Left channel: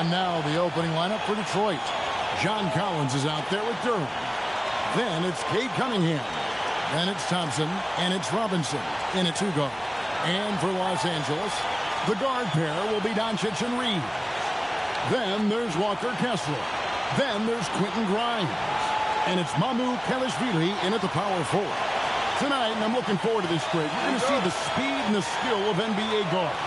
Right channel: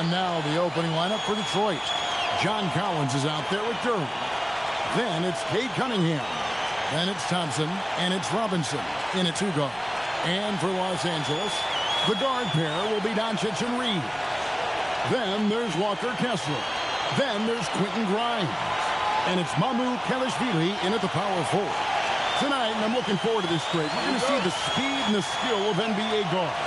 And now the opening lineup for Detroit. John Collins is out there with Durham. Then it's Cade Cunningham. Then it's Thompson, and it's Robinson in a two-guard. And for Los Angeles, the guard pair will be Doncic and Reeves. Then there's Walker Kessler. Then there's Quentin Grimes. And it's Mamu Kelishvili in at the power forward. Tonight, and I'm looking forward to this grade, we're going to see the speed and the skill of NBA guards.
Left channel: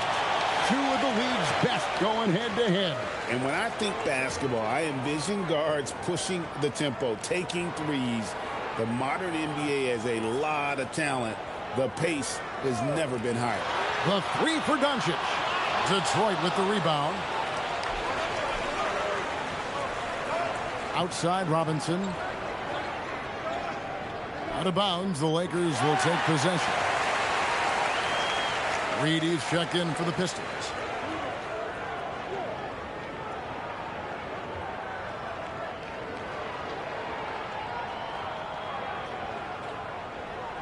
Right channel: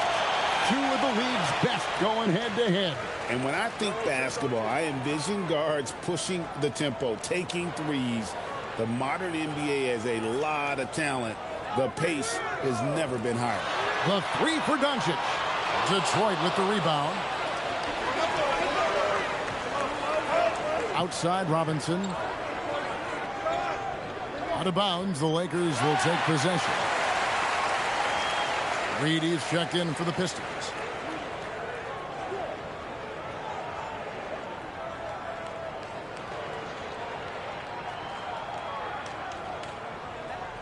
Two of the league's best going head-to-head. And when I think basketball, I envision guards pushing the tempo, taking threes. The modern NBA has a lot of talent. The pace has never been higher. The three for Doncic. Detroit with the rebound. Outside Robinson. Out of bounds, the Lakers will take possession. Reed is checked in for the Pistons.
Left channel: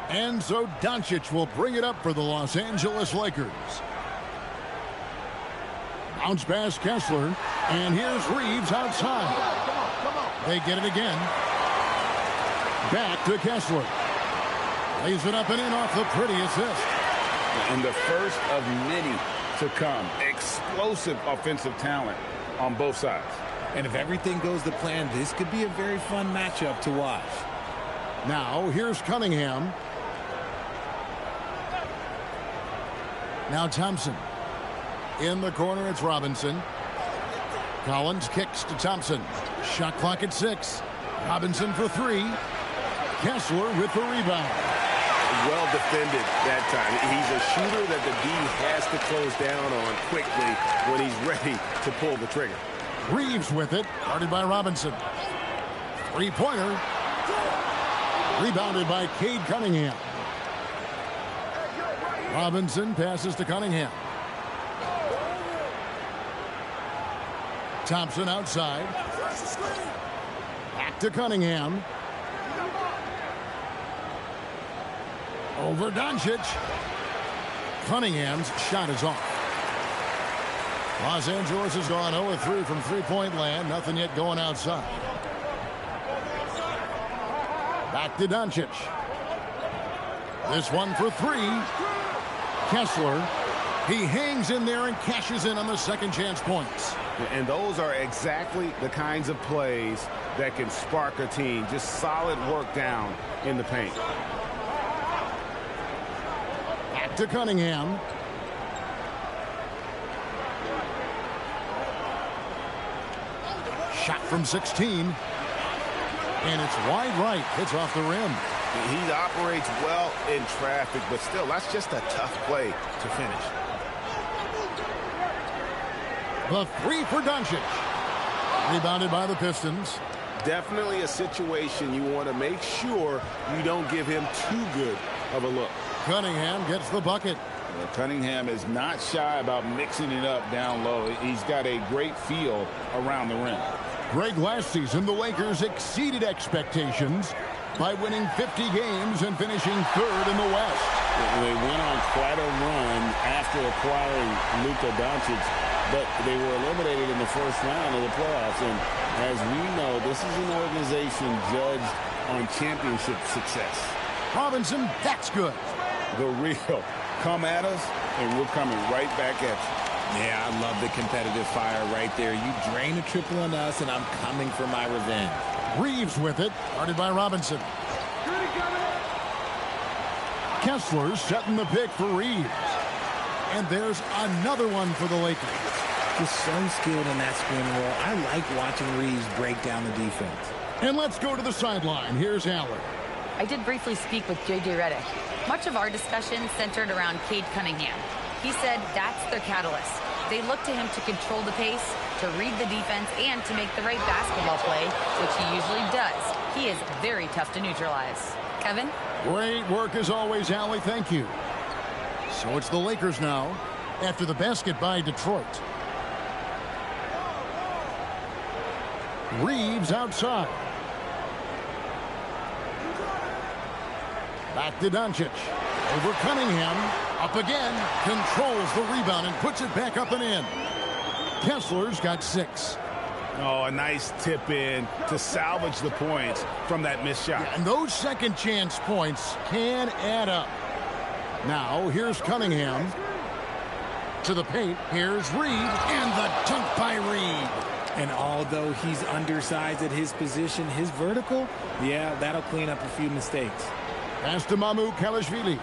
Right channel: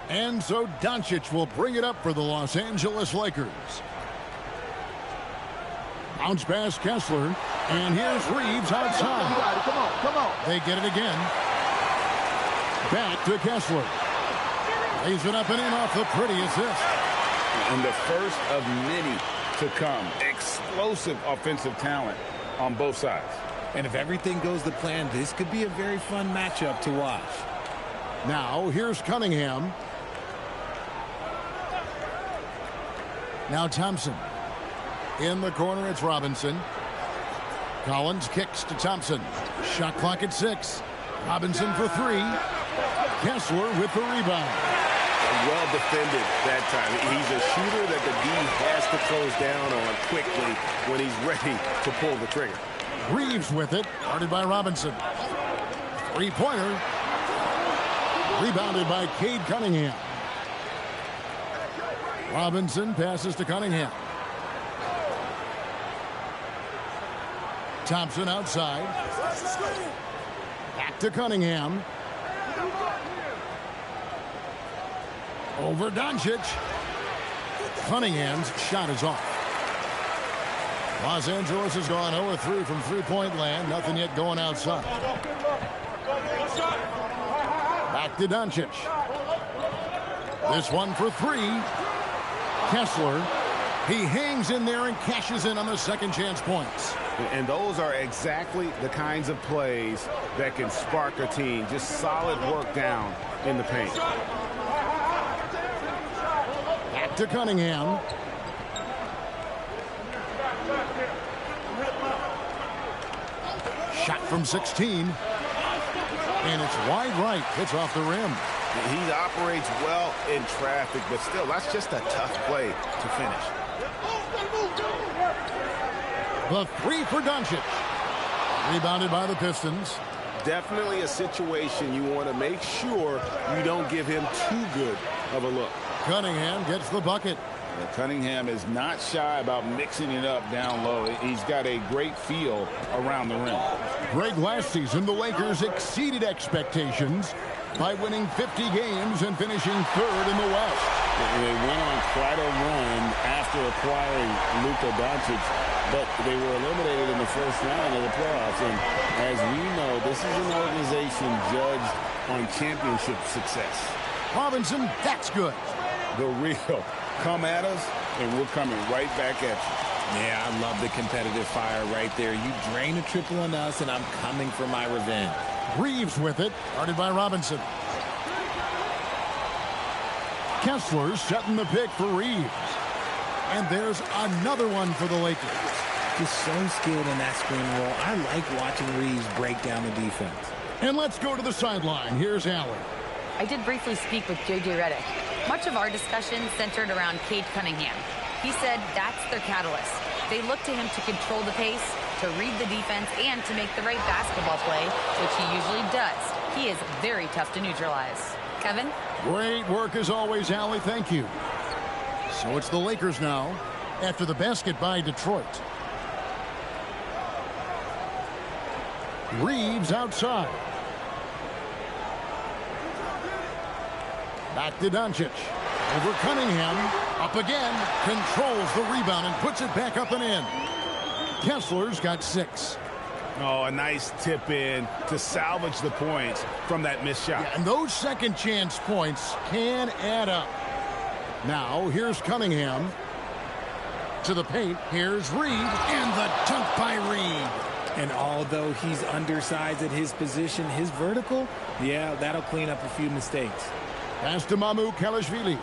And so Doncic will bring it up for the Los Angeles Lakers. Bounce pass Kessler. And here's Reeves outside. Come on. They get it again. Back to Kessler. Lays it up and in off the pretty assist. And the first of many to come. Explosive offensive talent on both sides. And if everything goes to plan, this could be a very fun matchup to watch. Now, here's Cunningham. Now Thompson. In the corner, it's Robinson. Collins kicks to Thompson. Shot clock at 6. Robinson for 3. Kessler with the rebound. Well defended that time. He's a shooter that the D has to close down on quickly when he's ready to pull the trigger. Reeves with it. Guarded by Robinson. Three-pointer. Rebounded by Cade Cunningham. Robinson passes to Cunningham. Thompson outside. Back to Cunningham. Over Doncic. Cunningham's shot is off. Los Angeles has gone 0-3 from three-point land. Nothing yet going outside. Back to Doncic. This one for 3. Kessler. He hangs in there and cashes in on the second chance points. And those are exactly the kinds of plays that can spark a team. Just solid work down in the paint. Back to Cunningham. Shot from 16. And it's wide right. Hits off the rim. He operates well in traffic, but still, that's just a tough play to finish. The 3 for Doncic. Rebounded by the Pistons. Definitely a situation you want to make sure you don't give him too good of a look. Cunningham gets the bucket. Cunningham is not shy about mixing it up down low. He's got a great feel around the rim. Greg, last season, the Lakers exceeded expectations by winning 50 games and finishing 3rd in the West. They went on quite a run after acquiring Luka Doncic, but they were eliminated in the first round of the playoffs. And as we know, this is an organization judged on championship success. Robinson, that's good. The real. Come at us, and we're coming right back at you. Yeah, I love the competitive fire right there. You drain a triple on us, and I'm coming for my revenge. Reeves with it, guarded by Robinson. Kessler setting the pick for Reeves. And there's another one for the Lakers. Just so skilled in that screen roll. I like watching Reeves break down the defense. And let's go to the sideline. Here's Allie. I did briefly speak with J.J. Redick. Much of our discussion centered around Cade Cunningham. He said that's their catalyst. They look to him to control the pace, to read the defense, and to make the right basketball play, which he usually does. He is very tough to neutralize. Kevin? Great work as always, Allie. Thank you. So it's the Lakers now after the basket by Detroit. Reeves outside. Back to Doncic. Over Cunningham. Up again. Controls the rebound and puts it back up and in. Kessler's got 6. Oh, a nice tip in to salvage the points from that missed shot. Yeah, and those second chance points can add up. Now, here's Cunningham. To the paint, here's Reed, and the dunk by Reed. And although he's undersized at his position, his vertical, yeah, that'll clean up a few mistakes. Pass to Mamukelashvili.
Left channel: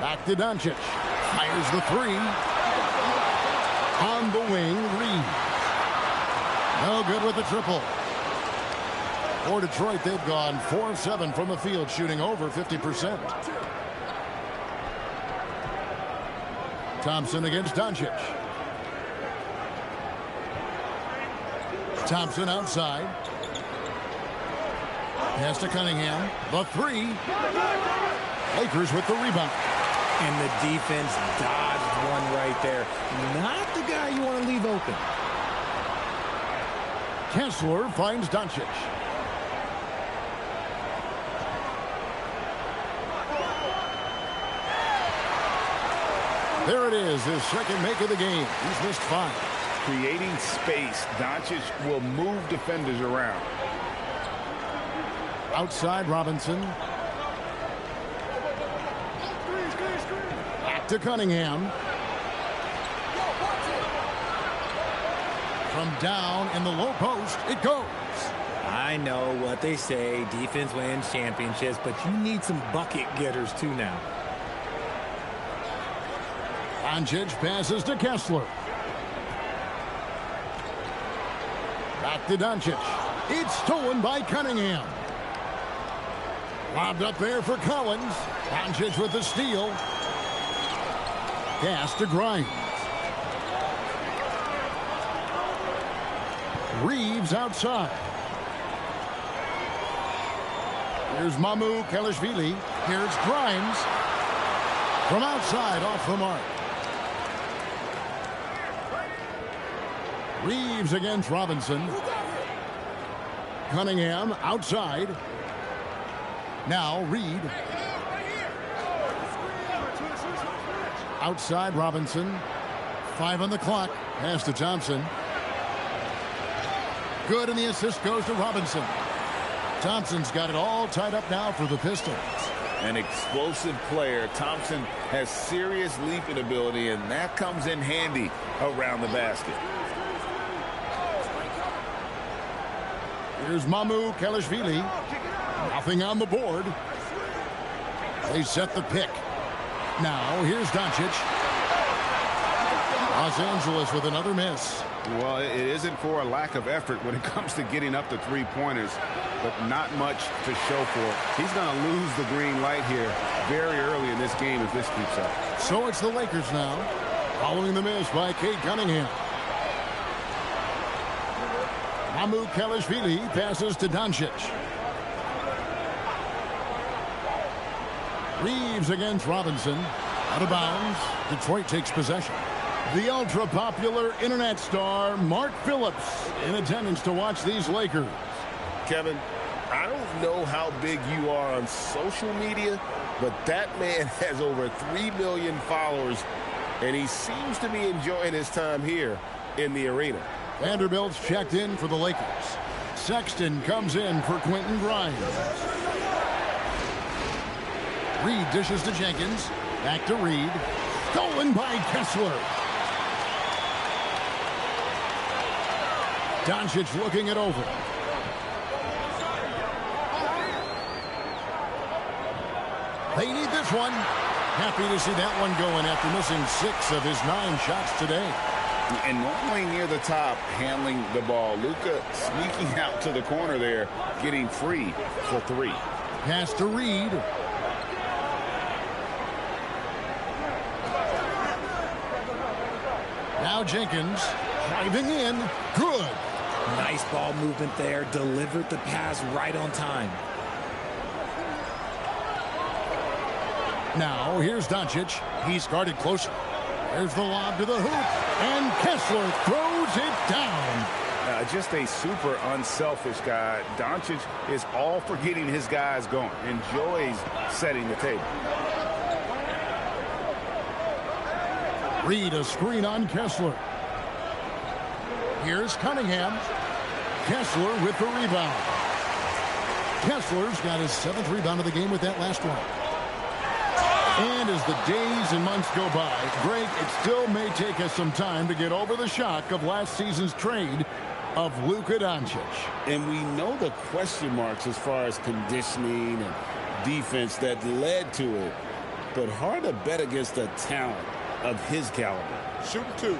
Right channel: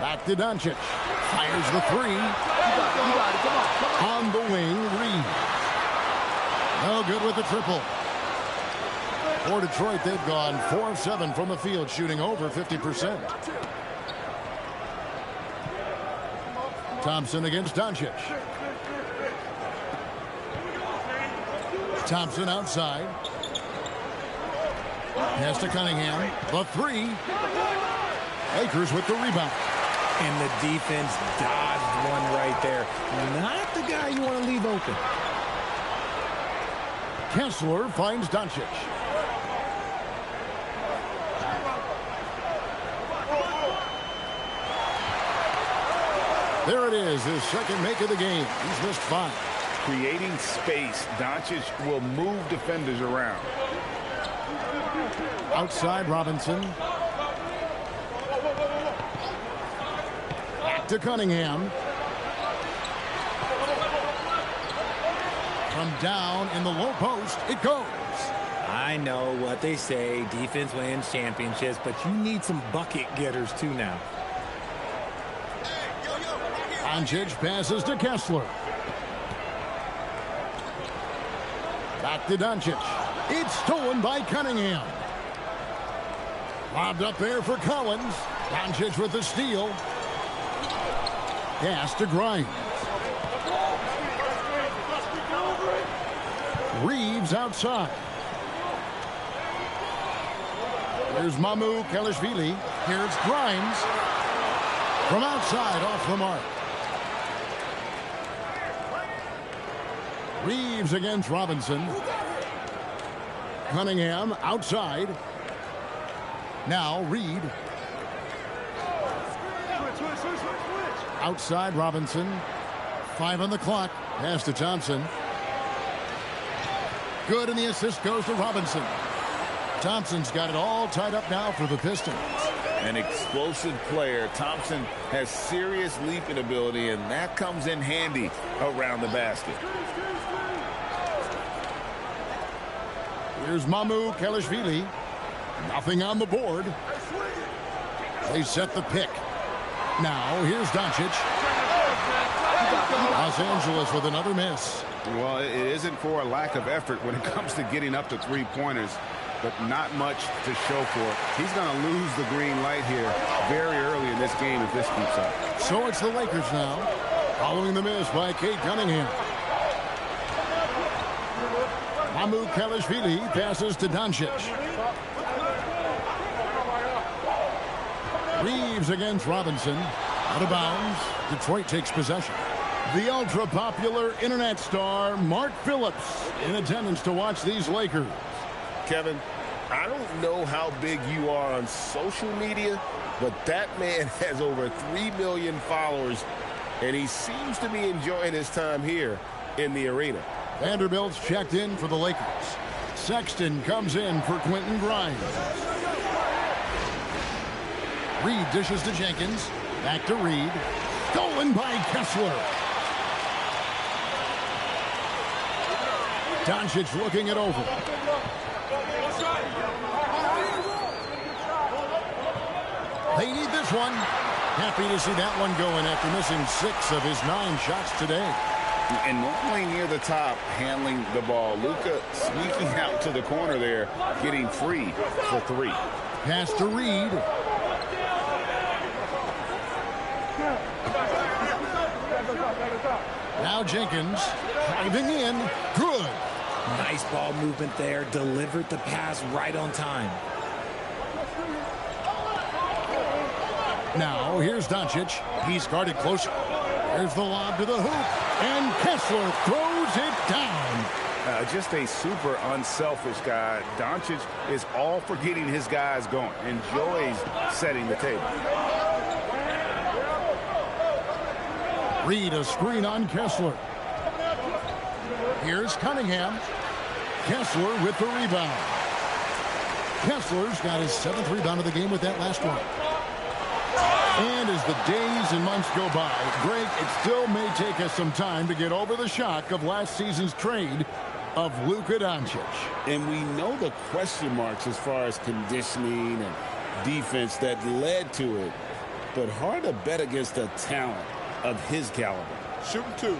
Back to Doncic. Fires the 3. On the wing, Reeves. No good with the triple. For Detroit, they've gone 4 of 7 from the field, shooting over 50%. Thompson against Doncic. Thompson outside. Pass to Cunningham. The 3. Lakers with the rebound. And the defense dodged one right there. Not the guy you want to leave open. Kessler finds Doncic. There it is, his second make of the game. He's missed 5. Creating space, Doncic will move defenders around. Outside Robinson. Back to Cunningham. From down in the low post, it goes. I know what they say, defense wins championships, but you need some bucket getters too now. Doncic passes to Kessler. Back to Doncic. It's stolen by Cunningham. Lobbed up there for Collins. Doncic with the steal. Pass to Grimes. Reeves outside. Here's Mamukelashvili. Here's Grimes. From outside, off the mark. Reeves against Robinson. Cunningham outside. Now Reed. Outside Robinson. 5 on the clock. Pass to Thompson. Good, and the assist goes to Robinson. Thompson's got it all tied up now for the Pistons. An explosive player. Thompson has serious leaping ability, and that comes in handy around the basket. Here's Mamukelashvili. Nothing on the board. They set the pick. Now, here's Doncic. Los Angeles with another miss. Well, it isn't for a lack of effort when it comes to getting up to three-pointers, but not much to show for it. He's going to lose the green light here very early in this game if this keeps up. So it's the Lakers now, following the miss by Cade Cunningham. Mamukelashvili passes to Doncic. Reeves against Robinson. Out of bounds. Detroit takes possession. The ultra-popular internet star Mark Phillips in attendance to watch these Lakers. Kevin, I don't know how big you are on social media, but that man has over 3 million followers, and he seems to be enjoying his time here in the arena. Vanderbilt's checked in for the Lakers. Sexton comes in for Quentin Grimes. Reed dishes to Jenkins. Back to Reed. Stolen by Kessler. Doncic looking it over. They need this one. Happy to see that one going after missing 6 of his 9 shots today. And normally near the top, handling the ball. Luka sneaking out to the corner there, getting free for 3. Pass to Reed. Now Jenkins driving in. Good. Nice ball movement there. Delivered the pass right on time. Now here's Doncic. He's guarded closer. There's the lob to the hoop. And Kessler throws it down. Just a super unselfish guy. Doncic is all for getting his guys going. Enjoys setting the table. Reed a screen on Kessler. Here's Cunningham. Kessler with the rebound. Kessler's got his 7th rebound of the game with that last one. And as the days and months go by, Greg, it still may take us some time to get over the shock of last season's trade of Luka Doncic. And we know the question marks as far as conditioning and defense that led to it. But hard to bet against a talent of his caliber. Shooting 2.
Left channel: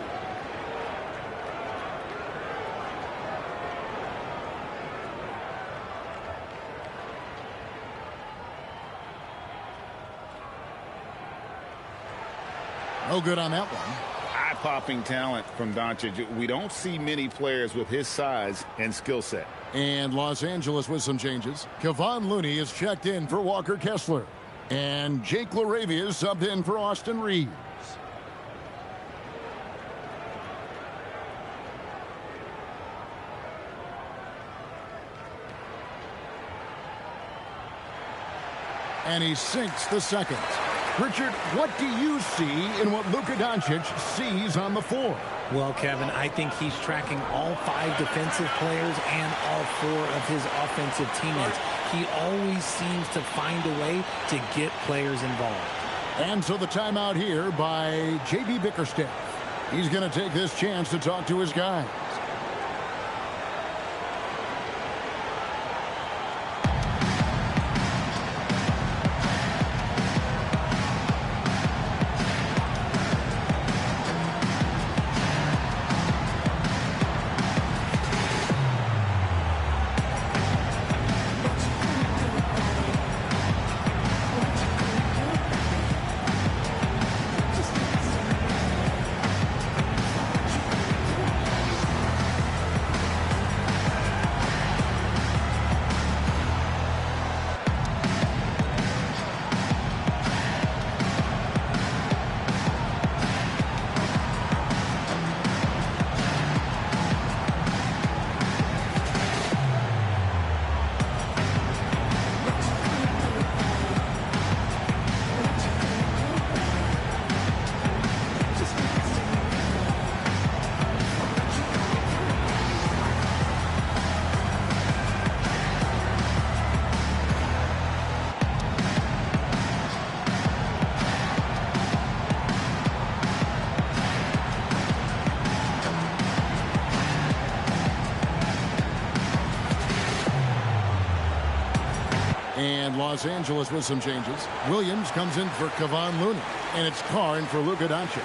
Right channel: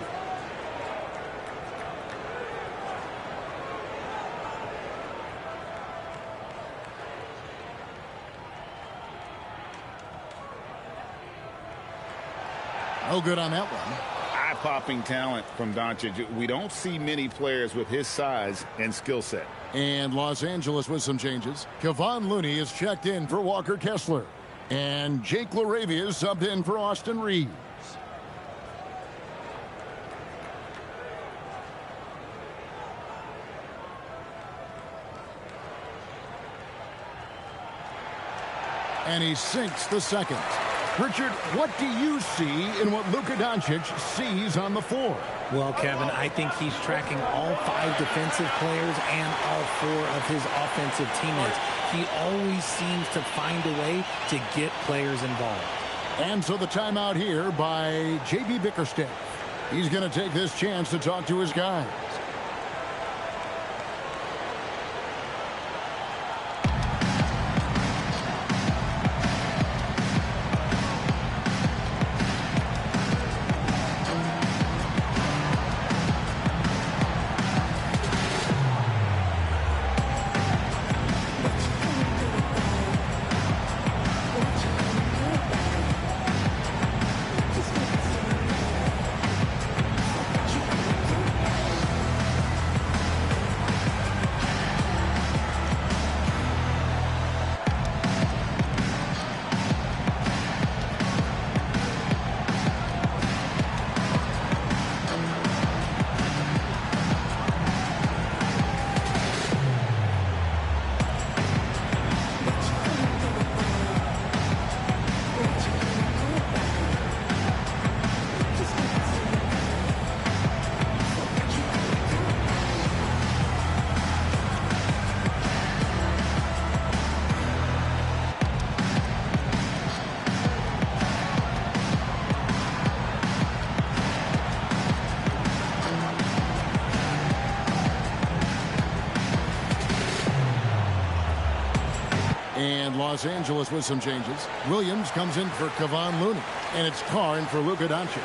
No good on that one. Eye-popping talent from Doncic. We don't see many players with his size and skill set. And Los Angeles with some changes. Kevon Looney is checked in for Walker Kessler. And Jake LaRavia is subbed in for Austin Reeves. And he sinks the second. Richard, what do you see in what Luka Doncic sees on the floor? Well, Kevin, I think he's tracking all 5 defensive players and all 4 of his offensive teammates. He always seems to find a way to get players involved. And so the timeout here by J.B. Bickerstaff. He's going to take this chance to talk to his guys. And Los Angeles with some changes. Williams comes in for Kevon Looney. And it's Carr in for Luka Doncic.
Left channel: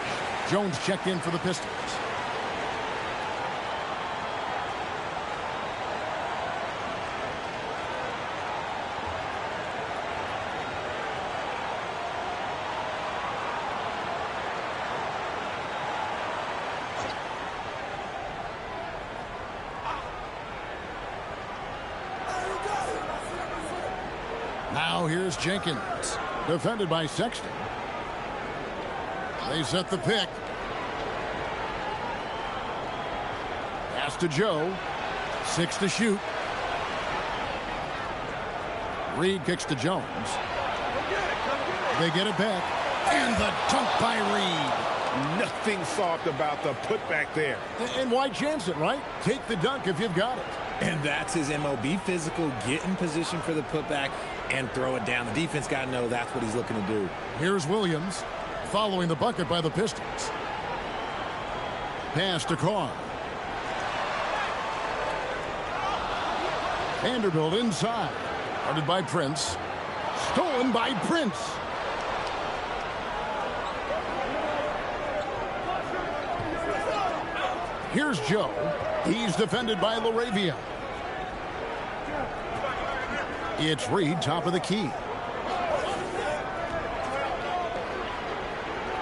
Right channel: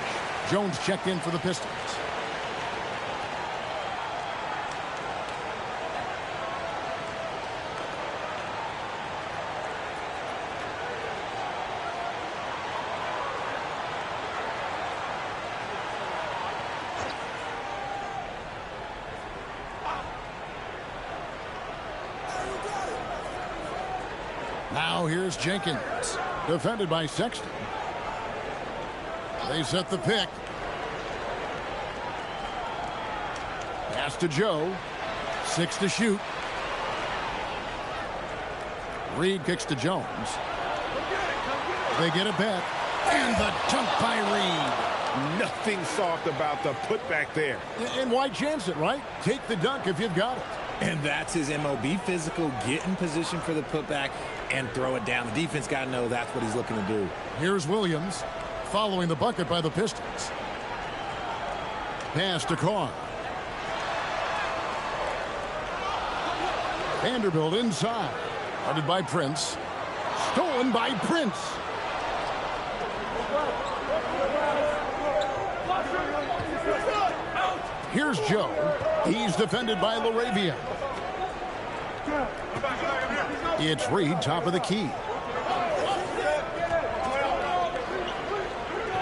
Jones checked in for the Pistons. Now here's Jenkins, defended by Sexton. They set the pick. Pass to Joe. 6 to shoot. Reed kicks to Jones. They get it back. And the dunk by Reed. Nothing soft about the putback there. And why chance it, right? Take the dunk if you've got it. And that's his MO. Be physical, get in position for the putback, and throw it down. The defense got to know that's what he's looking to do. Here's Williams, following the bucket by the Pistons. Pass to Carr. Vanderbilt inside. Guarded by Prince. Stolen by Prince. Here's Joe. He's defended by LaRavia. It's Reed, top of the key.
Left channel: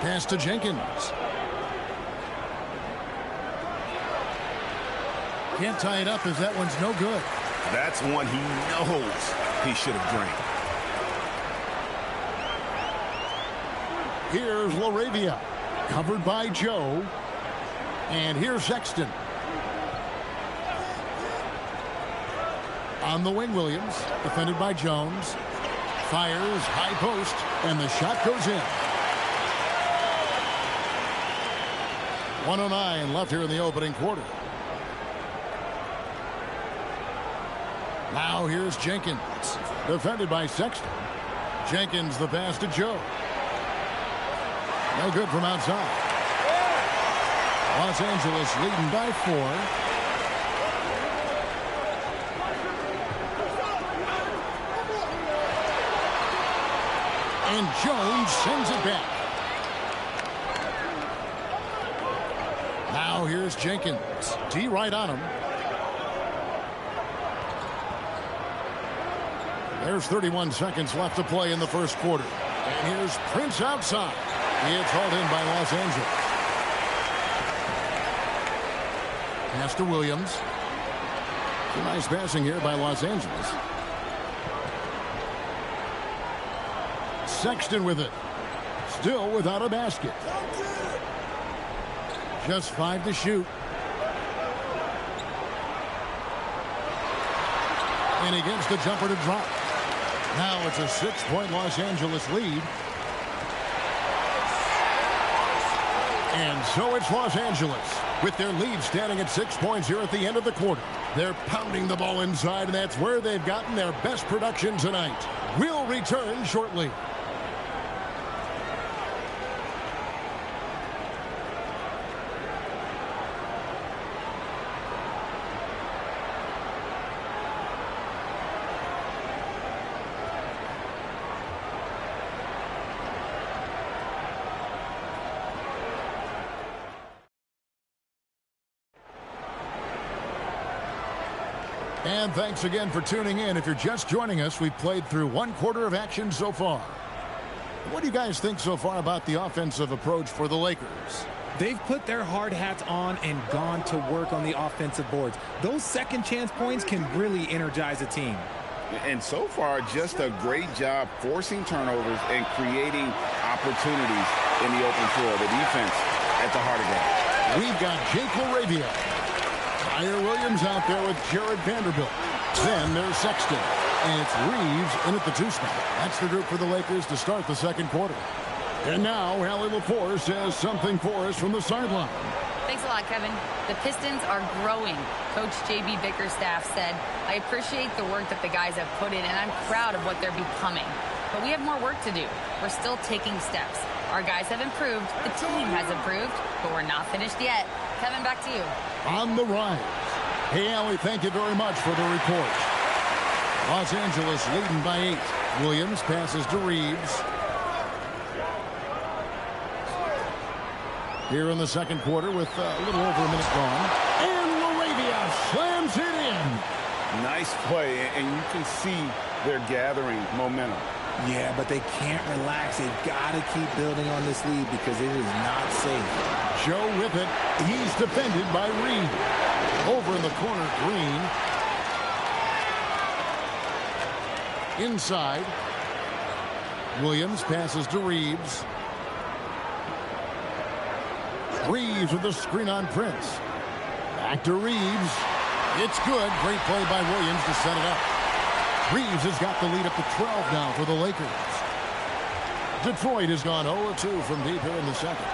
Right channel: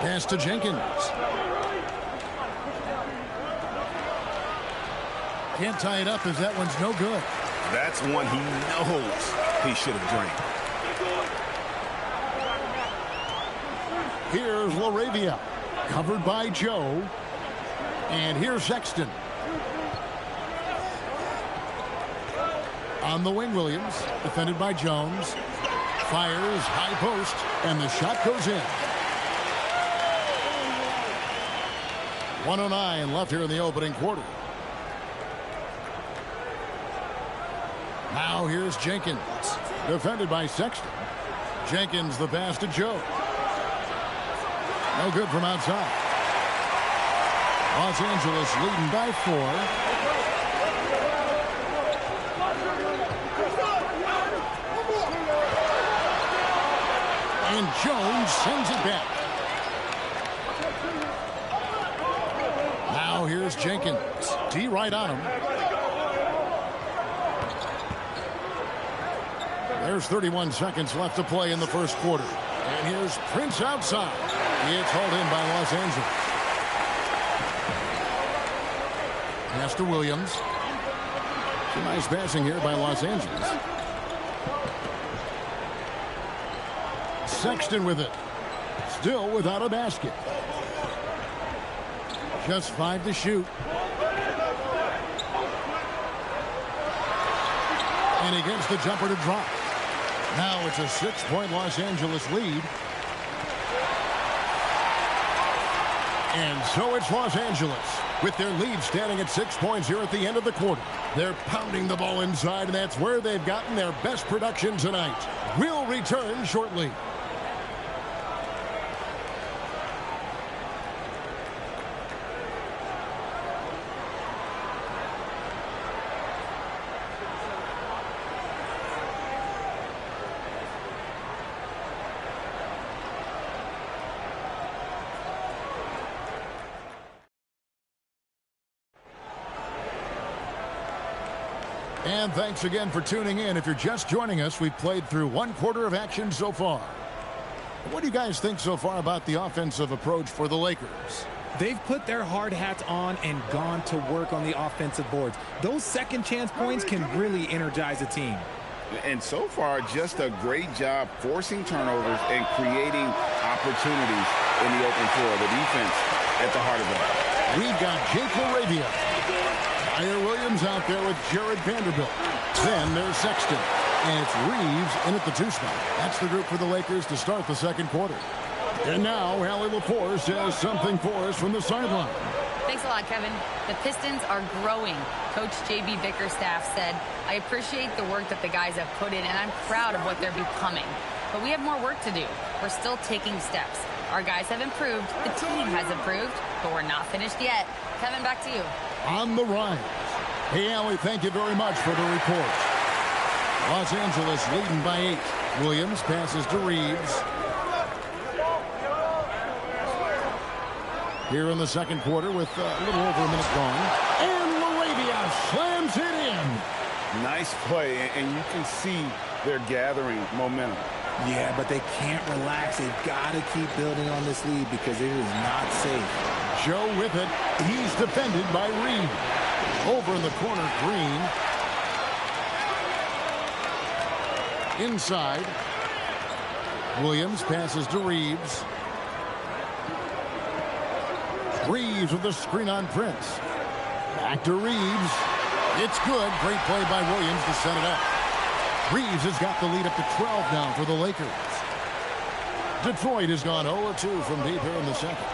Pass to Jenkins. Can't tie it up as that one's no good. That's one he knows he should have drained. Here's LaRavia, covered by Joe. And here's Sexton. On the wing, Williams, defended by Jones. Fires, high post, and the shot goes in. 1:09 left here in the opening quarter. Now here's Jenkins. Defended by Sexton. Jenkins the pass to Joe. No good from outside. Los Angeles leading by 4. And Jones sends it back. Now here's Jenkins. D right on him. There's 31 seconds left to play in the first quarter. And here's Prince outside. It's hauled in by Los Angeles. Pass to Williams. Some nice passing here by Los Angeles. Sexton with it. Still without a basket. Just 5 to shoot. And he gets the jumper to drop. Now it's a 6-point Los Angeles lead. And so it's Los Angeles with their lead standing at 6 points here at the end of the quarter. They're pounding the ball inside, and that's where they've gotten their best production tonight. We'll return shortly. And thanks again for tuning in. If you're just joining us, we've played through 1 quarter of action so far. What do you guys think so far about the offensive approach for the Lakers? They've put their hard hats on and gone to work on the offensive boards. Those second chance points can really energize a team. And so far, just a great job forcing turnovers and creating opportunities in the open floor. The defense at the heart of that. We've got Jake LaRavia. Tyre Williams out there with Jared Vanderbilt. Then there's Sexton. And it's Reeves in at the 2 spot. That's the group for the Lakers to start the second quarter. And now, Allie LaForce has something for us from the sideline. Thanks a lot, Kevin. The Pistons are growing. Coach J.B. Bickerstaff said, I appreciate the work that the guys have put in, and I'm proud of what they're becoming. But we have more work to do. We're still taking steps. Our guys have improved. The team has improved, but we're not finished yet. Kevin, back to you. On the rise. Hey, Allie, thank you very much for the report. Los Angeles leading by 8. Williams passes to Reeves. Here in the second quarter with a little over a minute gone. And LaRavia slams it in. Nice play, and you can see they're gathering momentum. Yeah, but they can't relax. They've got to keep building on this lead because it is not safe. Joe with it. He's defended by Reed. Over in the corner, Green. Inside. Williams passes to Reeves. Reeves with the screen on Prince. Back to Reeves. It's good. Great play by Williams to set it up. Reeves has got the lead up to 12 now for the Lakers. Detroit has gone 0-2 from deep here in the second.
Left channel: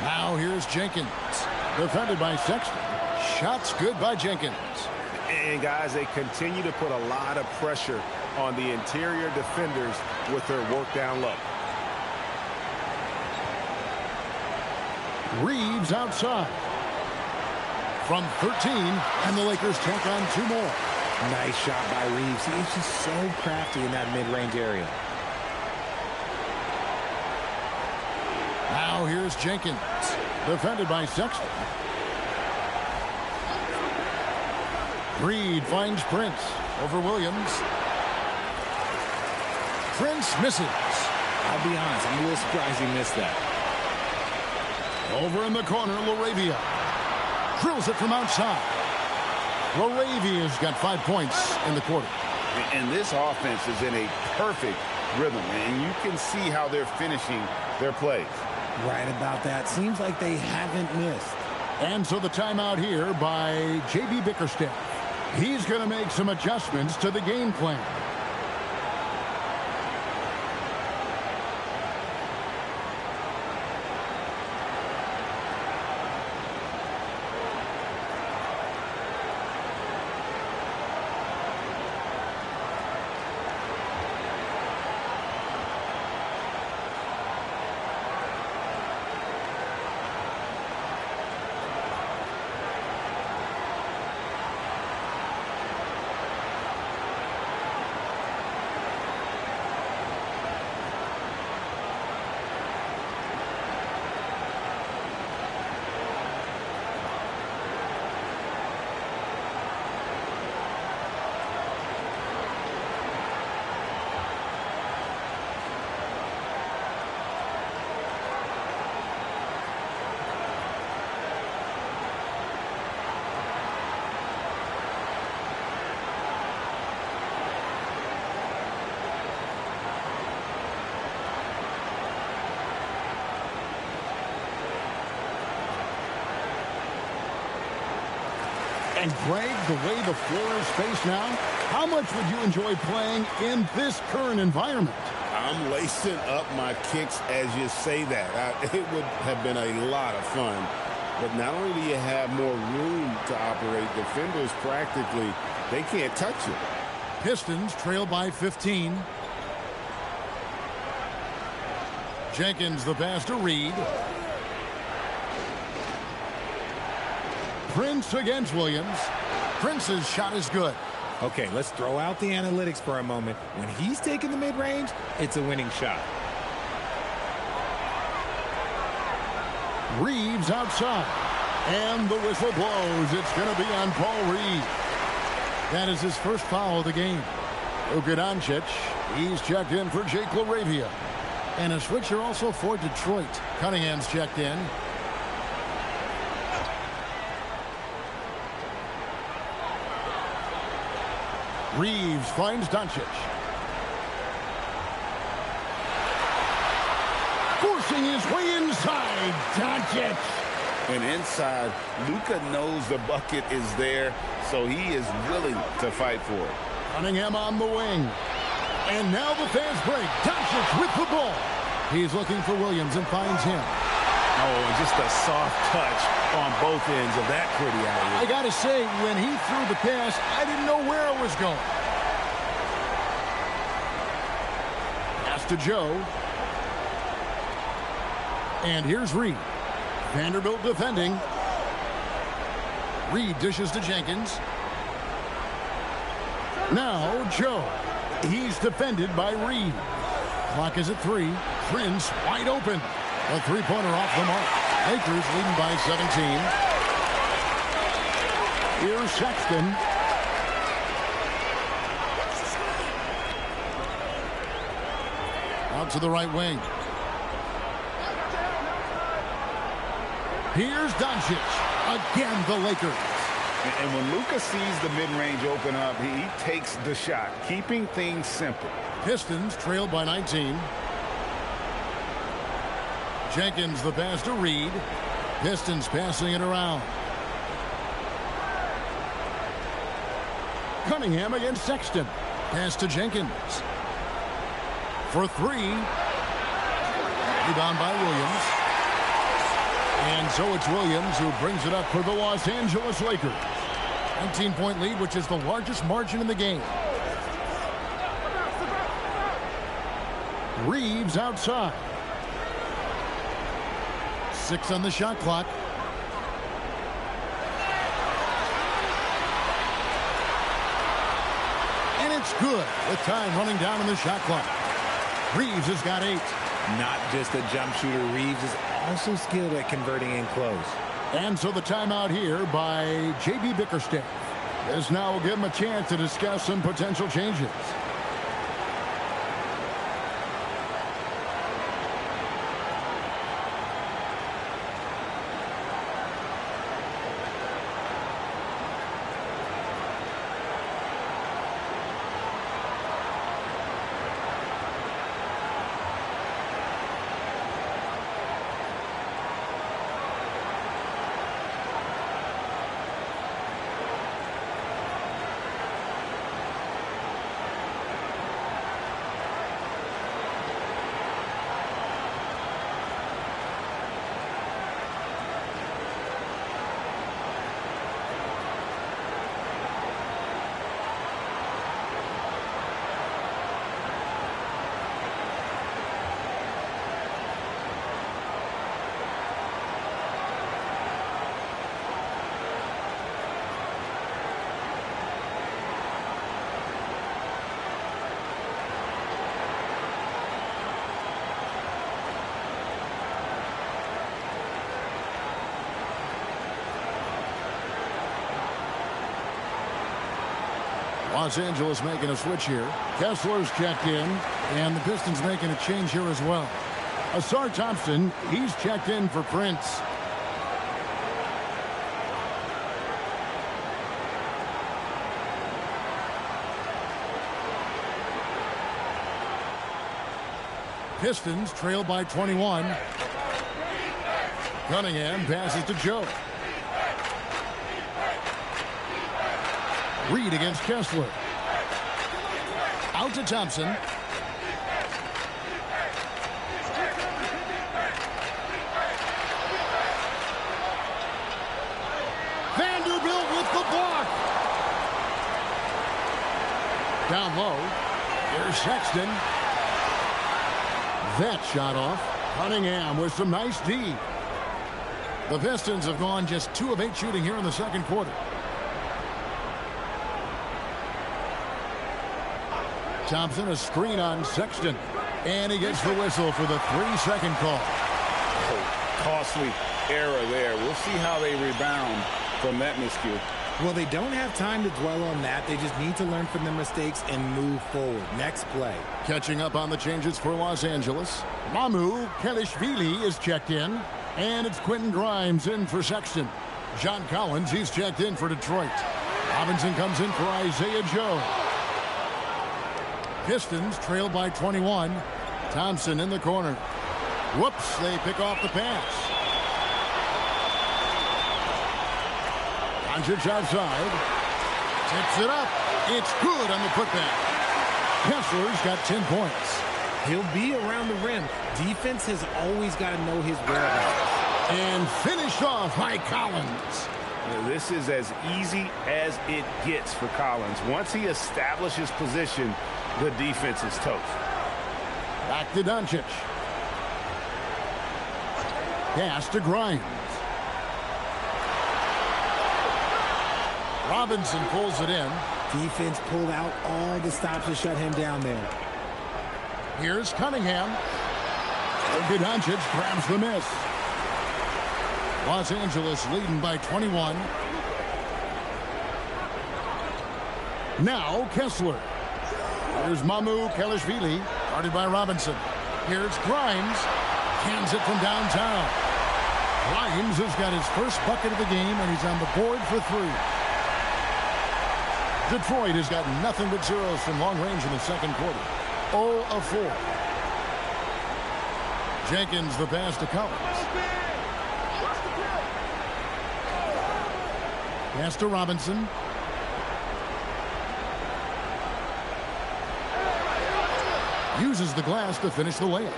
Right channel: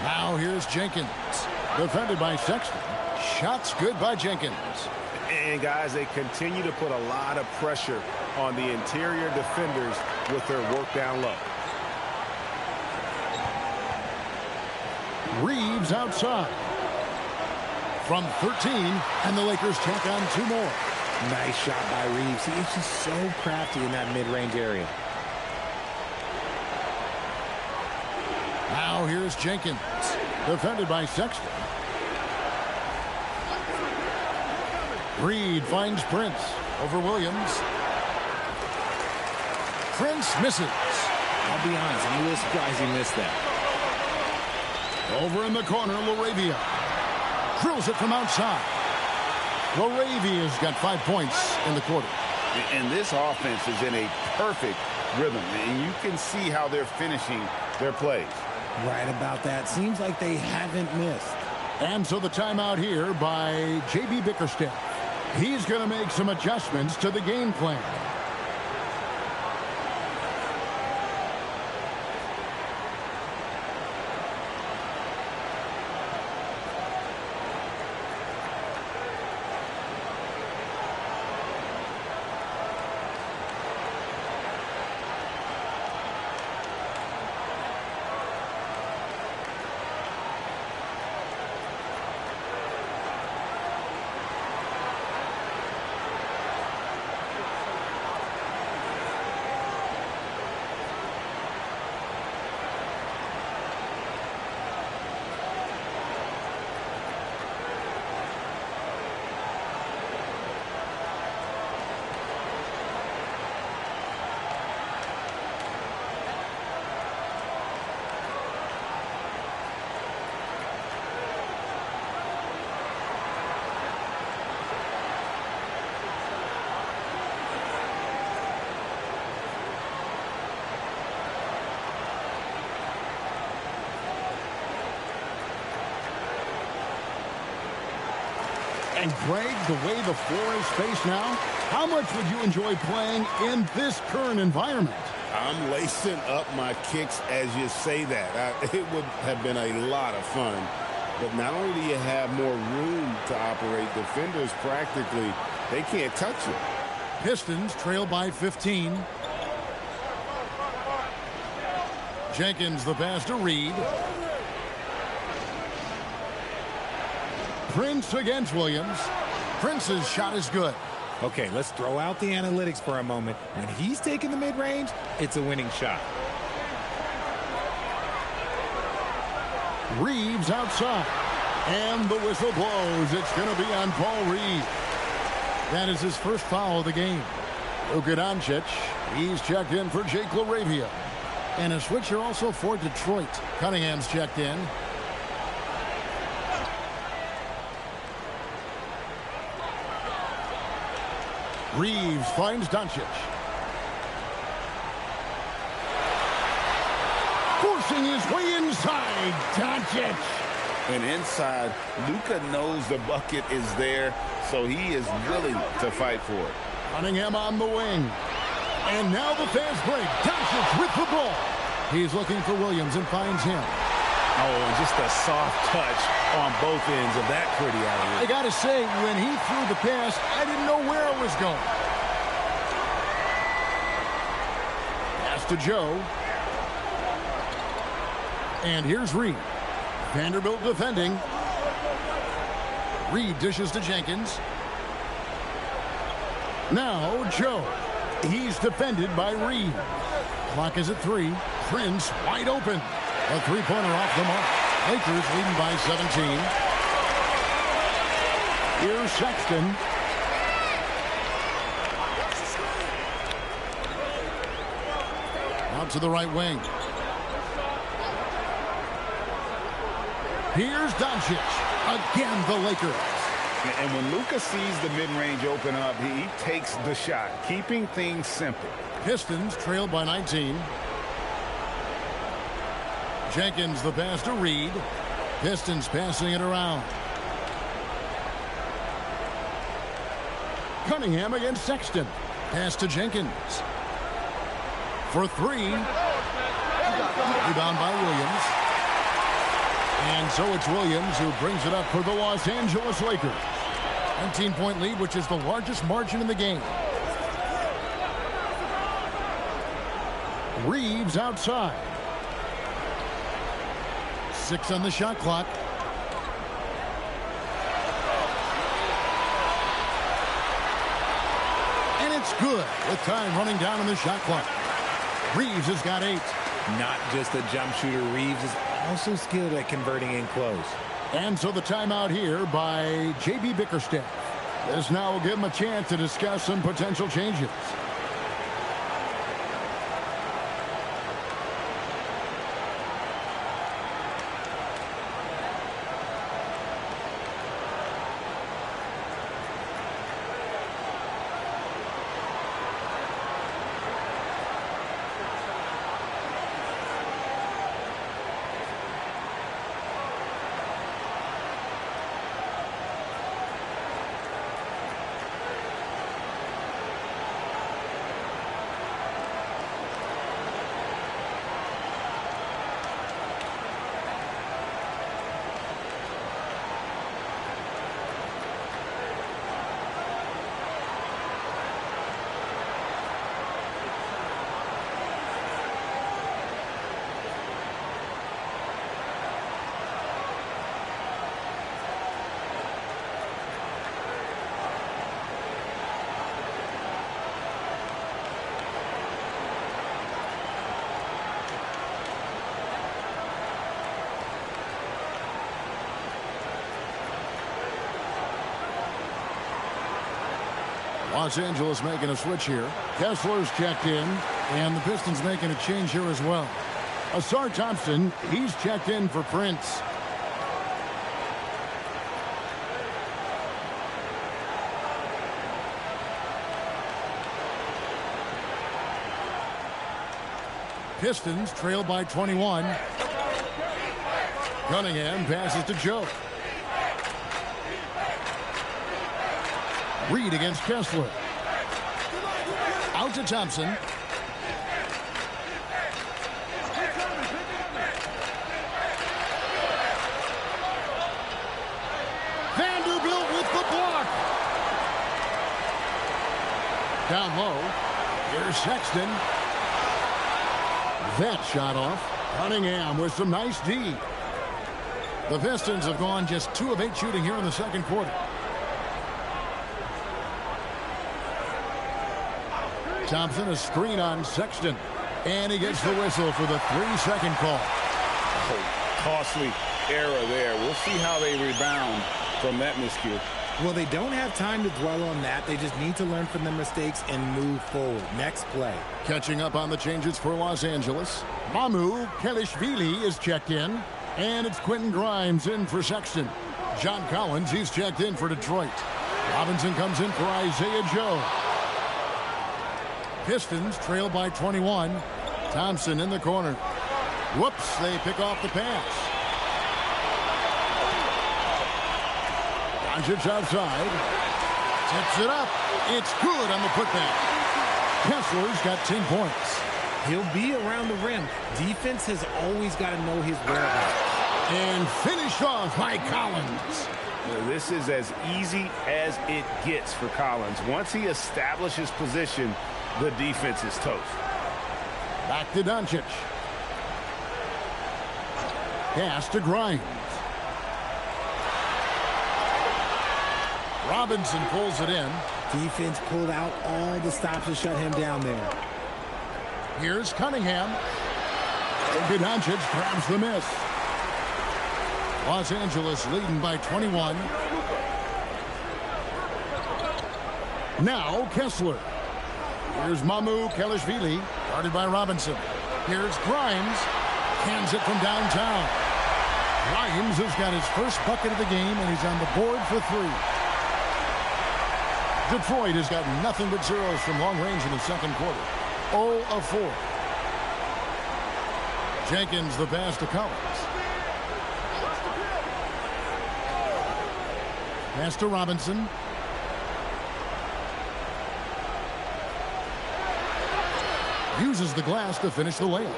Now here's Jenkins. Defended by Sexton. Shots good by Jenkins. And guys, they continue to put a lot of pressure on the interior defenders with their work down low. Reeves outside. From 13, and the Lakers tack on 2 more. Nice shot by Reeves. He is just so crafty in that mid-range area. Now here's Jenkins. Defended by Sexton. Reed finds Prince over Williams. Prince misses. I'll be honest, I'm a little surprised he missed that. Over in the corner, LaRavia. Drills it from outside. LaRavia's got 5 points in the quarter. And this offense is in a perfect rhythm, and you can see how they're finishing their plays. Right about that. Seems like they haven't missed. And so the timeout here by J.B. Bickerstaff. He's going to make some adjustments to the game plan. And Greg, the way the floor is spaced now, how much would you enjoy playing in this current environment? I'm lacing up my kicks as you say that. It would have been a lot of fun. But not only do you have more room to operate, defenders practically, they can't touch you. Pistons trail by 15. Jenkins the pass to Reed. Prince against Williams. Prince's shot is good. Okay, let's throw out the analytics for a moment. When he's taking the mid-range, it's a winning shot. Reeves outside. And the whistle blows. It's going to be on Paul Reed. That is his first foul of the game. Luka Doncic, he's checked in for Jake LaRavia. And a switcher also for Detroit. Cunningham's checked in. Reeves finds Doncic. Forcing his way inside. Doncic. And inside, Luka knows the bucket is there, so he is willing to fight for it. Cunningham on the wing. And now the fast break. Doncic with the ball. He's looking for Williams and finds him. Oh, and just a soft touch on both ends of that pretty alley. I got to say, when he threw the pass, I didn't know where it was going. Pass to Joe. And here's Reed. Vanderbilt defending. Reed dishes to Jenkins. Now Joe. He's defended by Reed. Clock is at 3. Prince wide open. A three-pointer off the mark. Lakers leading by 17. Here's Sexton. Out to the right wing. Here's Doncic. Again, the Lakers. And when Luka sees the mid-range open up, he takes the shot, keeping things simple. Pistons trailed by 19. Jenkins the pass to Reed. Pistons passing it around. Cunningham against Sexton. Pass to Jenkins. For 3. Rebound by Williams. And so it's Williams who brings it up for the Los Angeles Lakers. 19-point lead, which is the largest margin in the game. Reeves outside. 6 on the shot clock. And it's good with time running down on the shot clock. Reeves has got 8. Not just a jump shooter, Reeves is also skilled at converting in close. And so the timeout here by J.B. Bickerstaff. This now will give him a chance to discuss some potential changes. Los Angeles making a switch here. Kessler's checked in, and the Pistons making a change here as well. Asar Thompson, he's checked in for Prince. Pistons trail by 21. Cunningham passes to Joe. Reed against Kessler. Out to Thompson. Vanderbilt with the block. Down low. Here's Sexton. That shot off. Cunningham with some nice D. The Pistons have gone just 2 of 8 shooting here in the second quarter. Thompson, a screen on Sexton. And he gets the whistle for the 3-second call. Oh, costly error there. We'll see how they rebound from that miscue. Well, they don't have time to dwell on that. They just need to learn from their mistakes and move forward. Next play. Catching up on the changes for Los Angeles. Mamu Kelishvili is checked in. And it's Quentin Grimes in for Sexton. John Collins, he's checked in for Detroit. Robinson comes in for Isaiah Joe. Pistons trail by 21. Thompson in the corner. Whoops, they pick off the pass. Doncic outside. Tips it up. It's good on the putback. Kessler's got 10 points. He'll be around the rim. Defense has always got to know his whereabouts. And finished off by Collins. This is as easy as it gets for Collins. Once he establishes position, the defense is toast. Back to Doncic. Pass to Grimes. Robinson pulls it in. Defense pulled out all the stops to shut him down there. Here's Cunningham. Luka Doncic grabs the miss. Los Angeles leading by 21. Now Kessler. Here's Mamu Kelishvili, guarded by Robinson. Here's Grimes. Cans it from downtown. Grimes has got his first bucket of the game, and he's on the board for 3. Detroit has got nothing but zeros from long range in the second quarter. 0 of 4. Jenkins the pass to Collins. Pass to Robinson. Uses the glass to finish the layup.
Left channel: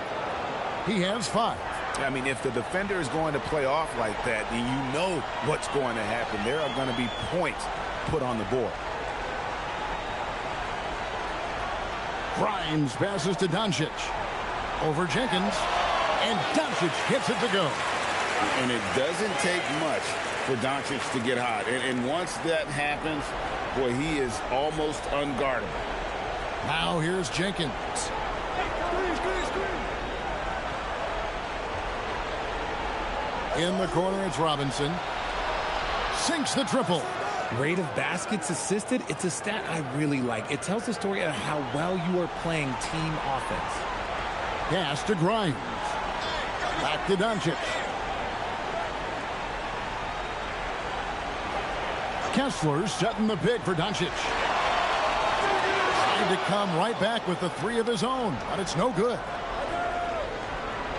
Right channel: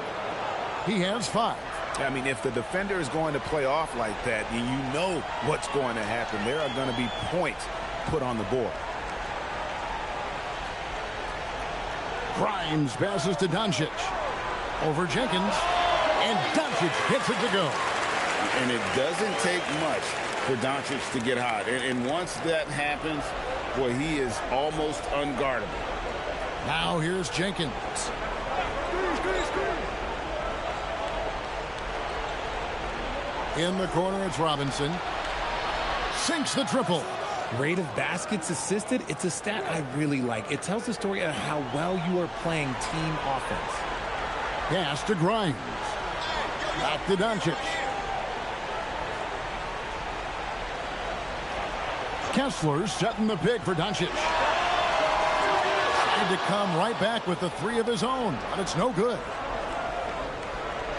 He has 5. I mean, if the defender is going to play off like that, then you know what's going to happen. There are going to be points put on the board. Grimes passes to Doncic. Over Jenkins. And Doncic hits it to go. And it doesn't take much for Doncic to get hot. And once that happens, boy, he is almost unguardable. Now here's Jenkins. In the corner, it's Robinson. Sinks the triple. Rate of baskets assisted, it's a stat I really like. It tells the story of how well you are playing team offense. Pass to Grimes. Back to Doncic. Kessler setting the pick for Doncic. Trying to come right back with the 3 of his own, but it's no good.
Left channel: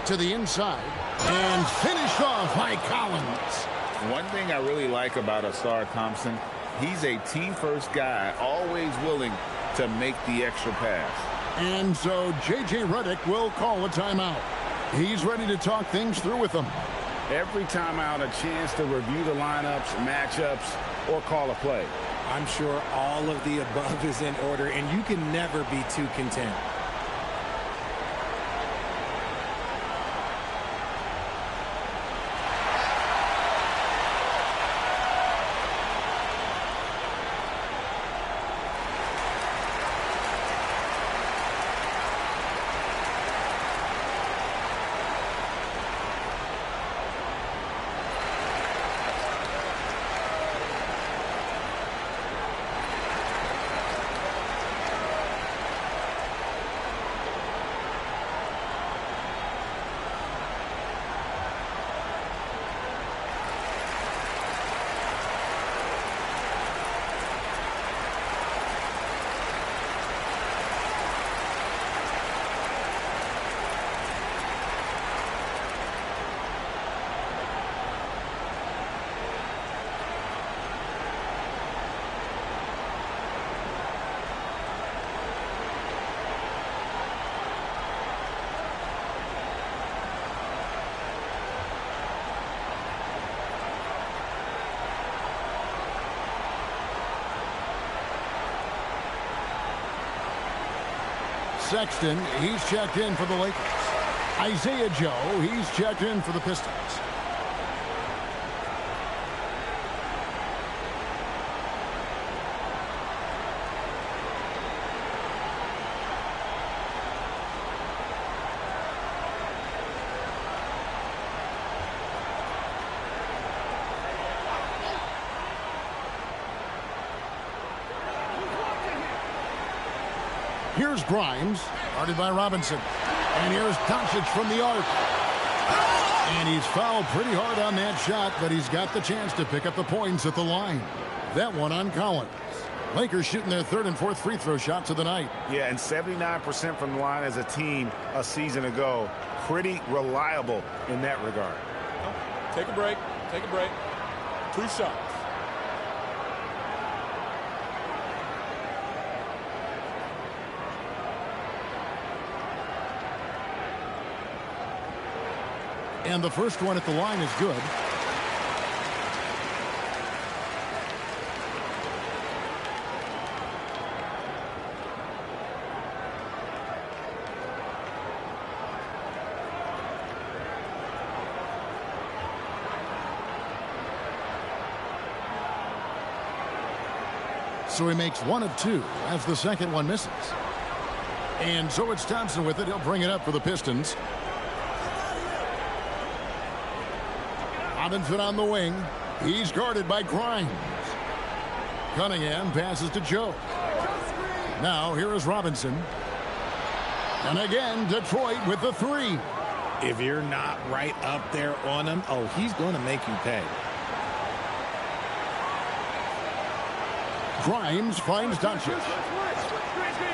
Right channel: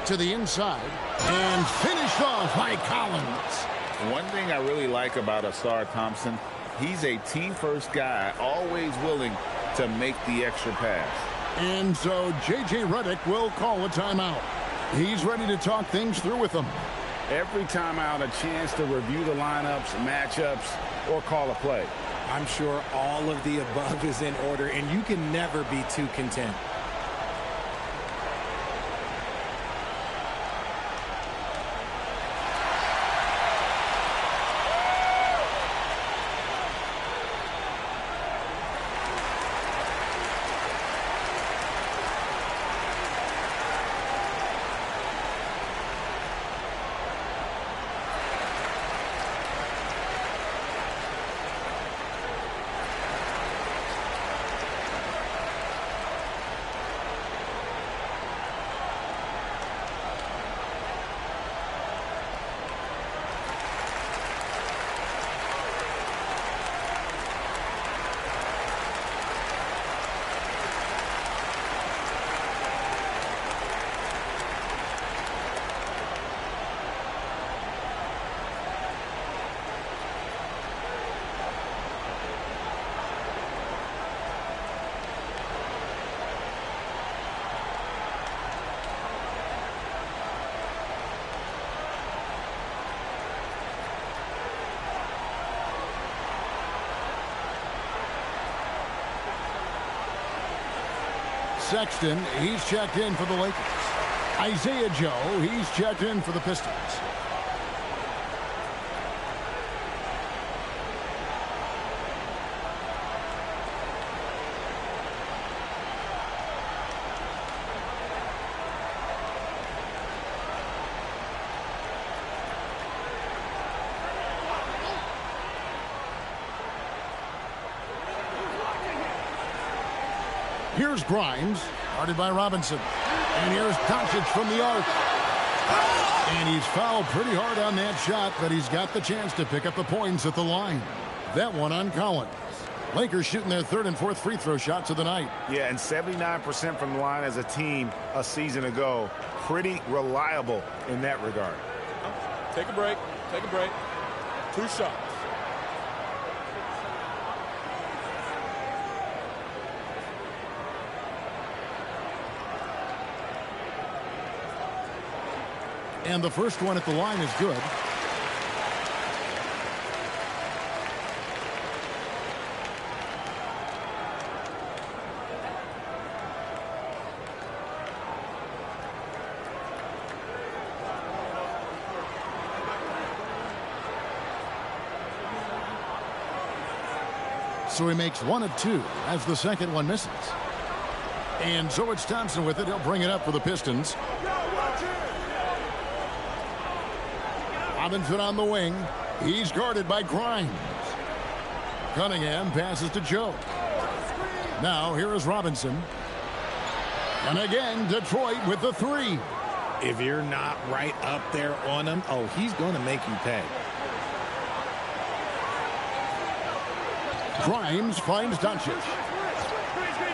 To the inside, and finished off by Collins. One thing I really like about Ausar Thompson, he's a team-first guy, always willing to make the extra pass. And so J.J. Redick will call a timeout. He's ready to talk things through with them. Every timeout, a chance to review the lineups, matchups, or call a play. I'm sure all of the above is in order, and you can never be too content. Sexton, he's checked in for the Lakers. Isaiah Joe, he's checked in for the Pistons. Here's Grimes, guarded by Robinson. And here's Doncic from the arc. And he's fouled pretty hard on that shot, but he's got the chance to pick up the points at the line. That one on Collins. Lakers shooting their third and fourth free throw shots of the night. Yeah, and 79% from the line as a team a season ago. Pretty reliable in that regard. Take a break. Take a break. 2 shots. And the first one at the line is good. So he makes 1 of 2 as the second one misses. And so it's Thompson with it. He'll bring it up for the Pistons. Robinson on the wing. He's guarded by Grimes. Cunningham passes to Joe. Now here is Robinson. And again, Detroit with the 3. If you're not right up there on him, oh, he's going to make you pay. Grimes finds Doncic.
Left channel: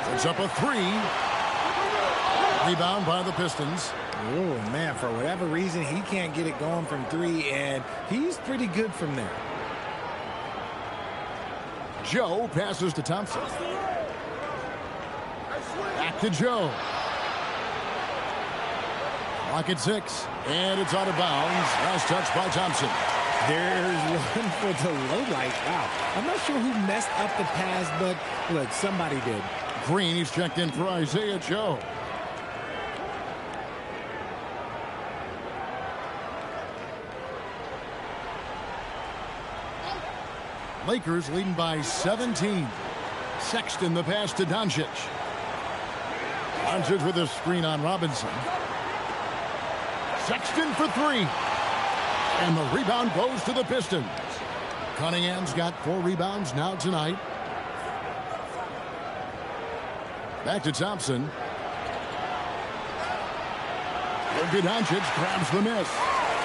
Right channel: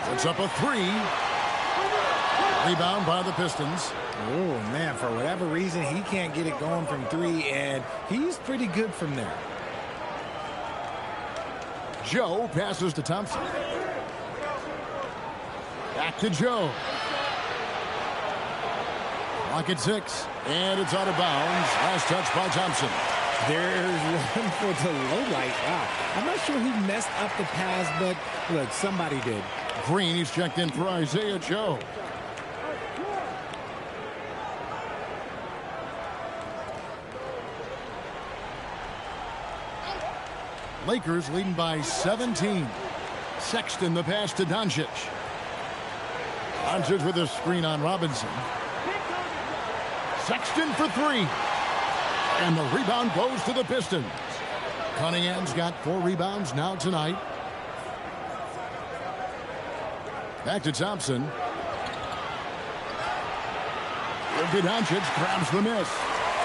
Puts up a 3. Rebound by the Pistons. Oh, man, for whatever reason, he can't get it going from 3, and he's pretty good from there. Joe passes to Thompson. Back to Joe. Clock at 6, and it's out of bounds. Last touch by Thompson. There's one for the low light. Wow. I'm not sure who messed up the pass, but look, somebody did. Green, he's checked in for Isaiah Joe. Lakers leading by 17. Sexton the pass to Doncic. Doncic with a screen on Robinson. Sexton for 3. And the rebound goes to the Pistons. Cunningham's got 4 rebounds now tonight. Back to Thompson. Luka Doncic grabs the miss.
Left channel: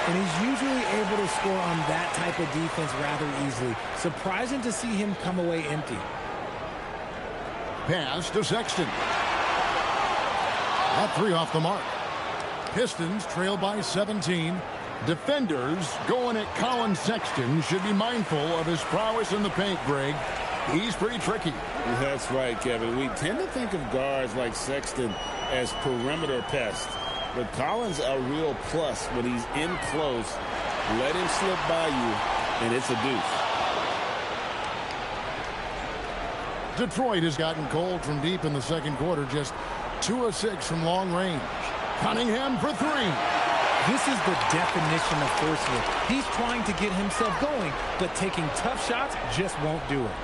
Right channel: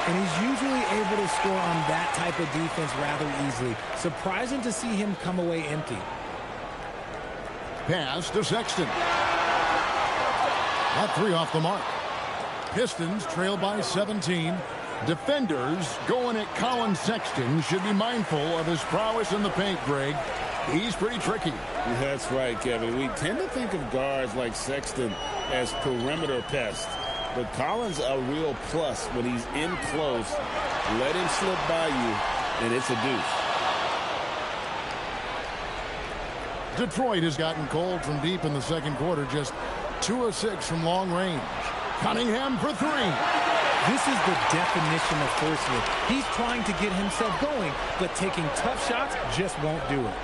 And he's usually able to score on that type of defense rather easily. Surprising to see him come away empty. Pass to Sexton. Got 3 off the mark. Pistons trail by 17. Defenders going at Colin Sexton should be mindful of his prowess in the paint, Greg. He's pretty tricky. That's right, Kevin. We tend to think of guards like Sexton as perimeter pests. But Collins a real plus when he's in close. Let him slip by you, and it's a deuce. Detroit has gotten cold from deep in the second quarter. Just 2 of 6 from long range. Cunningham for 3. This is the definition of forcing it. He's trying to get himself going, but taking tough shots just won't do it.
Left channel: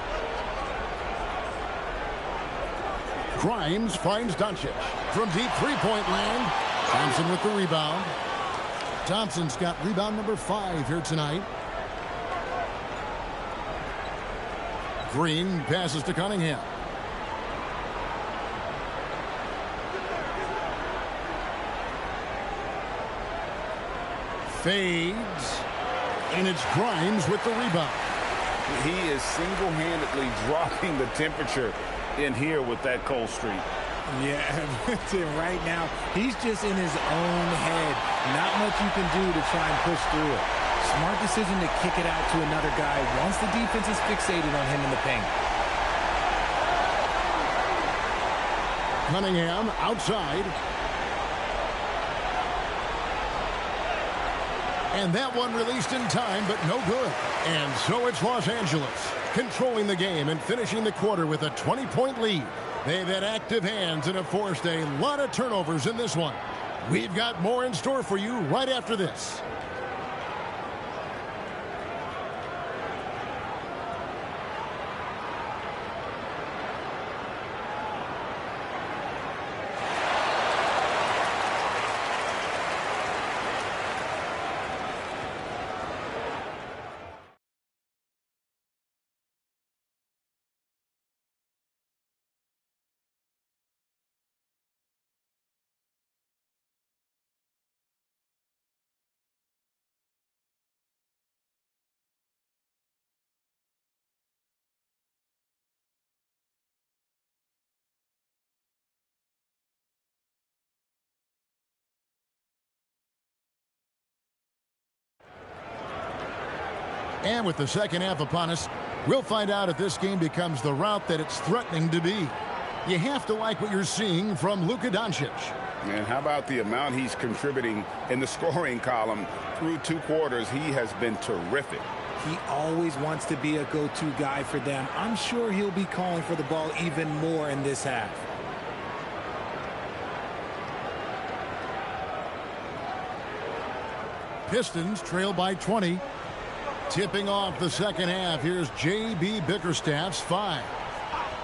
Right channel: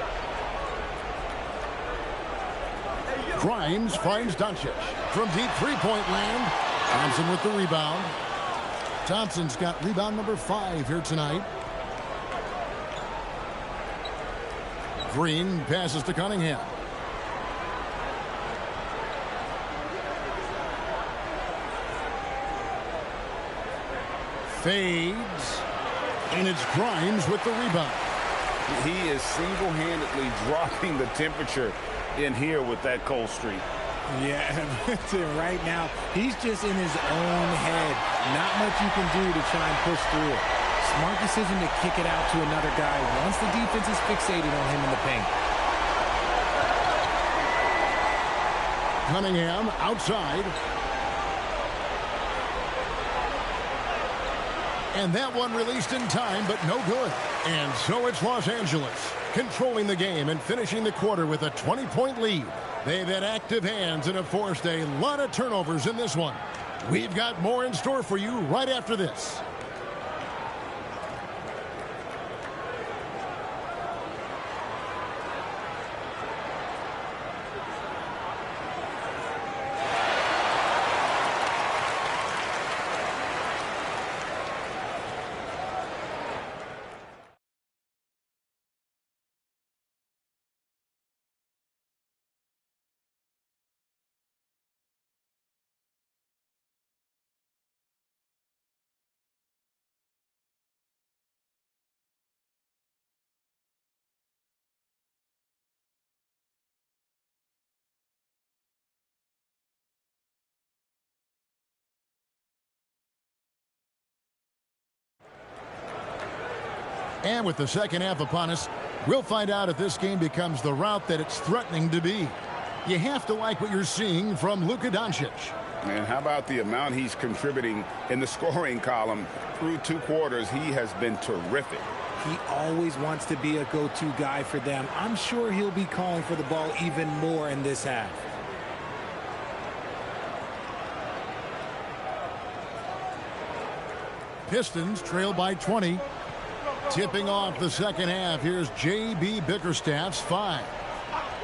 Grimes finds Doncic from deep three-point land. Thompson with the rebound. Thompson's got rebound number 5 here tonight. Green passes to Cunningham. Fades. And it's Grimes with the rebound. He is single-handedly dropping the temperature in here with that cold streak. Yeah, right now, he's just in his own head. Not much you can do to try and push through it. Smart decision to kick it out to another guy once the defense is fixated on him in the paint. Cunningham outside. And that one released in time, but no good. And so it's Los Angeles controlling the game and finishing the quarter with a 20-point lead. They've had active hands and have forced a lot of turnovers in this one. We've got more in store for you right after this. And with the second half upon us, we'll find out if this game becomes the route that it's threatening to be. You have to like what you're seeing from Luka Doncic. And how about the amount he's contributing in the scoring column? Through 2 quarters, he has been terrific. He always wants to be a go-to guy for them. I'm sure he'll be calling for the ball even more in this half. Pistons trail by 20. Tipping off the second half, here's J.B. Bickerstaff's 5.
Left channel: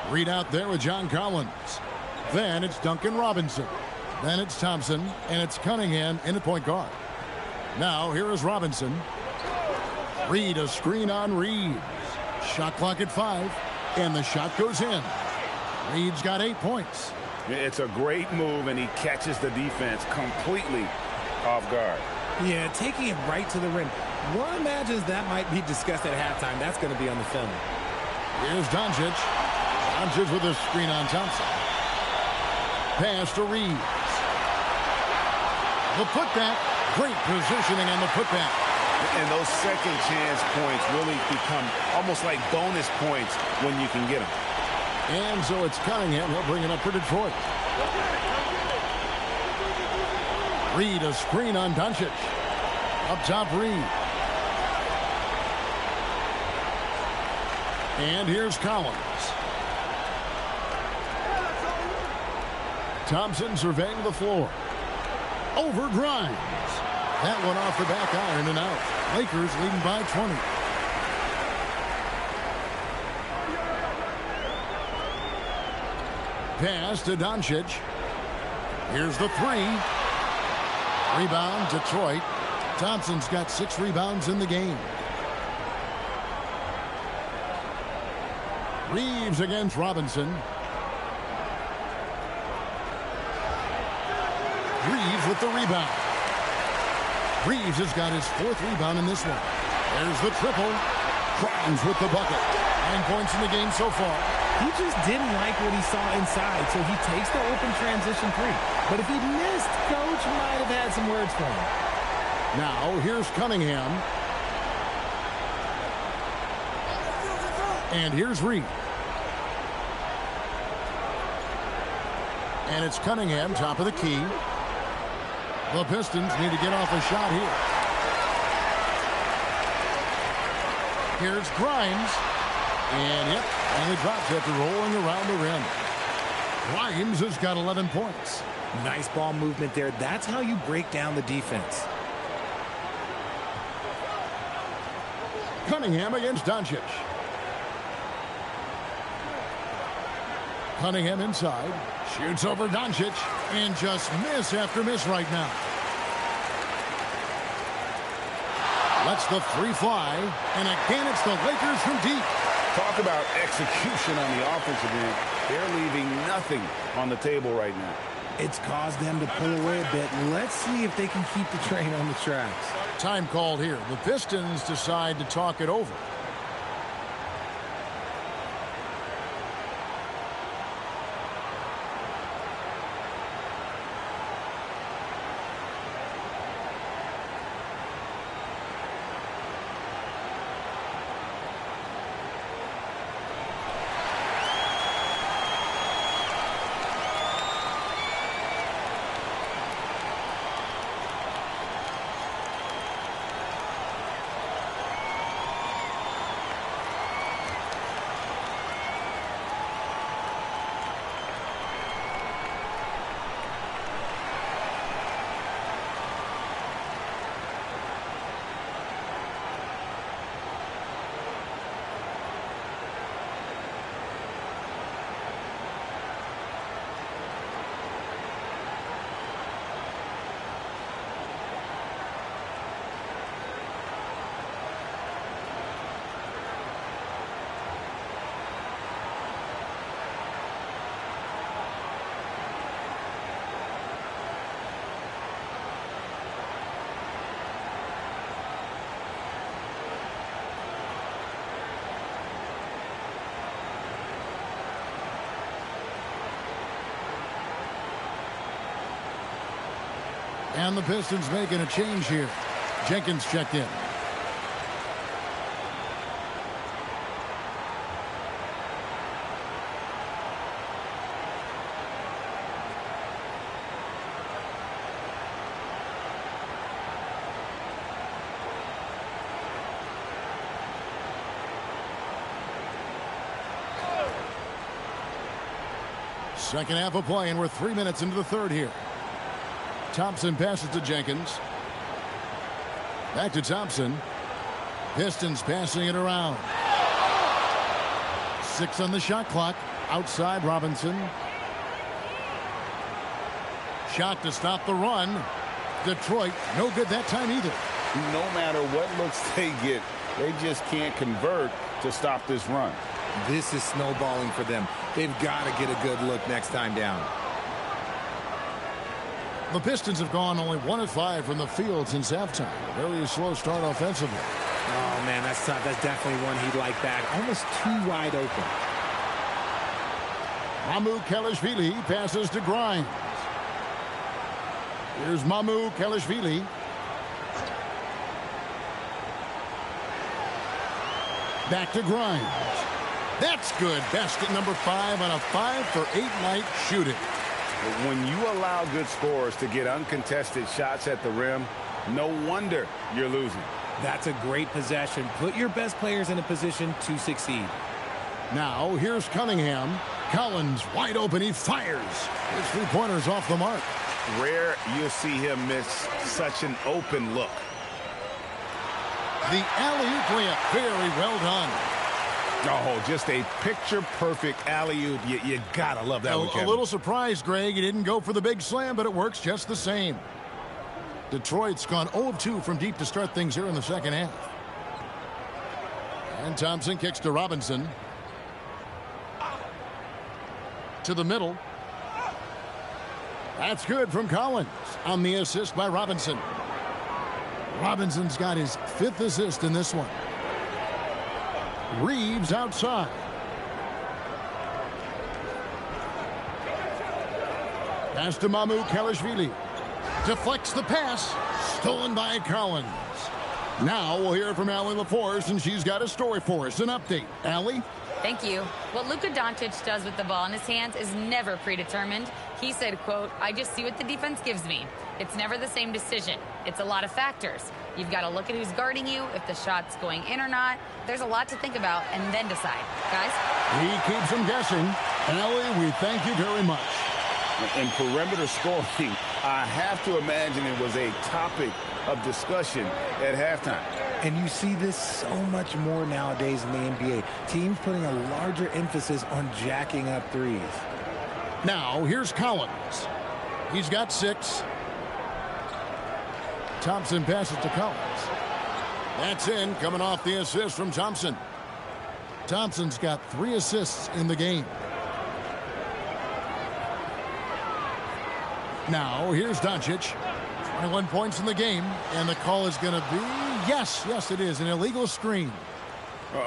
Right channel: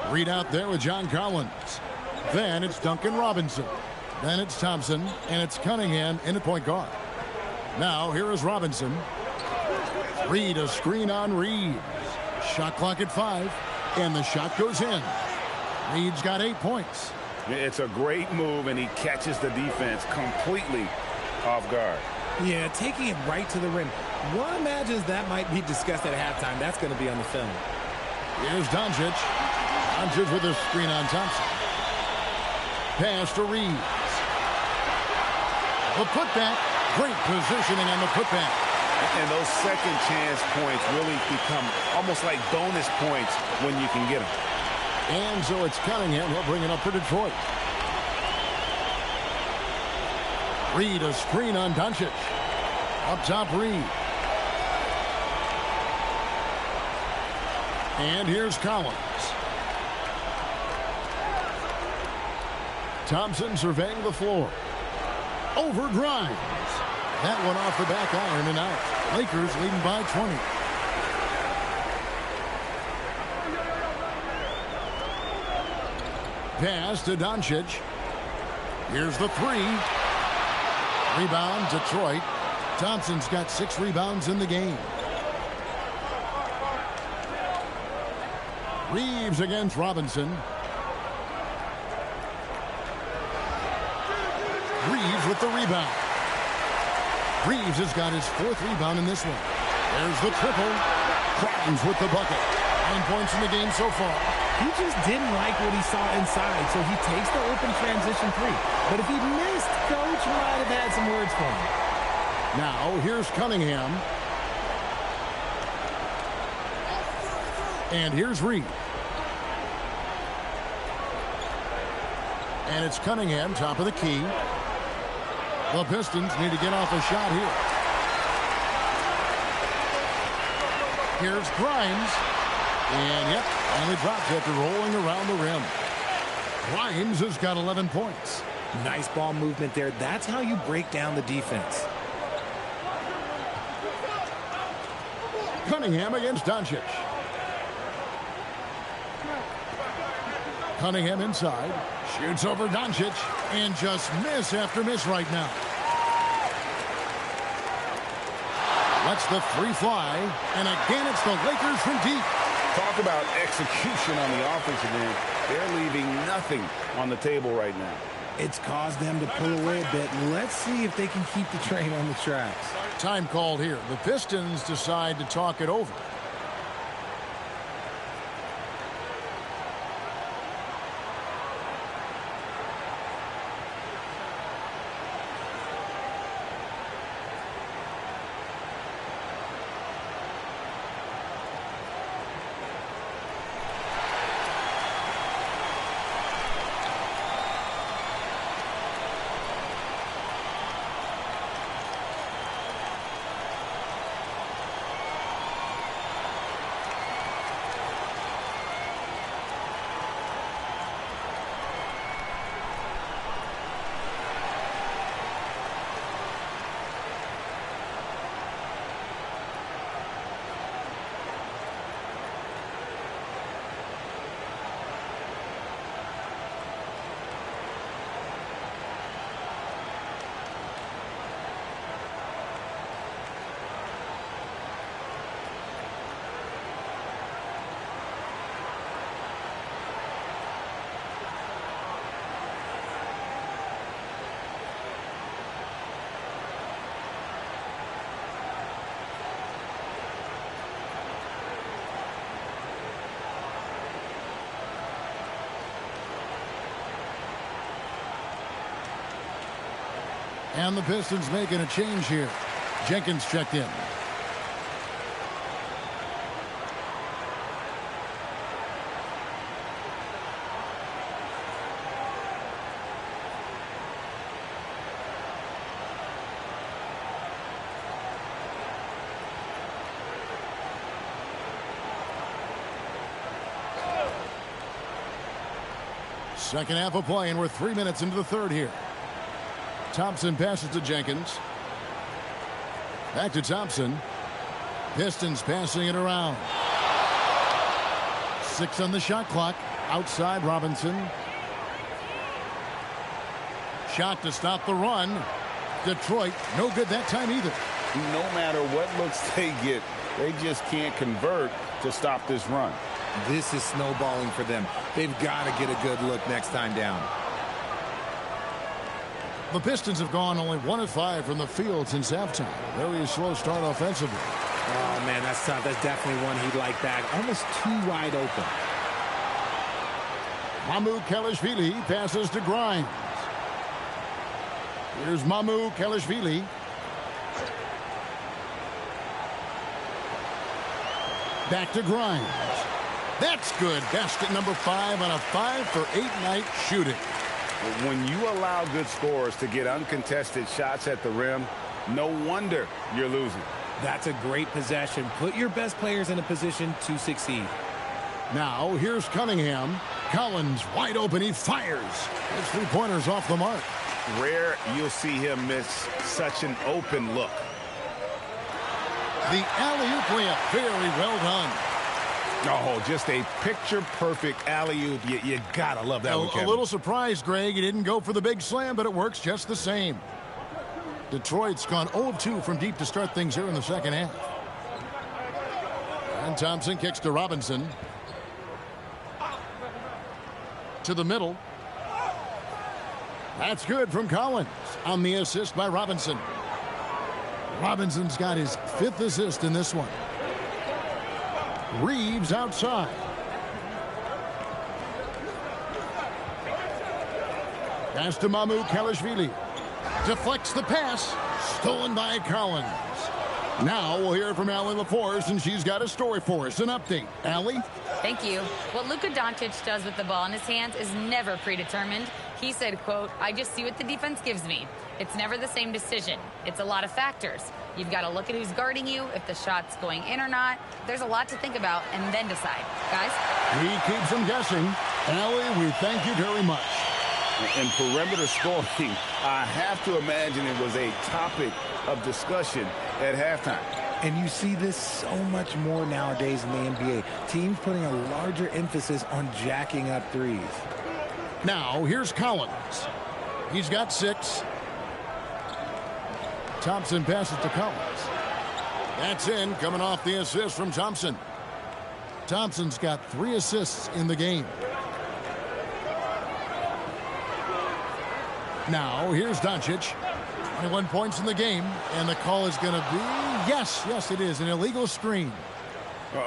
Read out there with John Collins. Then it's Duncan Robinson. Then it's Thompson, and it's Cunningham in at point guard. Now here is Robinson. Reed, a screen on Reeves. Shot clock at 5, and the shot goes in. Reed's got 8 points. It's a great move, and he catches the defense completely off guard. Yeah, taking it right to the rim. One imagines that might be discussed at halftime. That's going to be on the film. Here's Doncic. Doncic with a screen on Thompson. Pass to Reeves. The putback. Great positioning on the putback. And those second chance points really become almost like bonus points when you can get them. And so it's Cunningham. He'll bring it up for Detroit. Reed, a screen on Doncic. Up top, Reed. And here's Collins. Thompson surveying the floor. Over Grimes. That one off the back iron and out. Lakers leading by 20. Pass to Doncic. Here's the 3. Rebound, Detroit. Thompson's got 6 rebounds in the game. Reeves against Robinson. Reeves with the rebound. Reeves has got his 4th rebound in this one. There's the triple. Grimes with the bucket. 9 points in the game so far. He just didn't like what he saw inside, so he takes the open transition 3. But if he missed, Coach might have had some words for him. Now, here's Cunningham. And here's Reed. And it's Cunningham, top of the key. The Pistons need to get off a shot here. Here's Grimes. And, yep, finally drops after rolling around the rim. Grimes has got 11 points. Nice ball movement there. That's how you break down the defense. Cunningham against Doncic. Cunningham inside. Shoots over Doncic. And just miss after miss right now. Lets the 3 fly. And again, it's the Lakers from deep. Talk about execution on the offensive end. They're leaving nothing on the table right now. It's caused them to pull away a bit. Let's see if they can keep the train on the tracks. Time called here. The Pistons decide to talk it over. And the Pistons making a change here. Jenkins checked in. Second half of play, and we're 3 minutes into the third here. Thompson passes to Jenkins. Back to Thompson. Pistons passing it around. 6 on the shot clock. Outside Robinson. Shot to stop the run. Detroit, no good that time either. No matter what looks they get, they just can't convert to stop this run. This is snowballing for them. They've got to get a good look next time down. The Pistons have gone only 1 of 5 from the field since halftime. A very slow start offensively. Oh, man, that's tough. That's definitely one he'd like back. Almost too wide open. Mamu Kelishvili passes to Grimes. Here's Mamu Kelishvili. Back to Grimes. That's good. Basket number 5 on a 5-for-8 night shooting. When you allow good scorers to get uncontested shots at the rim, no wonder you're losing. That's a great possession. Put your best players in a position to succeed. Now, here's Cunningham. Collins wide open. He fires. His three-pointer's off the mark. Rare you'll see him miss such an open look. The alley-oop layup. Very well done. Oh, just a picture-perfect alley-oop. You gotta love that one, Kevin. A little surprised, Greg. He didn't go for the big slam, but it works just the same. Detroit's gone 0 of 2 from deep to start things here in the second half. And Thompson kicks to Robinson. To the middle. That's good from Collins on the assist by Robinson. Robinson's got his 5th assist in this one. Reeves outside. Pass to Mamu Kelishvili. Deflects the pass. Stolen by Collins. Now we'll hear from Allie LaForce, and she's got a story for us. An update. Allie? Thank you. What Luka Doncic does with the ball in his hands is never predetermined. He said, quote, "I just see what the defense gives me. It's never the same decision. It's a lot of factors. You've got to look at who's guarding you, if the shot's going in or not. There's a lot to think about and then decide." Guys? He keeps them guessing. Allie, we thank you very much. In perimeter scoring, I have to imagine it was a topic of discussion at halftime. And you see this so much more nowadays in the NBA. Teams putting a larger emphasis on jacking up threes. Now, here's Collins. He's got 6. Thompson passes to Collins. That's in, coming off the assist from Thompson. Thompson's got 3 assists in the game. Now, here's Doncic. 21 points in the game, and the call is going to be, yes, it is, an illegal screen.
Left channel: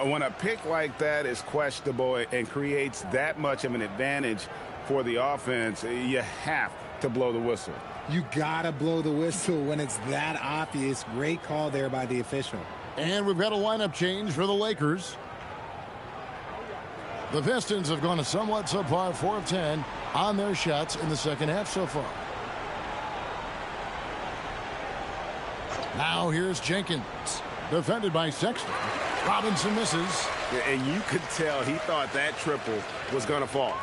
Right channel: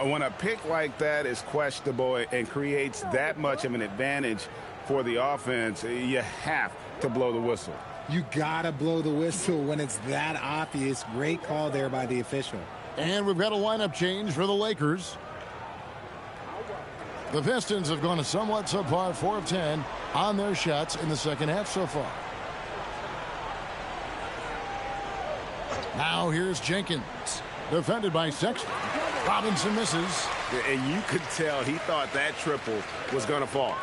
When a pick like that is questionable and creates that much of an advantage for the offense, you have to blow the whistle. You gotta blow the whistle when it's that obvious. Great call there by the official. And we've got a lineup change for the Lakers. The Pistons have gone a somewhat subpar 4 of 10 on their shots in the second half so far. Now here's Jenkins, defended by Sexton. Robinson misses. And you could tell he thought that triple was going to fall.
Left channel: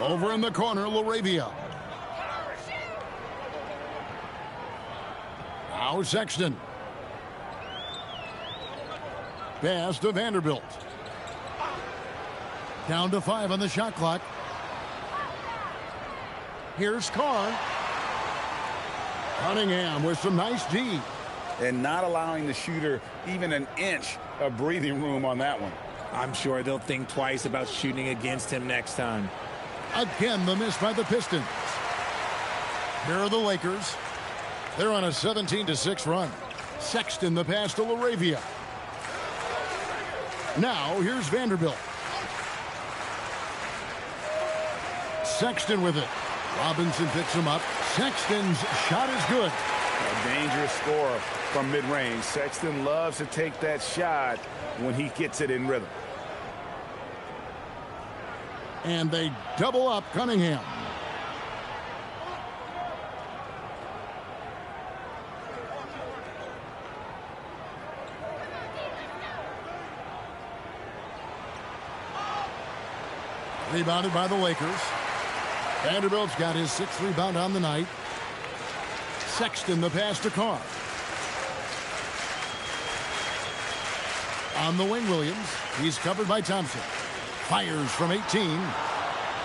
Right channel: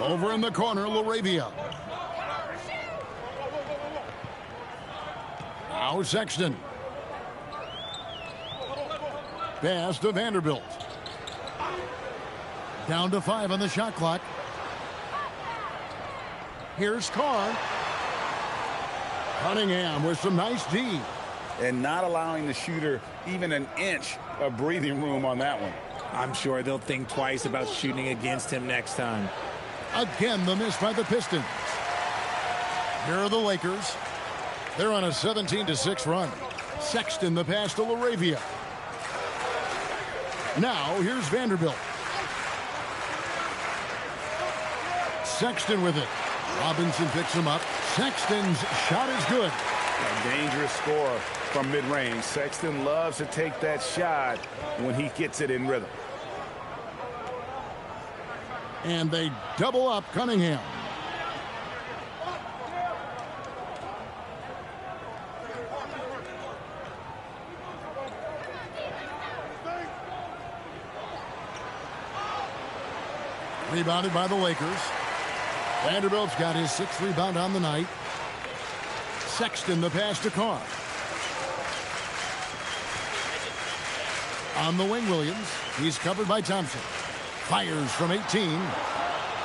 Over in the corner, LaRavia. Now Sexton. Pass to Vanderbilt. Down to 5 on the shot clock. Here's Carr. Cunningham with some nice D. And not allowing the shooter even an inch of breathing room on that one. I'm sure they'll think twice about shooting against him next time. Again, the miss by the Pistons. Here are the Lakers. They're on a 17-6 run. Sexton the pass to LaRavia. Now here's Vanderbilt. Sexton with it. Robinson picks him up. Sexton's shot is good. A dangerous scorer from mid-range. Sexton loves to take that shot when he gets it in rhythm. And they double up Cunningham. Rebounded by the Lakers. Vanderbilt's got his 6th rebound on the night. Sexton the pass to Carr. On the wing, Williams. He's covered by Thompson. Fires from 18.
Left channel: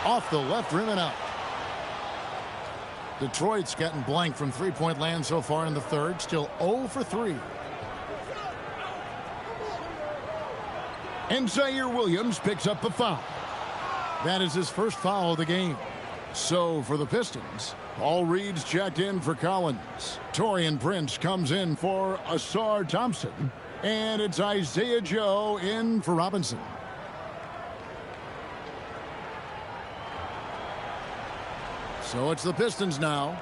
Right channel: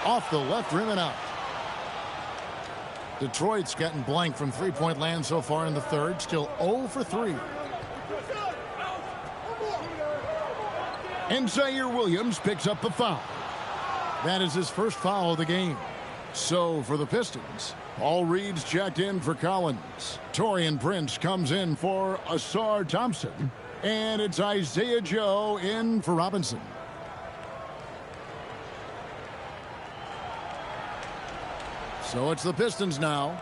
Off the left rim and out. Detroit's gotten blank from three-point land so far in the third. Still 0 for 3. And Zaire Williams picks up the foul. That is his first foul of the game. So for the Pistons, Paul Reed's checked in for Collins. Taurean Prince comes in for Asar Thompson. And it's Isaiah Joe in for Robinson. So it's the Pistons now.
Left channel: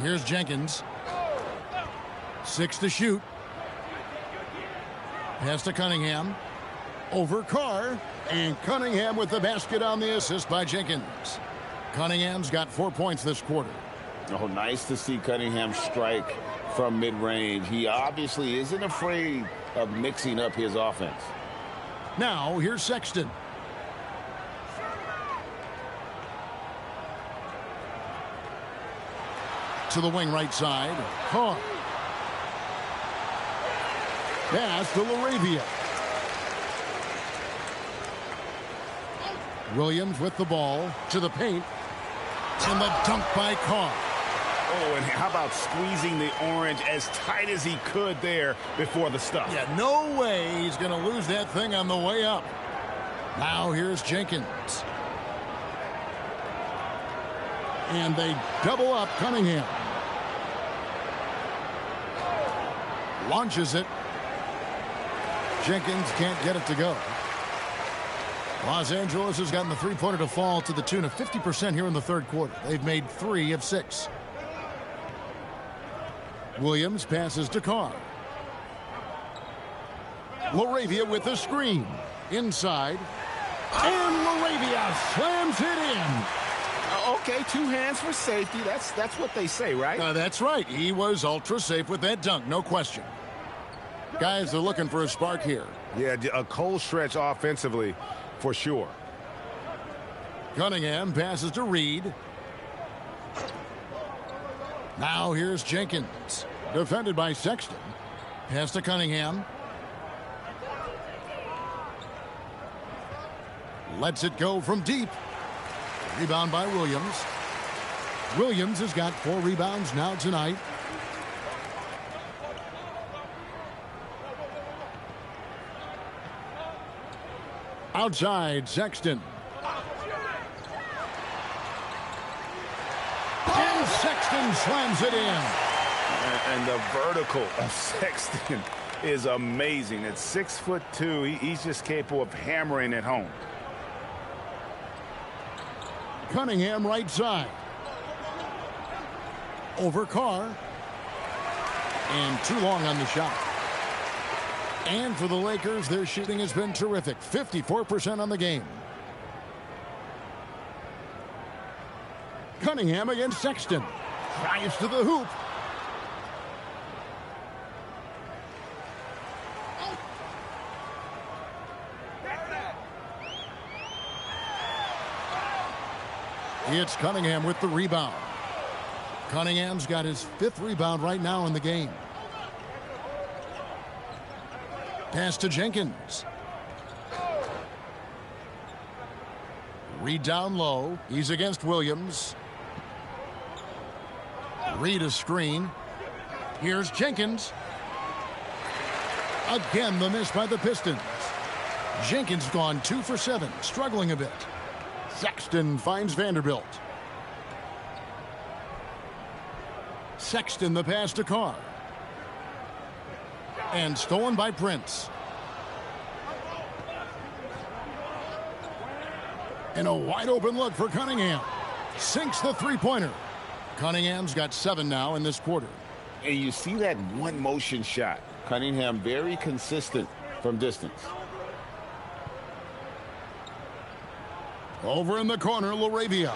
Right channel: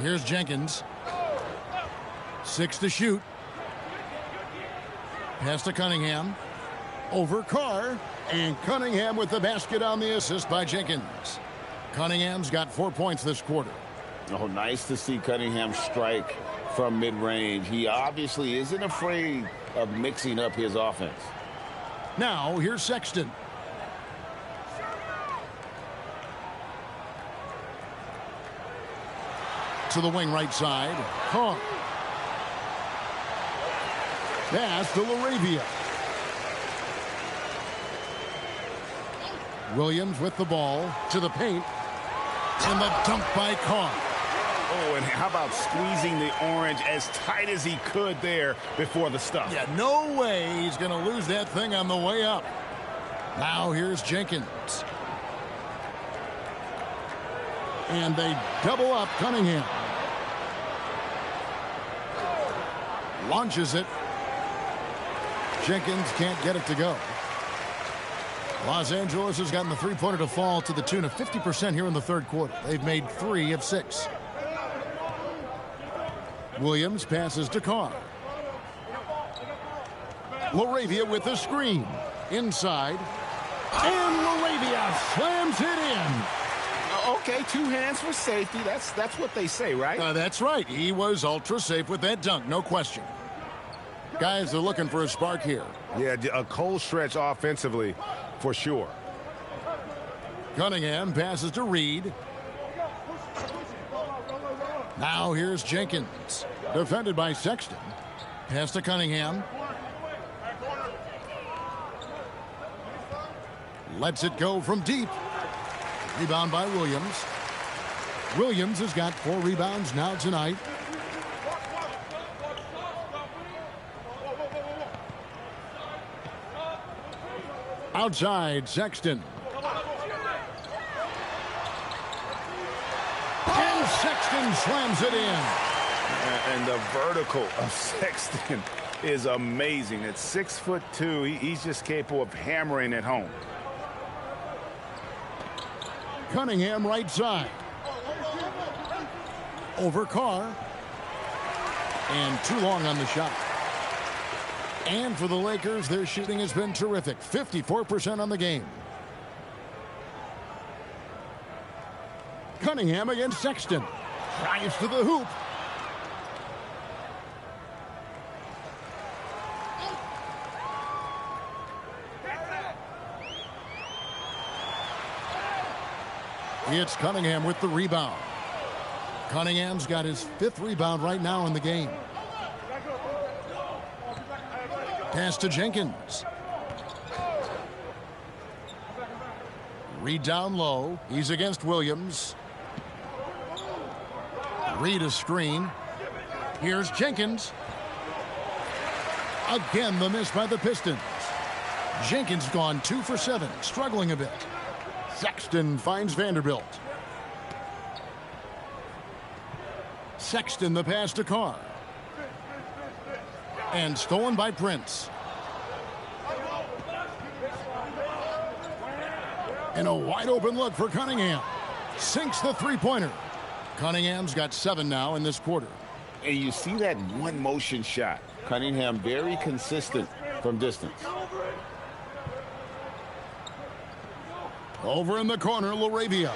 Here's Jenkins. 6 to shoot. Pass to Cunningham. Over Carr. And Cunningham with the basket on the assist by Jenkins. Cunningham's got 4 points this quarter. Oh, nice to see Cunningham strike from mid-range. He obviously isn't afraid of mixing up his offense. Now, here's Sexton. To the wing right side. Carr. Pass to LaRavia. Williams with the ball to the paint. And the dunk by Carr. Oh, and how about squeezing the orange as tight as he could there before the stuff? Yeah, no way he's going to lose that thing on the way up. Now here's Jenkins. And they double up Cunningham. Launches it. Jenkins can't get it to go. Los Angeles has gotten the three-pointer to fall to the tune of 50% here in the third quarter. They've made 3 of 6. Williams passes to Carr. LaRavia with the screen. Inside. And LaRavia slams it in. Okay, 2 hands for safety. That's what they say, right? That's right. He was ultra safe with that dunk, no question. Guys, they're looking for a spark here. Yeah, a cold stretch offensively, for sure. Cunningham passes to Reed. Now here's Jenkins. Defended by Sexton. Pass to Cunningham. Lets it go from deep. Rebound by Williams. Williams has got 4 rebounds now tonight. Outside, Sexton. And Sexton slams it in. And the vertical of Sexton is amazing. At 6'2", he's just capable of hammering it home. Cunningham right side. Over Carr. And too long on the shot. And for the Lakers, their shooting has been terrific. 54% on the game. Cunningham against Sexton. Drives to the hoop. It's Cunningham with the rebound. Cunningham's got his 5th rebound right now in the game. Pass to Jenkins. Reed down low. He's against Williams. Reed a screen. Here's Jenkins. Again, the miss by the Pistons. Jenkins gone 2 for 7, struggling a bit. Sexton finds Vanderbilt. Sexton the pass to Carr. And stolen by Prince. And a wide open look for Cunningham. Sinks the three-pointer. Cunningham's got 7 now in this quarter. And you see that one motion shot. Cunningham very consistent from distance. Over in the corner, LaRavia.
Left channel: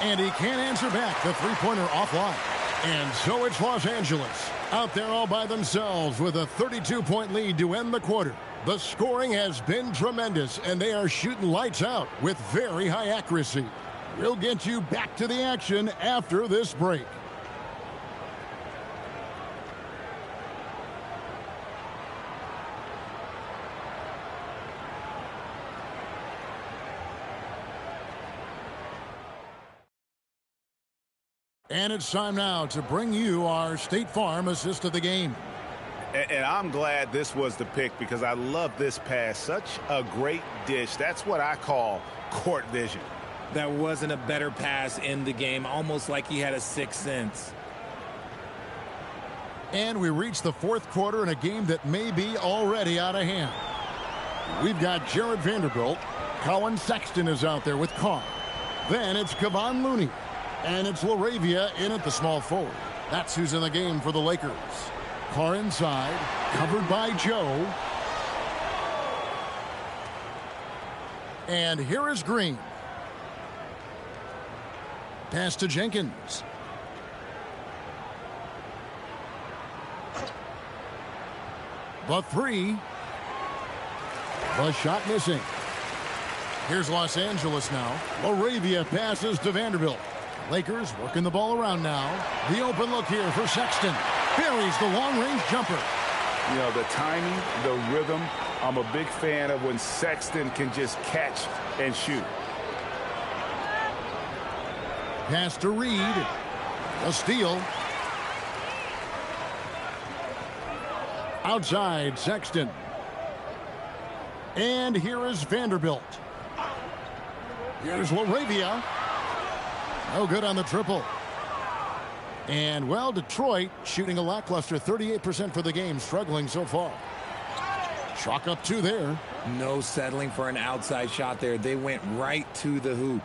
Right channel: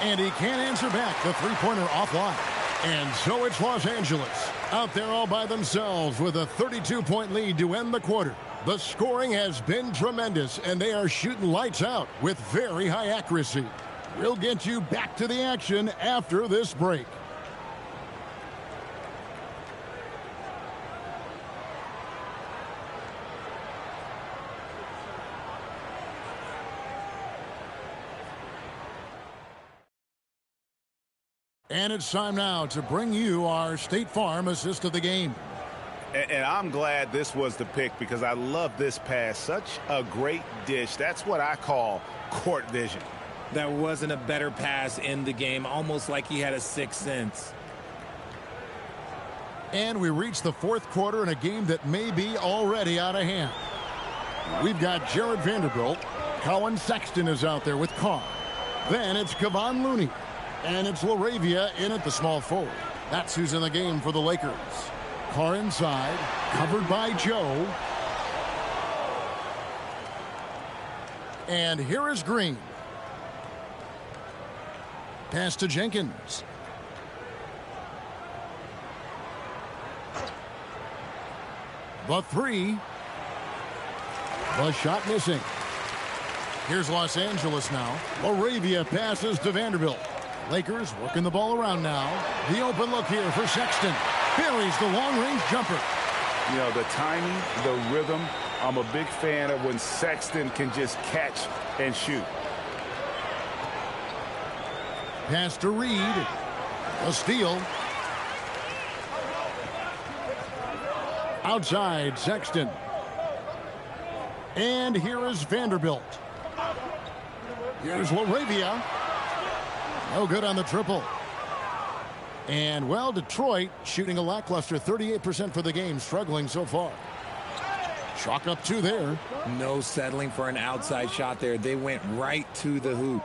And he can't answer back. The three-pointer offline. And so it's Los Angeles out there all by themselves with a 32-point lead to end the quarter. The scoring has been tremendous, and they are shooting lights out with very high accuracy. We'll get you back to the action after this break. And it's time now to bring you our State Farm assist of the game. And I'm glad this was the pick because I love this pass. Such a great dish. That's what I call court vision. That wasn't a better pass in the game, almost like he had a sixth sense. And we reach the fourth quarter in a game that may be already out of hand. We've got Jared Vanderbilt. Colin Sexton is out there with Carr. Then it's Kevon Looney. And it's LaRavia in at the small forward. That's who's in the game for the Lakers. Carr inside, covered by Joe. And here is Green. Pass to Jenkins. The three. The shot missing. Here's Los Angeles now. LaRavia passes to Vanderbilt. Lakers working the ball around now. The open look here for Sexton. Buries the long-range jumper. You know, the timing, the rhythm, I'm a big fan of when Sexton can just catch and shoot. Pass to Reed. A steal. Outside, Sexton. And here is Vanderbilt. Here's LaRavia. No good on the triple. And, well, Detroit shooting a lackluster 38% for the game, struggling so far. Chalk up 2 there. No settling for an outside shot there. They went right to the hoop.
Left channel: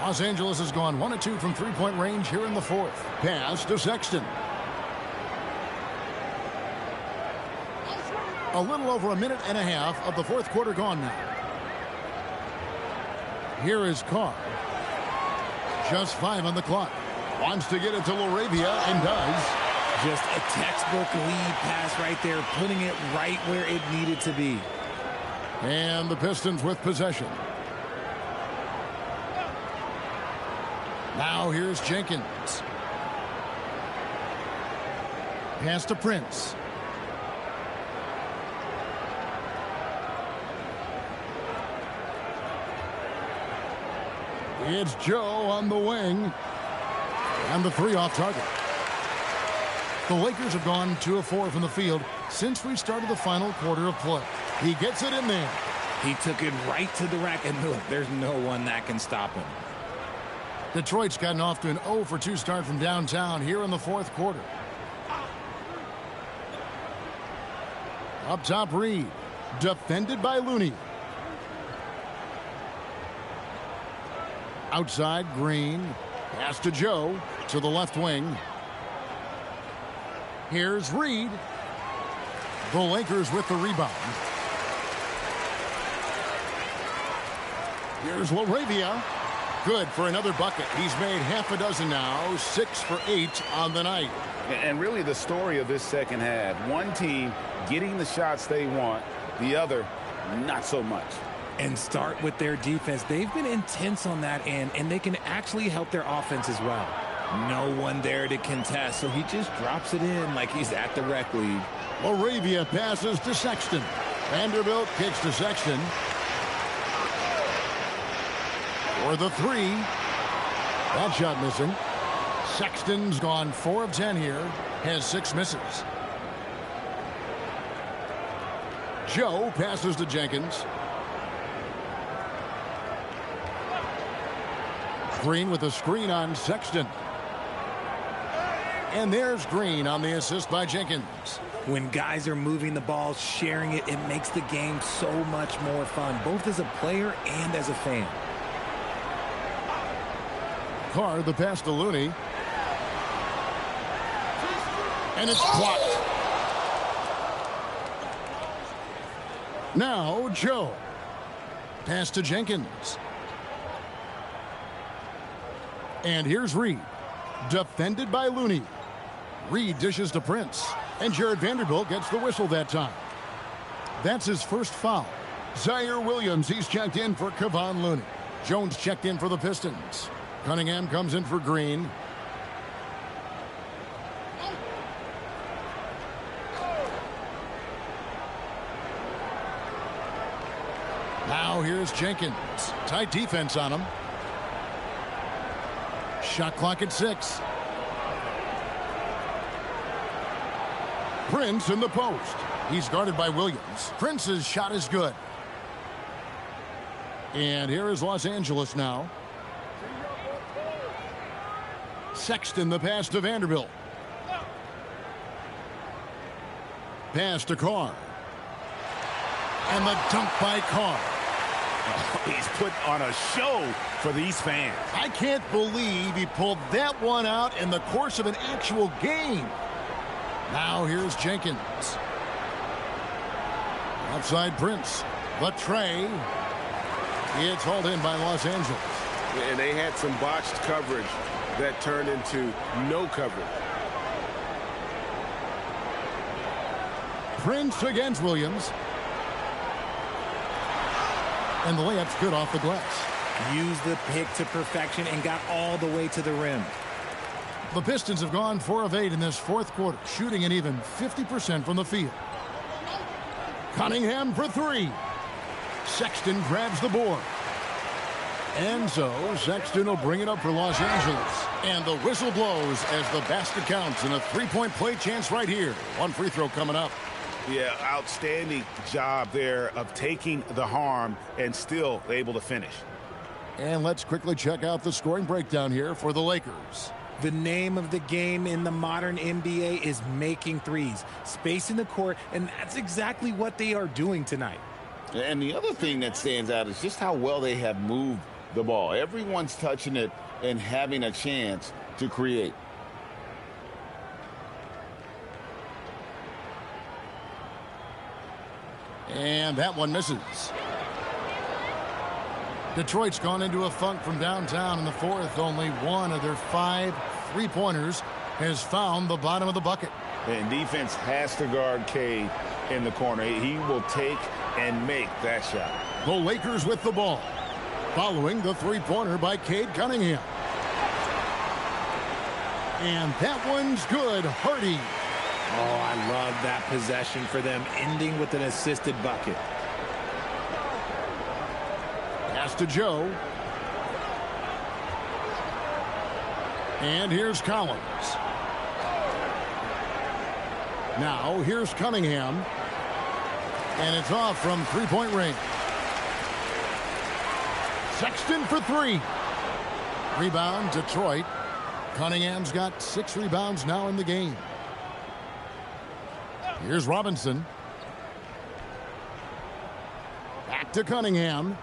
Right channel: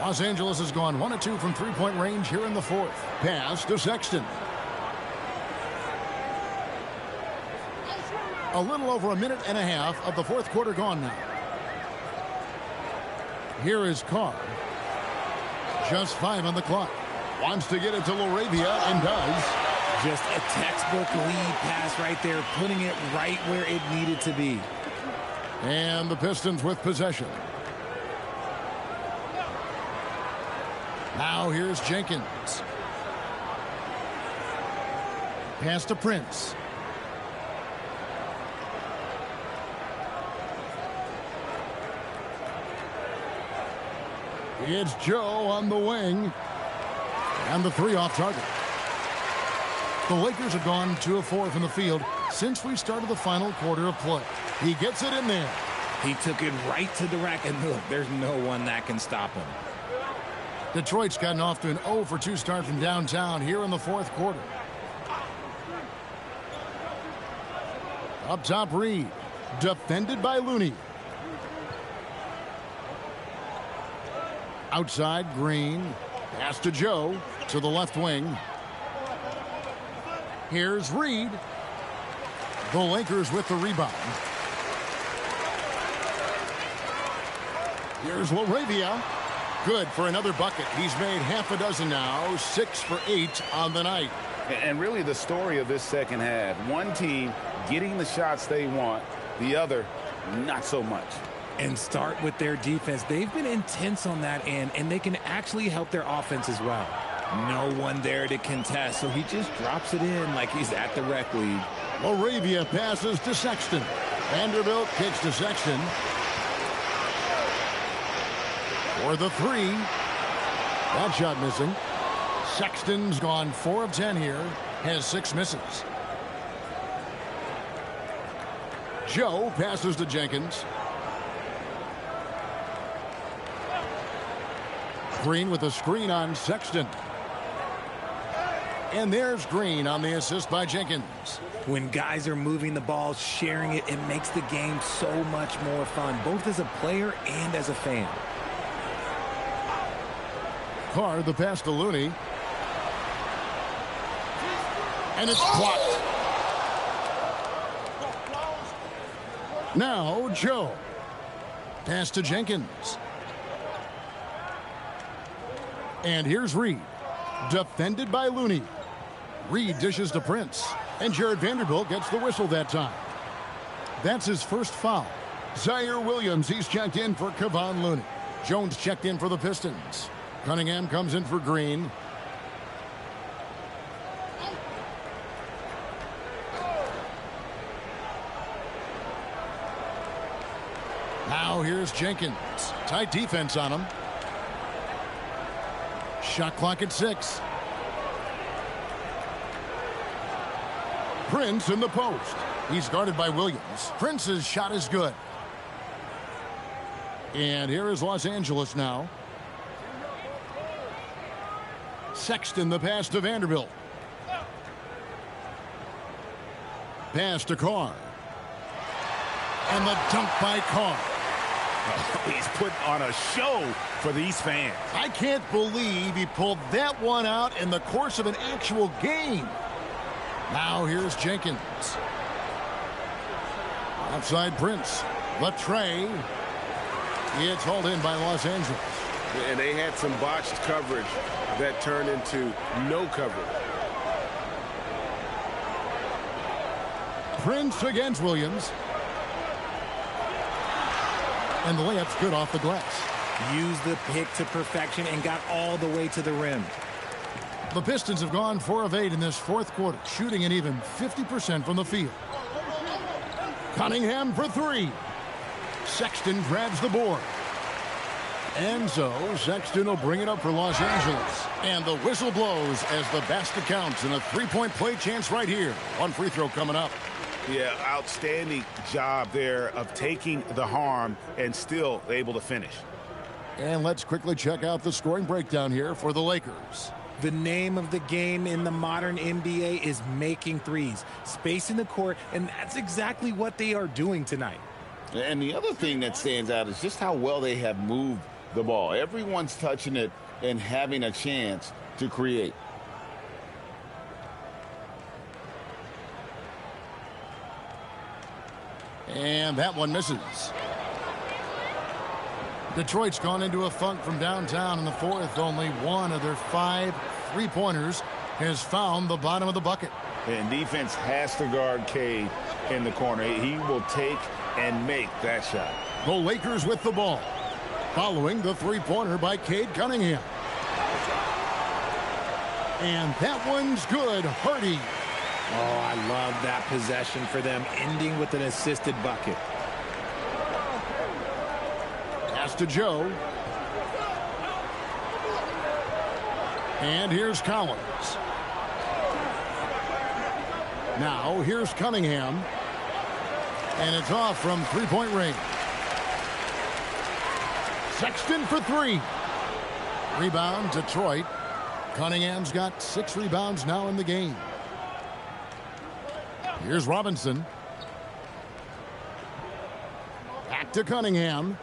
Los Angeles has gone 1 of 2 from three-point range here in the fourth. Pass to Sexton. A little over a minute and a half of the fourth quarter gone now. Here is Carr. Just 5 on the clock. Wants to get it to LaRavia and does. Just a textbook lead pass right there, putting it right where it needed to be. And the Pistons with possession. Now here's Jenkins. Pass to Prince. It's Joe on the wing. And the three off target. The Lakers have gone 2 of 4 from the field since we started the final quarter of play. He gets it in there. He took it right to the rack, and look, there's no one that can stop him. Detroit's gotten off to an 0 for 2 start from downtown here in the fourth quarter. Up top, Reed. Defended by Looney. Outside, Green. Pass to Joe to the left wing. Here's Reed. The Lakers with the rebound. Here's LaRavia. Good for another bucket. He's made half a dozen now. 6 for 8 on the night. And really the story of this second half, one team getting the shots they want, the other not so much. And start with their defense. They've been intense on that end, and they can actually help their offense as well. No one there to contest, so he just drops it in like he's at the rec league. LaRavia passes to Sexton. Vanderbilt kicks to Sexton. For the three. That shot missing. Sexton's gone 4 of 10 here. Has 6 misses. Joe passes to Jenkins. Green with a screen on Sexton. And there's Green on the assist by Jenkins. When guys are moving the ball, sharing it, it makes the game so much more fun, both as a player and as a fan. Carr, the pass to Looney. And it's blocked. Now, Joe. Pass to Jenkins. And here's Reed. Defended by Looney. Reed dishes to Prince. And Jared Vanderbilt gets the whistle that time. That's his first foul. Zaire Williams, he's checked in for Kevon Looney. Jones checked in for the Pistons. Cunningham comes in for Green. Now here's Jenkins. Tight defense on him. Shot clock at 6. Prince in the post. He's guarded by Williams. Prince's shot is good. And here is Los Angeles now. Sexton the pass to Vanderbilt. Pass to Carr. And the dunk by Carr. He's put on a show for these fans. I can't believe he pulled that one out in the course of an actual game. Now here's Jenkins. Outside Prince. The tray. It's hauled in by Los Angeles. And they had some botched coverage that turned into no coverage. Prince against Williams. And the layup's good off the glass. Used the pick to perfection and got all the way to the rim. The Pistons have gone 4 of 8 in this fourth quarter, shooting an even 50% from the field. Cunningham for 3. Sexton grabs the board. And so Sexton will bring it up for Los Angeles. And the whistle blows as the basket counts and a three-point play chance right here. One free throw coming up. Yeah, outstanding job there of taking the harm and still able to finish. And let's quickly check out the scoring breakdown here for the Lakers. The name of the game in the modern NBA is making threes, spacing the court, and that's exactly what they are doing tonight. And the other thing that stands out is just how well they have moved the ball. Everyone's touching it and having a chance to create. And that one misses. Detroit's gone into a funk from downtown in the fourth. Only one of their 5 three-pointers has found the bottom of the bucket. And defense has to guard Cade in the corner. He will take and make that shot. The Lakers with the ball. Following the three-pointer by Cade Cunningham. And that one's good. Hardy. Oh, I love that possession for them, ending with an assisted bucket. Pass to Joe. And here's Collins. Now here's Cunningham. And it's off from three-point range. Sexton for 3. Rebound, Detroit. Cunningham's got 6 rebounds now in the game. Here's Robinson. Back to Cunningham.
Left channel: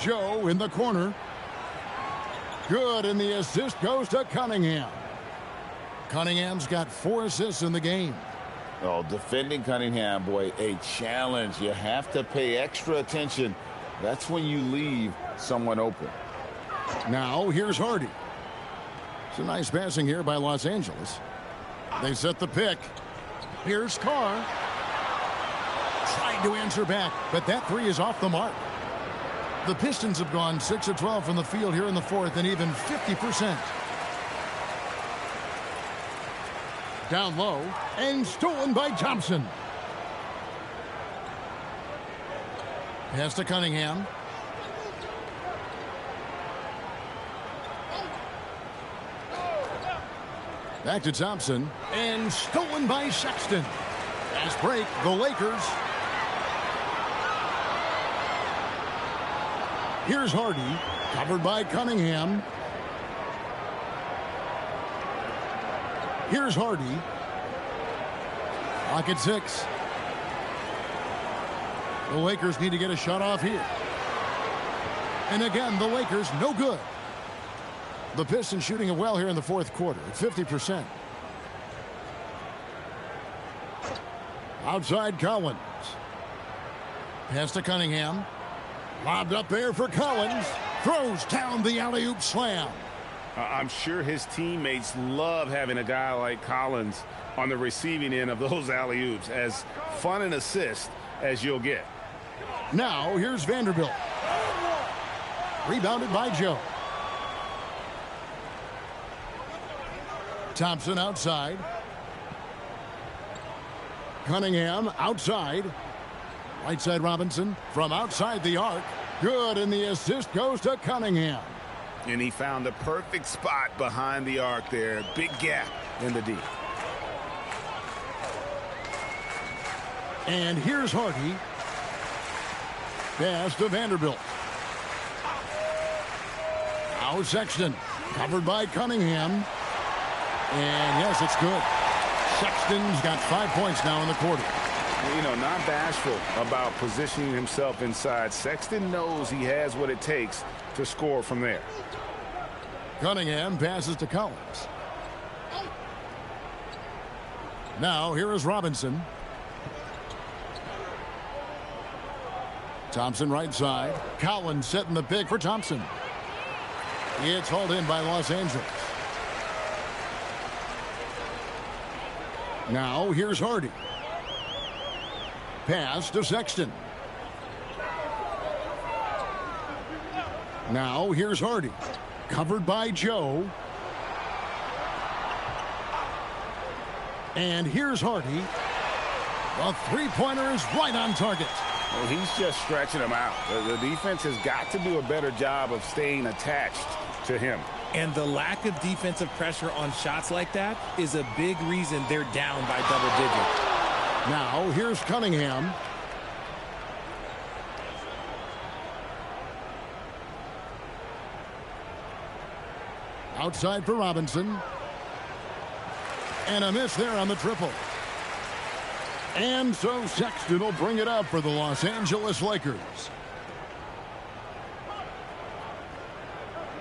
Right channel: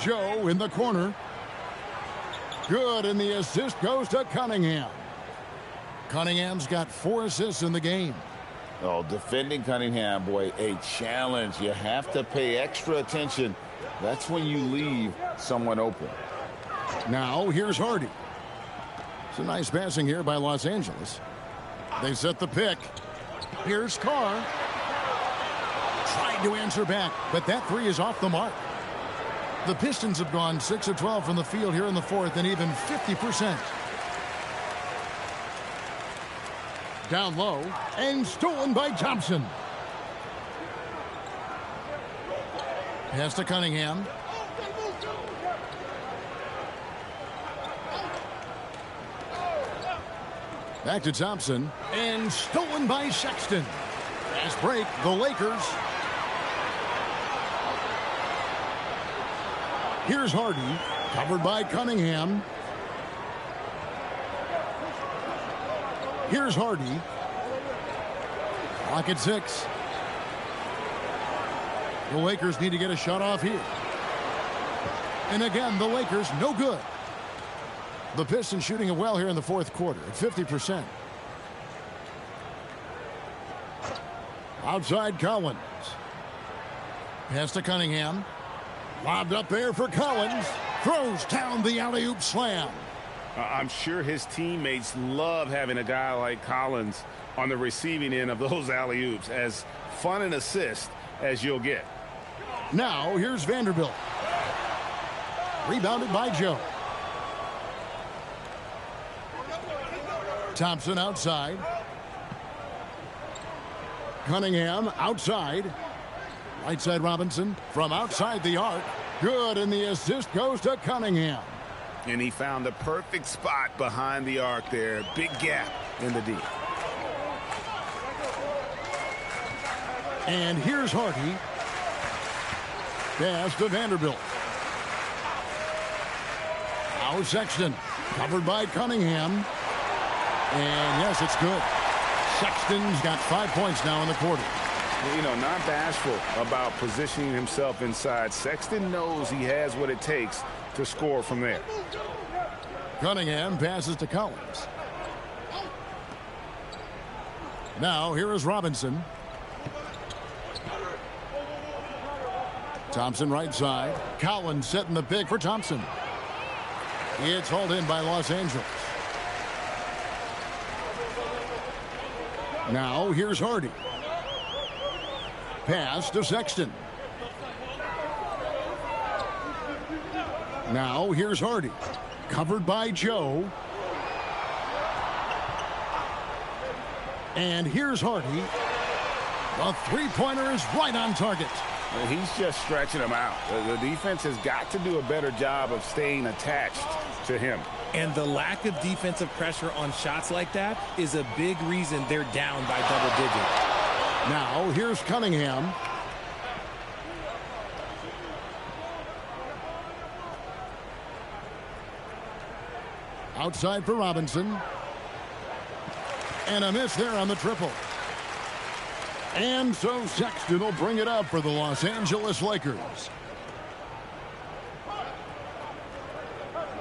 Joe in the corner. Good, and the assist goes to Cunningham. Cunningham's got 4 assists in the game. Oh, defending Cunningham, boy, a challenge. You have to pay extra attention. That's when you leave someone open. Now here's Hardy. It's a nice passing here by Los Angeles. They set the pick. Here's Carr. Tried to answer back, but that 3 is off the mark. The Pistons have gone 6 of 12 from the field here in the fourth and even 50%. Down low and stolen by Thompson. Pass to Cunningham. Back to Thompson and stolen by Sexton. Fast break, the Lakers. Here's Hardy, covered by Cunningham. Here's Hardy. Clock at 6. The Lakers need to get a shot off here. And again, the Lakers no good. The Pistons shooting it well here in the fourth quarter at 50%. Outside Collins. Pass to Cunningham. Lobbed up there for Collins. Throws down the alley-oop slam. I'm sure his teammates love having a guy like Collins on the receiving end of those alley-oops. As fun an assist as you'll get. Now here's Vanderbilt. Rebounded by Joe. Thompson outside. Cunningham outside. Right side Robinson from outside the arc. Good, and the assist goes to Cunningham. And he found the perfect spot behind the arc there. Big gap in the D. And here's Hardy. Pass to Vanderbilt. Now Sexton. Covered by Cunningham. And yes, it's good. Sexton's got 5 points now in the quarter. You know, not bashful about positioning himself inside. Sexton knows he has what it takes to score from there. Cunningham passes to Collins. Now here is Robinson. Thompson right side. Collins setting the pick for Thompson. It's hauled in by Los Angeles. Now here's Hardy. Pass to Sexton. Now here's Hardy. Covered by Joe. And here's Hardy. The three-pointer is right on target. He's just stretching him out. The defense has got to do a better job of staying attached to him. And the lack of defensive pressure on shots like that is a big reason they're down by double digits. Now here's Cunningham. Outside for Robinson. And a miss there on the triple. And so Sexton will bring it up for the Los Angeles Lakers.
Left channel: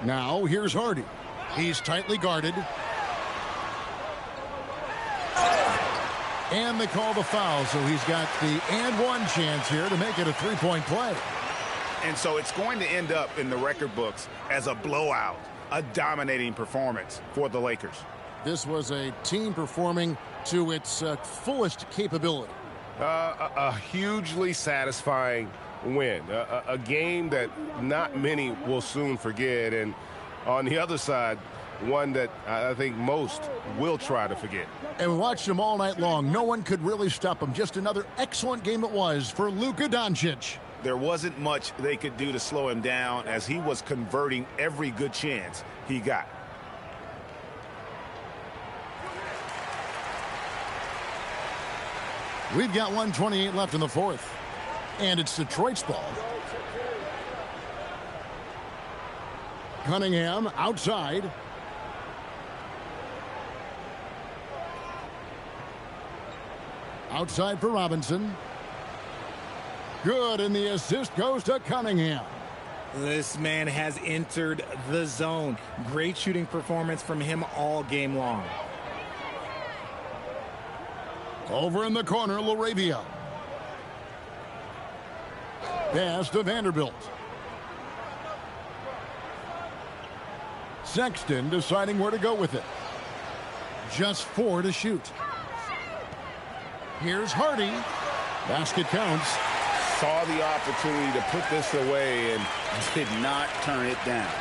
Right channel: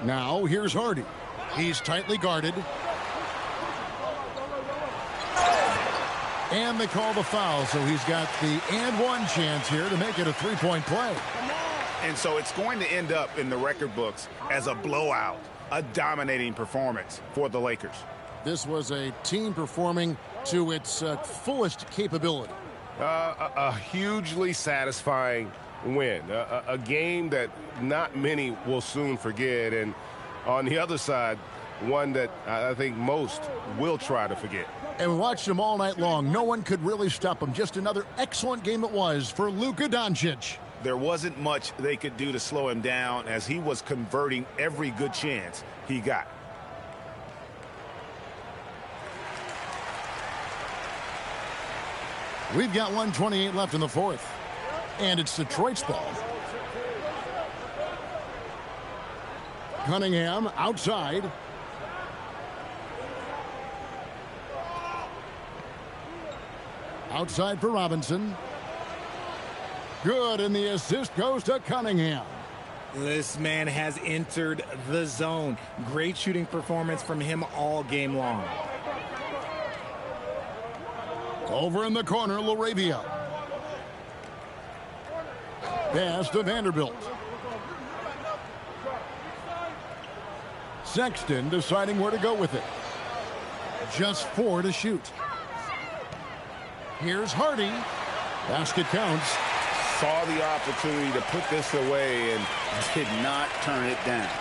Now here's Hardy. He's tightly guarded. And they call the foul, so he's got the and one chance here to make it a three-point play. And so it's going to end up in the record books as a blowout, a dominating performance for the Lakers. This was a team performing to its fullest capability. A hugely satisfying win. A game that not many will soon forget. And on the other side, one that I think most will try to forget. And we watched him all night long. No one could really stop him. Just another excellent game it was for Luka Doncic. There wasn't much they could do to slow him down as he was converting every good chance he got. We've got 1:28 left in the fourth. And it's Detroit's ball. Cunningham outside. Outside for Robinson. Good, and the assist goes to Cunningham. This man has entered the zone. Great shooting performance from him all game long. Over in the corner, LaRavia. Pass to Vanderbilt. Sexton deciding where to go with it. Just 4 to shoot. Here's Hardy. Basket counts. Saw the opportunity to put this away and did not turn it down.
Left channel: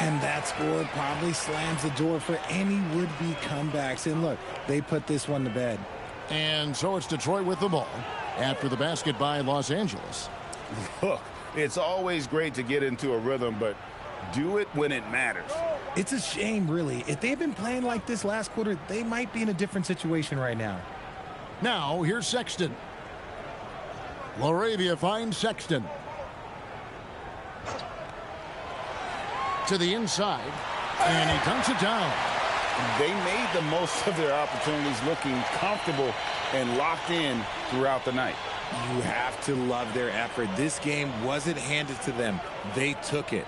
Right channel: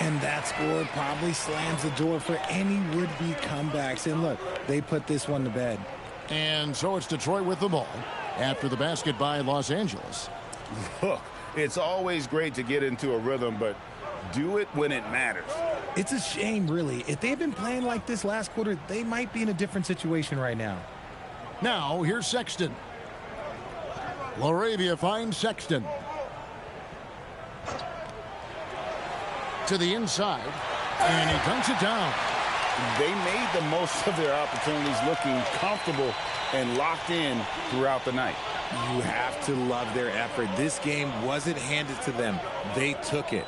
And that score probably slams the door for any would-be comebacks. And look, they put this one to bed. And so it's Detroit with the ball after the basket by Los Angeles. Look, it's always great to get into a rhythm, but do it when it matters. It's a shame, really. If they've been playing like this last quarter, they might be in a different situation right now. Now, here's Sexton. LaRavia finds Sexton. To the inside, and he dunks it down. they made the most of their opportunities, looking comfortable and locked in throughout the night. You have to love their effort. This game wasn't handed to them. They took it.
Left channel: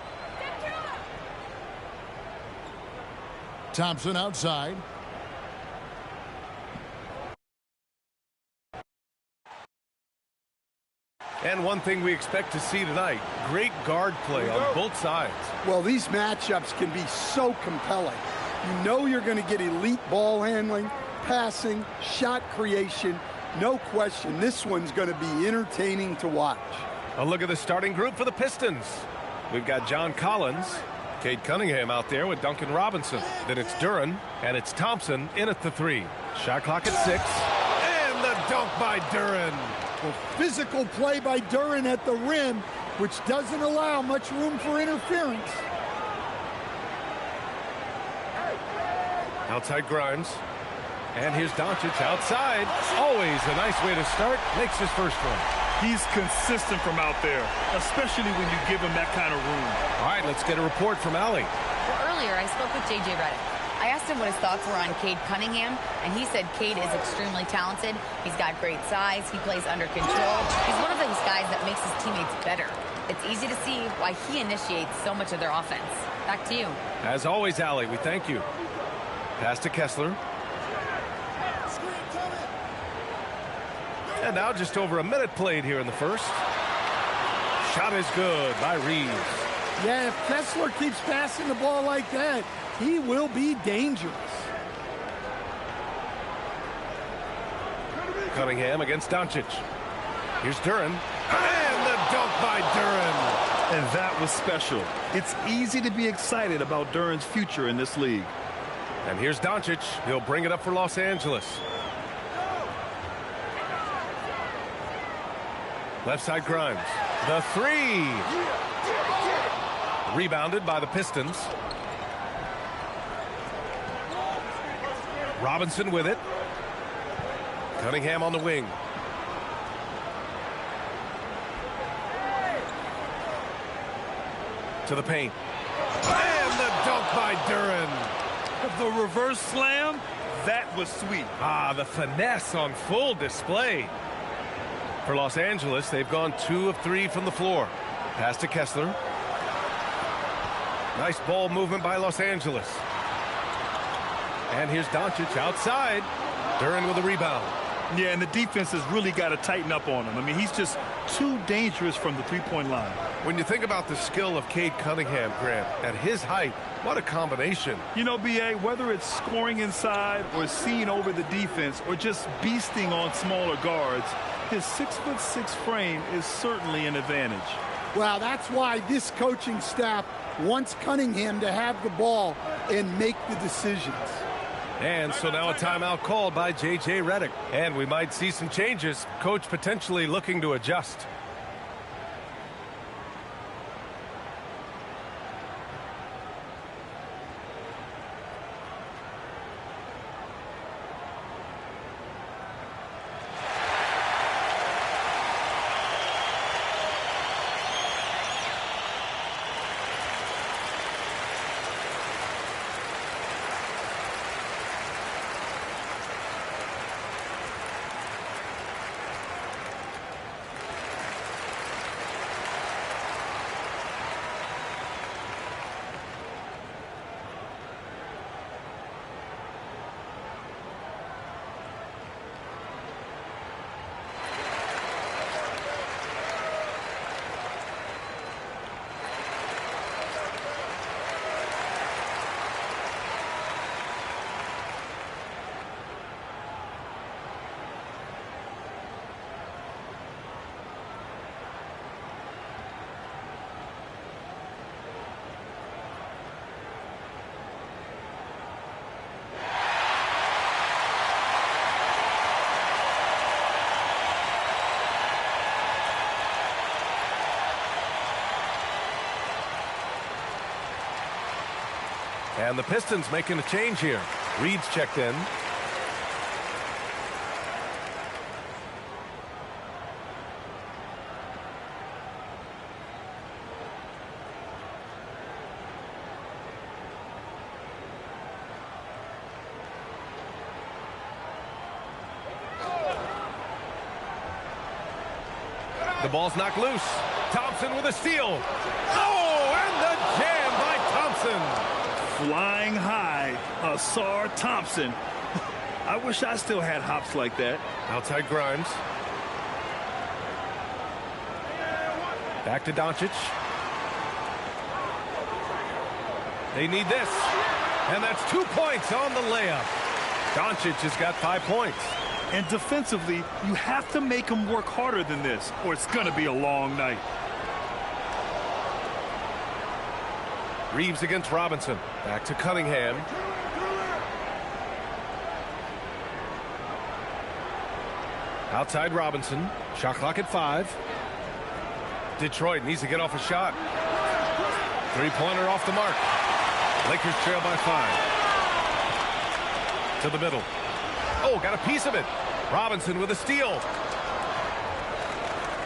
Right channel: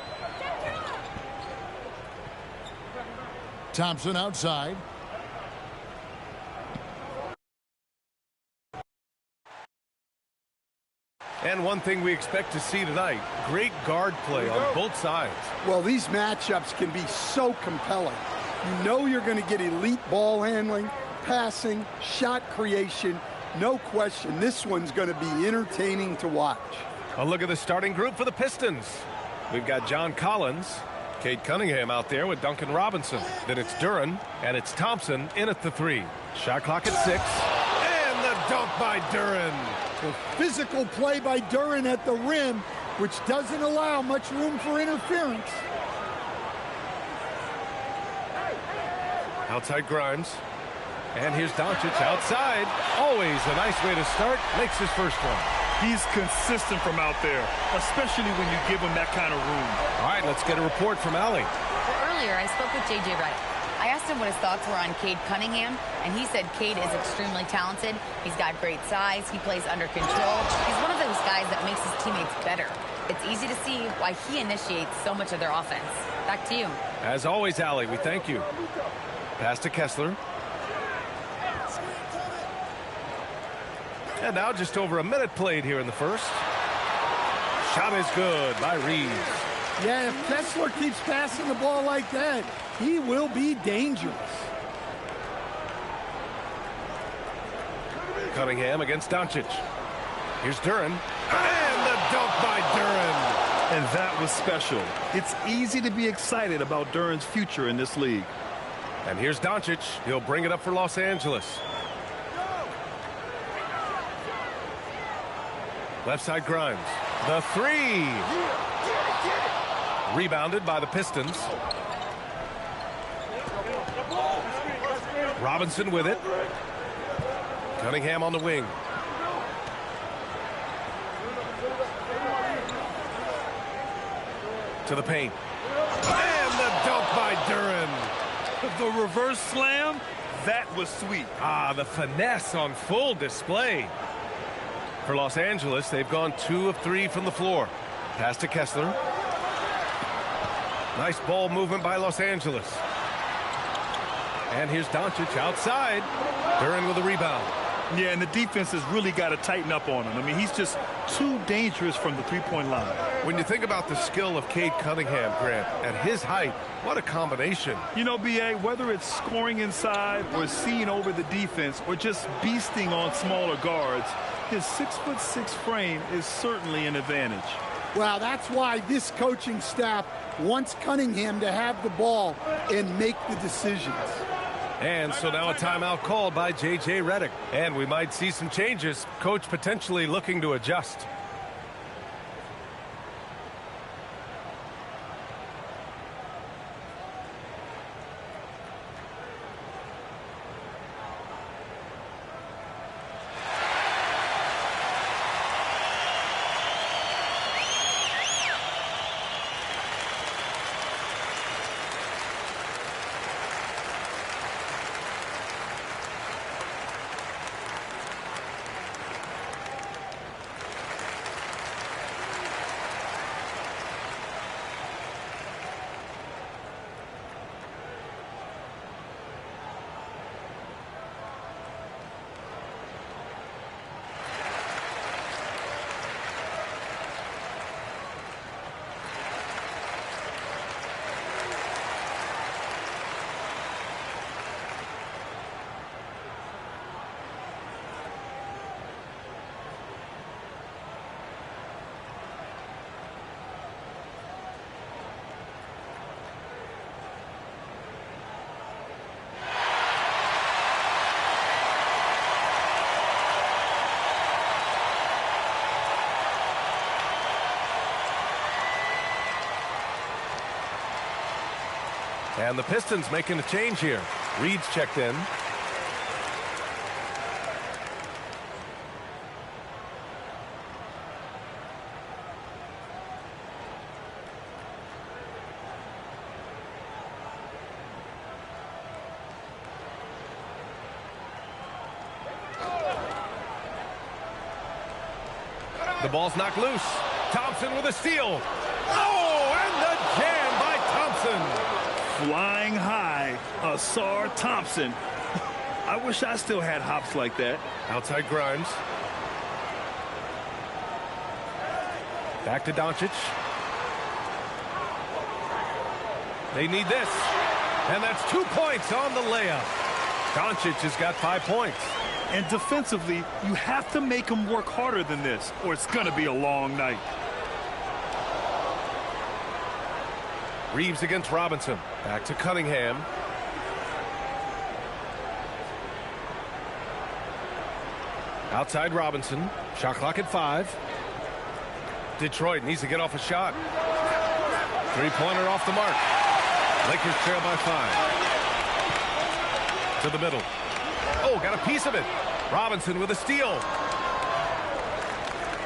Thompson outside. And one thing we expect to see tonight, great guard play on both sides. Well, these matchups can be so compelling. You know you're going to get elite ball handling, passing, shot creation. No question, this one's going to be entertaining to watch. A look at the starting group for the Pistons. We've got John Collins, Cade Cunningham out there with Duncan Robinson. Then it's Duren, and it's Thompson in at the 3. Shot clock at 6. And the dunk by Duren. Well, physical play by Duren at the rim, which doesn't allow much room for interference. Outside Grimes. And here's Doncic outside. Always a nice way to start. Makes his first one. He's consistent from out there, especially when you give him that kind of room. All right, let's get a report from Allie. Well, earlier I spoke with J.J. Redick. I asked him what his thoughts were on Cade Cunningham, and he said Cade is extremely talented. He's got great size. He plays under control. He's one of those guys that makes his teammates better. It's easy to see why he initiates so much of their offense. Back to you. As always, Allie, we thank you. Pass to Kessler. And now just over a minute played here in the first. Shot is good by Reeves. Yeah, if Kessler keeps passing the ball like that, he will be dangerous. Cunningham against Doncic. Here's Duren. And the dunk by Duren. And that was special. It's easy to be excited about Duren's future in this league. And here's Doncic. He'll bring it up for Los Angeles. Left side Grimes. The 3. Rebounded by the Pistons. Robinson with it. Cunningham on the wing. To the paint. And the dunk by Duren. The reverse slam, that was sweet. Ah, the finesse on full display. For Los Angeles, they've gone 2 of 3 from the floor. Pass to Kessler. Nice ball movement by Los Angeles. And here's Doncic outside. Duren with a rebound. Yeah, and the defense has really got to tighten up on him. I mean, he's just too dangerous from the three-point line. When you think about the skill of Cade Cunningham, Grant, at his height, what a combination. You know, B.A., whether it's scoring inside or seeing over the defense or just beasting on smaller guards, his 6'6" frame is certainly an advantage. Well, that's why this coaching staff wants Cunningham to have the ball and make the decisions. And so now a timeout called by J.J. Redick. And we might see some changes. Coach potentially looking to adjust. And the Pistons making a change here. Reed's checked in. The ball's knocked loose. Thompson with a steal. Oh, and the jam by Thompson. Flying high, Asar Thompson. I wish I still had hops like that. Outside Grimes. Back to Doncic. They need this. And that's 2 points on the layup. Doncic has got 5 points. And defensively, you have to make him work harder than this, or it's going to be a long night. Reeves against Robinson. Back to Cunningham. Outside Robinson. Shot clock at 5. Detroit needs to get off a shot. Three-pointer off the mark. Lakers trail by 5. To the middle. Oh, got a piece of it. Robinson with a steal.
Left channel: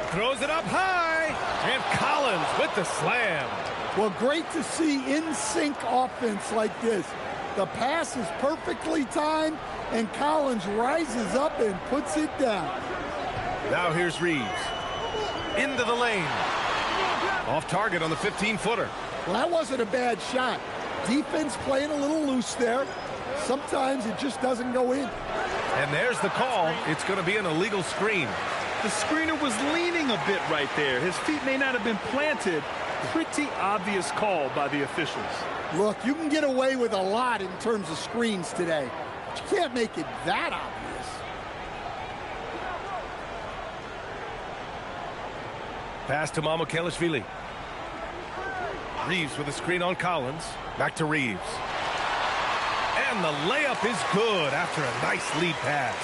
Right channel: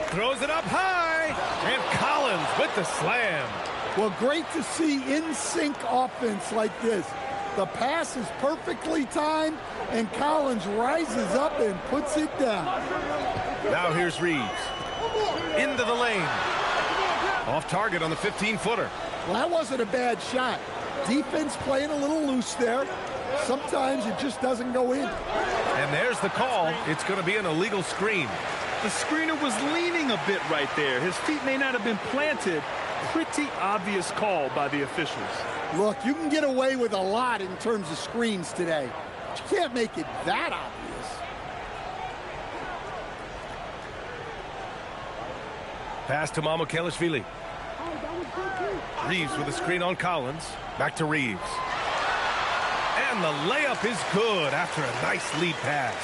Throws it up high. And Collins with the slam. Well, great to see in-sync offense like this. The pass is perfectly timed, and Collins rises up and puts it down. Now here's Reeves. Into the lane. Off target on the 15-footer. Well, that wasn't a bad shot. Defense playing a little loose there. Sometimes it just doesn't go in. And there's the call. It's going to be an illegal screen. The screener was leaning a bit right there. His feet may not have been planted. Pretty obvious call by the officials. Look, you can get away with a lot in terms of screens today, but you can't make it that obvious. Pass to Mamukelashvili. Reeves with a screen on Collins. Back to Reeves. And the layup is good after a nice lead pass.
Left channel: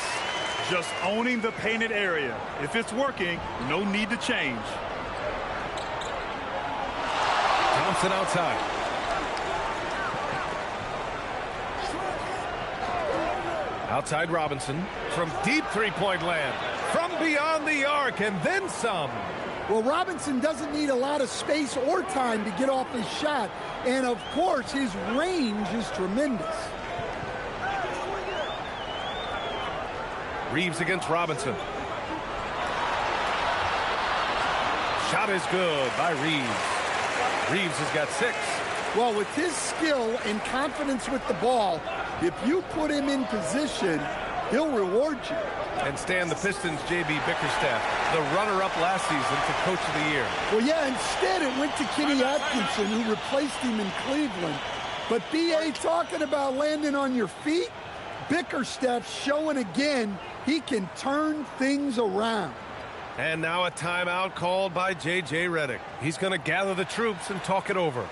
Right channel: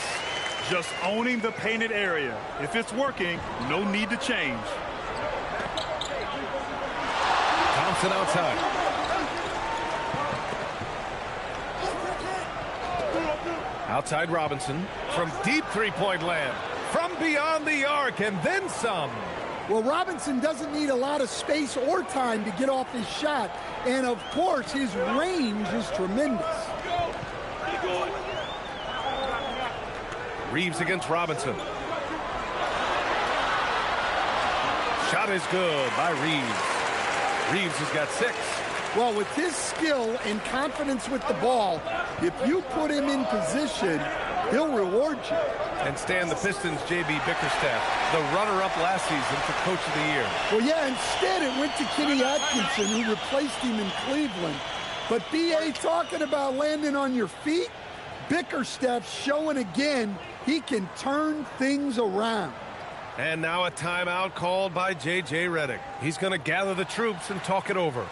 Just owning the painted area. If it's working, no need to change. Thompson outside. Outside Robinson. From deep three-point land. From beyond the arc and then some. Well, Robinson doesn't need a lot of space or time to get off his shot. And, of course, his range is tremendous. Reeves against Robinson. Shot is good by Reeves. Reeves has got 6. Well, with his skill and confidence with the ball, if you put him in position, he'll reward you. And Stan, the Pistons' J.B. Bickerstaff, the runner-up last season for Coach of the Year. Well, yeah, instead it went to Kenny Atkinson, who replaced him in Cleveland. But B.A. talking about landing on your feet, Bickerstaff showing again he can turn things around. And now a timeout called by J.J. Redick. He's going to gather the troops and talk it over.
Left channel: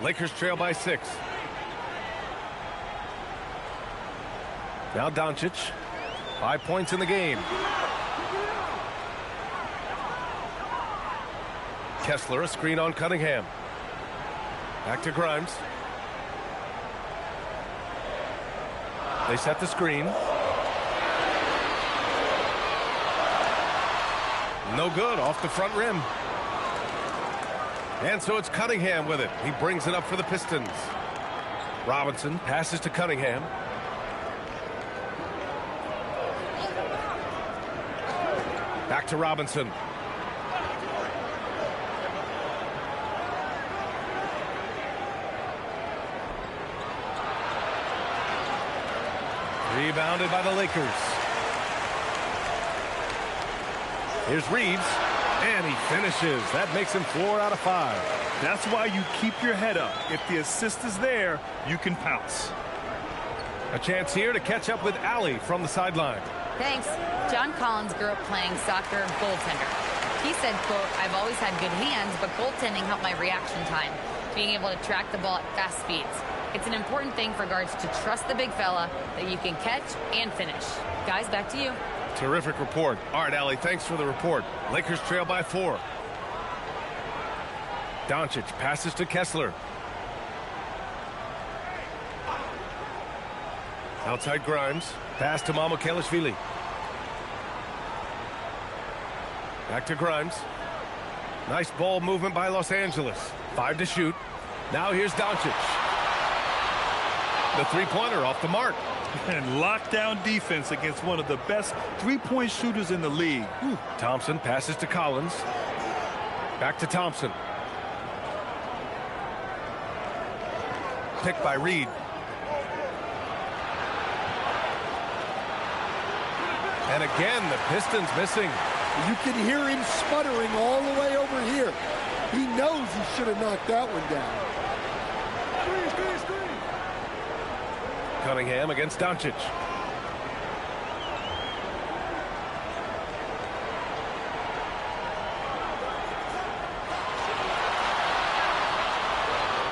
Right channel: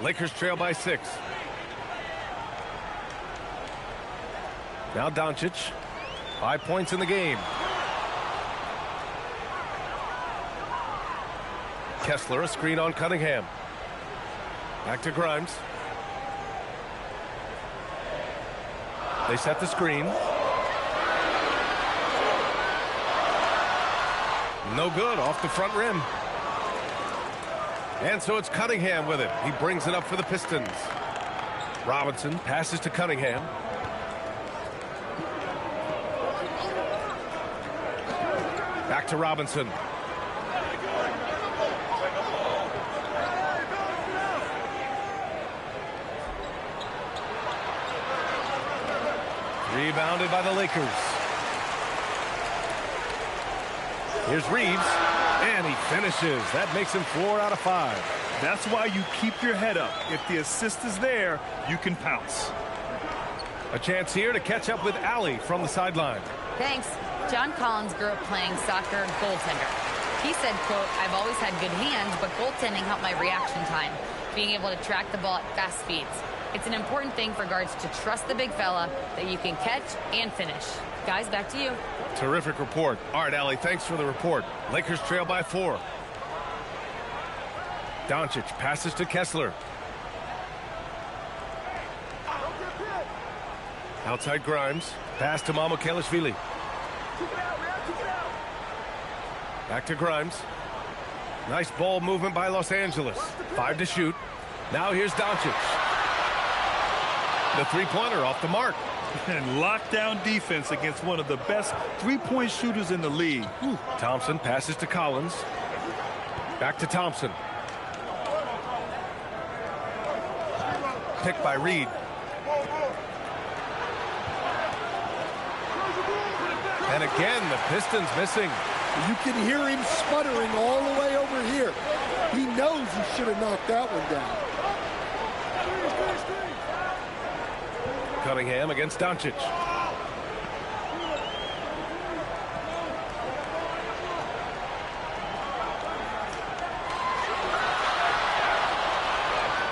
Lakers trail by 6. Now Doncic. 5 points in the game. Kessler, a screen on Cunningham. Back to Grimes. They set the screen. No good, off the front rim. And so it's Cunningham with it. He brings it up for the Pistons. Robinson passes to Cunningham. Back to Robinson. Rebounded by the Lakers. Here's Reeves, and he finishes. That makes him 4 out of 5. That's why you keep your head up. If the assist is there, you can pounce. A chance here to catch up with Allie from the sideline. Thanks. John Collins grew up playing soccer goaltender. He said, quote, "I've always had good hands, but goaltending helped my reaction time, being able to track the ball at fast speeds. It's an important thing for guards to trust the big fella that you can catch and finish." Guys, back to you. Terrific report. All right, Allie, thanks for the report. Lakers trail by 4. Doncic passes to Kessler. Outside Grimes. Pass to Mamukelashvili. Back to Grimes. Nice ball movement by Los Angeles. 5 to shoot. Now here's Doncic. The three-pointer off the mark. And lockdown defense against one of the best three-point shooters in the league. Thompson passes to Collins. Back to Thompson. Picked by Reed. And again, the Pistons missing. You can hear him sputtering all the way over here. He knows he should have knocked that one down. Cunningham against Doncic.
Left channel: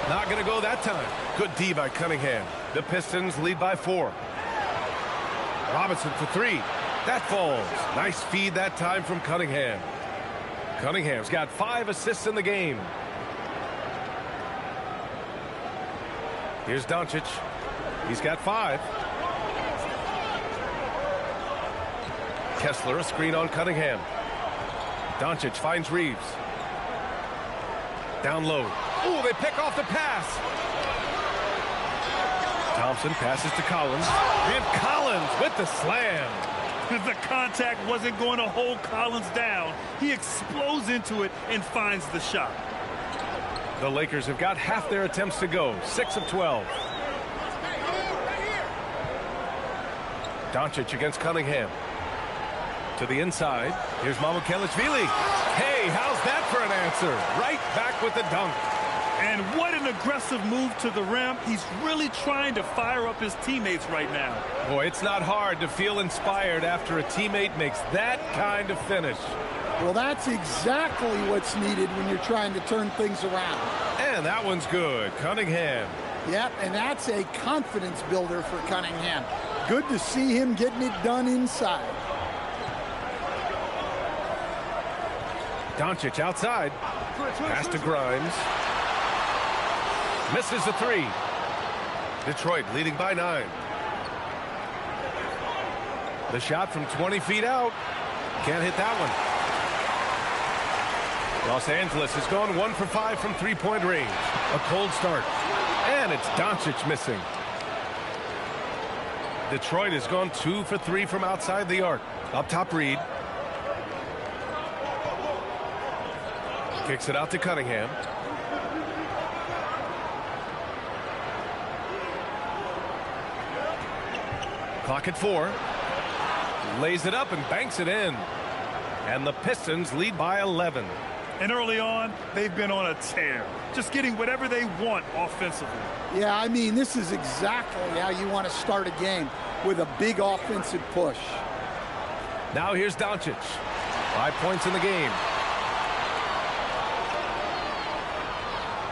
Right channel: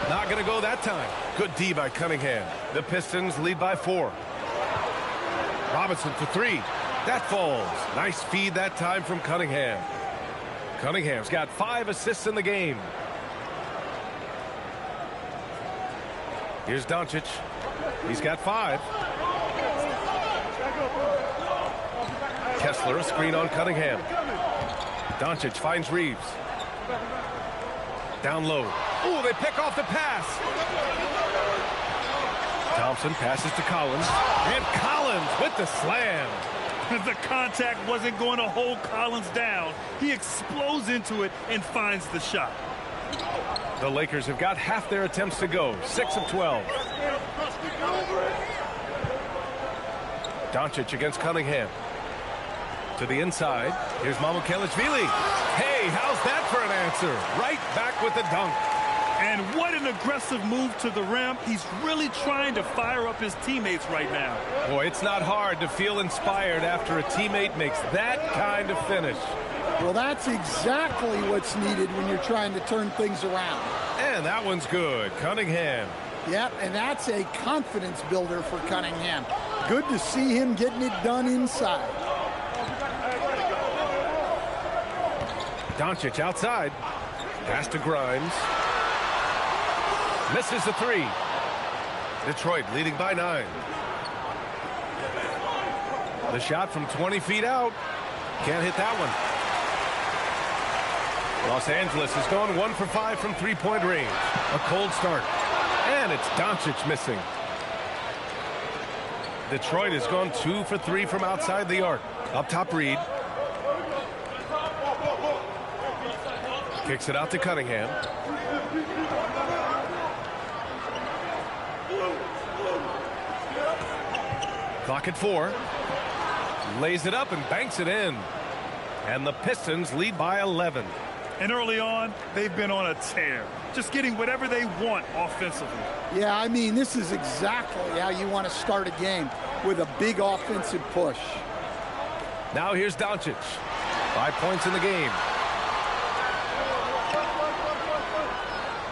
Not going to go that time. Good D by Cunningham. The Pistons lead by 4. Robinson for 3. That falls. Nice feed that time from Cunningham. Cunningham's got 5 assists in the game. Here's Doncic. He's got 5. Kessler, a screen on Cunningham. Doncic finds Reeves. Down low. Oh, they pick off the pass. Thompson passes to Collins. And Collins with the slam. The contact wasn't going to hold Collins down. He explodes into it and finds the shot. The Lakers have got half their attempts to go. 6 of 12. Doncic against Cunningham. To the inside. Here's Mamukelashvili. Hey, how's that for an answer? Right back with the dunk. And what an aggressive move to the rim. He's really trying to fire up his teammates right now. Boy, it's not hard to feel inspired after a teammate makes that kind of finish. Well, that's exactly what's needed when you're trying to turn things around. And that one's good. Cunningham. Yep, and that's a confidence builder for Cunningham. Good to see him getting it done inside. Doncic outside. Pass to Grimes. Misses the 3. Detroit leading by 9. The shot from 20 feet out. Can't hit that one. Los Angeles has gone 1 for 5 from three-point range. A cold start. And it's Doncic missing. Detroit has gone 2 for 3 from outside the arc. Up top, Reed. Kicks it out to Cunningham. Clock at 4. Lays it up and banks it in. And the Pistons lead by 11. And early on, they've been on a tear. Just getting whatever they want offensively. Yeah, I mean, this is exactly how you want to start a game, with a big offensive push. Now here's Doncic. 5 points in the game.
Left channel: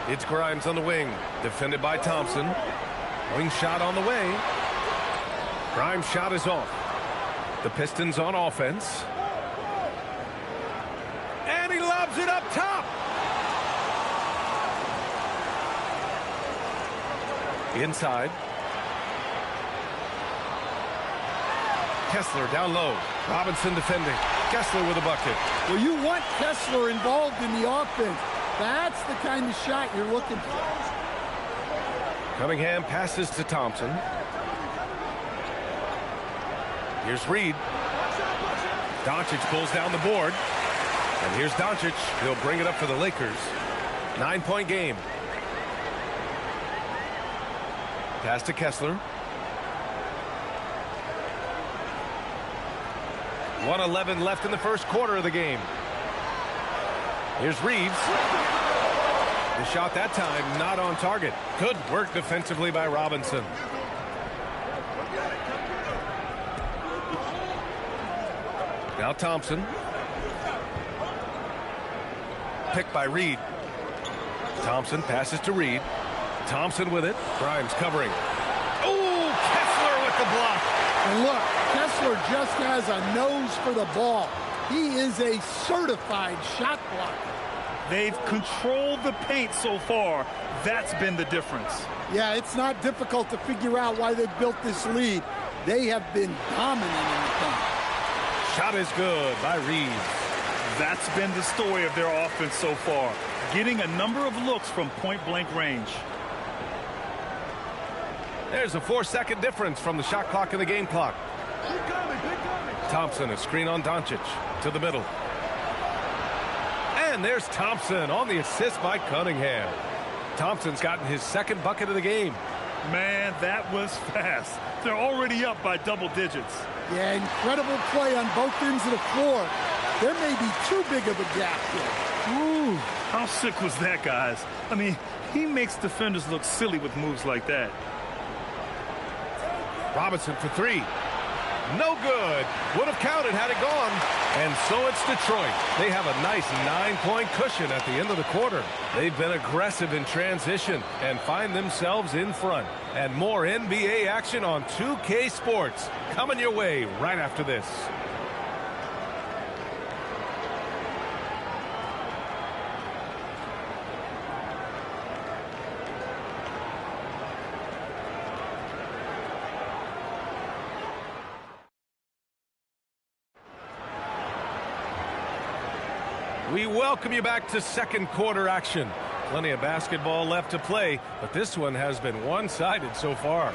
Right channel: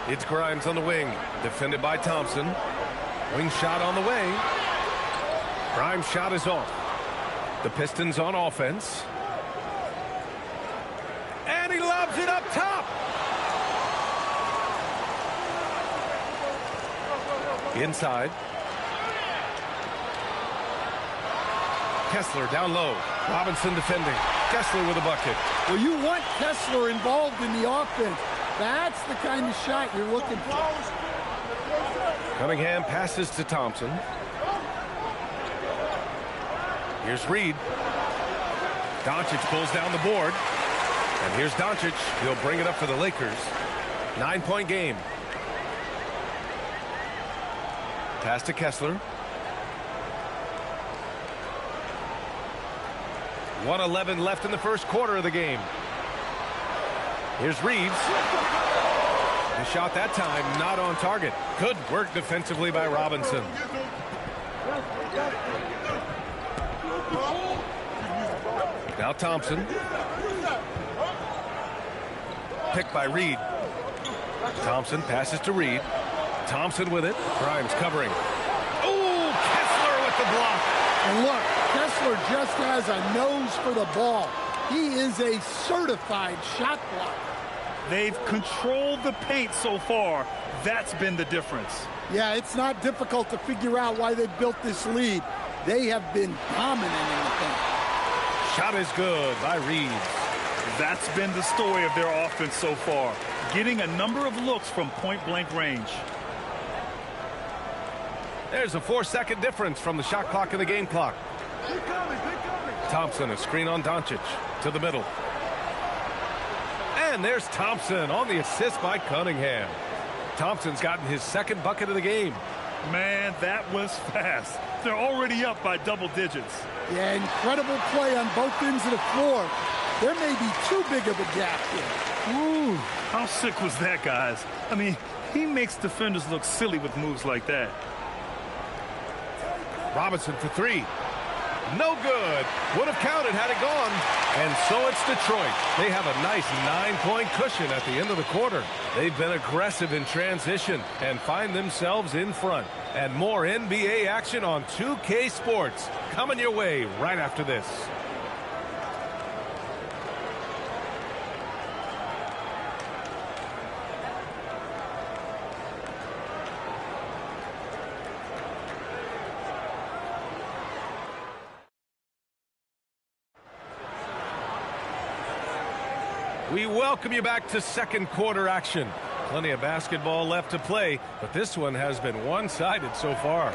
It's Grimes on the wing. Defended by Thompson. Wing shot on the way. Grimes' shot is off. The Pistons on offense. And he lobs it up top. Inside. Kessler down low. Robinson defending. Kessler with a bucket. Well, you want Kessler involved in the offense. That's the kind of shot you're looking for. Cunningham passes to Thompson. Here's Reed. Doncic pulls down the board. And here's Doncic. He'll bring it up for the Lakers. 9-point game. Pass to Kessler. 1:11 left in the first quarter of the game. Here's Reeves. The shot that time not on target. Good work defensively by Robinson. Now Thompson. Picked by Reed. Thompson passes to Reed. Thompson with it. Grimes covering. Oh, Kessler with the block. And look, Kessler just has a nose for the ball. He is a certified shot blocker. They've controlled the paint so far. That's been the difference. Yeah, it's not difficult to figure out why they built this lead. They have been dominant in the paint. Shot is good by Reeves. That's been the story of their offense so far. Getting a number of looks from point-blank range. There's a 4-second difference from the shot clock and the game clock. Thompson, a screen on Doncic to the middle. And there's Thompson on the assist by Cunningham. Thompson's gotten his second bucket of the game. Man, that was fast. They're already up by double digits. Yeah, incredible play on both ends of the floor. There may be too big of a gap here. Ooh, how sick was that, guys? I mean, he makes defenders look silly with moves like that. Robinson for three. No good. Would have counted had it gone. And so it's Detroit. They have a nice 9-point cushion at the end of the quarter. They've been aggressive in transition and find themselves in front. And more NBA action on 2K Sports coming your way right after this. We welcome you back to second quarter action. Plenty of basketball left to play, but this one has been one-sided so far.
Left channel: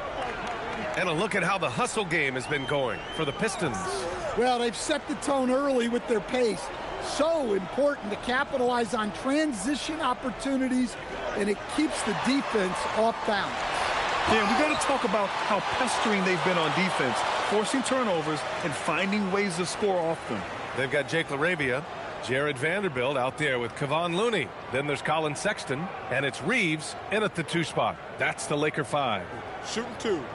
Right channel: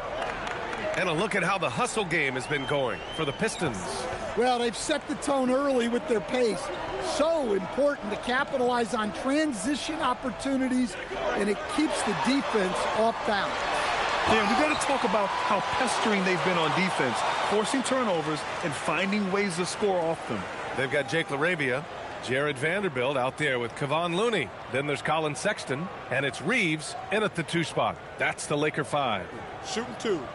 And a look at how the hustle game has been going for the Pistons. Well, they've set the tone early with their pace. So important to capitalize on transition opportunities, and it keeps the defense off balance. Yeah, we got to talk about how pestering they've been on defense, forcing turnovers and finding ways to score off them. They've got Jake LaRavia. Jared Vanderbilt out there with Kevon Looney. Then there's Colin Sexton, and it's Reeves in at the 2 spot. That's the Laker 5. Shooting 2.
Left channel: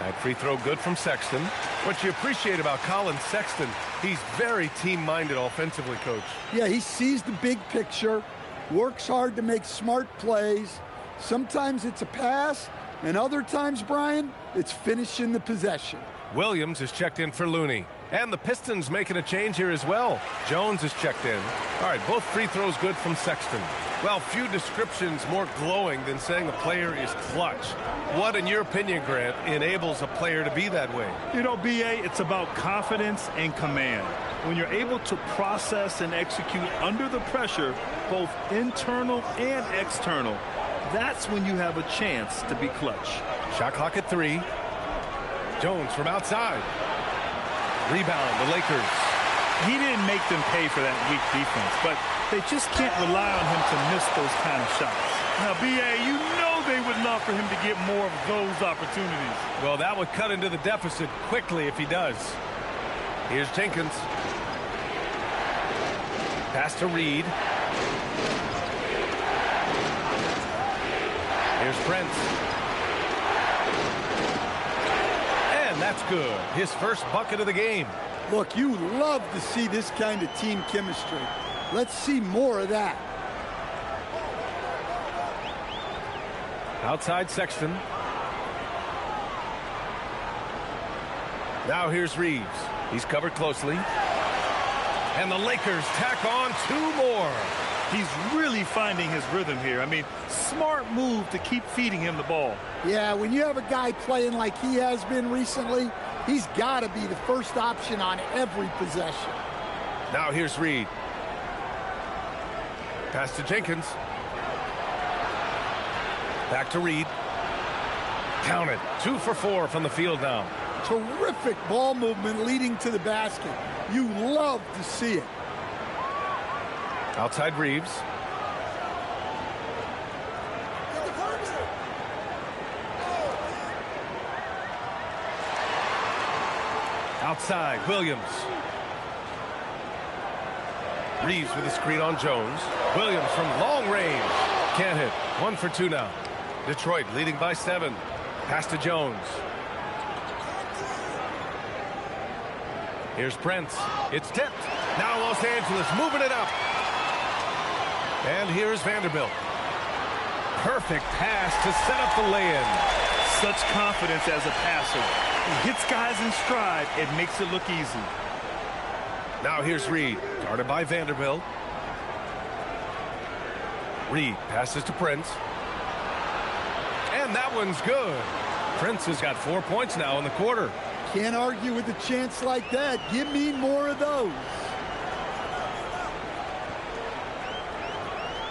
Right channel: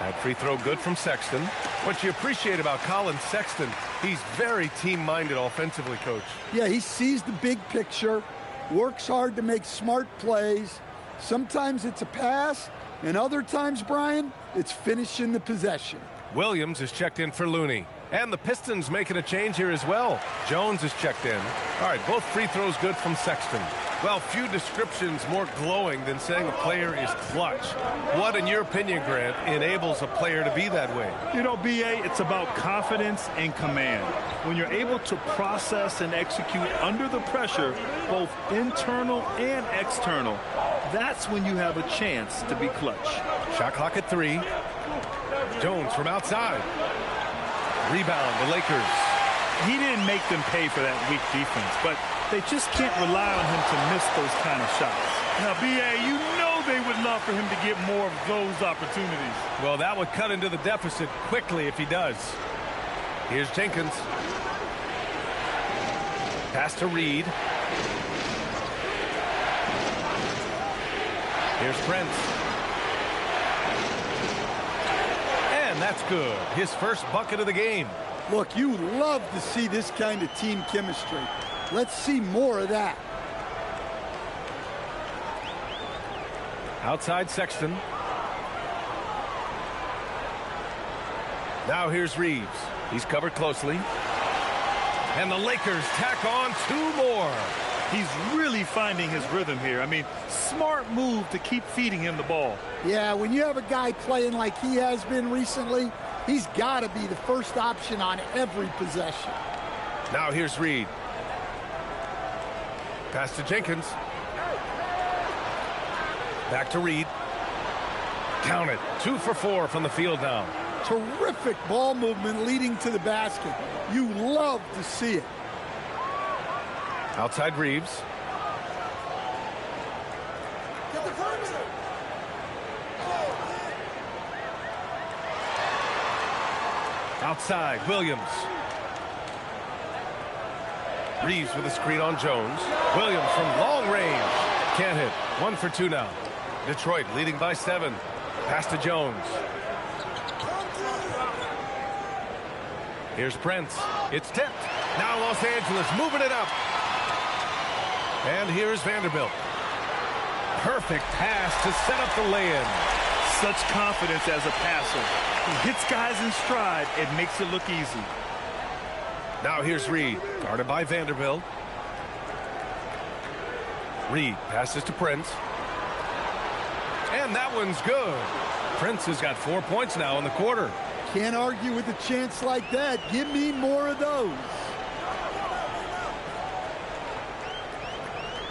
That free throw good from Sexton. What you appreciate about Colin Sexton, he's very team-minded offensively, Coach. Yeah, he sees the big picture, works hard to make smart plays. Sometimes it's a pass, and other times, Brian, it's finishing the possession. Williams is checked in for Looney. And the Pistons making a change here as well. Jones is checked in. All right, both free throws good from Sexton. Well, few descriptions more glowing than saying a player is clutch. What, in your opinion, Grant, enables a player to be that way? You know, B.A., it's about confidence and command. When you're able to process and execute under the pressure, both internal and external, that's when you have a chance to be clutch. Shot clock at 3. Jones from outside. Rebound, the Lakers. He didn't make them pay for that weak defense, but they just can't rely on him to miss those kind of shots. Now, B.A., you know they would love for him to get more of those opportunities. Well, that would cut into the deficit quickly if he does. Here's Jenkins. Pass to Reed. Here's Prince. And that's good. His first bucket of the game. Look, you love to see this kind of team chemistry. Let's see more of that. Outside Sexton. Now here's Reeves. He's covered closely. And the Lakers tack on 2 more. He's really finding his rhythm here. I mean, smart move to keep feeding him the ball. Yeah, when you have a guy playing like he has been recently, he's got to be the first option on every possession. Now here's Reed. Pass to Jenkins. Back to Reed. Count it. 2 for 4 from the field now. Terrific ball movement leading to the basket. You love to see it. Outside Reeves. Outside Williams. Reeves with a screen on Jones. Williams from long range. Can't hit. 1 for 2 now. Detroit leading by 7. Pass to Jones. Here's Prince. It's tipped. Now Los Angeles moving it up. And here's Vanderbilt. Perfect pass to set up the lay-in. Such confidence as a passer. He hits guys in stride. It makes it look easy. Now here's Reed. Guarded by Vanderbilt. Reed passes to Prince. And that one's good. Prince has got 4 points now in the quarter. Can't argue with a chance like that. Give me more of those.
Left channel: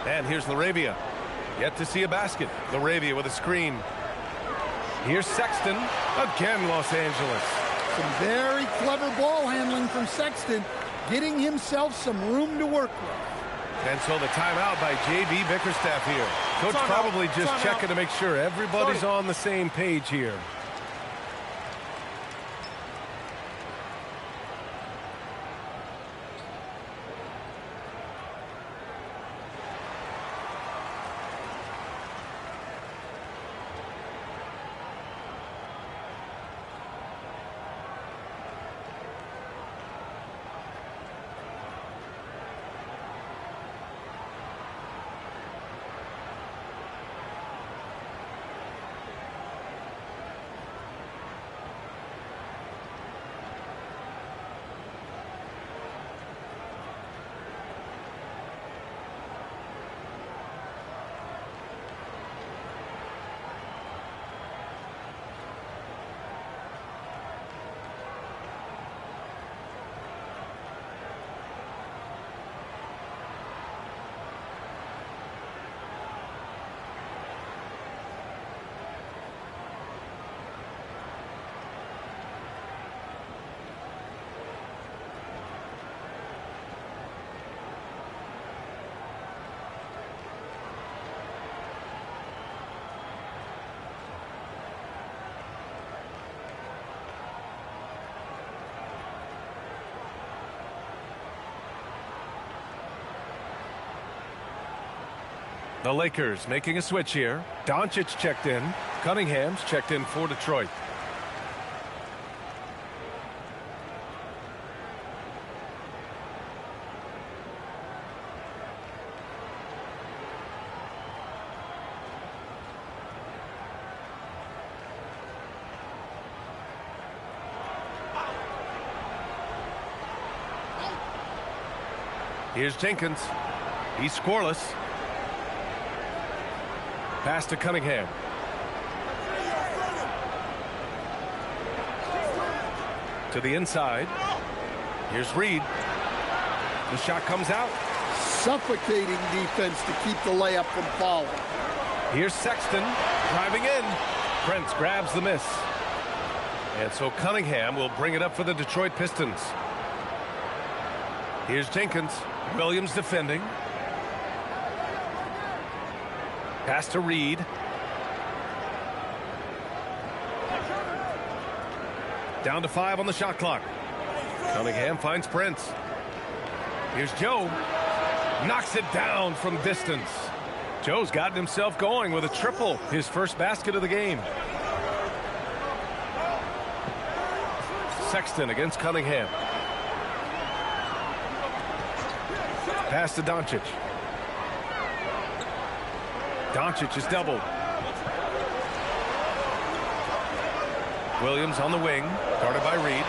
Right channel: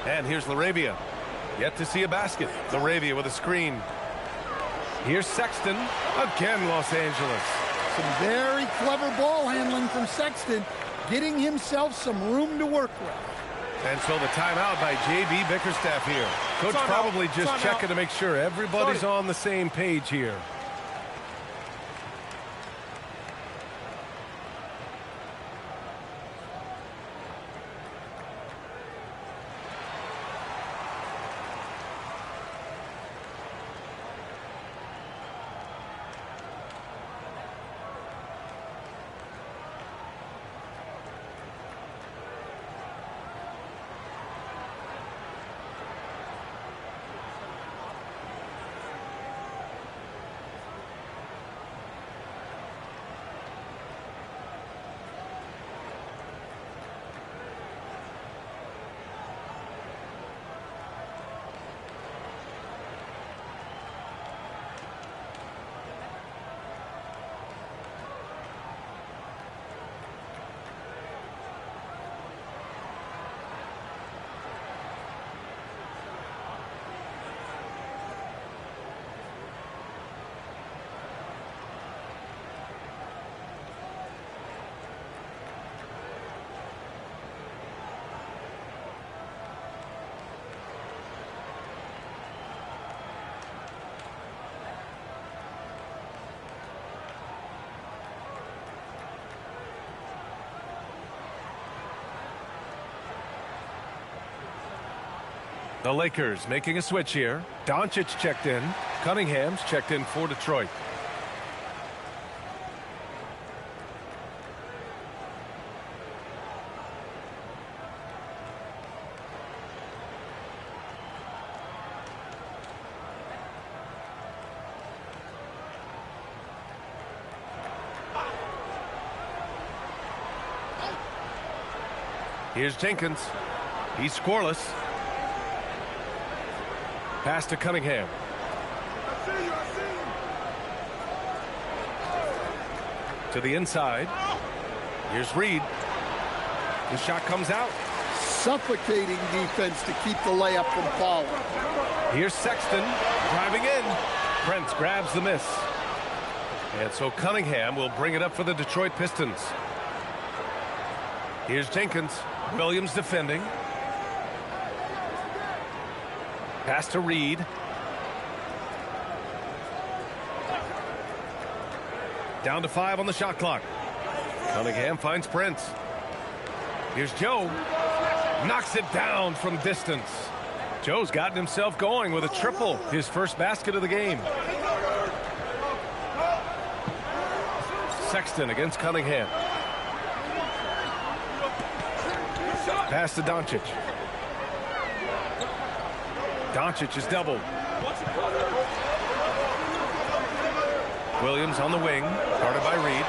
And here's LaRavia. Yet to see a basket. LaRavia with a screen. Here's Sexton. Again, Los Angeles. Some very clever ball handling from Sexton, getting himself some room to work with. And so the timeout by J.B. Bickerstaff here. Coach probably just checking to make sure everybody's on the same page here. The Lakers making a switch here. Doncic checked in. Cunningham's checked in for Detroit. Here's Jenkins. He's scoreless. Pass to Cunningham. To the inside. Here's Reed. The shot comes out. Suffocating defense to keep the layup from falling. Here's Sexton driving in. Prince grabs the miss. And so Cunningham will bring it up for the Detroit Pistons. Here's Jenkins. Williams defending. Pass to Reed. Down to 5 on the shot clock. Cunningham finds Prince. Here's Joe. Knocks it down from distance. Joe's gotten himself going with a triple. His first basket of the game. Sexton against Cunningham. Pass to Doncic. Doncic is doubled. Williams on the wing, guarded by Reed.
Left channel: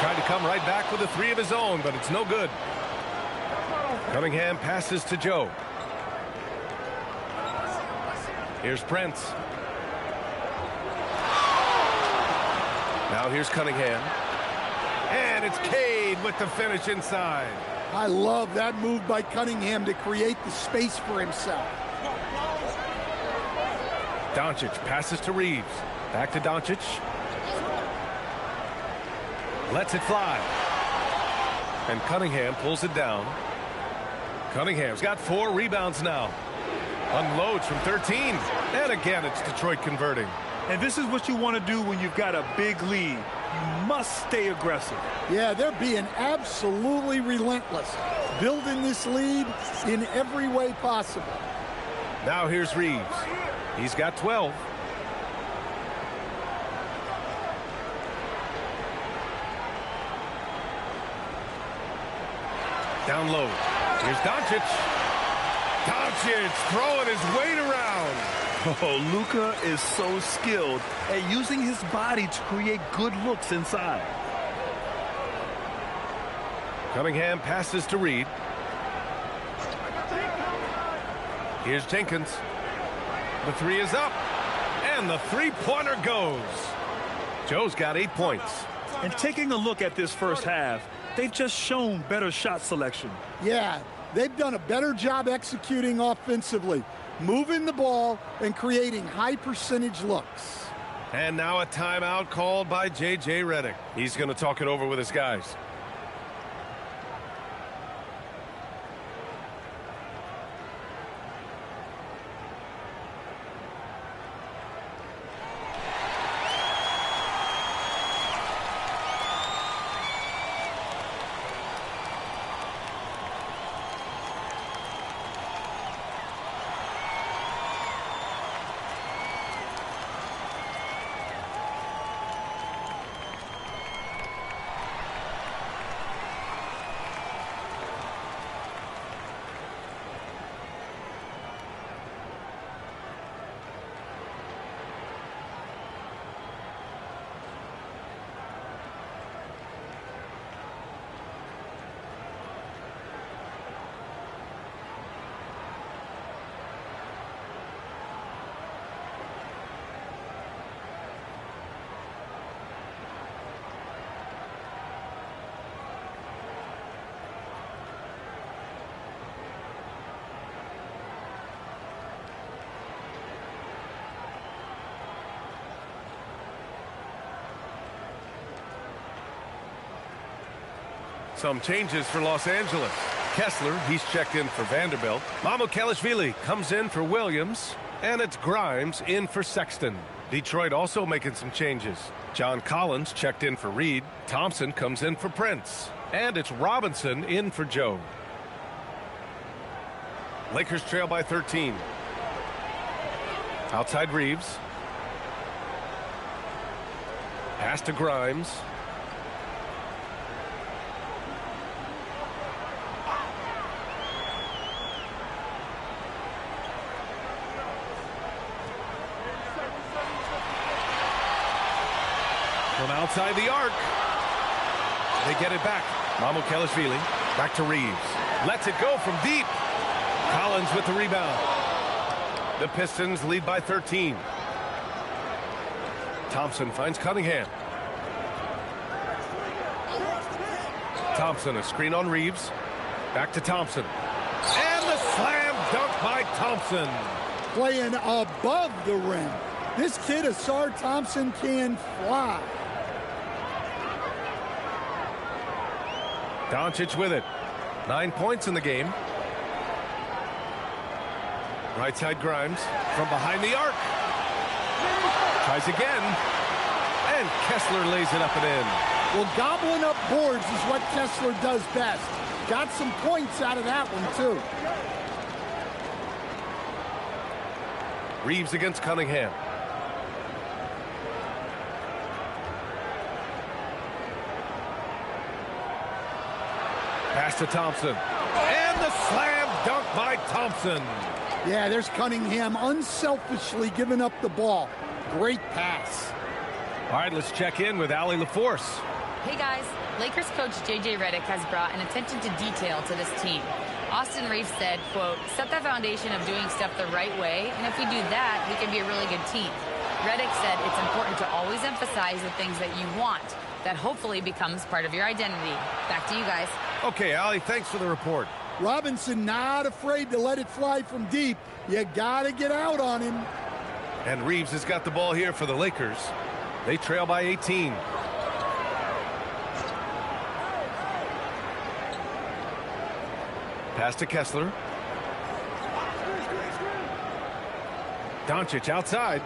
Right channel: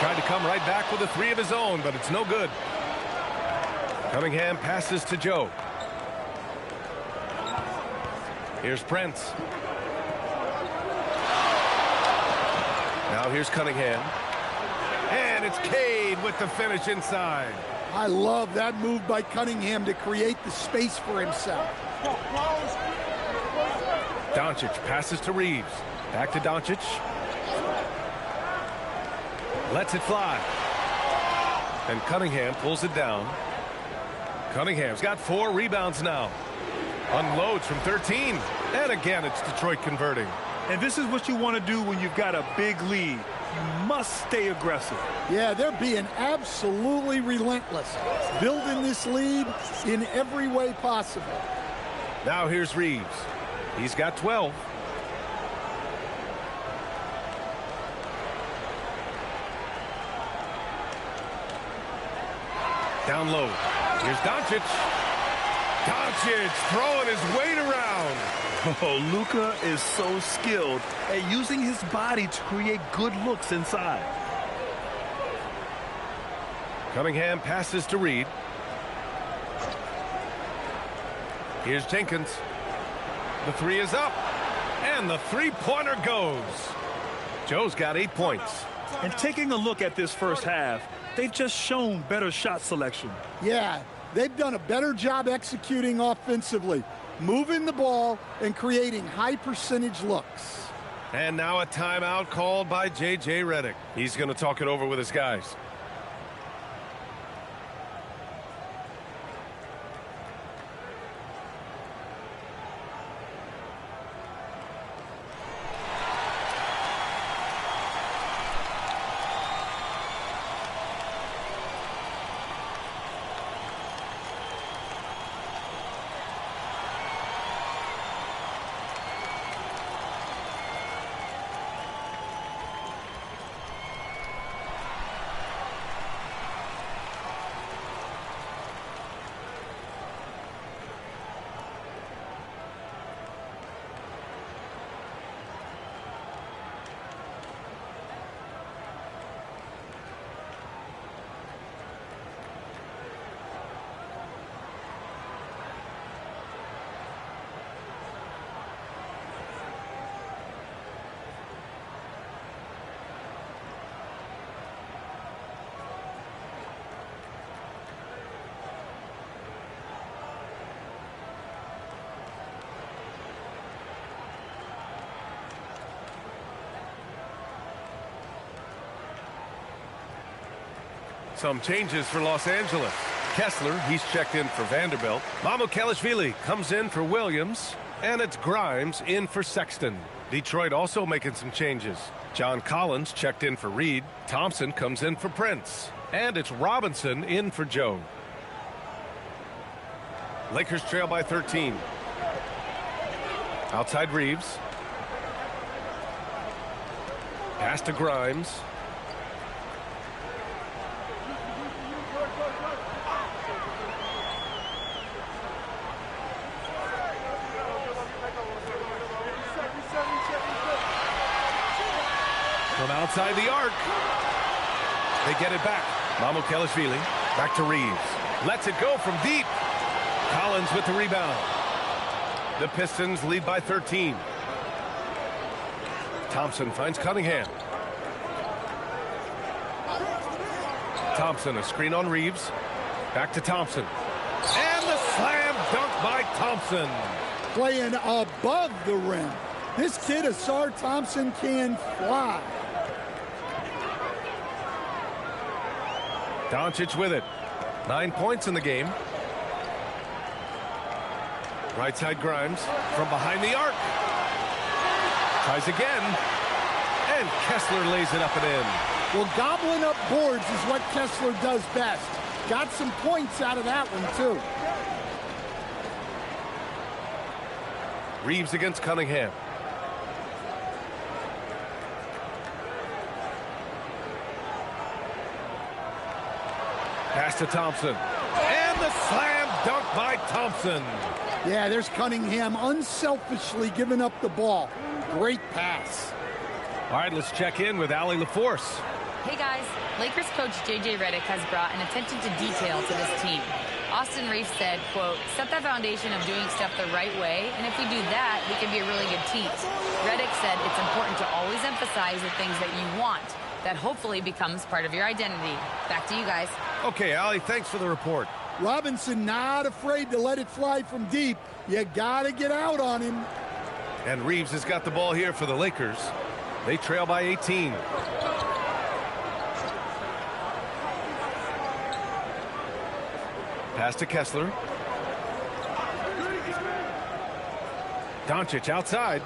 Tried to come right back with a three of his own, but it's no good. Cunningham passes to Joe. Here's Prince. Now here's Cunningham. And it's Cade with the finish inside. I love that move by Cunningham to create the space for himself. Doncic passes to Reeves. Back to Doncic. Lets it fly. And Cunningham pulls it down. Cunningham's got 4 rebounds now. Unloads from 13. And again, it's Detroit converting. And this is what you want to do when you've got a big lead. You must stay aggressive. Yeah, they're being absolutely relentless, building this lead in every way possible. Now here's Reeves. He's got 12. Down low. Here's Doncic. Doncic throwing his weight around. Oh, Luka is so skilled at using his body to create good looks inside. Cunningham passes to Reed. Here's Jenkins. The three is up. And the three-pointer goes. Joe's got 8 points. And taking a look at this first half, they've just shown better shot selection. Yeah, they've done a better job executing offensively, moving the ball and creating high percentage looks. And now a timeout called by J.J. Redick. He's going to talk it over with his guys. Some changes for Los Angeles. Kessler, he's checked in for Vanderbilt. Mamukelashvili comes in for Williams. And it's Grimes in for Sexton. Detroit also making some changes. John Collins checked in for Reed. Thompson comes in for Prince. And it's Robinson in for Joe. Lakers trail by 13. Outside Reeves. Pass to Grimes. From outside the arc. They get it back. Mamukelashvili back to Reeves. Lets it go from deep. Collins with the rebound. The Pistons lead by 13. Thompson finds Cunningham. Thompson, a screen on Reeves. Back to Thompson. And the slam dunk by Thompson. Playing above the rim. This kid, Asar Thompson, can fly. Doncic with it. 9 points in the game. Right side Grimes from behind the arc. Tries again. And Kessler lays it up and in. Well, gobbling up boards is what Kessler does best. Got some points out of that one, too. Reeves against Cunningham. Pass to Thompson. And the slam dunk by Thompson. Yeah, there's Cunningham unselfishly giving up the ball. Great pass. All right, let's check in with Allie LaForce. Hey guys, Lakers coach JJ Redick has brought an attention to detail to this team. Austin Reeves said, quote, set the foundation of doing stuff the right way, and if we do that, we can be a really good team. Redick said it's important to always emphasize the things that you want. That hopefully becomes part of your identity. Back to you guys. Okay, Allie, thanks for the report. Robinson not afraid to let it fly from deep. You got to get out on him. And Reeves has got the ball here for the Lakers. They trail by 18. Pass to Kessler. Doncic outside.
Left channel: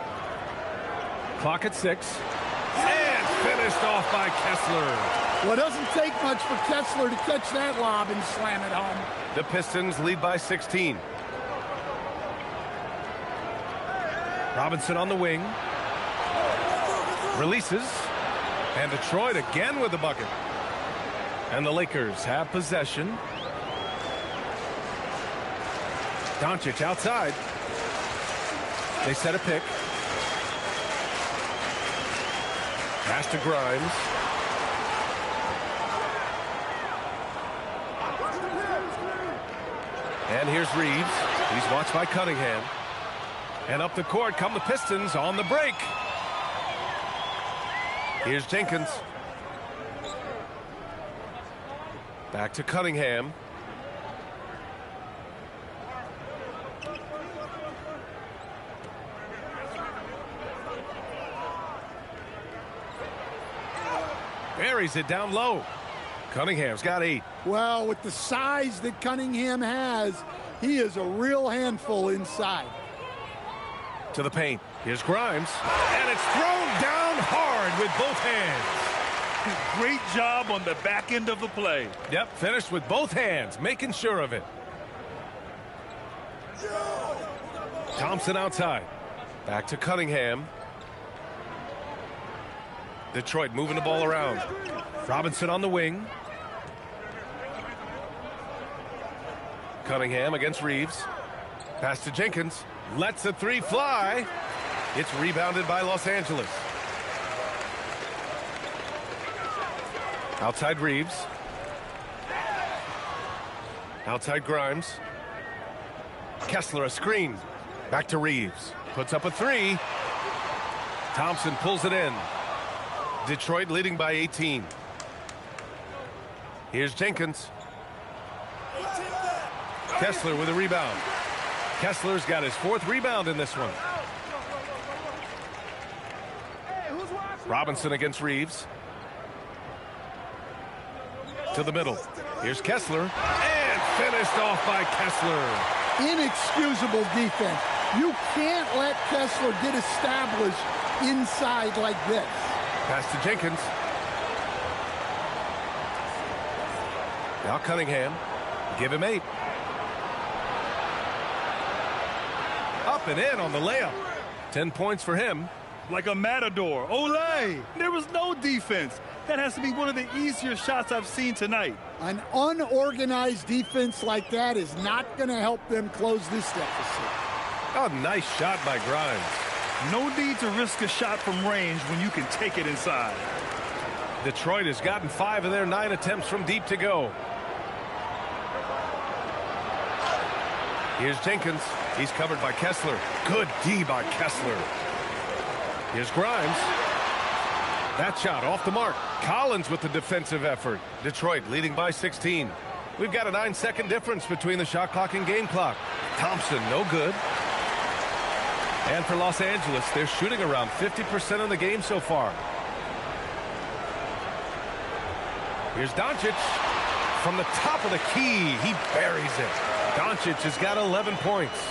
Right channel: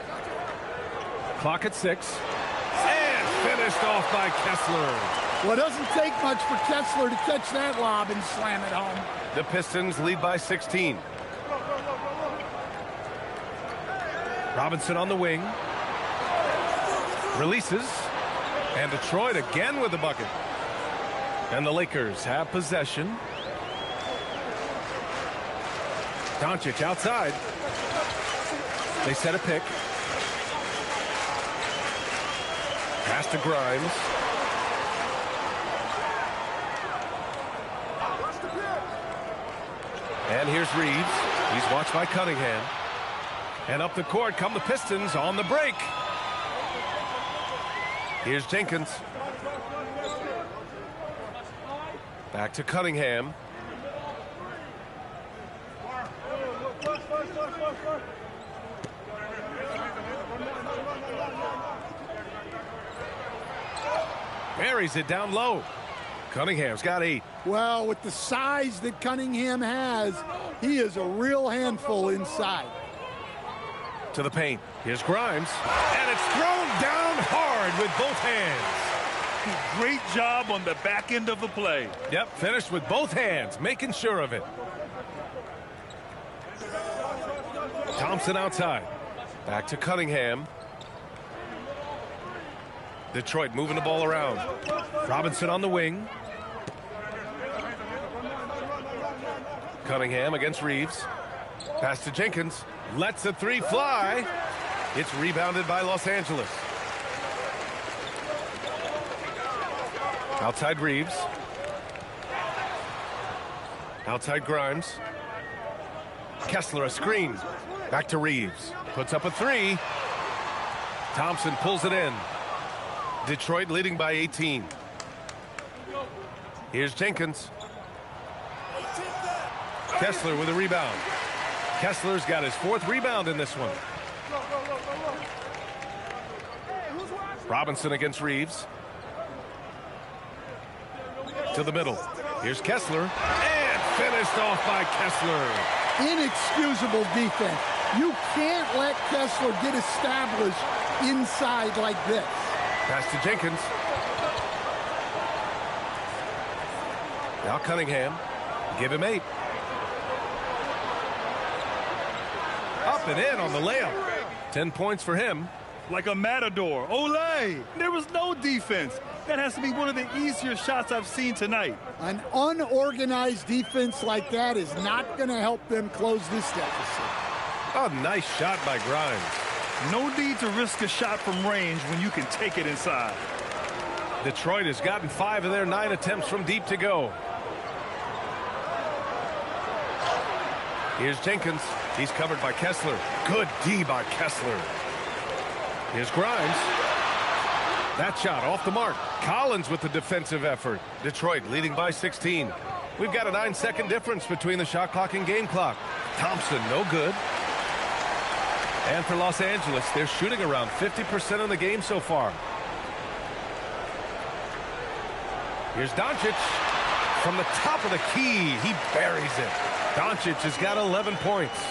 Clock at 6. And finished off by Kessler. Well, it doesn't take much for Kessler to catch that lob and slam it home. The Pistons lead by 16. Robinson on the wing. Releases. And Detroit again with the bucket. And the Lakers have possession. Doncic outside. They set a pick. Pass to Grimes. And here's Reeves. He's watched by Cunningham. And up the court come the Pistons on the break. Here's Jenkins. Back to Cunningham. Buries it down low. Cunningham's got 8. Well, with the size that Cunningham has, he is a real handful inside. To the paint. Here's Grimes. And it's thrown down hard with both hands. Great job on the back end of the play. Yep, finished with both hands, making sure of it. Thompson outside. Back to Cunningham. Detroit moving the ball around. Robinson on the wing. Cunningham against Reeves. Pass to Jenkins. Lets a 3 fly. It's rebounded by Los Angeles. Outside Reeves. Outside Grimes. Kessler a screen. Back to Reeves. Puts up a 3. Thompson pulls it in. Detroit leading by 18. Here's Jenkins. Kessler with a rebound. Kessler's got his 4th rebound in this one. Robinson against Reeves. To the middle. Here's Kessler. And finished off by Kessler. Inexcusable defense. You can't let Kessler get established inside like this. Pass to Jenkins. Now Cunningham. Give him 8. Up and in on the layup. 10 points for him. Like a matador. Olay! There was no defense. That has to be one of the easier shots I've seen tonight. An unorganized defense like that is not going to help them close this deficit. Oh, nice shot by Grimes. No need to risk a shot from range when you can take it inside. Detroit has gotten 5 of their 9 attempts from deep to go. Here's Jenkins. He's covered by Kessler. Good D by Kessler. Here's Grimes. That shot off the mark. Collins with the defensive effort. Detroit leading by 16. We've got a 9-second difference between the shot clock and game clock. Thompson, no good. And for Los Angeles, they're shooting around 50% in the game so far. Here's Doncic. From the top of the key, he buries it. Doncic has got 11 points.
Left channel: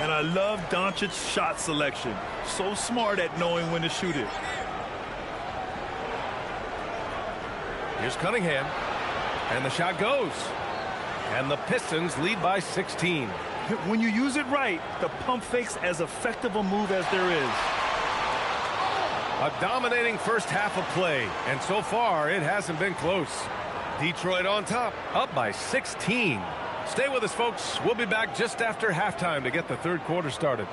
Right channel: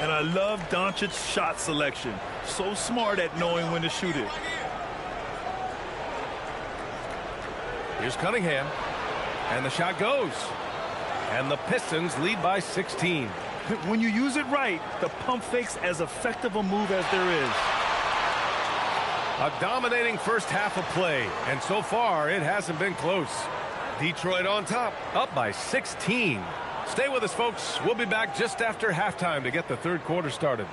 And I love Doncic's shot selection. So smart at knowing when to shoot it. Here's Cunningham. And the shot goes. And the Pistons lead by 16. When you use it right, the pump fake's as effective a move as there is. A dominating first half of play. And so far, it hasn't been close. Detroit on top, up by 16. Stay with us, folks. We'll be back just after halftime to get the third quarter started.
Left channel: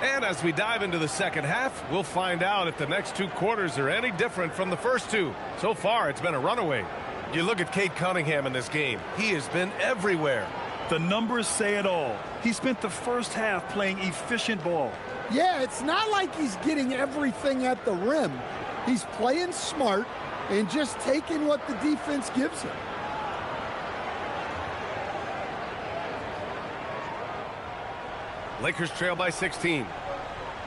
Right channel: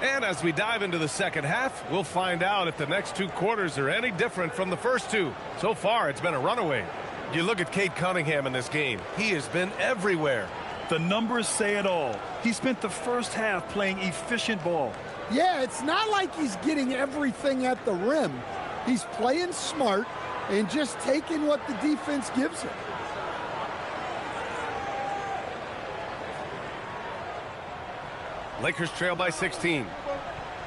And as we dive into the second half, we'll find out if the next 2 quarters are any different from the first 2. So far, it's been a runaway. You look at Cade Cunningham in this game. He has been everywhere. The numbers say it all. He spent the first half playing efficient ball. Yeah, it's not like he's getting everything at the rim. He's playing smart and just taking what the defense gives him. Lakers trail by 16.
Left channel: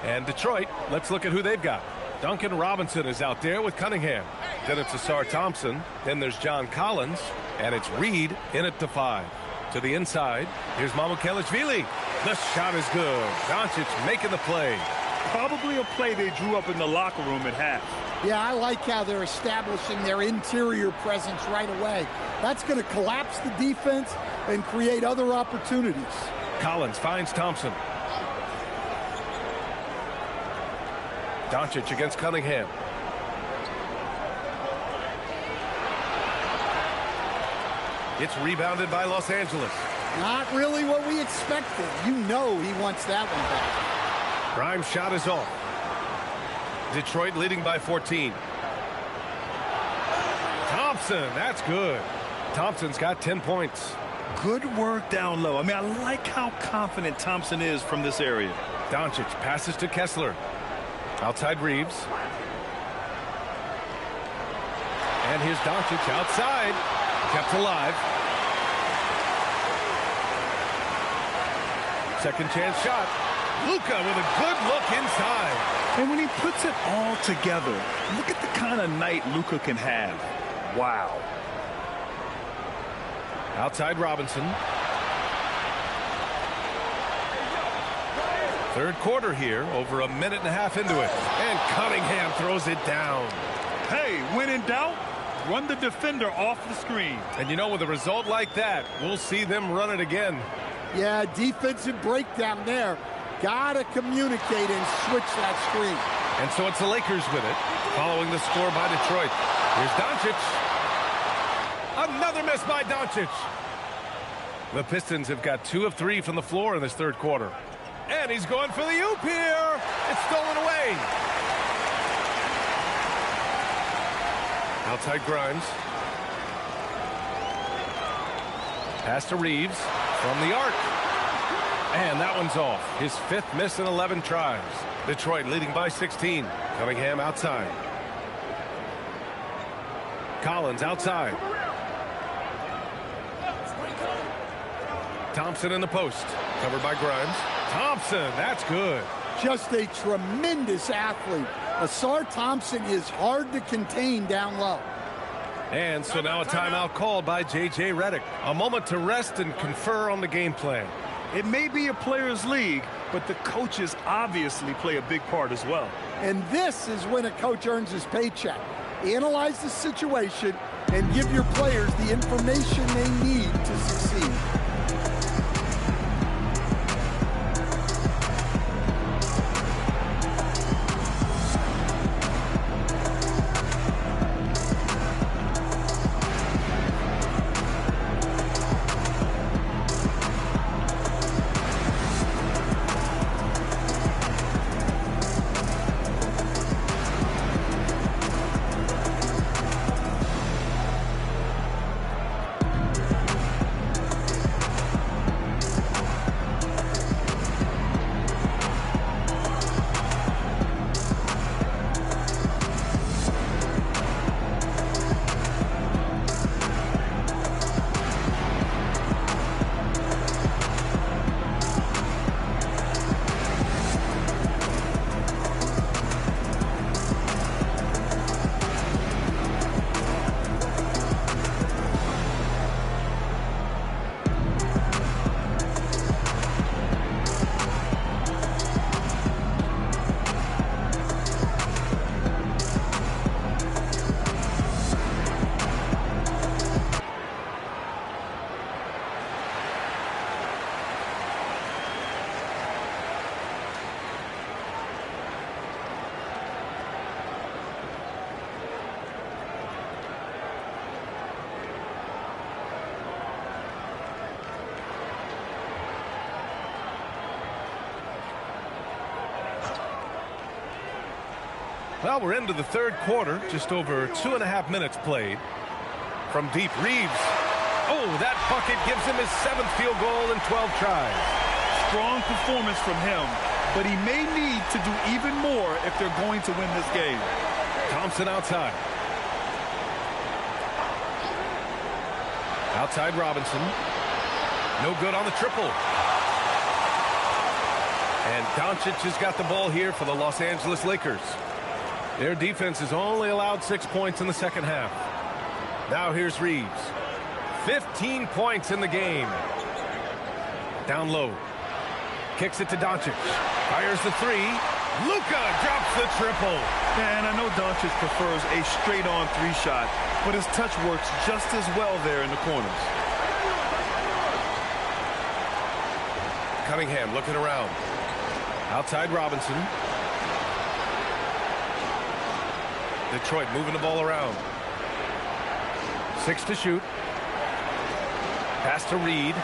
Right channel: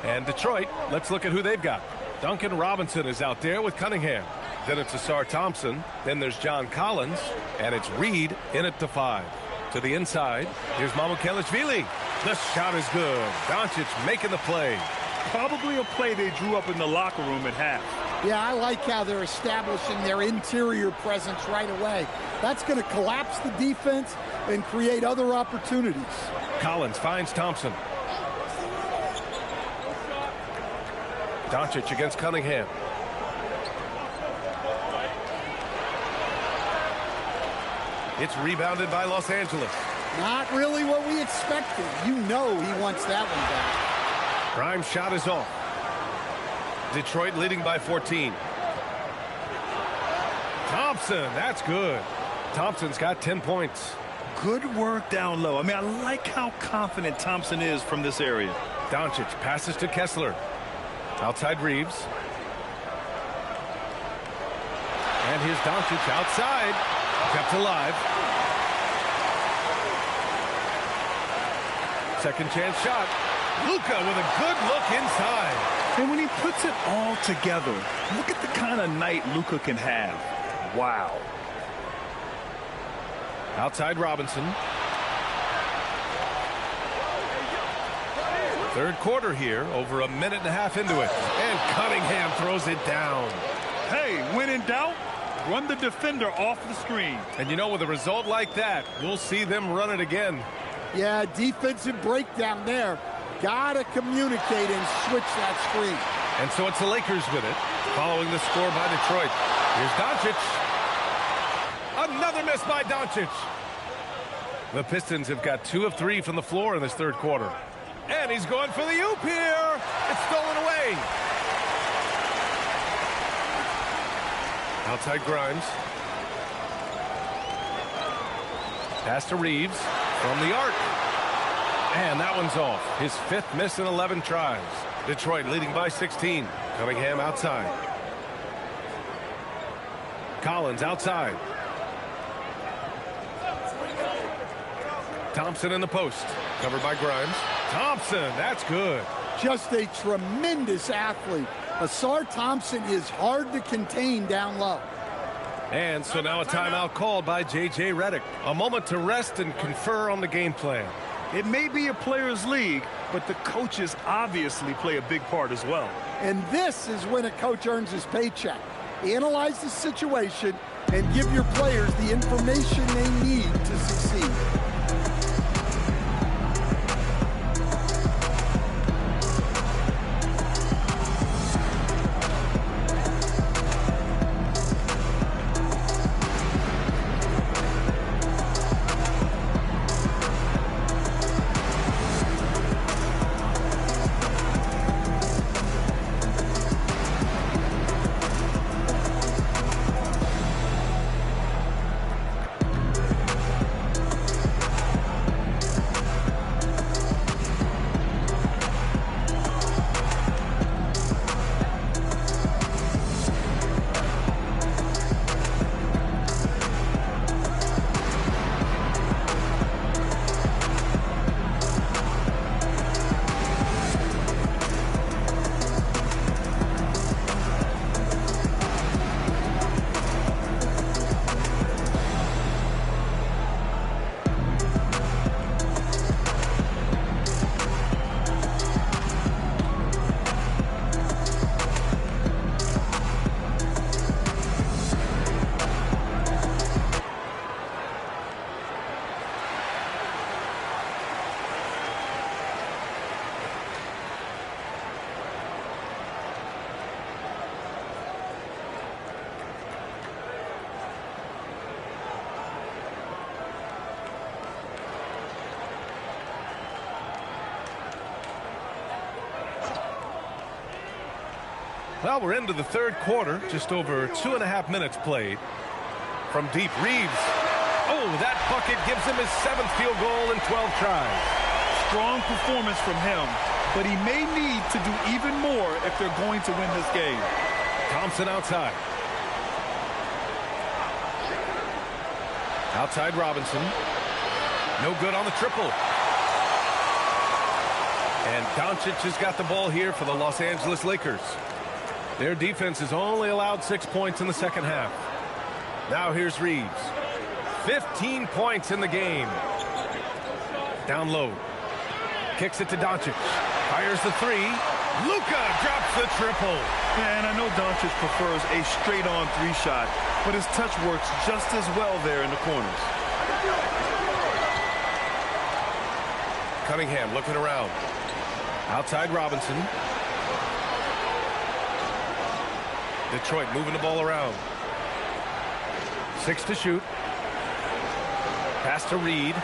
And Detroit, let's look at who they've got. Duncan Robinson is out there with Cunningham. Then it's Asar Thompson. Then there's John Collins. And it's Reed in at the 5. To the inside, here's Mamukelashvili. The shot is good. Doncic making the play. Probably a play they drew up in the locker room at half. Yeah, I like how they're establishing their interior presence right away. That's going to collapse the defense and create other opportunities. Collins finds Thompson. Doncic against Cunningham. It's rebounded by Los Angeles. Not really what we expected. You know he wants that one back. Grimes' shot is off. Detroit leading by 14. Thompson, that's good. Thompson's got 10 points. Good work down low. I mean, I like how confident Thompson is from this area. Doncic passes to Kessler. Outside Reeves. And here's Doncic outside. Kept alive. Second chance shot. Luka with a good look inside. And when he puts it all together, look at the kind of night Luka can have. Wow. Outside Robinson. Third quarter here, over a minute and a half into it. And Cunningham throws it down. Hey, when in doubt, run the defender off the screen. And you know, with a result like that, we'll see them run it again. Yeah, defensive breakdown there. Gotta communicate and switch that screen. And so it's the Lakers with it, following the score by Detroit. Here's Doncic. Another miss by Doncic. The Pistons have got 2 of 3 from the floor in this third quarter. And he's going for the oop here. It's stolen away. Outside Grimes. Pass to Reeves from the arc. And that one's off. His 5th miss in 11 tries. Detroit leading by 16. Cunningham outside. Collins outside. Thompson in the post. Covered by Grimes. Thompson, that's good. Just a tremendous athlete. Asar Thompson is hard to contain down low. And so now a timeout called by J.J. Redick. A moment to rest and confer on the game plan. It may be a players' league, but the coaches obviously play a big part as well. And this is when a coach earns his paycheck. Analyze the situation and give your players the information they need to succeed. Well, we're into the third quarter, just over 2.5 minutes played. From deep, Reeves. Oh, that bucket gives him his 7th field goal in 12 tries. Strong performance from him, but he may need to do even more if they're going to win this game. Thompson outside. Outside Robinson. No good on the triple. And Doncic has got the ball here for the Los Angeles Lakers. Their defense has only allowed 6 points in the second half. Now here's Reeves. 15 points in the game. Down low. Kicks it to Doncic. Fires the three. Luka drops the triple. And I know Doncic prefers a straight-on 3-shot, but his touch works just as well there in the corners. Cunningham looking around. Outside Robinson. Detroit moving the ball around. 6 to shoot. Pass to Reed.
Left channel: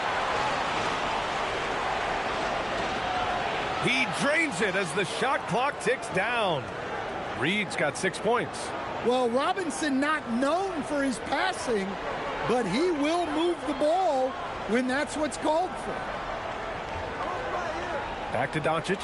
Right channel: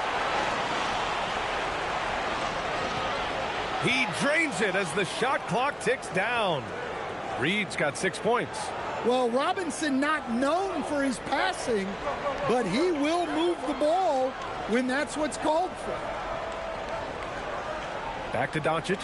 He drains it as the shot clock ticks down. Reed's got 6 points. Well, Robinson not known for his passing, but he will move the ball when that's what's called for. Back to Doncic.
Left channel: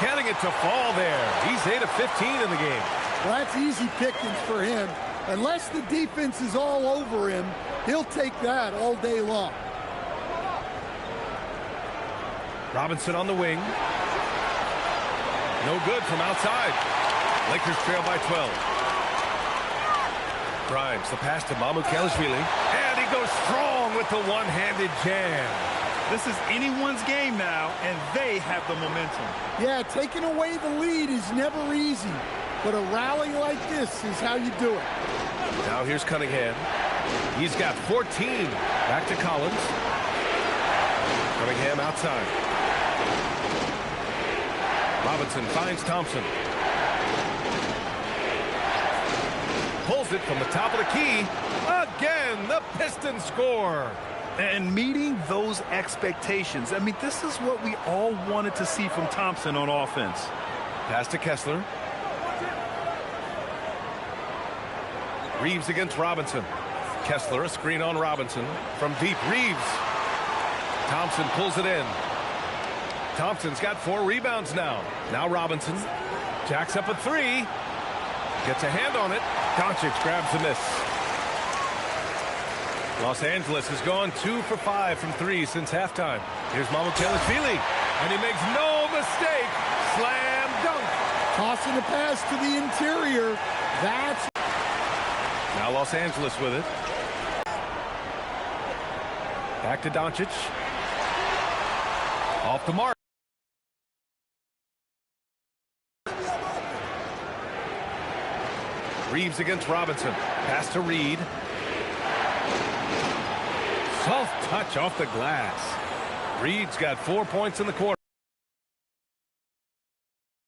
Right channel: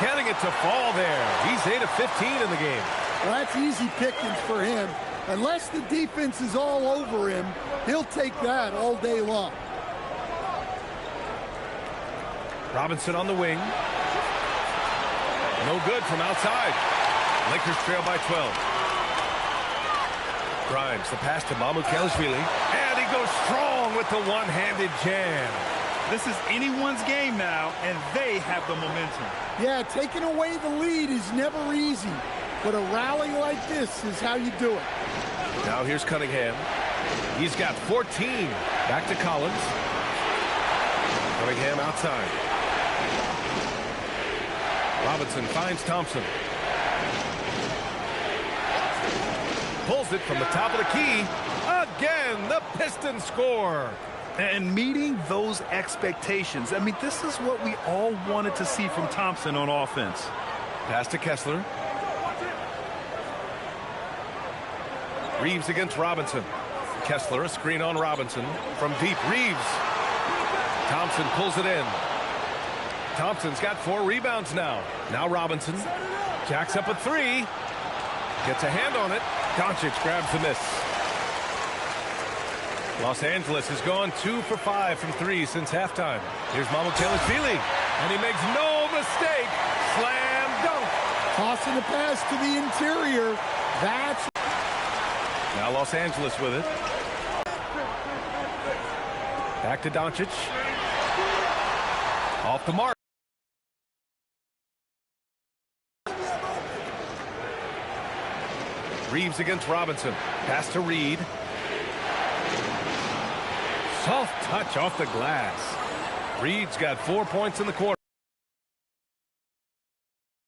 Getting it to fall there. He's 8 of 15 in the game. Well, that's easy pickings for him. Unless the defense is all over him, he'll take that all day long. Robinson on the wing. No good from outside. Lakers trail by 12. Grimes, the pass to Mamukelashvili. And he goes strong with the one-handed jam. This is anyone's game now, and they have the momentum. Yeah, taking away the lead is never easy, but a rally like this is how you do it. Now here's Cunningham. He's got 14. Back to Collins. Cunningham outside. Robinson finds Thompson. Pulls it from the top of the key. Again, the Pistons score. And meeting those expectations. I mean, this is what we all wanted to see from Thompson on offense. Pass to Kessler. Reeves against Robinson. Kessler, a screen on Robinson. From deep, Reeves. Thompson pulls it in. Thompson's got 4 rebounds now. Now Robinson. Jacks up a 3. Gets a hand on it. Doncic grabs the miss. Los Angeles has gone 2 for 5 from 3 since halftime. Here's Mamukelashvili. And he makes no mistake. Slam dunk. Tossing the pass to the interior. That's... Now Los Angeles with it. Back to Doncic. Off the mark. Reeves against Robinson. Pass to Reed. Soft touch off the glass. Reed's got 4 points in the quarter.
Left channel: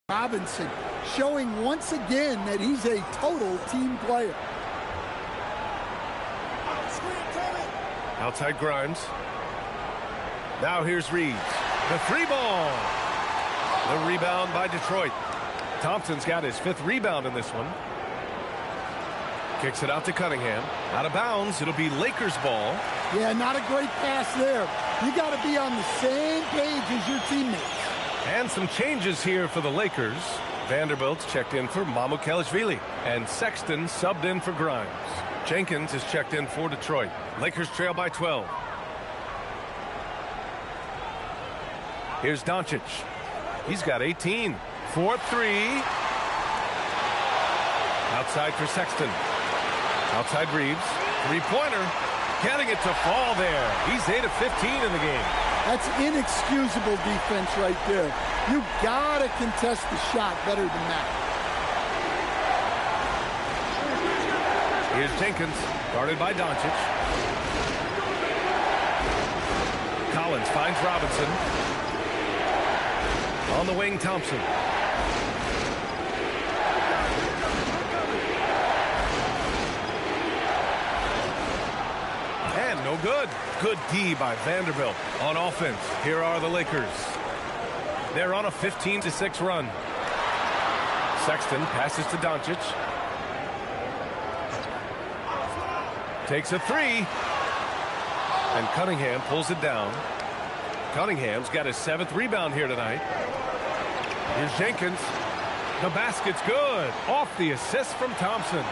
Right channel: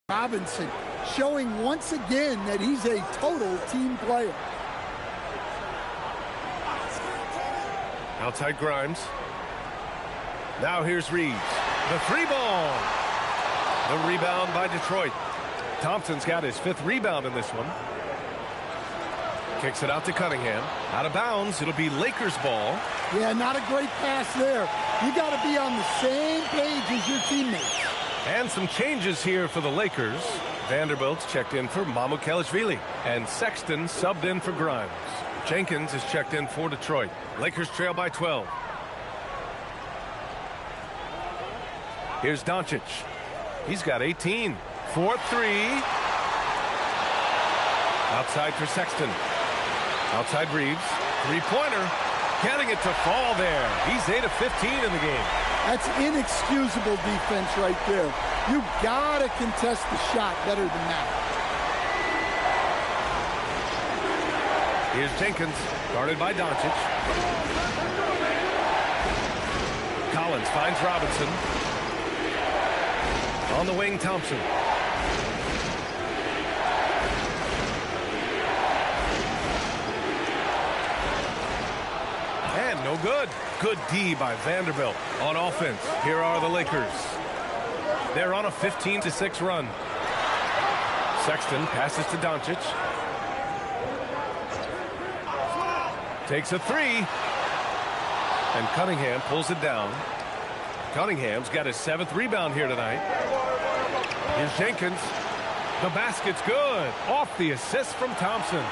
Robinson showing once again that he's a total team player. Outside Grimes. Now here's Reeves. The 3 ball. The rebound by Detroit. Thompson's got his 5th rebound in this one. Kicks it out to Cunningham. Out of bounds. It'll be Lakers ball. Yeah, not a great pass there. You got to be on the same page as your teammates. And some changes here for the Lakers. Vanderbilt's checked in for Mamukelashvili. And Sexton subbed in for Grimes. Jenkins is checked in for Detroit. Lakers trail by 12. Here's Doncic. He's got 18. 4-3. Outside for Sexton. Outside Reeves. 3-pointer. Getting it to fall there. He's 8 of 15 in the game. That's inexcusable defense right there. You got to contest the shot better than that. Here's Jenkins, guarded by Doncic. Collins finds Robinson. On the wing, Thompson. And no good. Good D by Vanderbilt on offense. Here are the Lakers. They're on a 15-6 run. Sexton passes to Doncic. Takes a three. And Cunningham pulls it down. Cunningham's got his 7th rebound here tonight. Here's Jenkins. The basket's good. Off the assist from Thompson.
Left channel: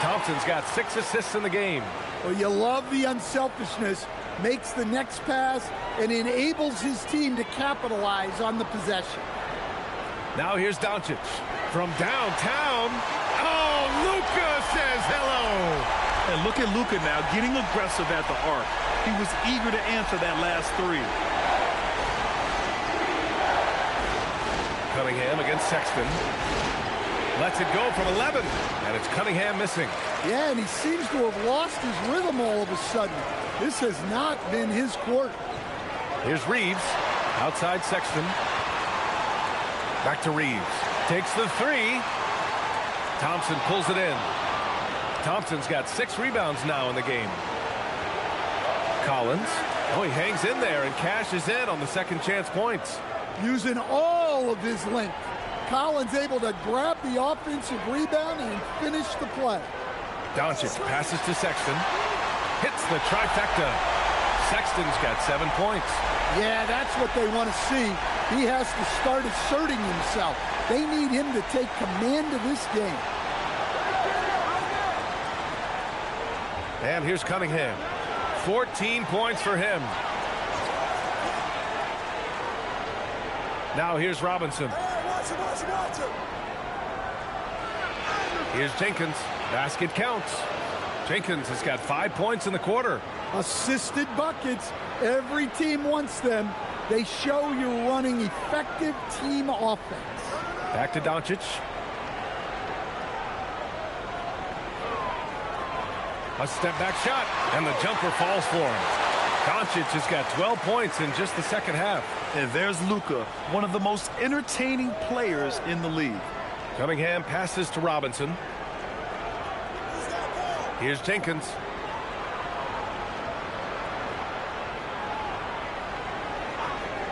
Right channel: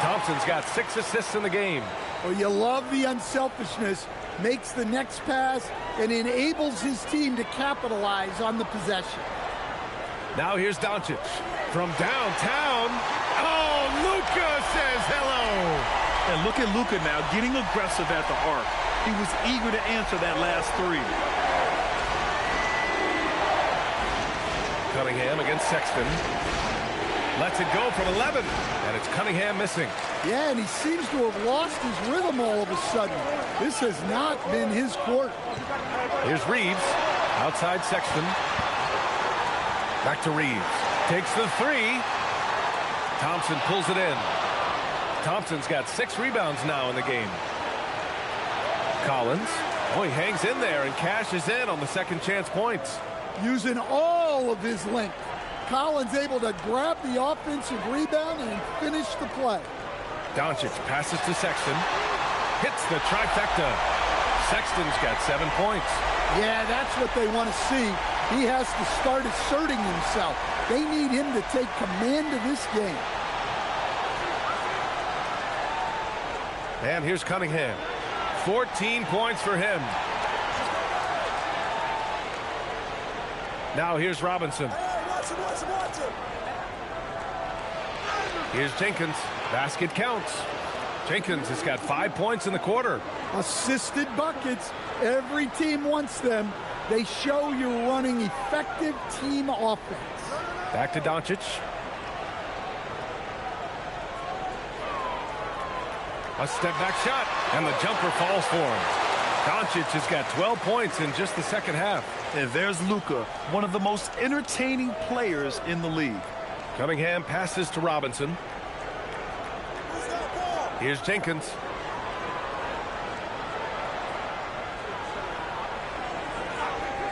Thompson's got 6 assists in the game. Well, you love the unselfishness. Makes the next pass and enables his team to capitalize on the possession. Now here's Doncic from downtown. Oh, Luka says hello. And look at Luka now getting aggressive at the arc. He was eager to answer that last three. Cunningham against Sexton. Lets it go from 11. And it's Cunningham missing. Yeah, and he seems to have lost his rhythm all of a sudden. This has not been his quarter. Here's Reeves. Outside Sexton. Back to Reeves. Takes the three. Thompson pulls it in. Thompson's got 6 rebounds now in the game. Collins. Oh, he hangs in there and cashes in on the second chance points. Using all of his length. Collins able to grab the offensive rebound and finish the play. Doncic passes to Sexton. Hits the trifecta. Sexton's got 7 points. Yeah, that's what they want to see. He has to start asserting himself. They need him to take command of this game. And here's Cunningham. 14 points for him. Now here's Robinson. Watch him. Here's Jenkins. Basket counts. Jenkins has got 5 points in the quarter. Assisted buckets. Every team wants them. They show you're running effective team offense. Back to Doncic. A step back shot, and the jumper falls for him. Doncic has got 12 points in just the second half. And there's Luka, one of the most entertaining players in the league. Cunningham passes to Robinson. Here's Jenkins.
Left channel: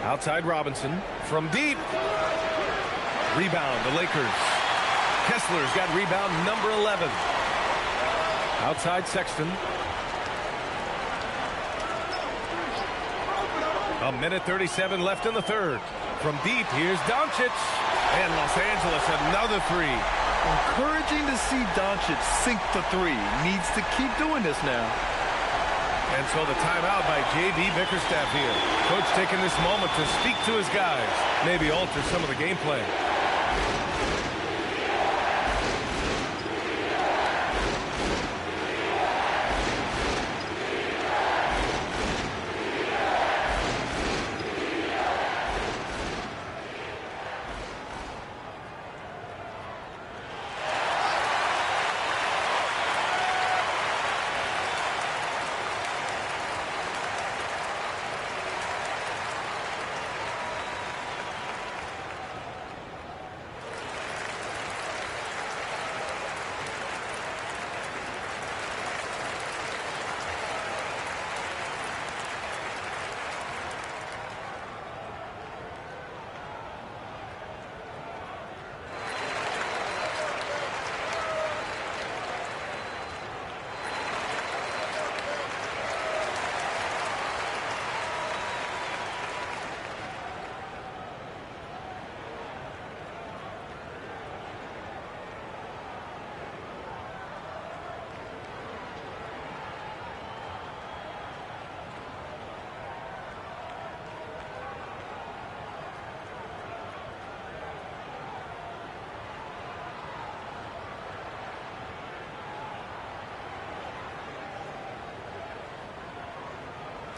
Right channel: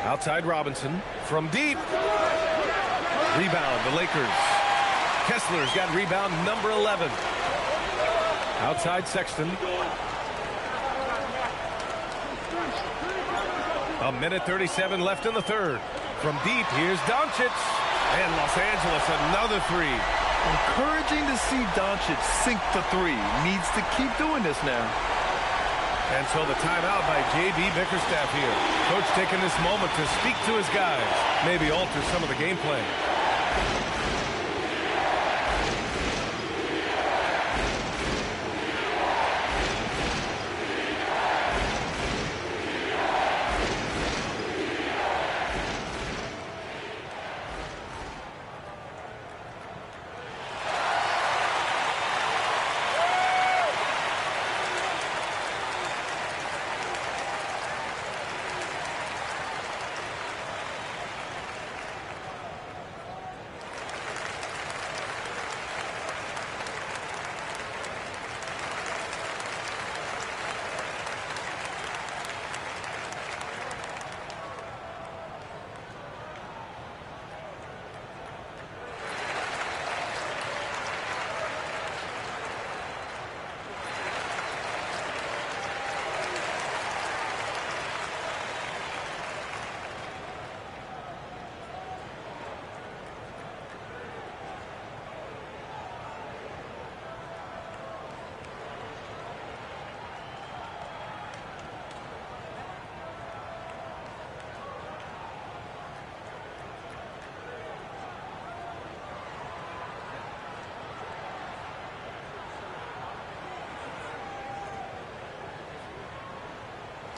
Outside Robinson from deep. Rebound, the Lakers. Kessler's got rebound number 11. Outside Sexton. A minute 37 left in the third. From deep, here's Doncic. And Los Angeles, another three. Encouraging to see Doncic sink the three. Needs to keep doing this now. And so the timeout by J.B. Bickerstaff here. Coach taking this moment to speak to his guys. Maybe alter some of the gameplay.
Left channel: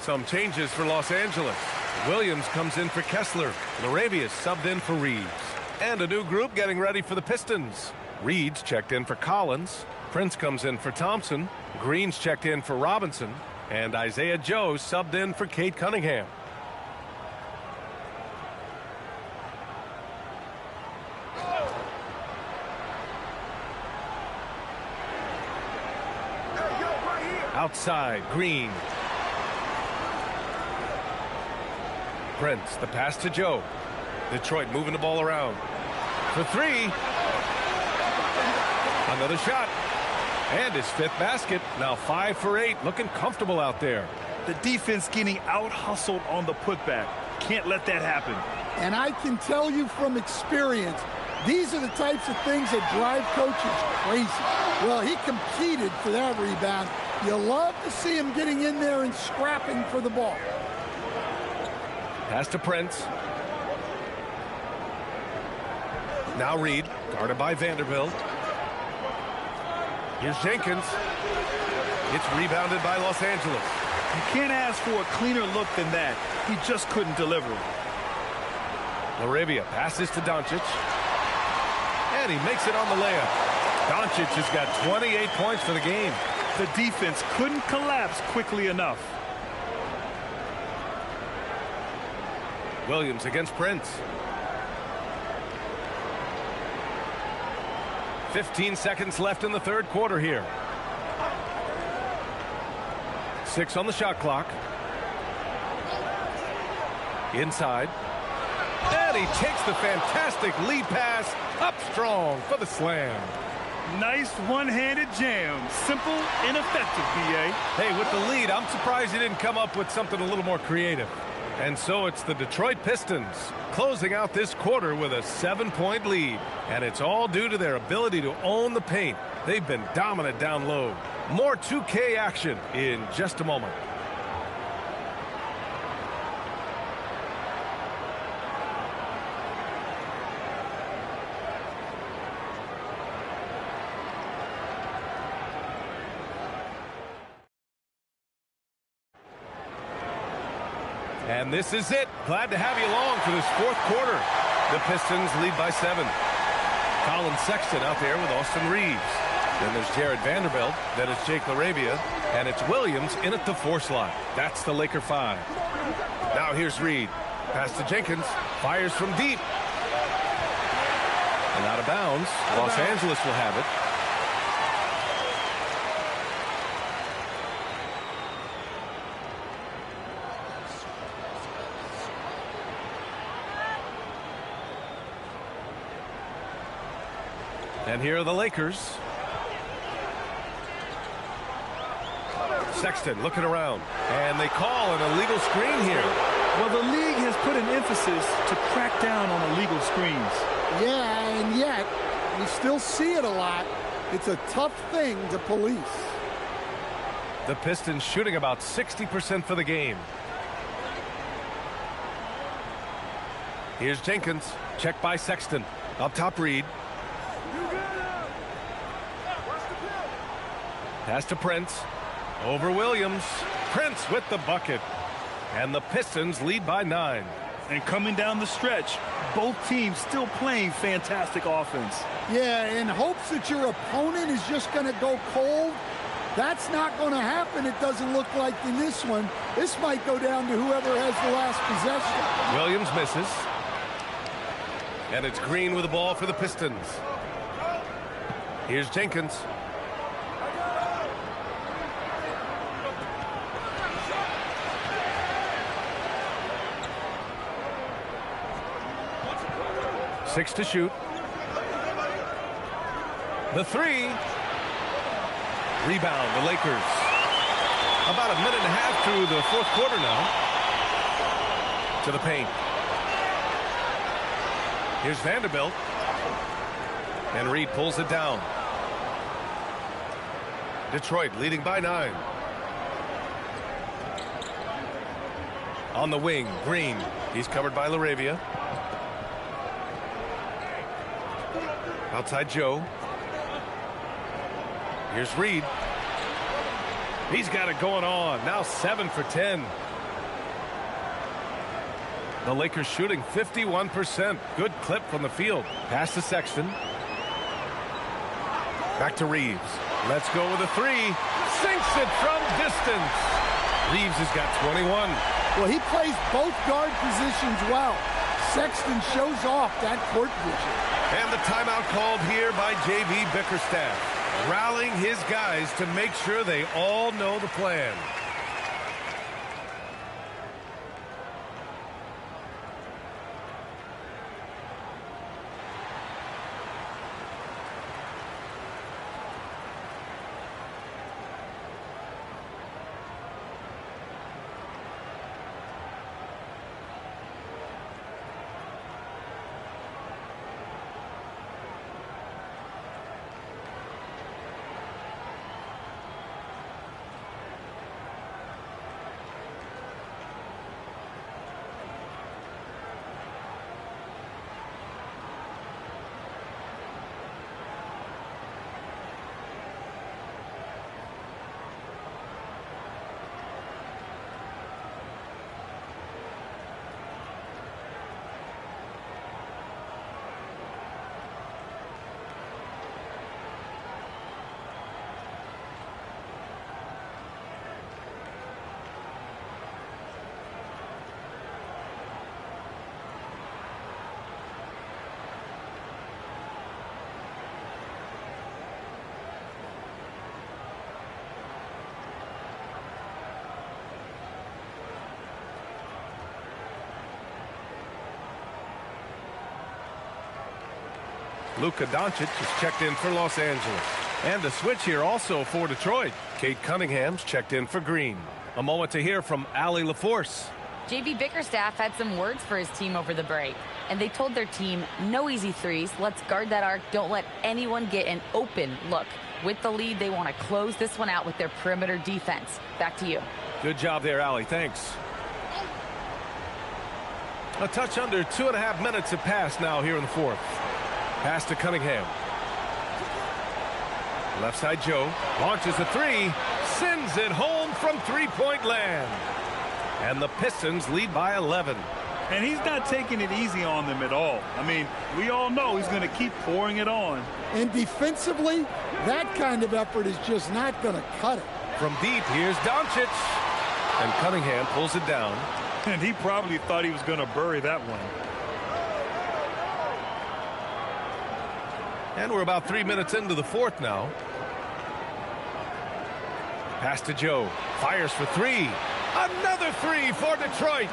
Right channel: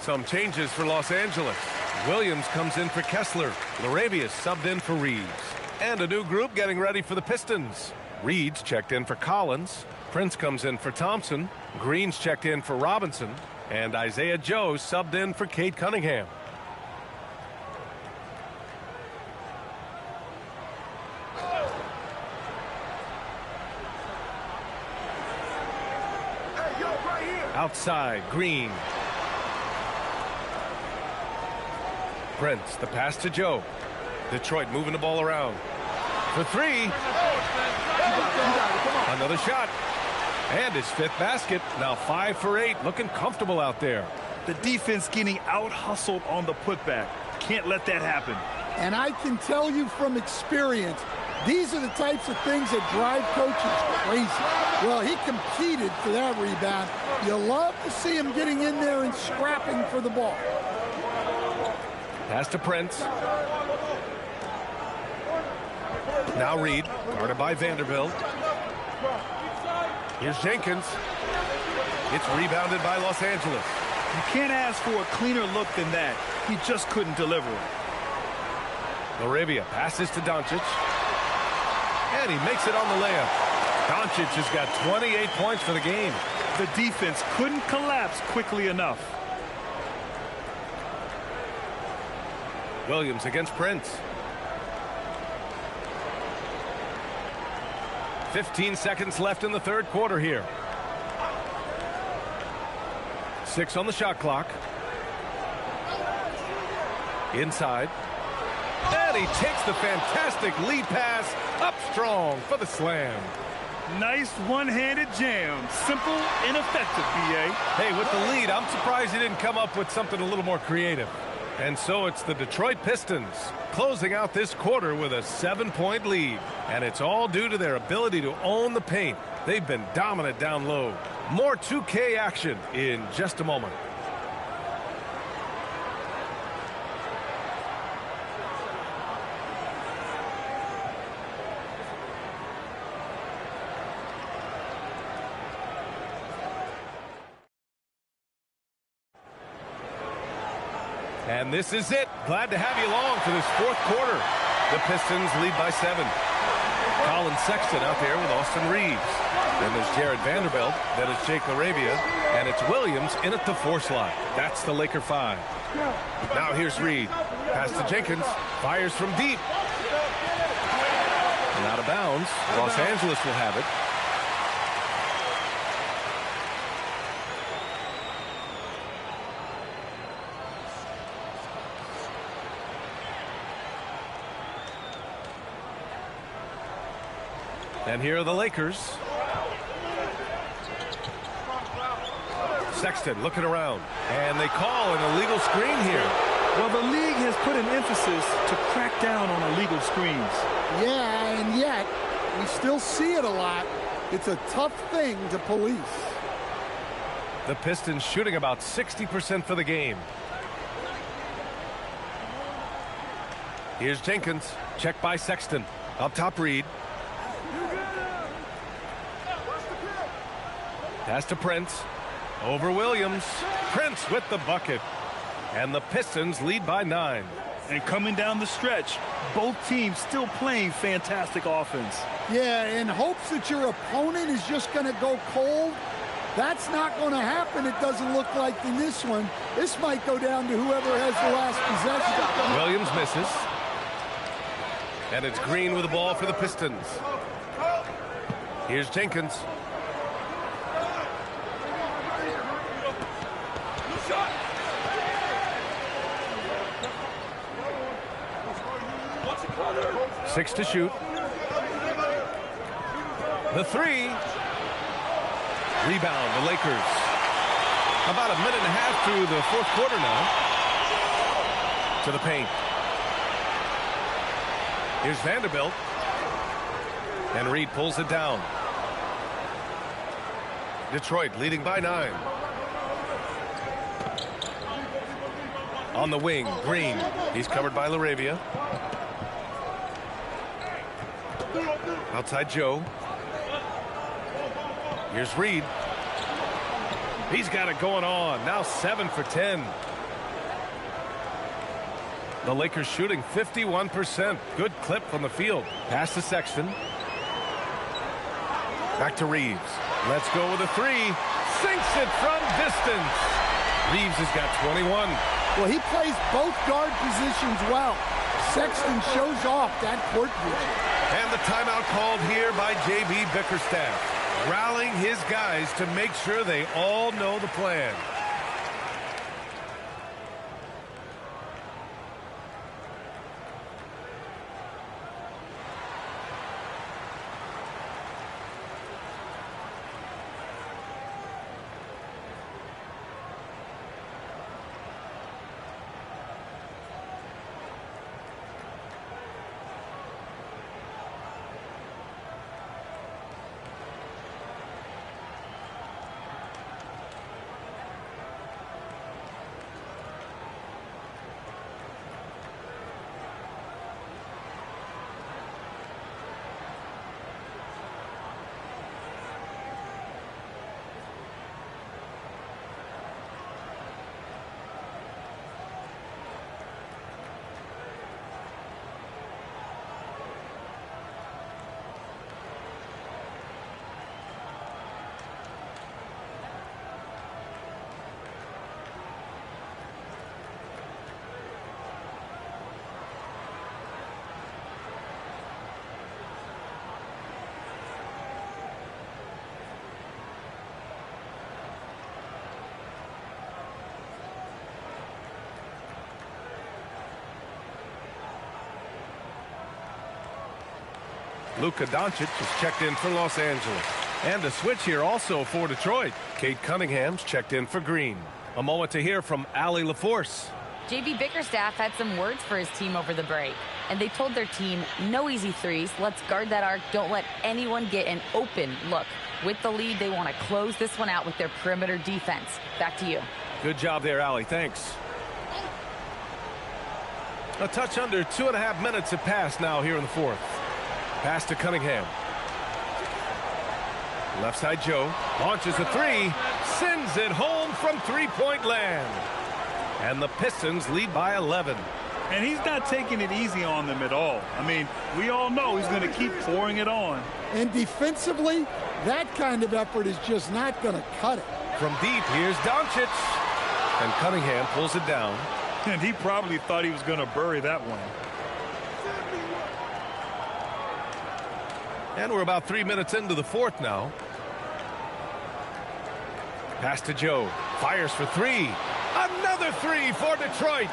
Some changes for Los Angeles. Williams comes in for Kessler. Larabius subbed in for Reeves. And a new group getting ready for the Pistons. Reed's checked in for Collins. Prince comes in for Thompson. Green's checked in for Robinson. And Isaiah Joe subbed in for Cade Cunningham. Outside, Green. Prince, the pass to Joe. Detroit moving the ball around. For three. Another shot. And his fifth basket. Now 5 for 8. Looking comfortable out there. The defense getting out-hustled on the putback. Can't let that happen. And I can tell you from experience, these are the types of things that drive coaches crazy. Well, he competed for that rebound. You love to see him getting in there and scrapping for the ball. Pass to Prince. Now Reed, guarded by Vanderbilt. Here's Jenkins. It's rebounded by Los Angeles. You can't ask for a cleaner look than that. He just couldn't deliver. Laravia passes to Doncic. And he makes it on the layup. Doncic has got 28 points for the game. The defense couldn't collapse quickly enough. Williams against Prince. 15 seconds left in the third quarter here. 6 on the shot clock. Inside. And he takes the fantastic lead pass up strong for the slam. Nice one-handed jam. Simple and effective, B.A. Hey, with the lead, I'm surprised he didn't come up with something a little more creative. And so it's the Detroit Pistons closing out this quarter with a 7-point lead. And it's all due to their ability to own the paint. They've been dominant down low. More 2K action in just a moment. And this is it. Glad to have you along for this fourth quarter. The Pistons lead by 7. Colin Sexton out there with Austin Reeves. Then there's Jared Vanderbilt. Then it's Jake LaRavia. And it's Williams in at the 4 slot. That's the Laker 5. Now here's Reed. Pass to Jenkins. Fires from deep. And out of bounds. Los Angeles will have it. And here are the Lakers. Sexton looking around. And they call an illegal screen here. Well, the league has put an emphasis to crack down on illegal screens. Yeah, and yet we still see it a lot. It's a tough thing to police. The Pistons shooting about 60% for the game. Here's Jenkins. Check by Sexton. Up top, Reed. Pass to Prince. Over Williams. Prince with the bucket. And the Pistons lead by 9. And coming down the stretch, both teams still playing fantastic offense. Yeah, in hopes that your opponent is just going to go cold. That's not going to happen, it doesn't look like in this one. This might go down to whoever has the last possession. Williams misses. And it's Green with the ball for the Pistons. Here's Jenkins. Six to shoot. The 3. Rebound, the Lakers. About a minute and a half through the fourth quarter now. To the paint. Here's Vanderbilt. And Reed pulls it down. Detroit leading by 9. On the wing, Green. He's covered by LaRavia. Outside Joe. Here's Reed. He's got it going on. Now 7 for 10. The Lakers shooting 51%. Good clip from the field. Pass to Sexton. Back to Reeves. Let's go with a 3. Sinks it from distance. Reeves has got 21. Well, he plays both guard positions well. Sexton shows off that court vision. And the timeout called here by J.B. Bickerstaff, rallying his guys to make sure they all know the plan. Luka Doncic is checked in for Los Angeles. And a switch here also for Detroit. Cade Cunningham's checked in for Green. A moment to hear from Allie LaForce. JB Bickerstaff had some words for his team over the break. And they told their team, no easy threes. Let's guard that arc. Don't let anyone get an open look. With the lead, they want to close this one out with their perimeter defense. Back to you. Good job there, Allie. Thanks. A touch under 2.5 minutes have passed now here in the fourth. Pass to Cunningham. Left side Joe. Launches a three. Sends it home from three-point land. And the Pistons lead by 11. And he's not taking it easy on them at all. I mean, we all know he's going to keep pouring it on. And defensively, that kind of effort is just not going to cut it. From deep, here's Doncic. And Cunningham pulls it down. And he probably thought he was going to bury that one. And we're about 3 minutes into the fourth now. Pass to Joe. Fires for three. Another three for Detroit.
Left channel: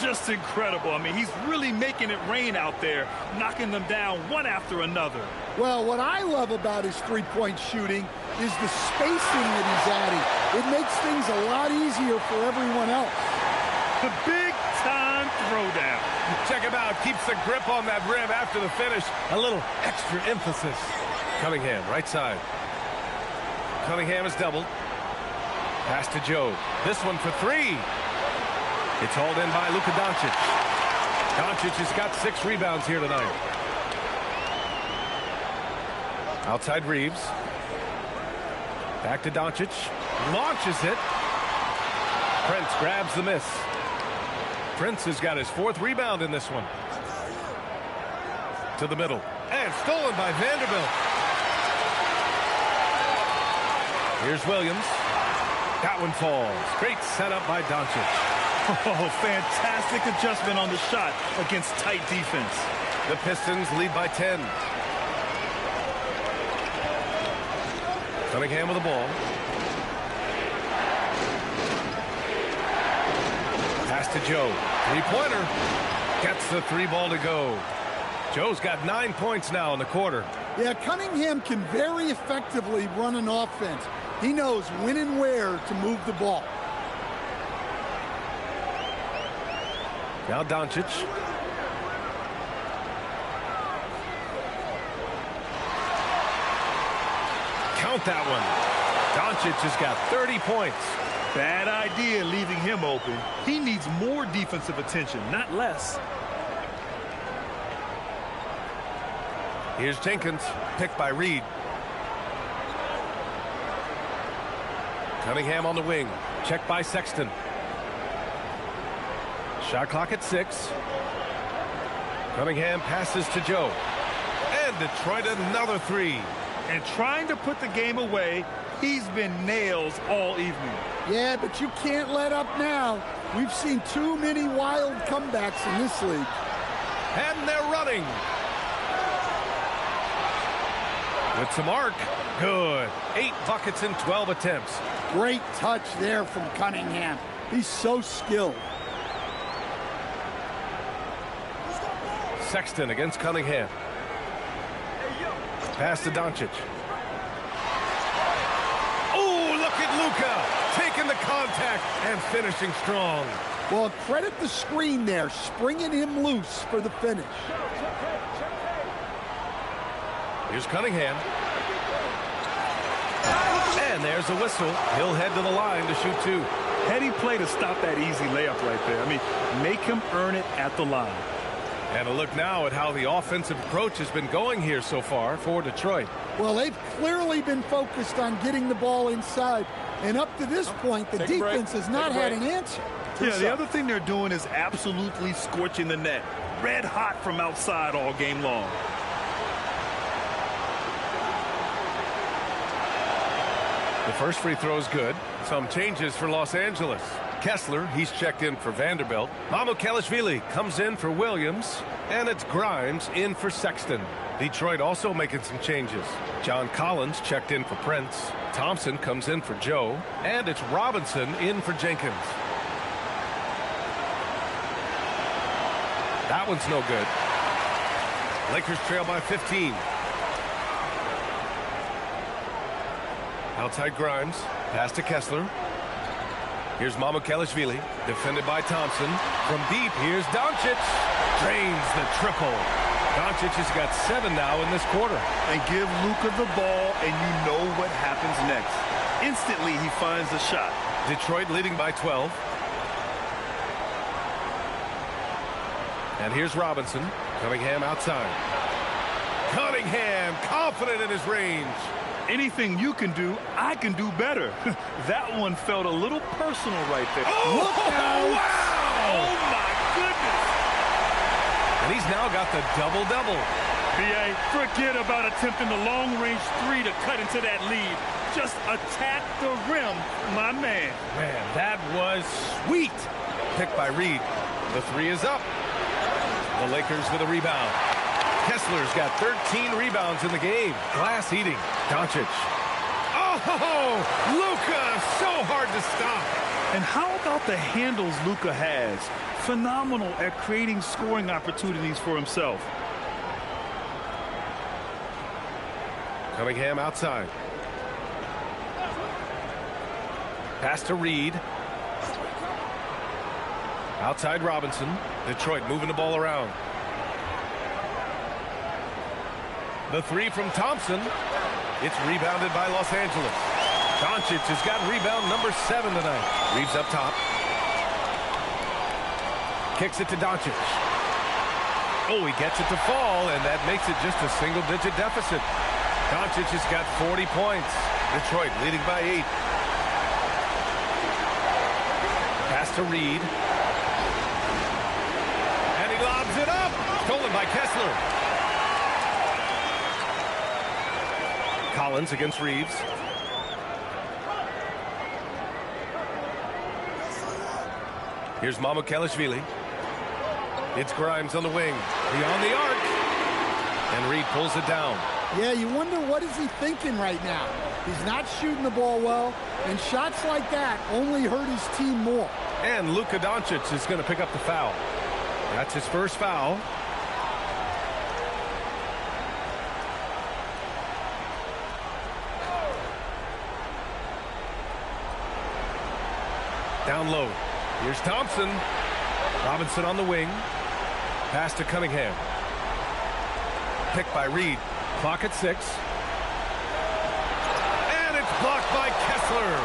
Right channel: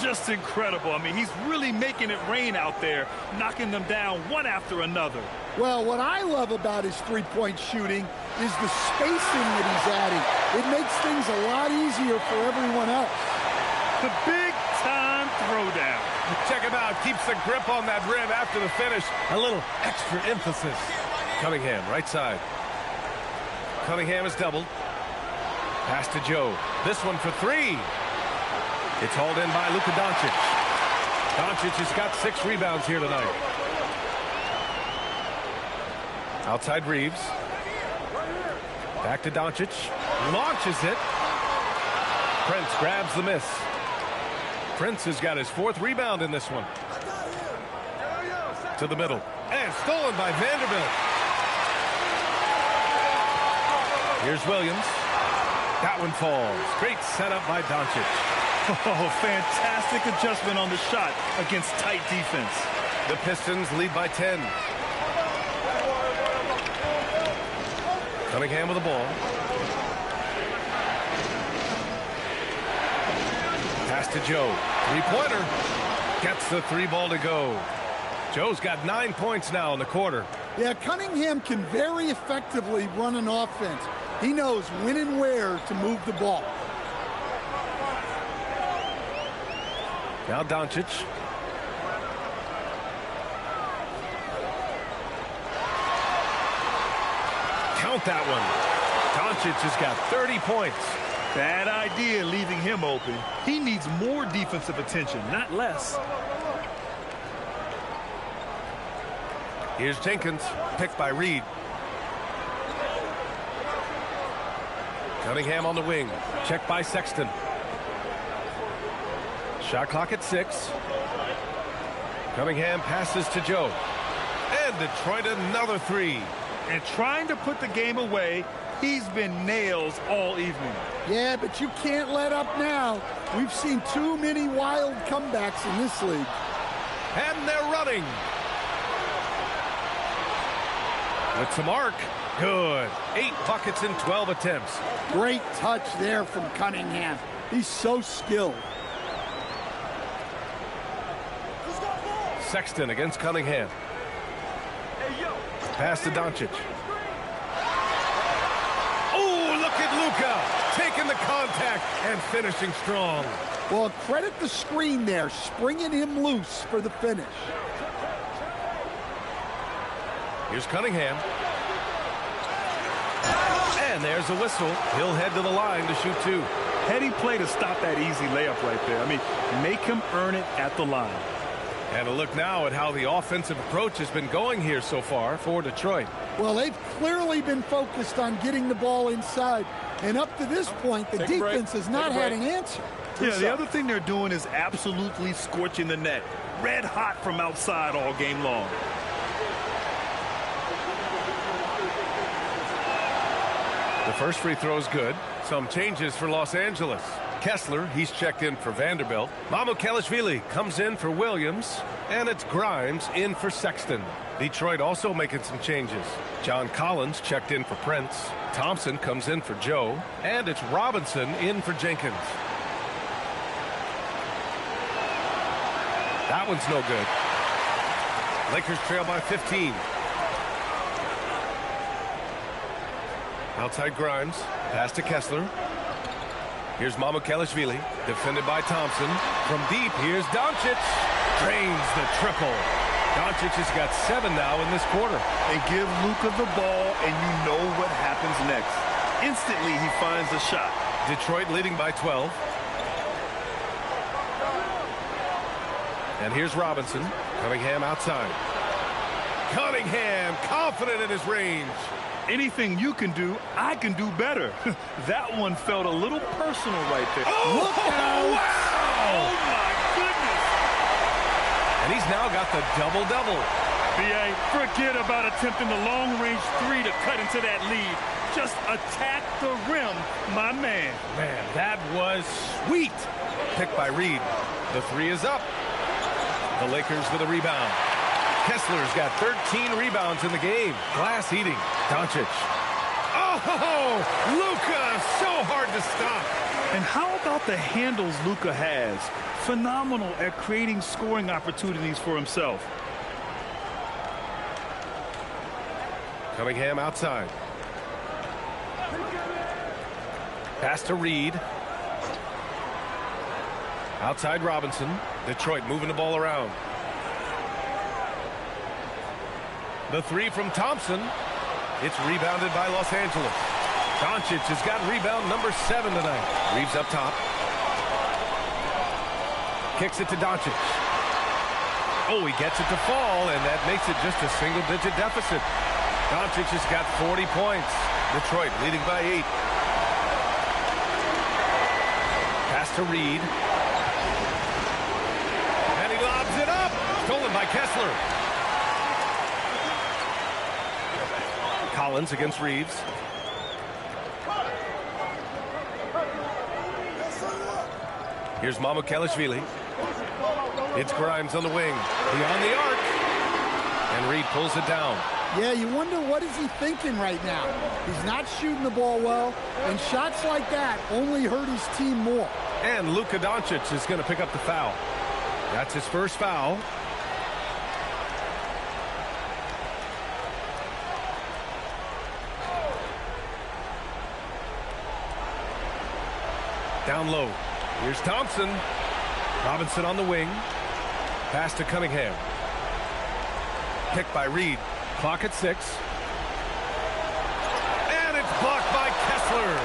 Just incredible. I mean, he's really making it rain out there, knocking them down one after another. Well, what I love about his three-point shooting is the spacing that he's adding. It makes things a lot easier for everyone else. The big-time throwdown. Check him out. Keeps the grip on that rim after the finish. A little extra emphasis. Cunningham, right side. Cunningham is doubled. Pass to Joe. This one for three. It's hauled in by Luka Doncic. Doncic has got 6 rebounds here tonight. Outside Reeves. Back to Doncic. Launches it. Prince grabs the miss. Prince has got his 4th rebound in this one. To the middle. And stolen by Vanderbilt. Here's Williams. That one falls. Great setup by Doncic. Oh, fantastic adjustment on the shot against tight defense. The Pistons lead by 10. Cunningham with the ball. Pass to Joe. Three-pointer. Gets the 3-ball to go. Joe's got 9 points now in the quarter. Yeah, Cunningham can very effectively run an offense. He knows when and where to move the ball. Now Doncic. Count that one. Doncic has got 30 points. Bad idea leaving him open. He needs more defensive attention, not less. Here's Jenkins, picked by Reed. Cunningham on the wing, checked by Sexton. Shot clock at 6. Cunningham passes to Joe. And Detroit another 3. And trying to put the game away, he's been nails all evening. Yeah, but you can't let up now. We've seen too many wild comebacks in this league. And they're running. With some arc. Good. 8 buckets in 12 attempts. Great touch there from Cunningham. He's so skilled. Sexton against Cunningham. Pass to Doncic. Oh, look at Luka taking the contact and finishing strong. Well, credit the screen there, springing him loose for the finish. Here's Cunningham. And there's a whistle. He'll head to the line to shoot 2. Heady play to stop that easy layup right there. I mean, make him earn it at the line. And a look now at how the offensive approach has been going here so far for Detroit. Well, they've clearly been focused on getting the ball inside. And up to this point, the defense has not had an answer. Yeah, the other thing they're doing is absolutely scorching the net. Red hot from outside all game long. The first free throw is good. Some changes for Los Angeles. Kessler, he's checked in for Vanderbilt. Mamukelashvili comes in for Williams. And it's Grimes in for Sexton. Detroit also making some changes. John Collins checked in for Prince. Thompson comes in for Joe. And it's Robinson in for Jenkins. That one's no good. Lakers trail by 15. Outside Grimes. Pass to Kessler. Here's Mamukelashvili. Defended by Thompson. From deep, here's Doncic. Drains the triple. Doncic has got 7 now in this quarter. And give Luka the ball, and you know what happens next. Instantly, he finds a shot. Detroit leading by 12. And here's Robinson. Cunningham outside. Cunningham confident in his range. Anything you can do, I can do better. That one felt a little personal right there. Oh, look out! Wow! Oh, my goodness! And he's now got the double-double. B.A., forget about attempting the long-range 3 to cut into that lead. Just attack the rim, my man. Man, that was sweet. Picked by Reed. The 3 is up. The Lakers with a rebound. Kessler's got 13 rebounds in the game. Glass eating. Doncic. Oh, Luka, so hard to stop. And how about the handles Luka has? Phenomenal at creating scoring opportunities for himself. Cunningham outside. Pass to Reed. Outside Robinson. Detroit moving the ball around. The 3 from Thompson. It's rebounded by Los Angeles. Doncic has got rebound number 7 tonight. Reeves up top. Kicks it to Doncic. Oh, he gets it to fall, and that makes it just a single-digit deficit. Doncic has got 40 points. Detroit leading by 8. Pass to Reed. And he lobs it up. Stolen by Kessler. Collins against Reeves. Here's Mamukelashvili. It's Grimes on the wing. Beyond the arc. And Reed pulls it down. Yeah, you wonder what is he thinking right now. He's not shooting the ball well, and shots like that only hurt his team more. And Luka Doncic is going to pick up the foul. That's his first foul. Down low. Here's Thompson. Robinson on the wing. Pass to Cunningham. Picked by Reed. Clock at 6. And it's blocked by Kessler.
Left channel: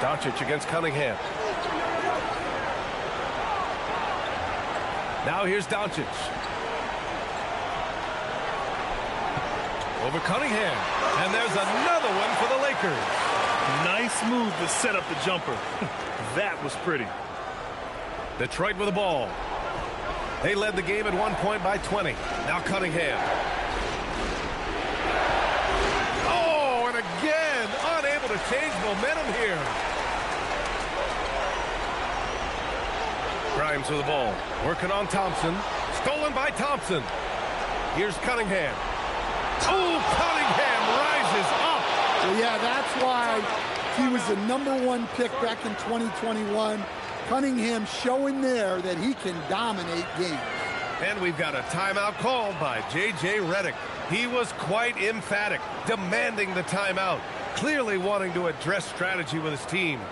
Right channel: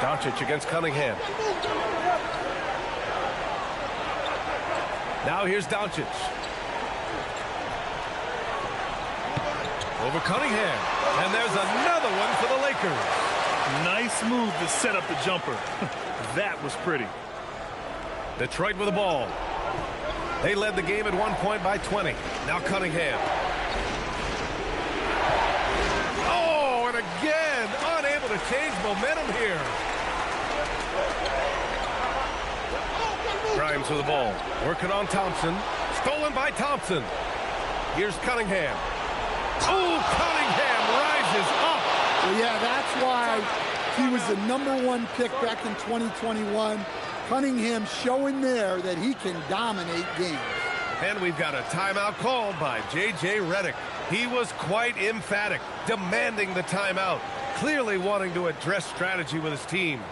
Doncic against Cunningham. Now here's Doncic. Over Cunningham. And there's another one for the Lakers. Nice move to set up the jumper. That was pretty. Detroit with the ball. They led the game at one point by 20. Now Cunningham. Oh, and again, unable to change momentum here. Grimes with the ball. Working on Thompson. Stolen by Thompson. Here's Cunningham. Oh, Cunningham rises up. Well, yeah, that's why he was the #1 pick back in 2021. Cunningham showing there that he can dominate games. And we've got a timeout called by J.J. Redick. He was quite emphatic, demanding the timeout, clearly wanting to address strategy with his team.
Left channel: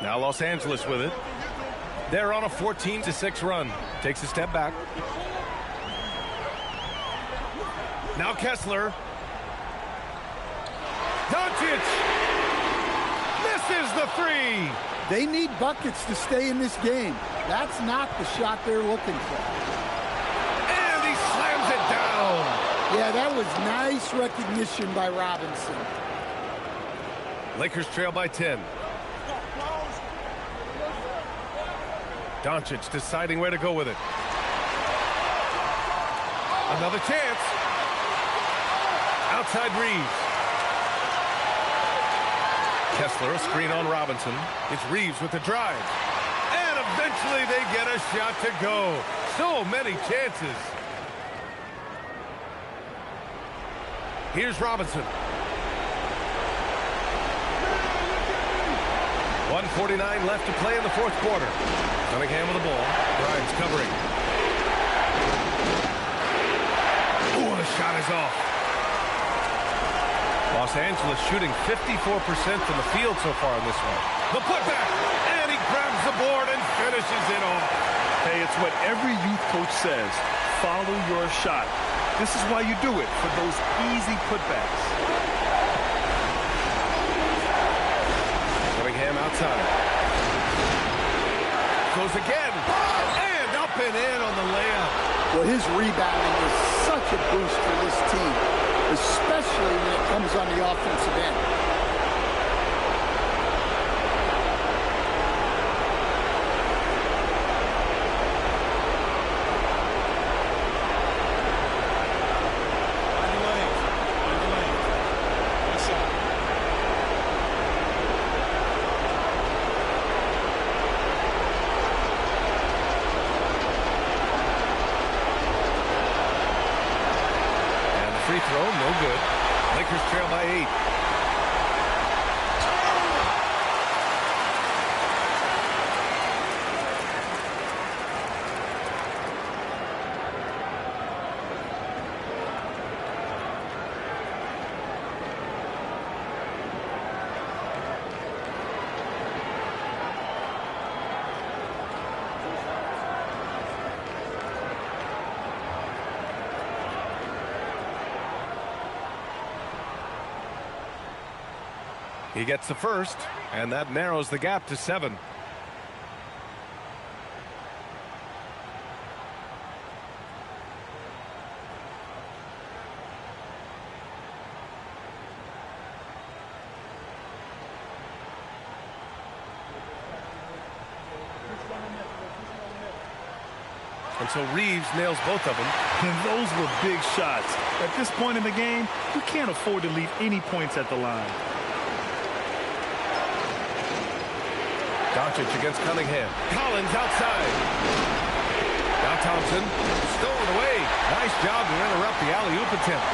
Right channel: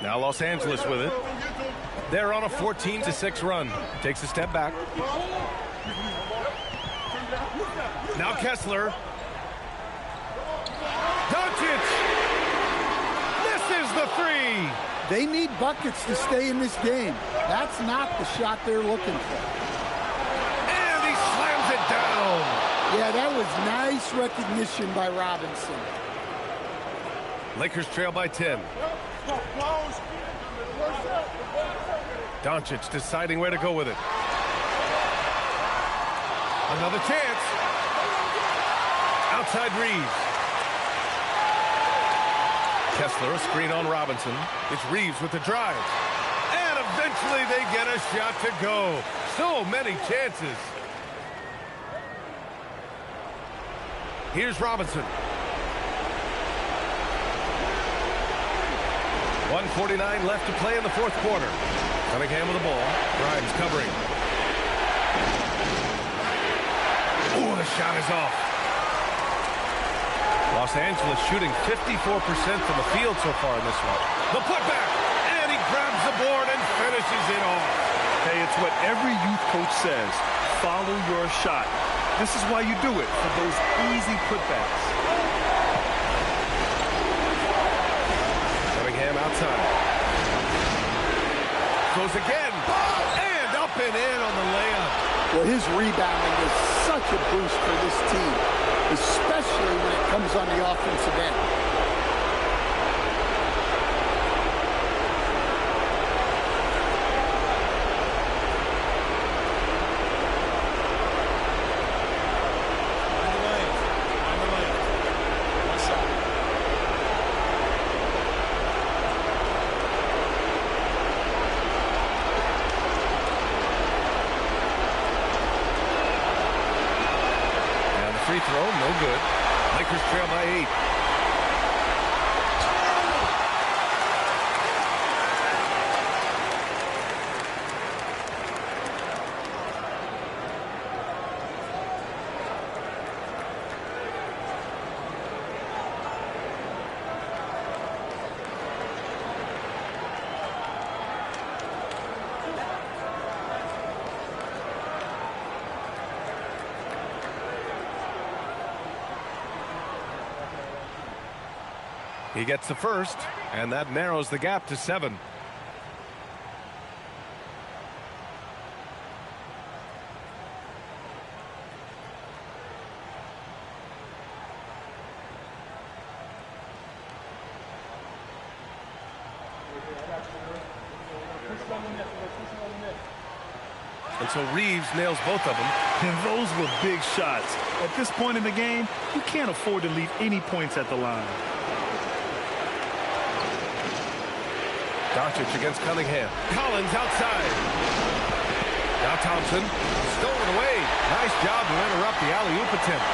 Now Los Angeles with it. They're on a 14-6 run. Takes a step back. Now Kessler. Doncic. Misses the three. They need buckets to stay in this game. That's not the shot they're looking for. And he slams it down. Yeah, that was nice recognition by Robinson. Lakers trail by 10. Doncic deciding where to go with it. Another chance. Outside Reeves. Kessler, a screen on Robinson. It's Reeves with the drive. And eventually they get a shot to go. So many chances. Here's Robinson. 1:49 left to play in the fourth quarter. Cunningham with the ball. Grimes covering. Oh, the shot is off. Los Angeles shooting 54% from the field so far in this one. The putback, and he grabs the board and finishes it off. Hey, it's what every youth coach says. Follow your shot. This is why you do it, for those easy putbacks. Cunningham outside. Goes again. And up and in on the layup. Well, his rebounding is such a boost for this team, especially when it comes on the offensive end. Find the lane. One shot. Free throw, no good. Lakers trail by 8. He gets the first, and that narrows the gap to 7. And so Reeves nails both of them. And those were big shots. At this point in the game, you can't afford to leave any points at the line. Doncic against Cunningham. Collins outside. Now Thompson. Stolen away. Nice job to interrupt the alley-oop attempt.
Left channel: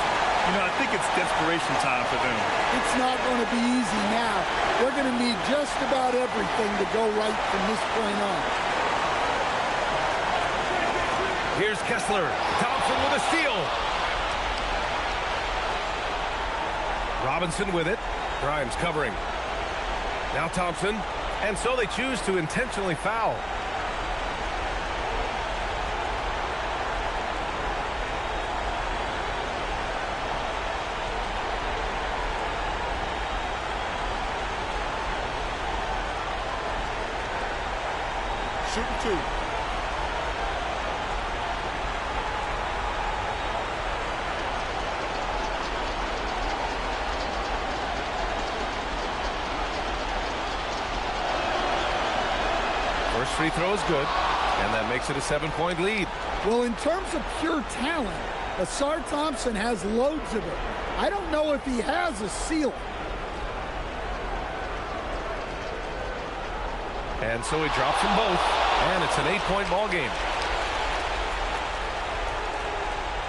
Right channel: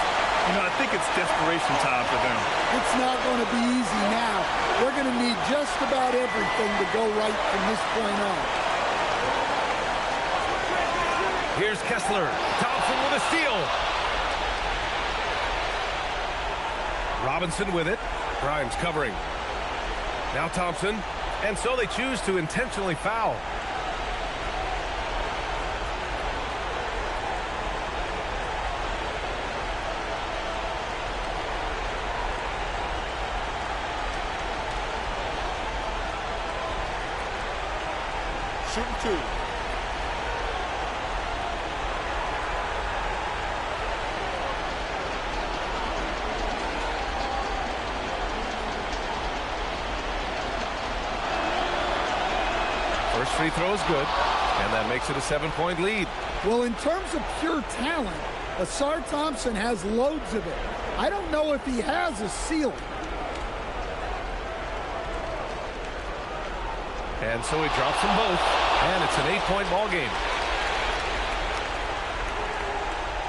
You know, I think it's desperation time for them. It's not going to be easy now. They're going to need just about everything to go right from this point on. Here's Kessler. Thompson with a steal. Robinson with it. Grimes covering. Now Thompson. And so they choose to intentionally foul. Shooting 2. First free throw is good, and that makes it a 7-point lead. Well, in terms of pure talent, Asar Thompson has loads of it. I don't know if he has a ceiling. And so he drops them both, and it's an 8-point ball game.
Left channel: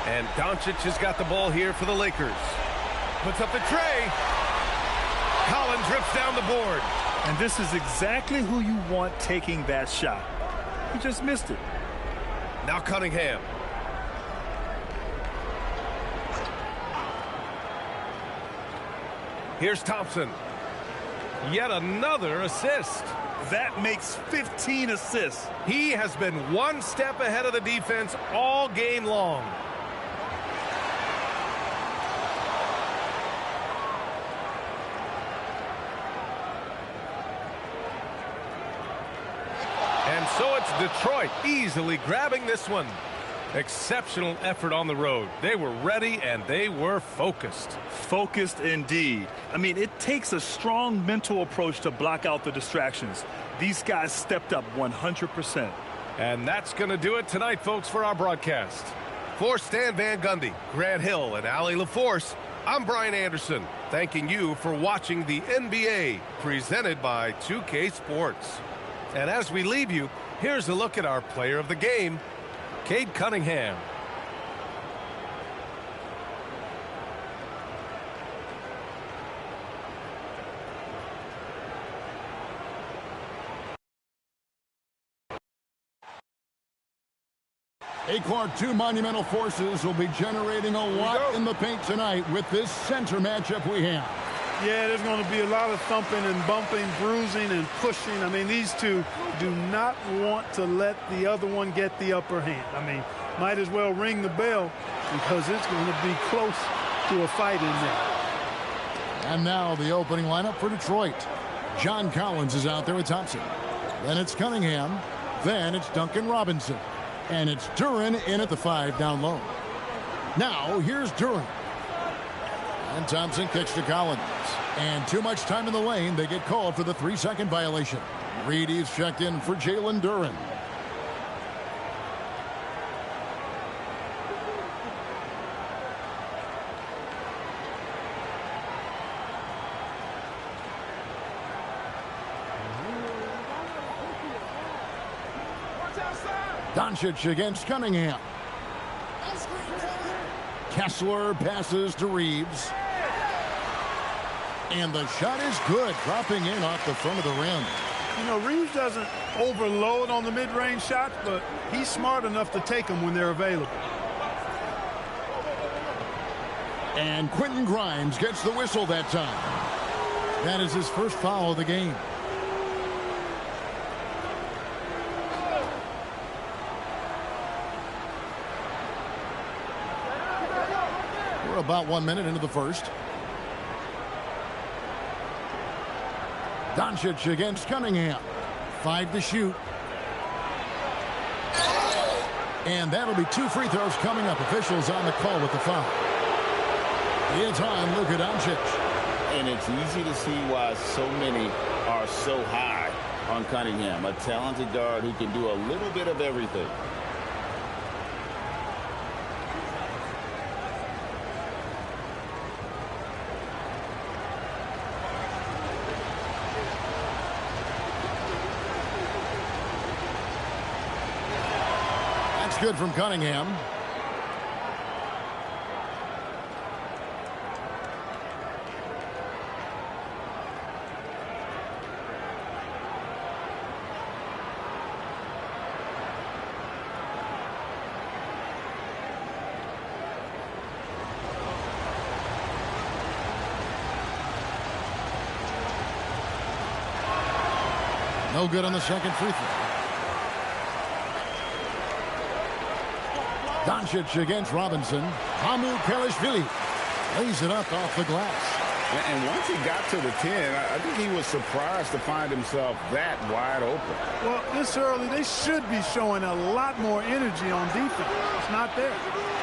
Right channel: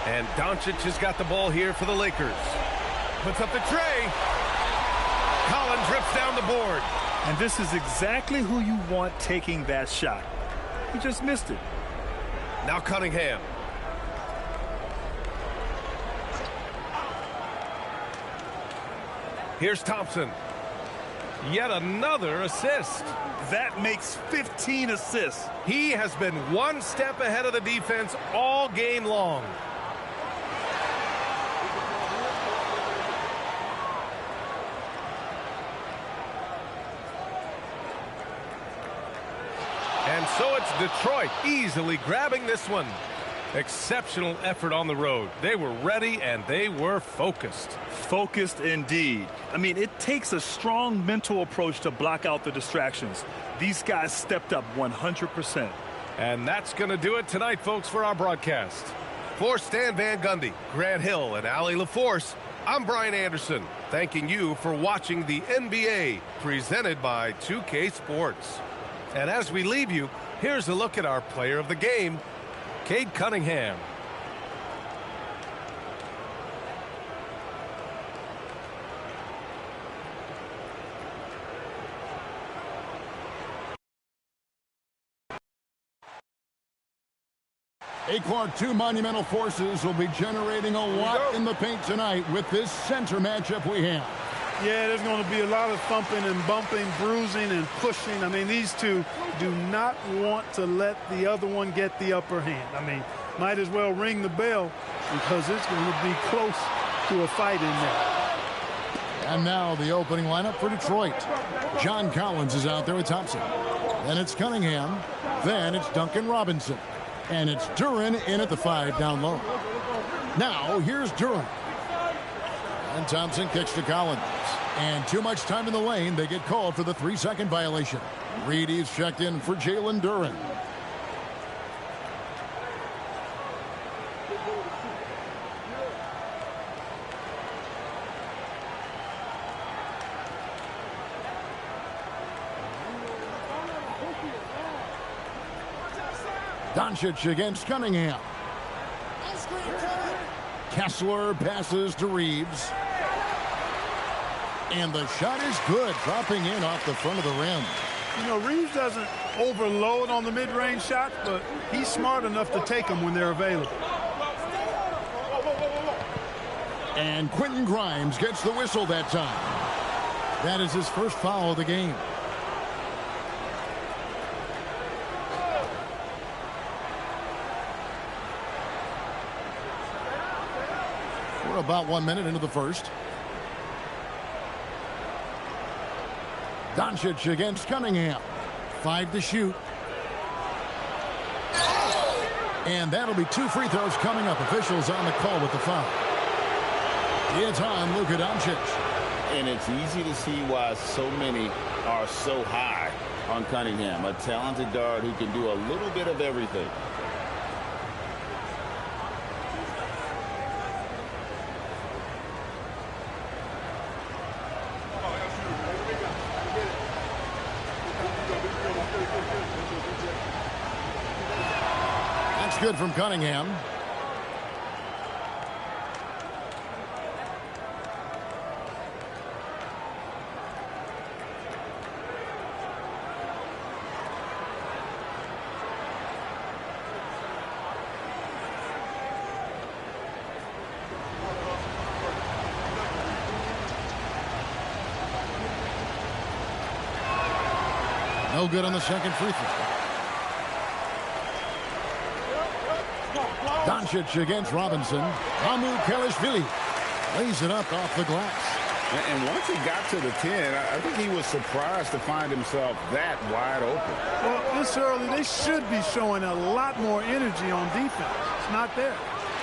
And Doncic has got the ball here for the Lakers. Puts up the tray. Collins rips down the board. And this is exactly who you want taking that shot. He just missed it. Now Cunningham. Here's Thompson. Yet another assist. That makes 15 assists. He has been one step ahead of the defense all game long. And so it's Detroit easily grabbing this one. Exceptional effort on the road. They were ready and they were focused. Focused indeed. I mean, it takes a strong mental approach to block out the distractions. These guys stepped up 100%. And that's going to do it tonight, folks, for our broadcast. For Stan Van Gundy, Grant Hill, and Allie LaForce, I'm Brian Anderson, thanking you for watching the NBA presented by 2K Sports. And as we leave you, here's a look at our player of the game, Cade Cunningham. Clark, two monumental forces will be generating a lot in the paint tonight with this center matchup we have. Yeah, there's going to be a lot of thumping and bumping, bruising and pushing. I mean, these two do not want to let the other one get the upper hand. I mean, might as well ring the bell because it's going to be close to a fight in there. And now the opening lineup for Detroit. John Collins is out there with Thompson. Then it's Cunningham. Then it's Duncan Robinson. And it's Duren in at the 5 down low. Now here's Duren. And Thompson kicks to Collins. And too much time in the lane. They get called for the 3-second violation. Reedy's checked in for Jalen Duren. Doncic against Cunningham. Kessler passes to Reeves. And the shot is good, dropping in off the front of the rim. You know, Reeves doesn't overload on the mid-range shots, but he's smart enough to take them when they're available. And Quentin Grimes gets the whistle that time. That is his first foul of the game. We're about 1 minute into the first. Doncic against Cunningham. 5 to shoot. And that'll be 2 free throws coming up. Officials on the call with the foul. It's on Luka Doncic. And it's easy to see why so many are so high on Cunningham. A talented guard who can do a little bit of everything. That's good from Cunningham. No good on the second free throw. Doncic against Robinson. Mamu Kelishvili lays it up off the glass. And once he got to the 10, I think he was surprised to find himself that wide open. Well, this early, they should be showing a lot more energy on defense. It's not there.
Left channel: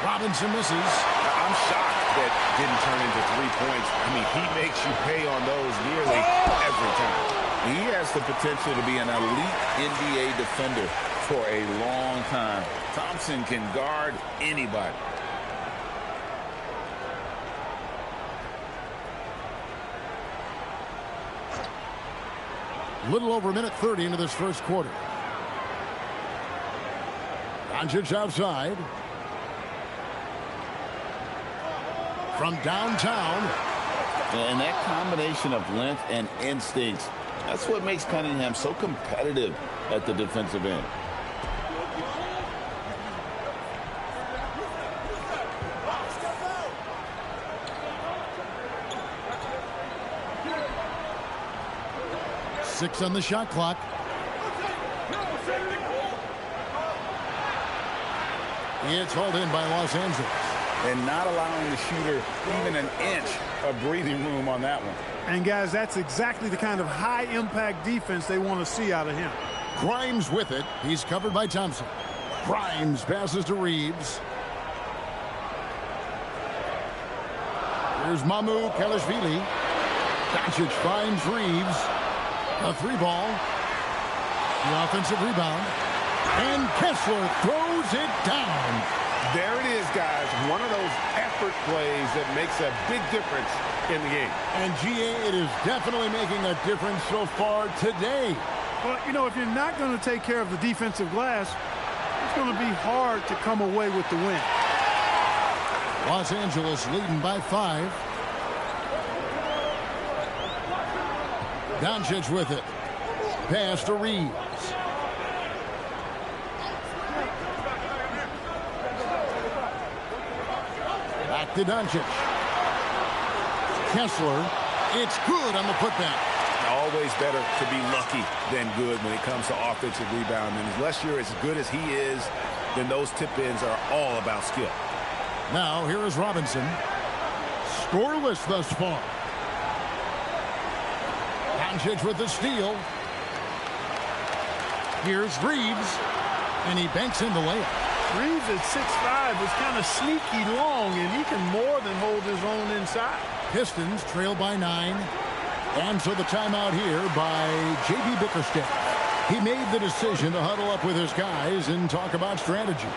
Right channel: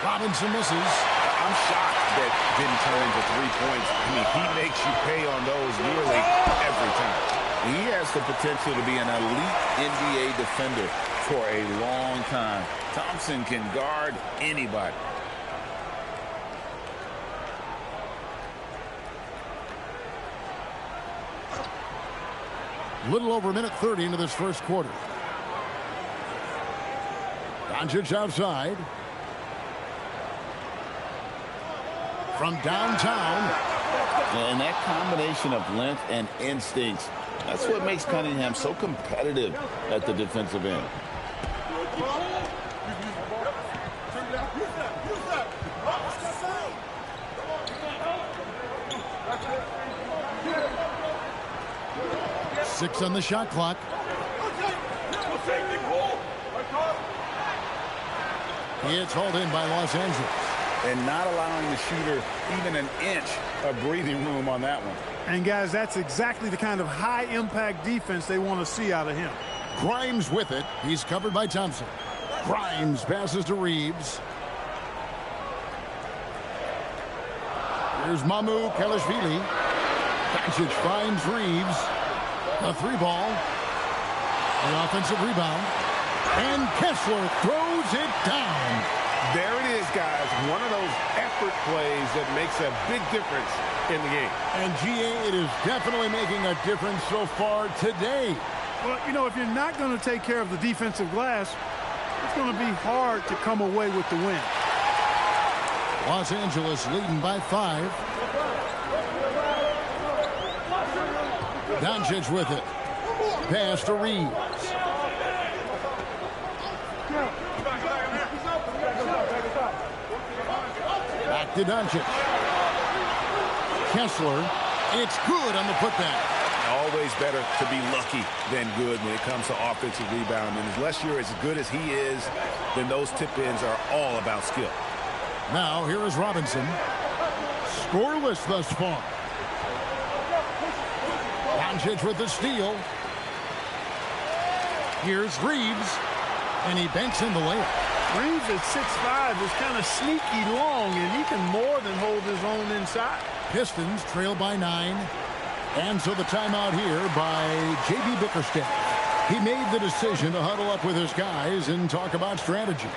Robinson misses. I'm shocked that didn't turn into 3 points. I mean, he makes you pay on those nearly every time. He has the potential to be an elite NBA defender for a long time. Thompson can guard anybody. Little over a minute 30 into this first quarter. Doncic outside. From downtown. And that combination of length and instincts, that's what makes Cunningham so competitive at the defensive end. 6 on the shot clock. It's hauled in by Los Angeles. And not allowing the shooter even an inch of breathing room on that one. And, guys, that's exactly the kind of high-impact defense they want to see out of him. Grimes with it. He's covered by Thompson. Grimes passes to Reeves. Here's Mamu Kelishvili. Doncic finds Reeves. A 3-ball. The offensive rebound. And Kessler throws it down. There it is, guys. One of those effort plays that makes a big difference in the game. And, GA, it is definitely making a difference so far today. Well, you know, if you're not going to take care of the defensive glass, it's going to be hard to come away with the win. Los Angeles leading by 5. Doncic with it. Pass to Reeves. Back to Doncic. Kessler. It's good on the putback. Always better to be lucky than good when it comes to offensive rebound. And unless you're as good as he is, then those tip-ins are all about skill. Now, here is Robinson. Scoreless thus far. Doncic with the steal. Here's Reeves. And he banks in the layup. Reeves at 6'5" is kind of sneaky long, and he can more than hold his own inside. Pistons trail by 9. And so the timeout here by J.B. Bickerstaff. He made the decision to huddle up with his guys and talk about strategy.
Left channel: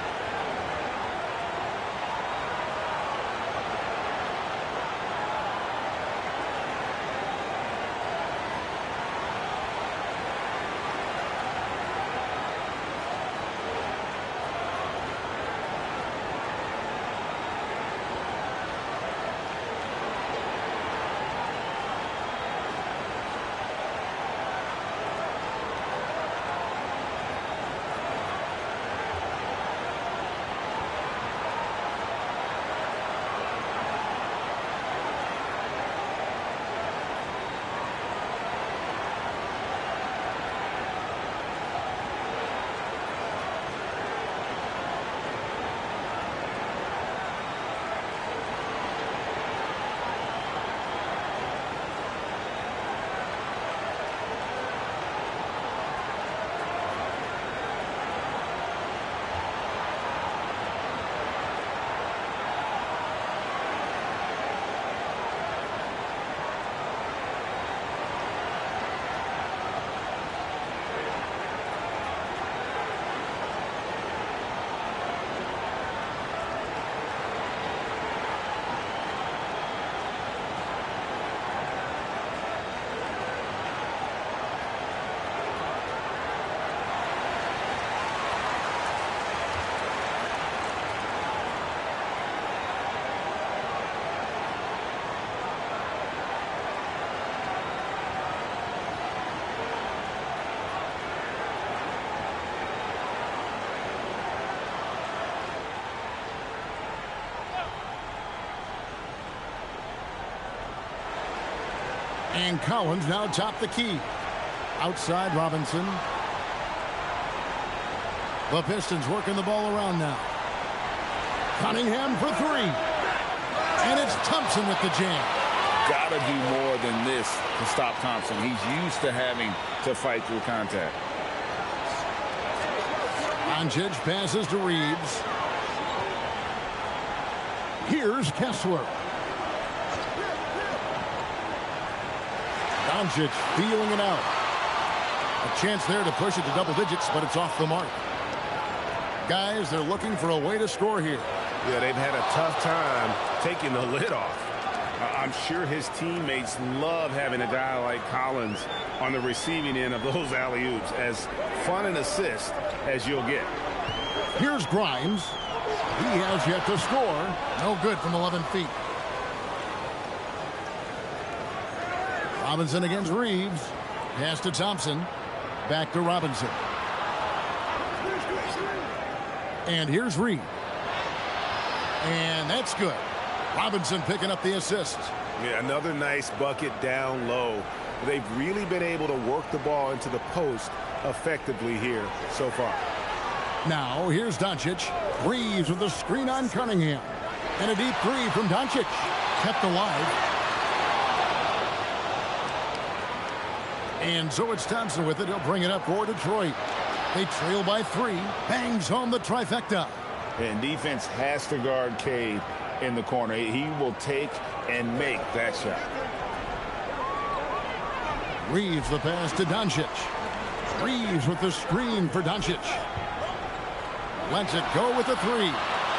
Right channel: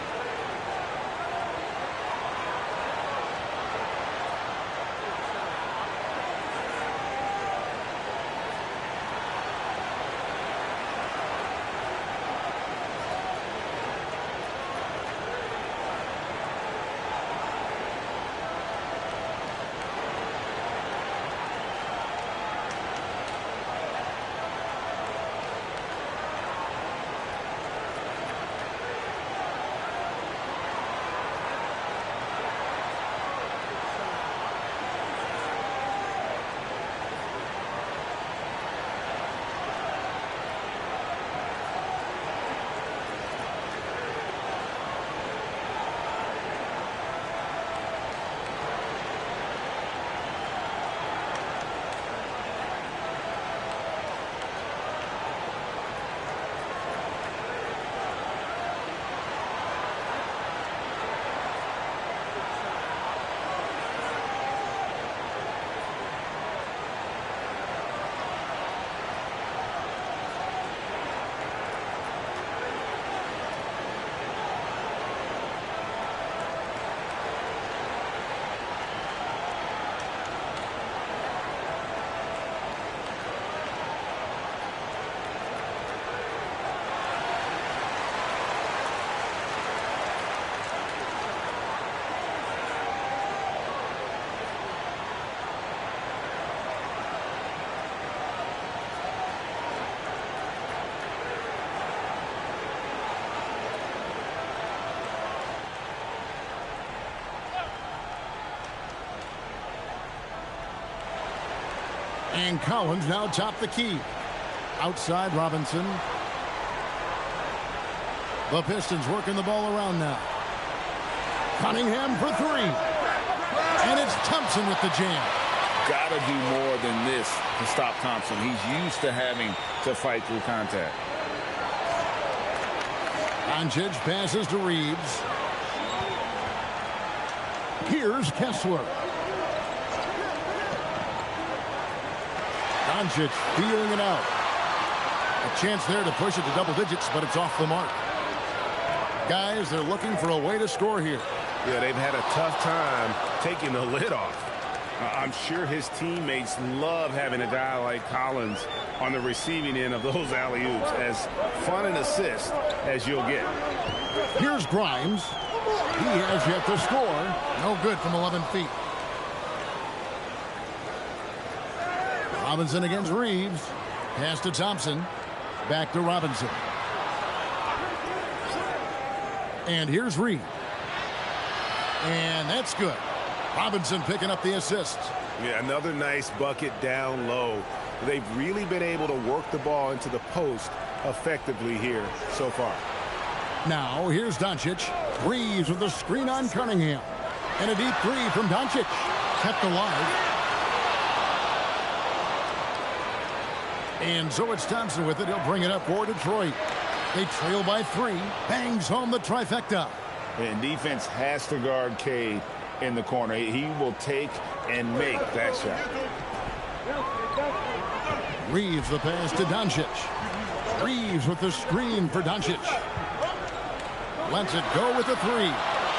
And Collins now top the key. Outside Robinson. The Pistons working the ball around now. Cunningham for 3. And it's Thompson with the jam. Got to do more than this to stop Thompson. He's used to having to fight through contact. Doncic passes to Reeves. Here's Kessler. Doncic feeling it out. A chance there to push it to double digits, but it's off the mark. Guys, they're looking for a way to score here. Yeah, they've had a tough time taking the lid off. I'm sure his teammates love having a guy like Collins on the receiving end of those alley-oops. As fun an assist as you'll get. Here's Grimes. He has yet to score. No good from 11 feet. Robinson against Reeves. Pass to Thompson. Back to Robinson. And here's Reeves. And that's good. Robinson picking up the assist. Yeah, another nice bucket down low. they've really been able to work the ball into the post effectively here so far. Now, here's Doncic. Reeves with the screen on Cunningham. And a deep three from Doncic. Kept alive. And so it's Thompson with it. He'll bring it up for Detroit. They trail by 3. Bangs home the trifecta. And defense has to guard Cade in the corner. He will take and make that shot. Reeves the pass to Doncic. Reeves with the screen for Doncic. Lets it go with the 3.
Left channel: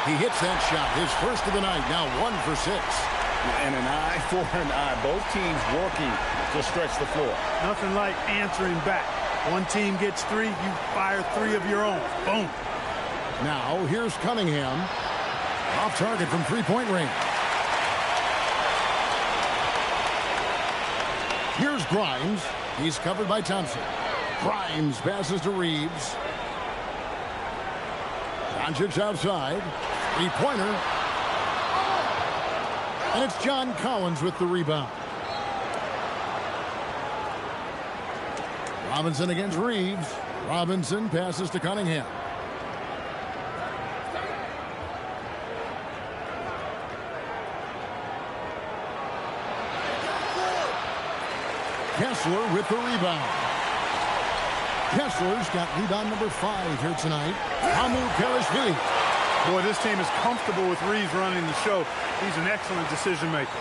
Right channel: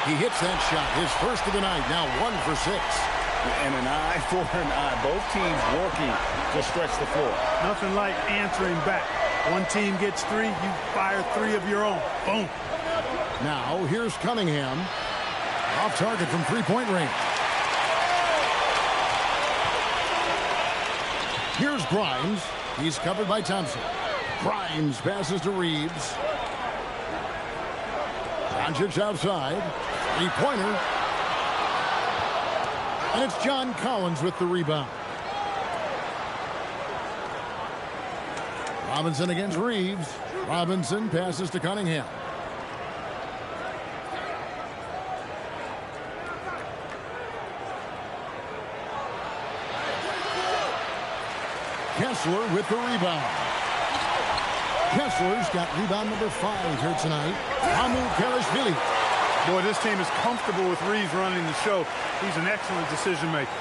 He hits that shot, his first of the night, now 1 for 6. And an eye for an eye. Both teams working to stretch the floor. Nothing like answering back. One team gets 3, you fire 3 of your own. Boom. Now, here's Cunningham. Off target from three-point range. Here's Grimes. He's covered by Thompson. Grimes passes to Reeves. Doncic outside. Three-pointer. And it's John Collins with the rebound. Robinson against Reeves. Robinson passes to Cunningham. Kessler with the rebound. Kessler's got rebound number 5 here tonight. Hamu Kelishvili. Boy, this team is comfortable with Reeves running the show. He's an excellent decision maker.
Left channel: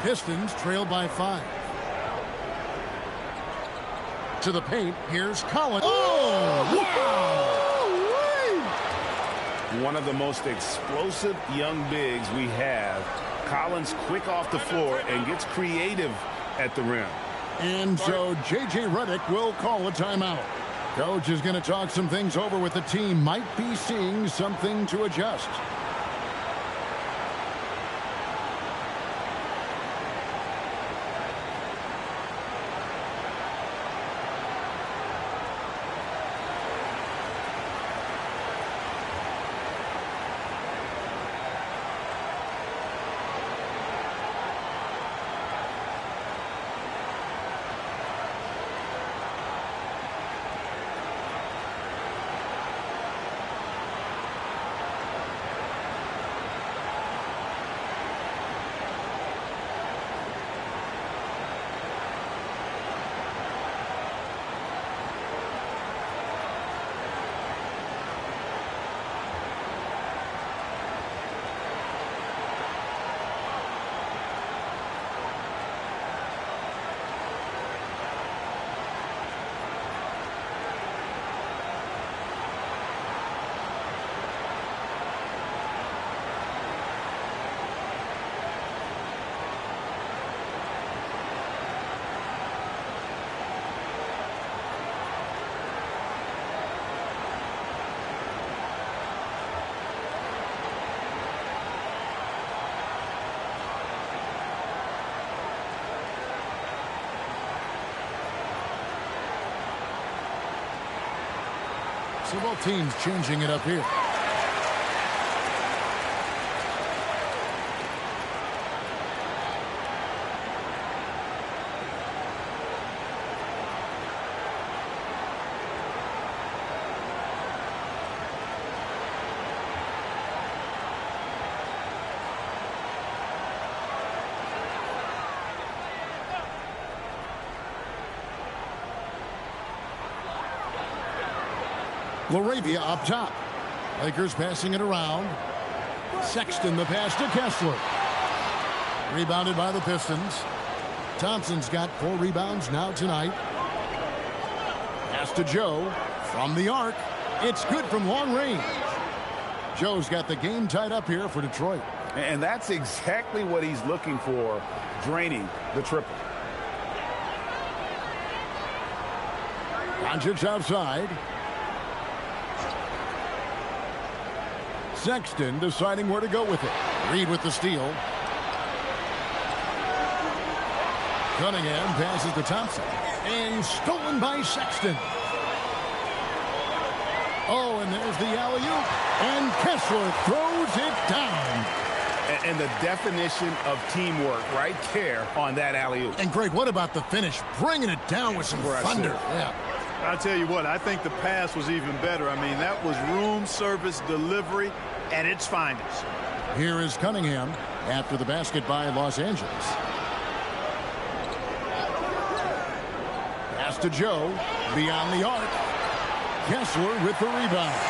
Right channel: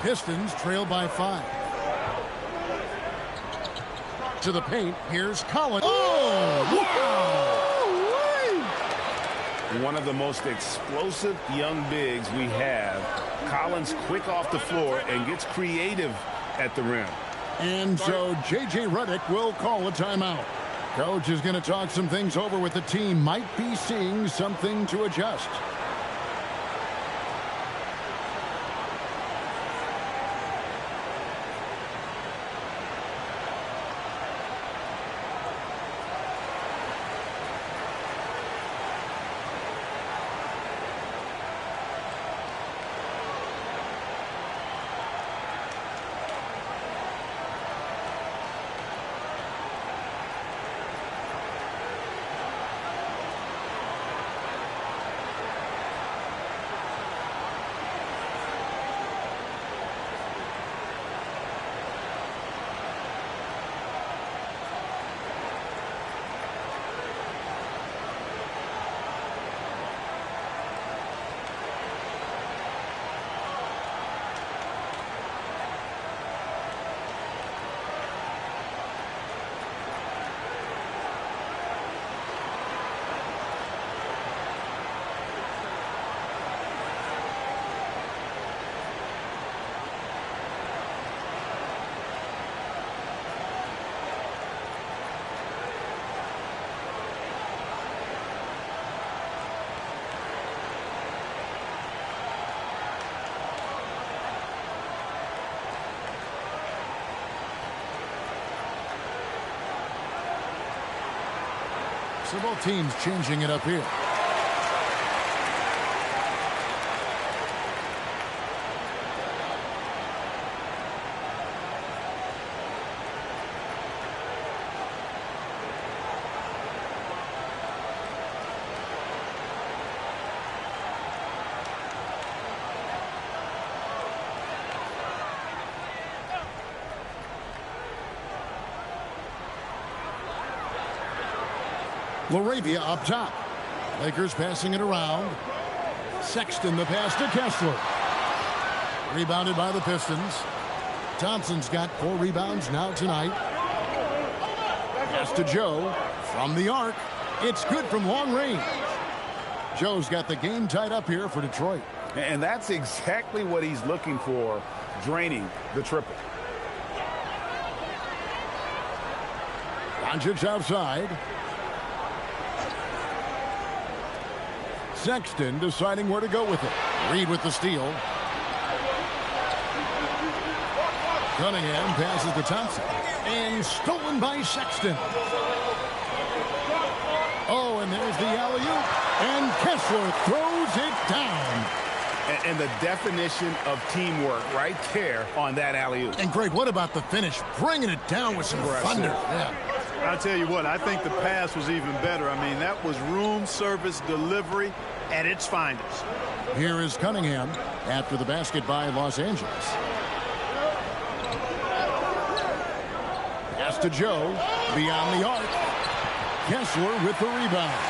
Pistons trail by 5. To the paint, here's Collins. Oh, wow! One of the most explosive young bigs we have. Collins quick off the floor and gets creative at the rim. And so J.J. Redick will call a timeout. Coach is going to talk some things over with the team. Might be seeing something to adjust. So both teams changing it up here. Laravia up top. Lakers passing it around. Sexton the pass to Kessler. Rebounded by the Pistons. Thompson's got 4 rebounds now tonight. Pass to Joe from the arc. It's good from long range. Joe's got the game tied up here for Detroit. And that's exactly what he's looking for, draining the triple. Doncic outside. Sexton deciding where to go with it. Reed with the steal. Cunningham passes to Thompson. And stolen by Sexton. Oh, and there's the alley-oop. And Kessler throws it down. And the definition of teamwork right there on that alley-oop. And, Greg, what about the finish? Bringing it down with some thunder. Yeah. I'll tell you what, I think the pass was even better. I mean, that was room service delivery at its finest. Here is Cunningham after the basket by Los Angeles. Pass to Joe, beyond the arc. Kessler with the rebound.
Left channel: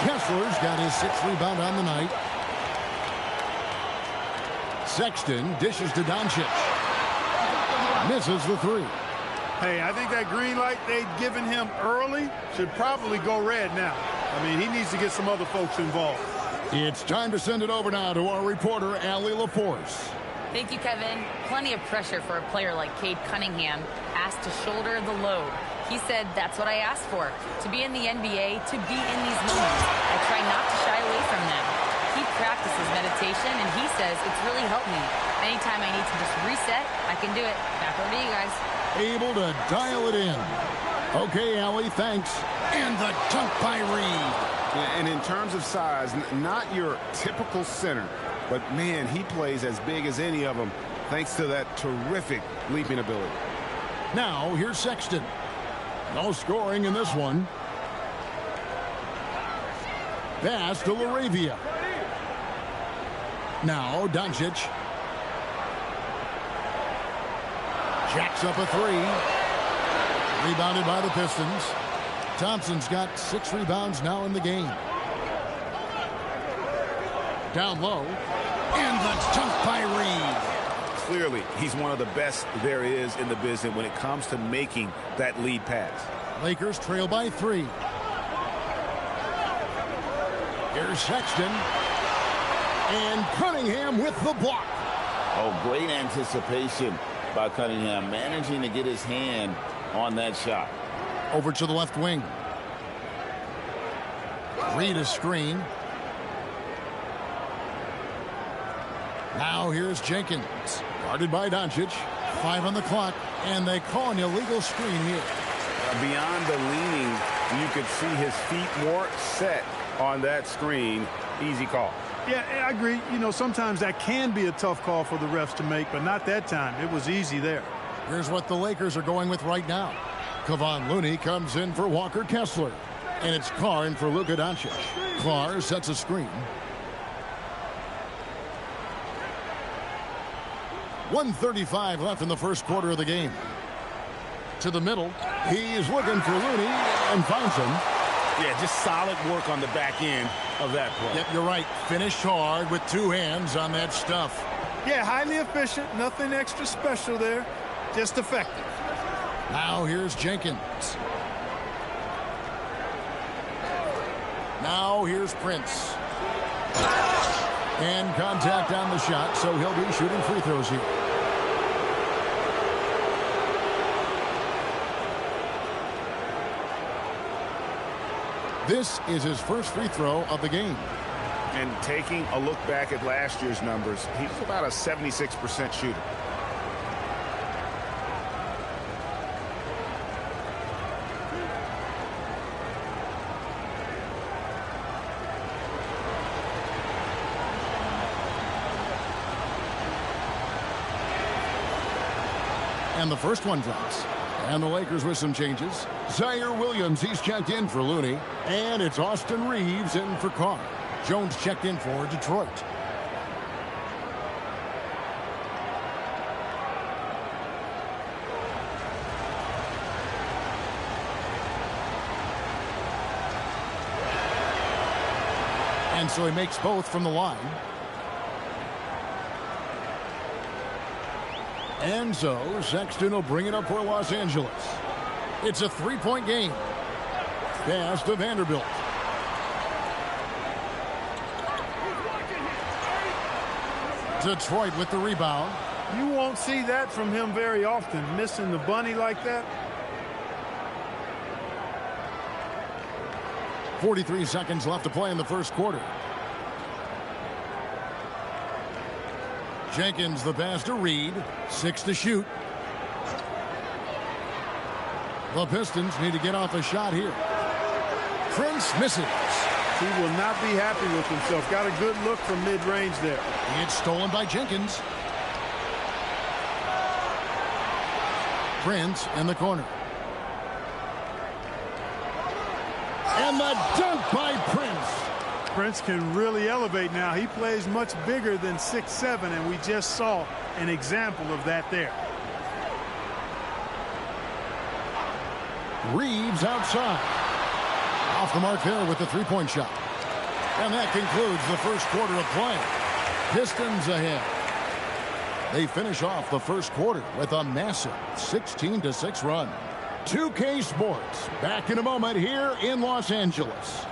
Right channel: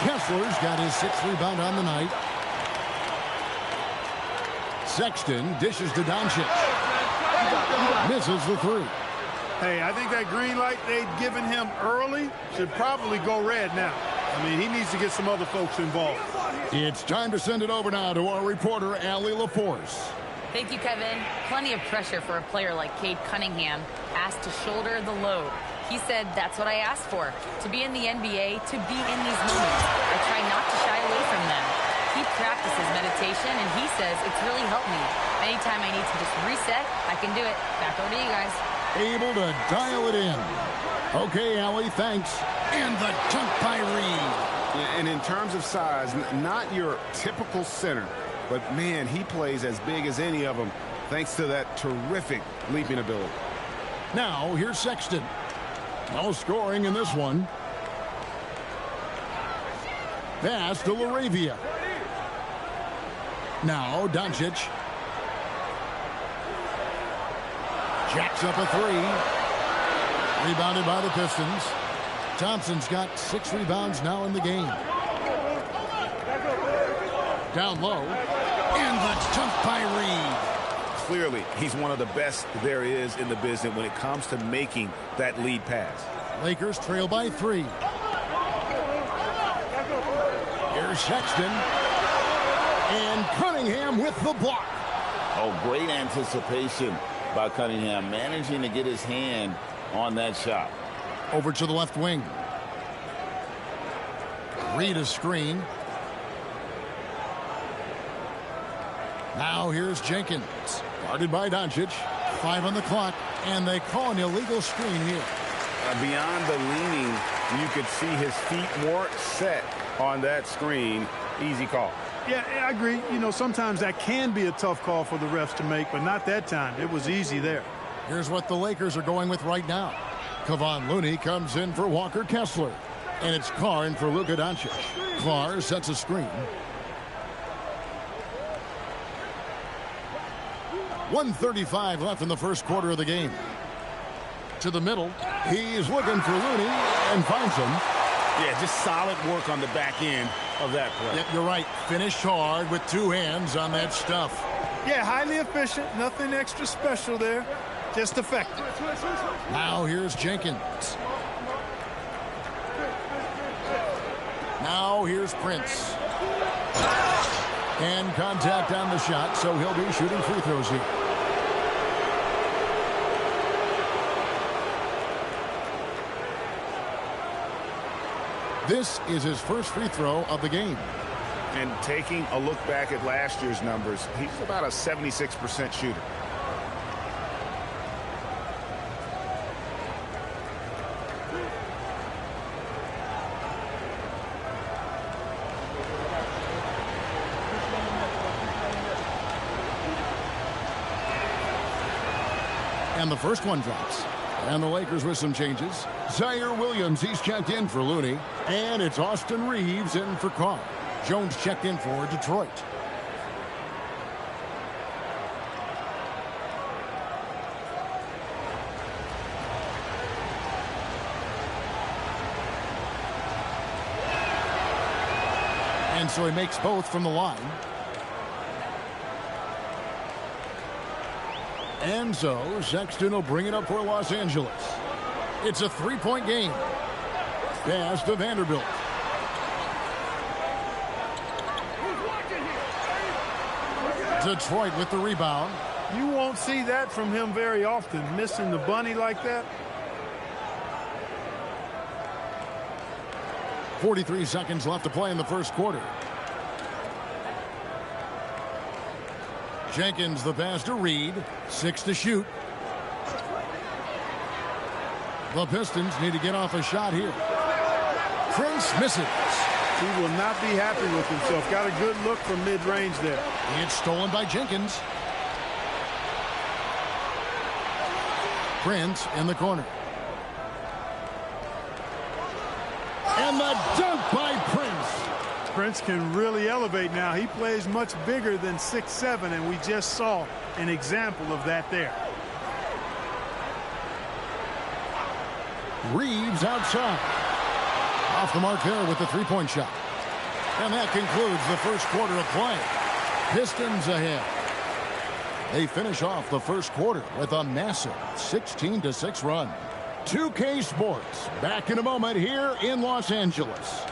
Kessler's got his 6th rebound on the night. Sexton dishes to Doncic. Misses the 3. Hey, I think that green light they'd given him early should probably go red now. I mean, he needs to get some other folks involved. It's time to send it over now to our reporter, Allie LaForce. Thank you, Kevin. Plenty of pressure for a player like Cade Cunningham, asked to shoulder the load. He said, that's what I asked for, to be in the NBA, to be in these moments. I try not to shy away from them. He practices meditation, and he says it's really helped me. Anytime I need to just reset, I can do it. Back over to you guys. Able to dial it in. Okay, Allie, thanks. And the dunk by Reed. And in terms of size, not your typical center, but, man, he plays as big as any of them thanks to that terrific leaping ability. Now, here's Sexton. No scoring in this one. Pass to Laravia. Now, Doncic. Jacks up a 3. Rebounded by the Pistons. Thompson's got 6 rebounds now in the game. Down low. And the dunk by Reed. Clearly, he's one of the best there is in the business when it comes to making that lead pass. Lakers trail by 3. Here's Sexton. And Cunningham with the block. Oh, great anticipation by Cunningham, managing to get his hand on that shot. Over to the left wing. Reed a screen. Now here's Jenkins. Guarded by Doncic. 5 on the clock. And they call an illegal screen here. Beyond the leaning, you could see his feet more set on that screen. Easy call. Yeah, I agree. You know, sometimes that can be a tough call for the refs to make, but not that time. It was easy there. Here's what the Lakers are going with right now. Kevon Looney comes in for Walker Kessler. And it's Carr in for Luka Doncic. Carr sets a screen. 1:35 left in the first quarter of the game. To the middle. He's looking for Looney and finds him. Yeah, just solid work on the back end of that play. Yep, you're right. Finished hard with 2 hands on that stuff. Yeah, highly efficient. Nothing extra special there. Just effective. Now here's Jenkins. Now here's Prince. And contact on the shot, so he'll be shooting free throws here. This is his first free throw of the game. And taking a look back at last year's numbers, he's about a 76% shooter. And the first one drops. And the Lakers with some changes. Zaire Williams, he's checked in for Looney. And it's Austin Reeves in for Carr. Jones checked in for Detroit. And so he makes both from the line. And so Sexton will bring it up for Los Angeles. It's a 3-point game. Pass to Vanderbilt. Detroit with the rebound. You won't see that from him very often, missing the bunny like that. 43 seconds left to play in the first quarter. Jenkins the pass to Reed. 6 to shoot. The Pistons need to get off a shot here. Prince misses. He will not be happy with himself. Got a good look from mid-range there. It's stolen by Jenkins. Prince in the corner. And the dunk by Prince. Prince can really elevate now. He plays much bigger than 6'7", and we just saw an example of that there. Reeves outside. Off the mark there with the three-point shot. And that concludes the first quarter of play. Pistons ahead. They finish off the first quarter with a massive 16-6 run. 2K Sports back in a moment here in Los Angeles.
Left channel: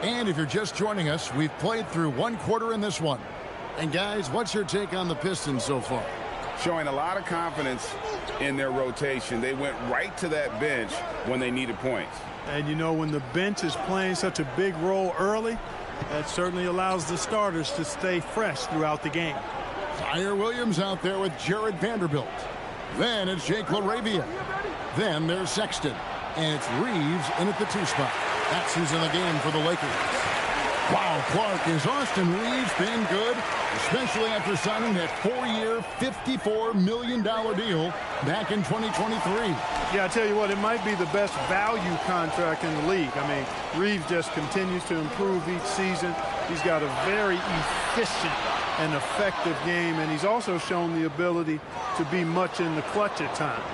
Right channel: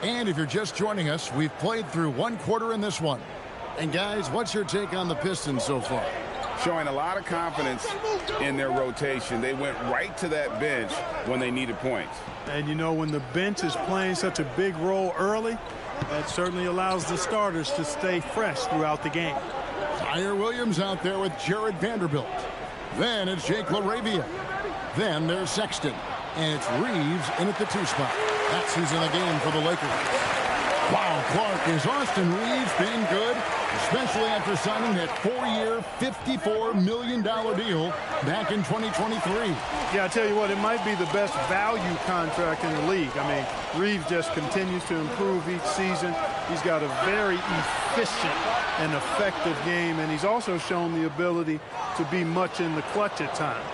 And if you're just joining us, we've played through one quarter in this one. And guys, what's your take on the Pistons so far? Showing a lot of confidence in their rotation. They went right to that bench when they needed points. And you know, when the bench is playing such a big role early, that certainly allows the starters to stay fresh throughout the game. Tyre Williams out there with Jared Vanderbilt. Then it's Jake LaRavia. Then there's Sexton. And it's Reeves in at the 2 spot. That's who's in the game for the Lakers. Wow, Clark, is Austin Reeves being good, especially after signing that 4-year, $54 million deal back in 2023. Yeah, I tell you what, it might be the best value contract in the league. I mean, Reeves just continues to improve each season. He's got a very efficient and effective game, and he's also shown the ability to be much in the clutch at times.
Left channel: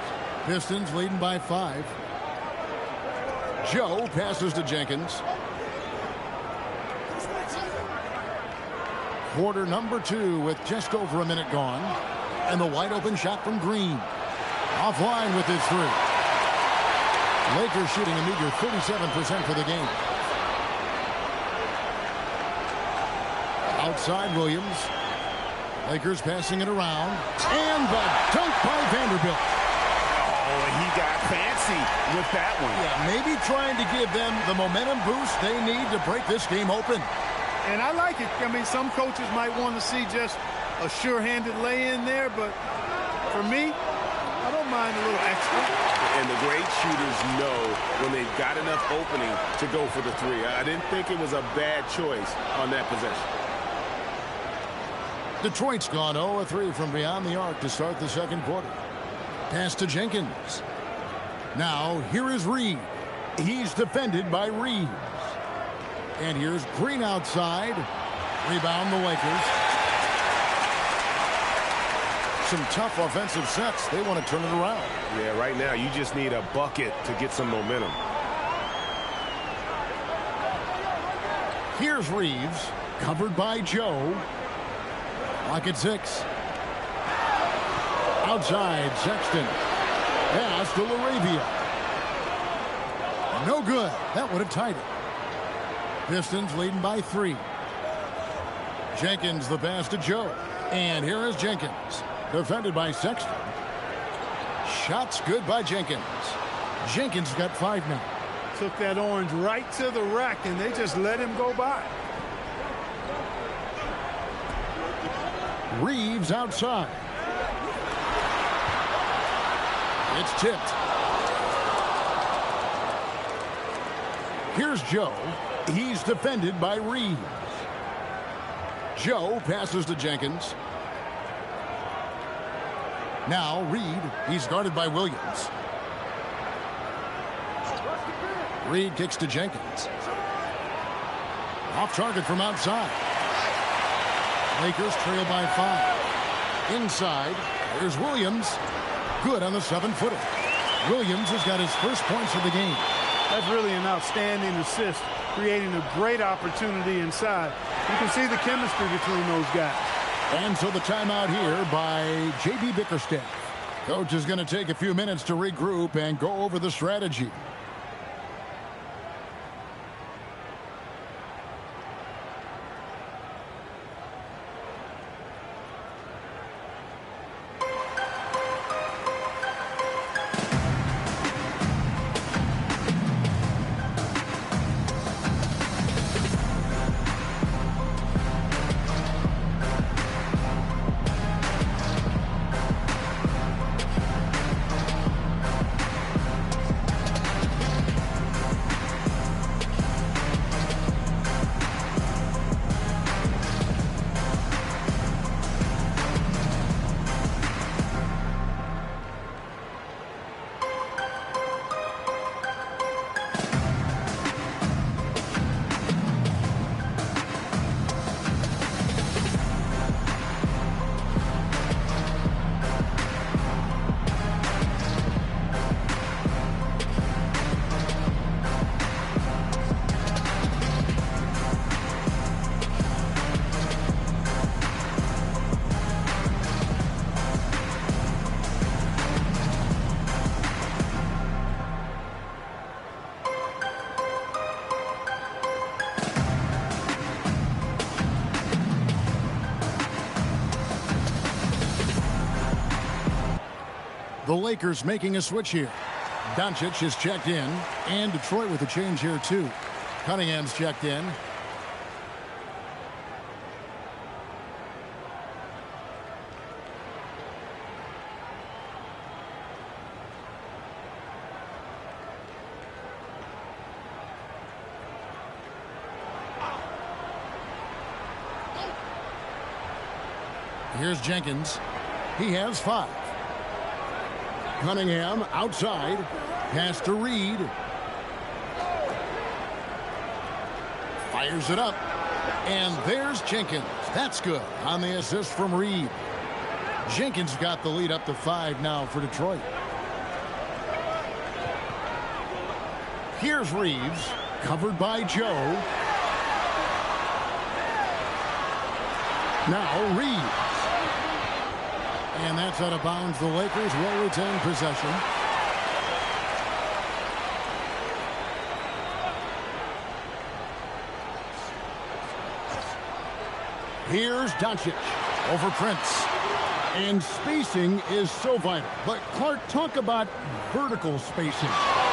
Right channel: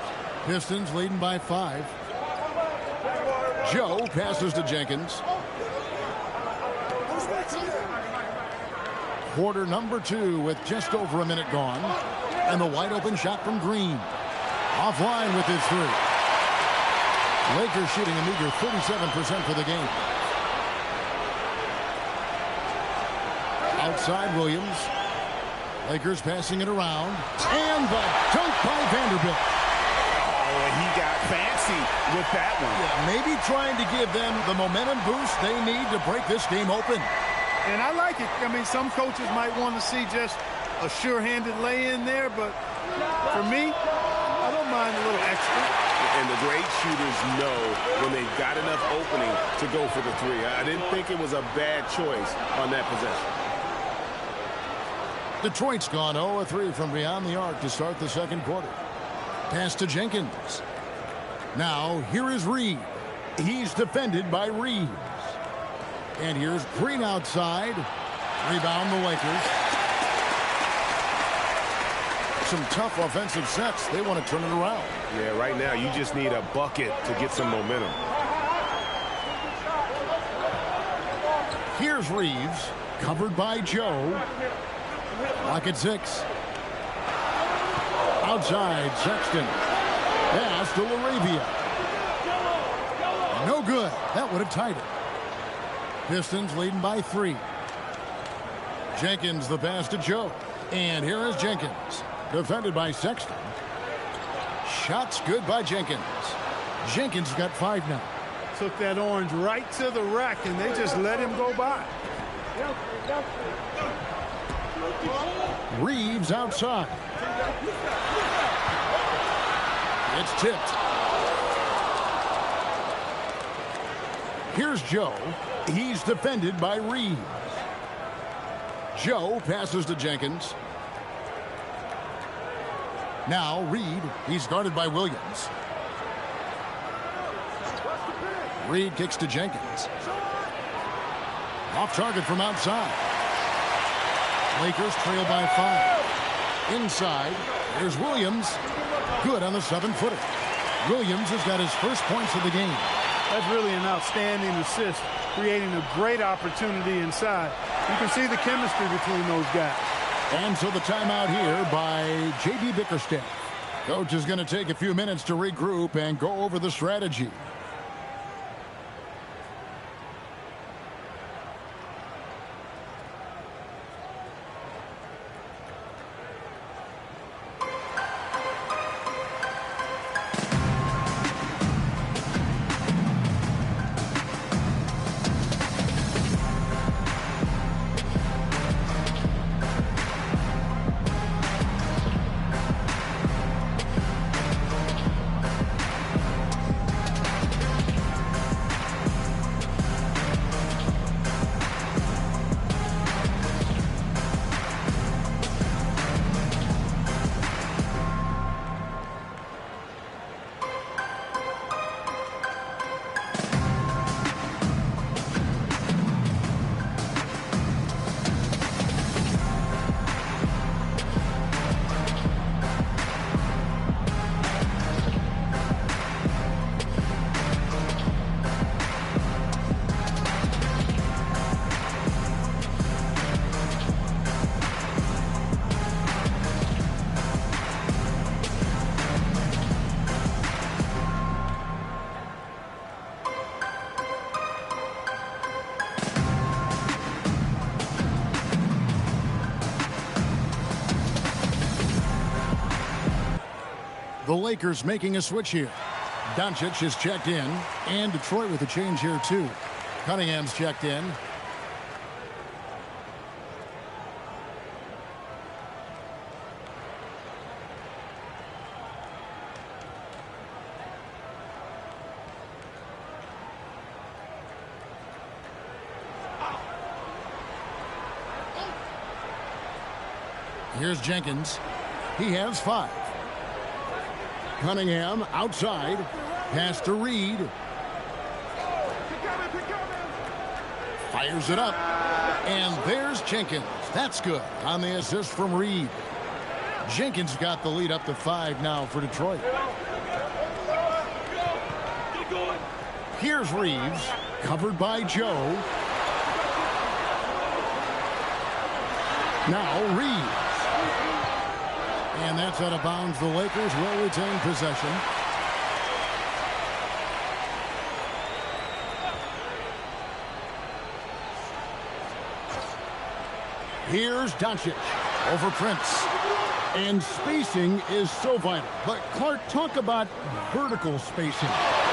Pistons leading by 5. Joe passes to Jenkins. Quarter number 2 with just over a minute gone. And the wide open shot from Green. Offline with his 3. Lakers shooting a meager 37% for the game. Outside Williams. Lakers passing it around. And the dunk by Vanderbilt. Oh, he got fancy with that one. Yeah, maybe trying to give them the momentum boost they need to break this game open. And I like it. I mean, some coaches might want to see just a sure-handed lay-in there, but for me, I don't mind a little extra. And the great shooters know when they've got enough opening to go for the 3. I didn't think it was a bad choice on that possession. Detroit's gone 0-3 from beyond the arc to start the second quarter. Pass to Jenkins. Now, here is Reed. He's defended by Reeves. And here's Green outside. Rebound the Lakers. Some tough offensive sets. They want to turn it around. Yeah, right now you just need a bucket to get some momentum. Here's Reeves. Covered by Joe. Lock at 6. Outside, Sexton. Pass to LaRavia. No good. That would have tied it. Pistons leading by 3. Jenkins the pass to Joe. And here is Jenkins. Defended by Sexton. Shots good by Jenkins. Jenkins got 5 now. Took that orange right to the rack, and they just let him go by. Reeves outside. It's tipped. Here's Joe. He's defended by Reeves. Joe passes to Jenkins. Now Reed. He's guarded by Williams. Reed kicks to Jenkins. Off target from outside. Lakers trail by 5. Inside. Here's Williams. Good on the 7-footer. Williams has got his first points of the game. That's really an outstanding assist, creating a great opportunity inside. You can see the chemistry between those guys. And so the timeout here by J.B. Bickerstaff. Coach is going to take a few minutes to regroup and go over the strategy. The Lakers making a switch here. Doncic is checked in, and Detroit with a change here too. Cunningham's checked in. Here's Jenkins. He has 5. Cunningham outside. Pass to Reed. Fires it up. And there's Jenkins. That's good on the assist from Reed. Jenkins got the lead up to 5 now for Detroit. Here's Reeves. Covered by Joe. Now Reeves. And that's out of bounds. The Lakers will retain possession. Here's Doncic over Prince. And spacing is so vital. But Clark, talk about vertical spacing.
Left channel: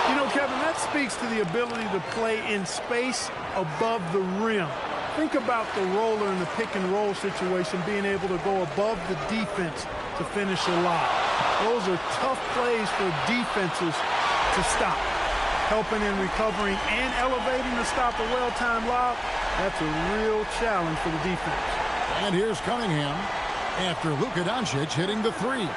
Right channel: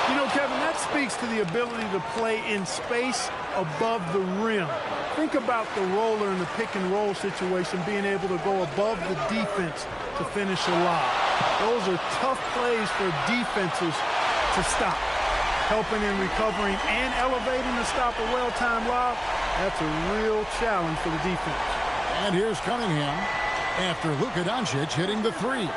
You know, Kevin, that speaks to the ability to play in space above the rim. Think about the roller in the pick and roll situation, being able to go above the defense to finish a lob. Those are tough plays for defenses to stop. Helping in recovering and elevating to stop a well-timed lob, that's a real challenge for the defense. And here's Cunningham after Luka Doncic hitting the 3.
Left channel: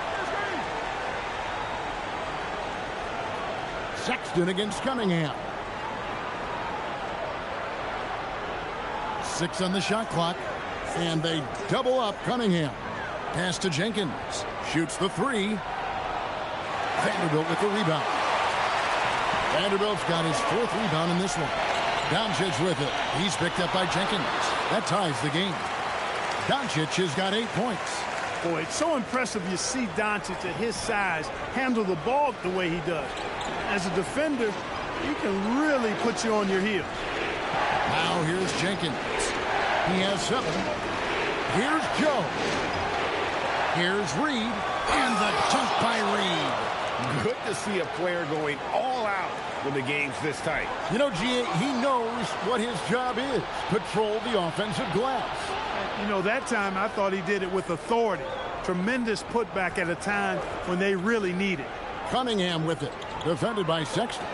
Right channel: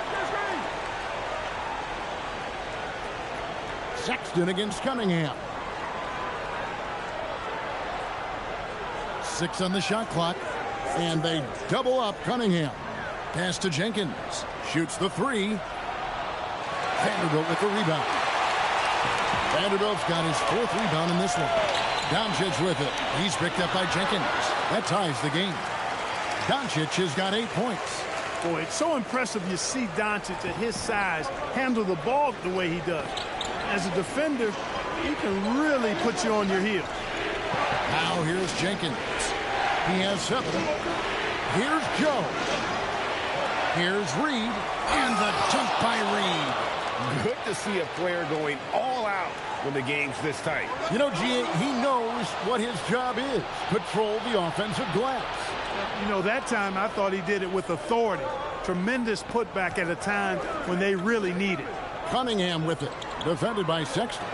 Sexton against Cunningham. 6 on the shot clock, and they double up Cunningham. Pass to Jenkins. Shoots the 3. Vanderbilt with the rebound. Vanderbilt's got his 4th rebound in this one. Doncic with it. He's picked up by Jenkins. That ties the game. Doncic has got 8 points. Boy, it's so impressive you see Doncic at his size handle the ball the way he does. As a defender, he can really put you on your heels. Now here's Jenkins. He has 7. Here's Joe. Here's Reed. And the dunk by Reed. Good to see a player going all out when the game's this tight. You know, G.A., he knows what his job is. Patrol the offensive glass. You know, that time I thought he did it with authority. Tremendous putback at a time when they really need it. Cunningham with it. Defended by Sexton.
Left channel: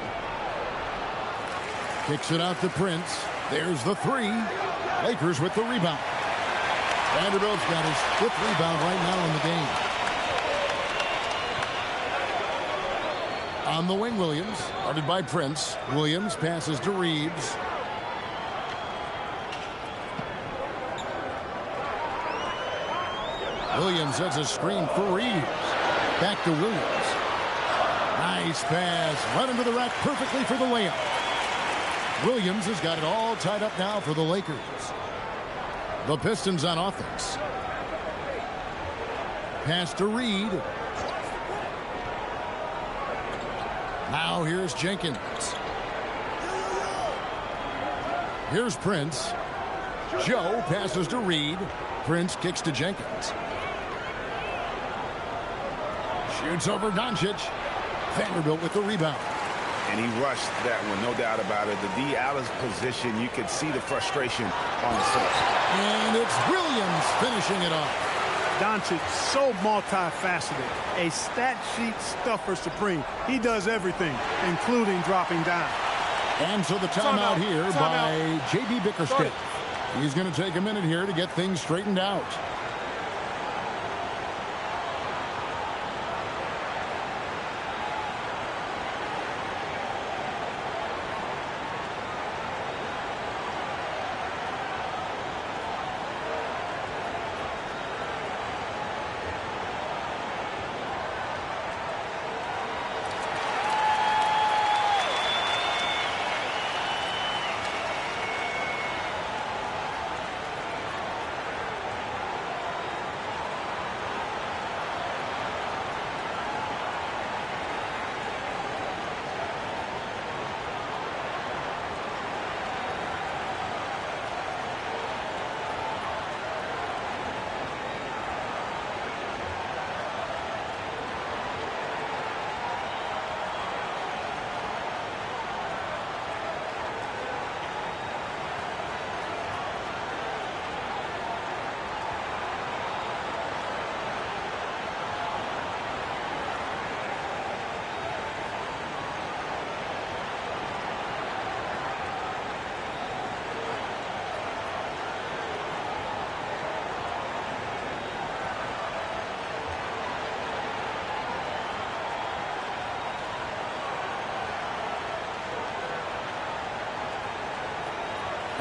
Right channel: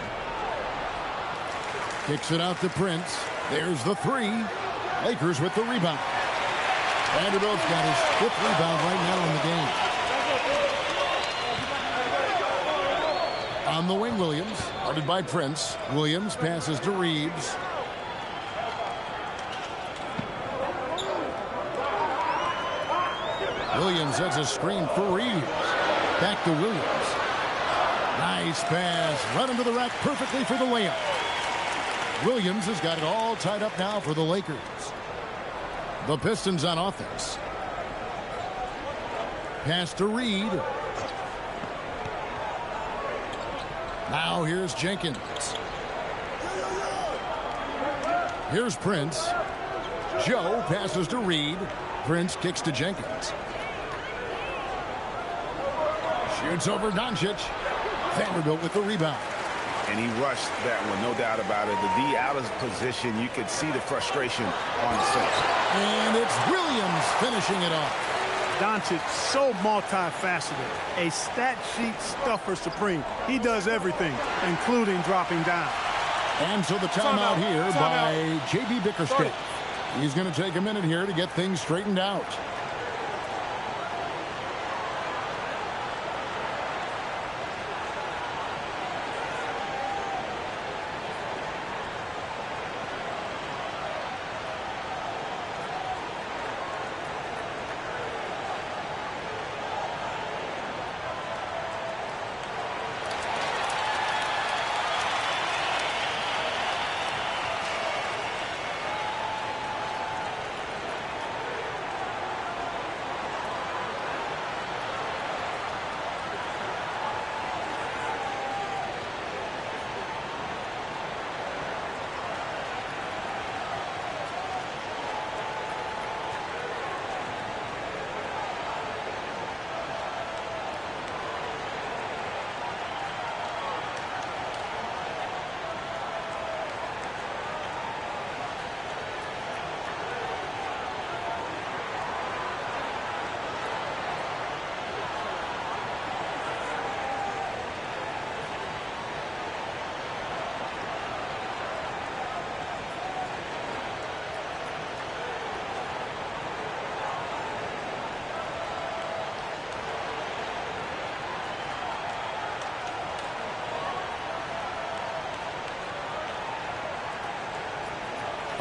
Kicks it out to Prince. There's the 3. Lakers with the rebound. Vanderbilt's got his 5th rebound right now in the game. On the wing, Williams. Guarded by Prince. Williams passes to Reeves. Williams has a screen for Reeves. Back to Williams. Nice pass. Right into the rack perfectly for the layup. Williams has got it all tied up now for the Lakers. The Pistons on offense. Pass to Reed. Now here's Jenkins. Here's Prince. Joe passes to Reed. Prince kicks to Jenkins. Shoots over Doncic. Vanderbilt with the rebound. And he rushed that one, no doubt about it. The D out of position, you could see the frustration on his face. And it's Williams finishing it off. Doncic, so multifaceted. A stat sheet stuffer supreme. He does everything, including dropping down. And so the timeout here by J.B. Bickerstaff. He's going to take a minute here to get things straightened out.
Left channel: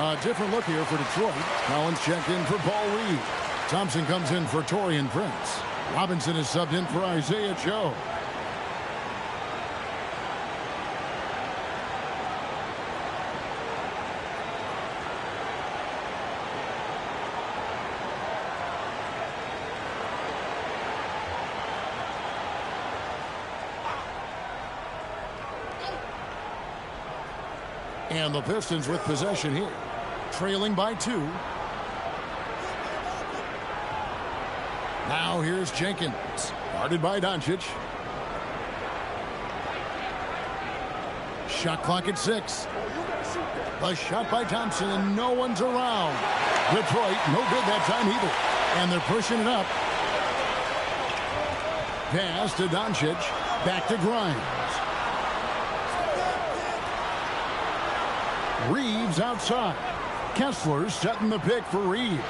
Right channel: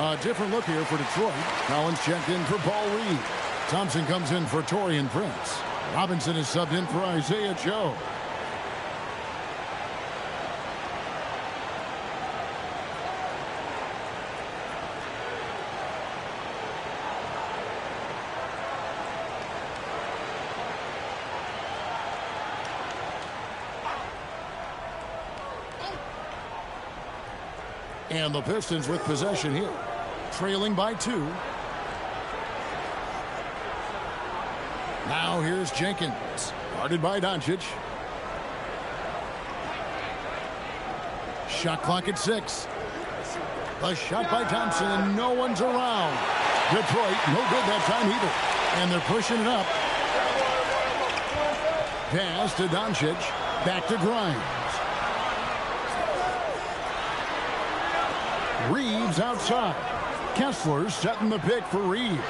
A different look here for Detroit. Collins checked in for Paul Reed. Thompson comes in for Taurean Prince. Robinson is subbed in for Isaiah Joe. And the Pistons with possession here. Trailing by 2. Now here's Jenkins. Guarded by Doncic. Shot clock at 6. The shot by Thompson, and no one's around. Detroit, no good that time either. And they're pushing it up. Pass to Doncic. Back to Grimes. Reeves outside. Kessler setting the pick for Reeves.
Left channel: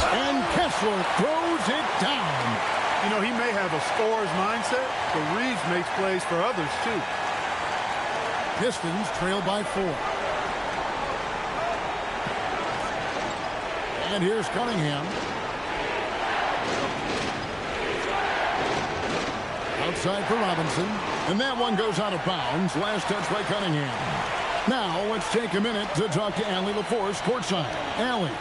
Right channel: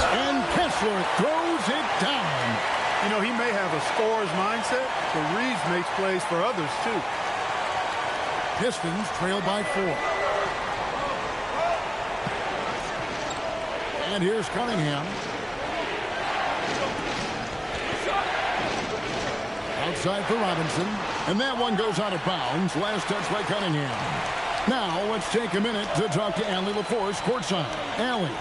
And Kessler throws it down. You know, he may have a scorer's mindset, but Reeves makes plays for others, too. Pistons trail by 4. And here's Cunningham. Outside for Robinson. And that one goes out of bounds. Last touch by Cunningham. Now, let's take a minute to talk to Allie LaForce courtside. Allie.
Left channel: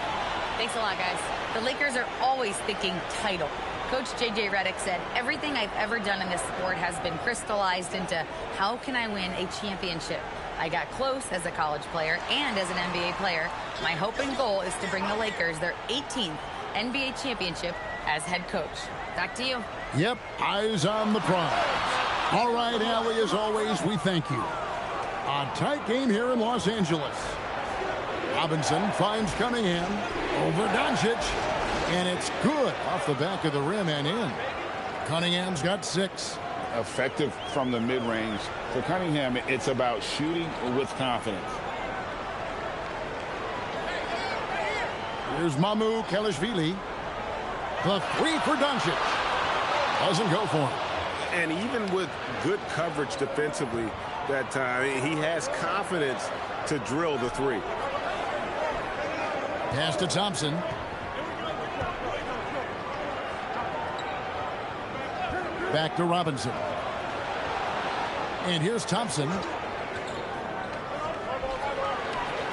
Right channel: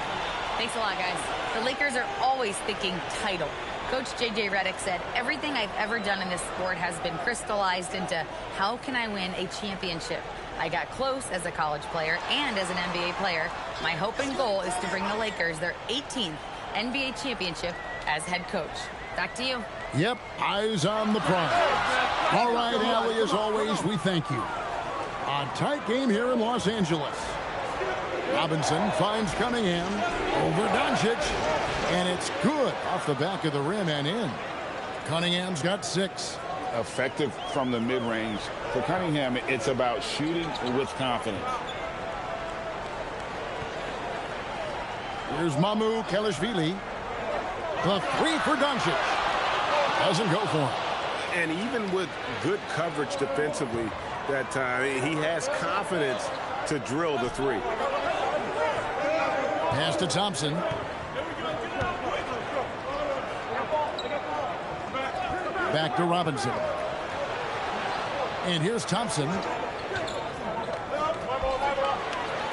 Thanks a lot, guys. The Lakers are always thinking title. Coach J.J. Redick said, everything I've ever done in this sport has been crystallized into how can I win a championship? I got close as a college player and as an NBA player. My hope and goal is to bring the Lakers their 18th NBA championship as head coach. Back to you. Yep, eyes on the prize. All right, Allie, as always, we thank you. A tight game here in Los Angeles. Robinson finds Cunningham over Doncic, and it's good off the back of the rim and in. Cunningham's got 6. Effective from the mid-range. For Cunningham, it's about shooting with confidence. Here's Mamu Kelishvili. The 3 for Doncic. Doesn't go for him. And even with good coverage defensively that time, he has confidence to drill the 3. Pass to Thompson. Back to Robinson. And here's Thompson.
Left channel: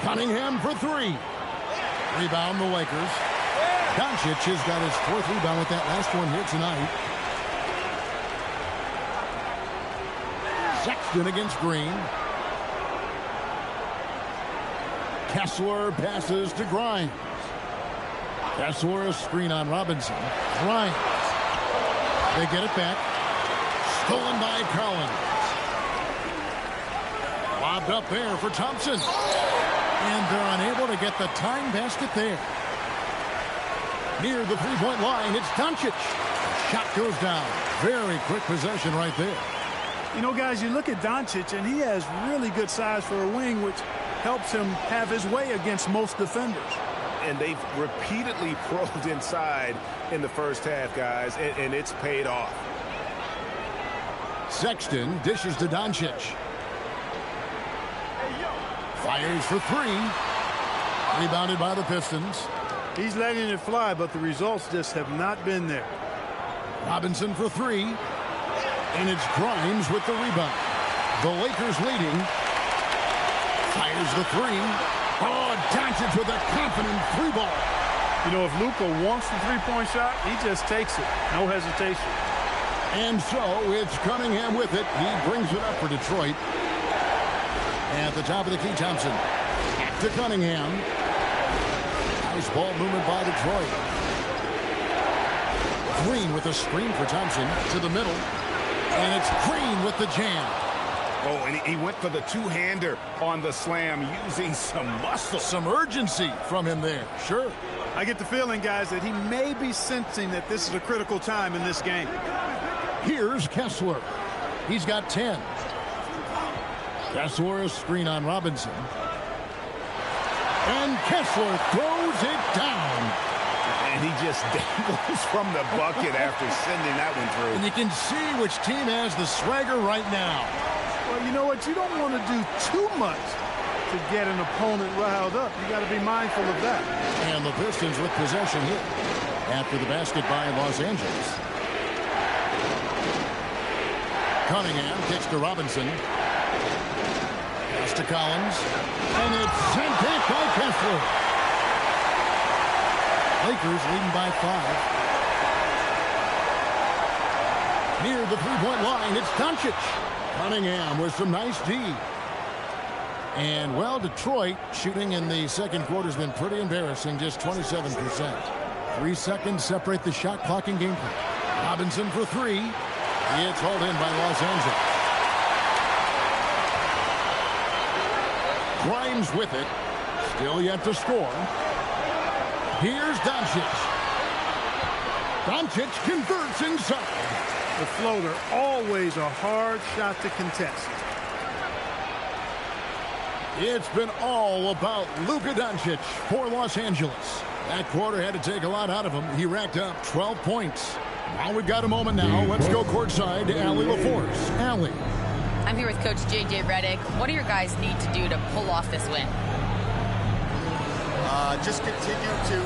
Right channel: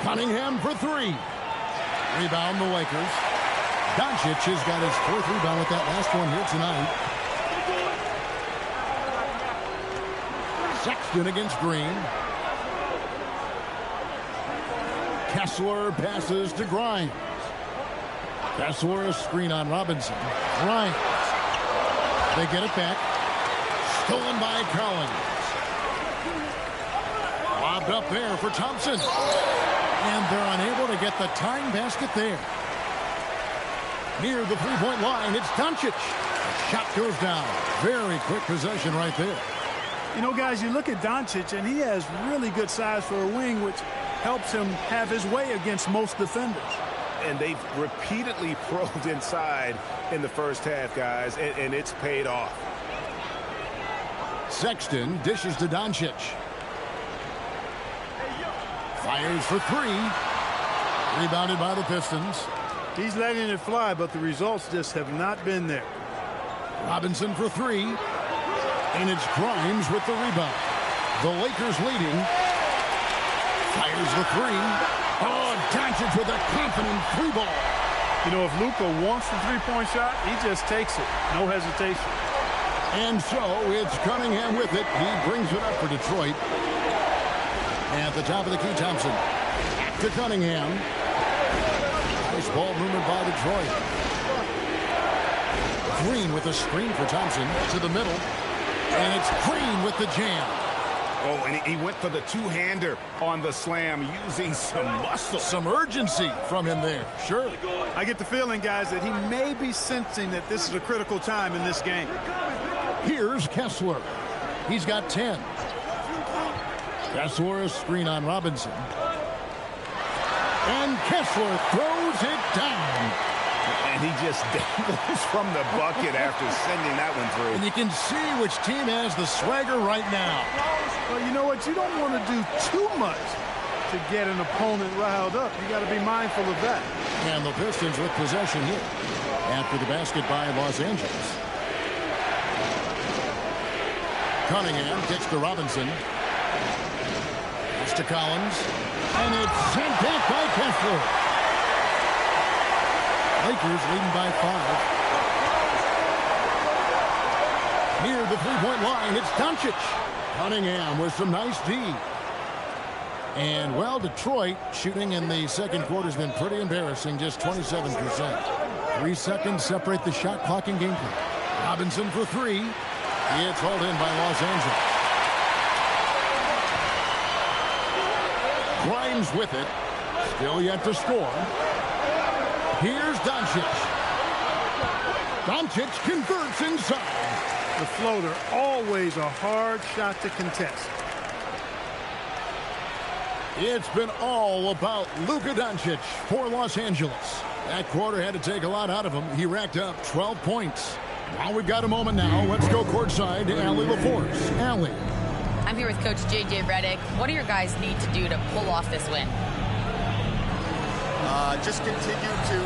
Cunningham for three. Rebound the Lakers. Doncic has got his fourth rebound with that last one here tonight. Sexton against Green. Kessler passes to Grimes. Kessler a screen on Robinson. Grimes. They get it back. Stolen by Collins. Lobbed up there for Thompson. And they're unable to get the tying basket there. Near the three-point line, it's Doncic. The shot goes down. Very quick possession right there. You know, guys, you look at Doncic, and he has really good size for a wing, which helps him have his way against most defenders. And they've repeatedly probed inside in the first half, guys, and it's paid off. Sexton dishes to Doncic. Fires for three. Rebounded by the Pistons. He's letting it fly, but the results just have not been there. Robinson for three. And it's Grimes with the rebound. The Lakers leading. Fires the three. Oh, Doncic with a confident three ball. You know, if Luka wants the three-point shot, he just takes it. No hesitation. And so it's Cunningham with it. He brings it up for Detroit. At the top of the key, Thompson. Back to Cunningham. Nice ball movement by Detroit. Green with a screen for Thompson to the middle. And it's Green with the jam. Oh, and he went for the two-hander on the slam using some muscle. Some urgency from him there. Sure. I get the feeling, guys, that he may be sensing that this is a critical time in this game. Here's Kessler. He's got 10. Kessler a screen on Robinson. And Kessler throws it down. And he just dangles from the bucket after sending that one through. And you can see which team has the swagger right now. Well, you know what? You don't want to do too much to get an opponent riled up. You got to be mindful of that. And the Pistons with possession here after the basket by Los Angeles. Cunningham kicks to Robinson. Pass to Collins. And it's sent back by Kessler. Lakers leading by 5. Near the three-point line, it's Doncic. Cunningham with some nice D. And, well, Detroit shooting in the second quarter has been pretty embarrassing, just 27%. 3 seconds separate the shot clock and game clock. Robinson for three. It's hauled in by Los Angeles. Grimes with it. Still yet to score. Here's Doncic. Doncic converts inside. The floater, always a hard shot to contest. It's been all about Luka Doncic for Los Angeles. That quarter had to take a lot out of him. He racked up 12 points. While we've got a moment now, let's go courtside to Allie LaForce. Allie. I'm here with Coach J.J. Redick. What do your guys need to do to pull off this win? Just continue to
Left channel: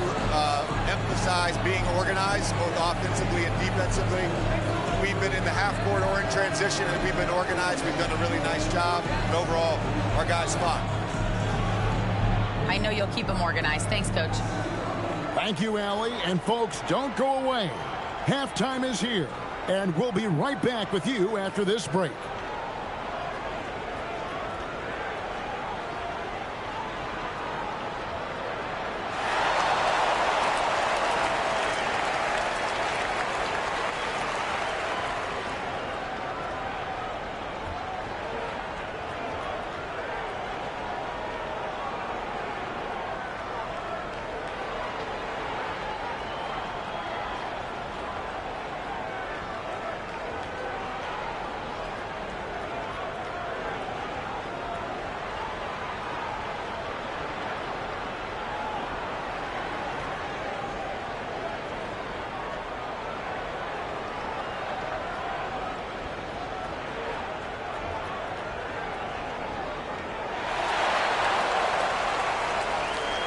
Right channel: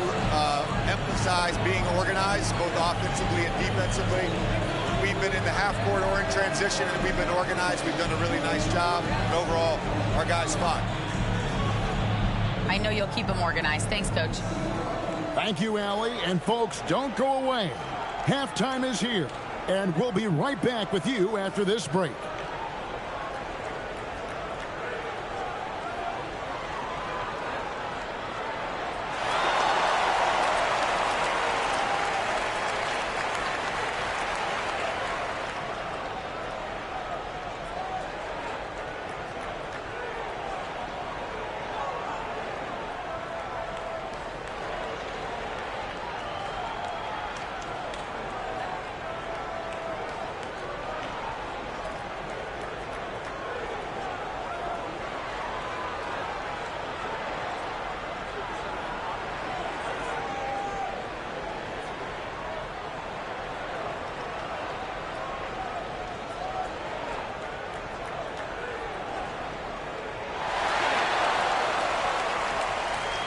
emphasize being organized, both offensively and defensively. We've been in the half-court or in transition, and we've been organized. We've done a really nice job. And overall, our guys fought. I know you'll keep them organized. Thanks, Coach. Thank you, Allie. And, folks, don't go away. Halftime is here, and we'll be right back with you after this break.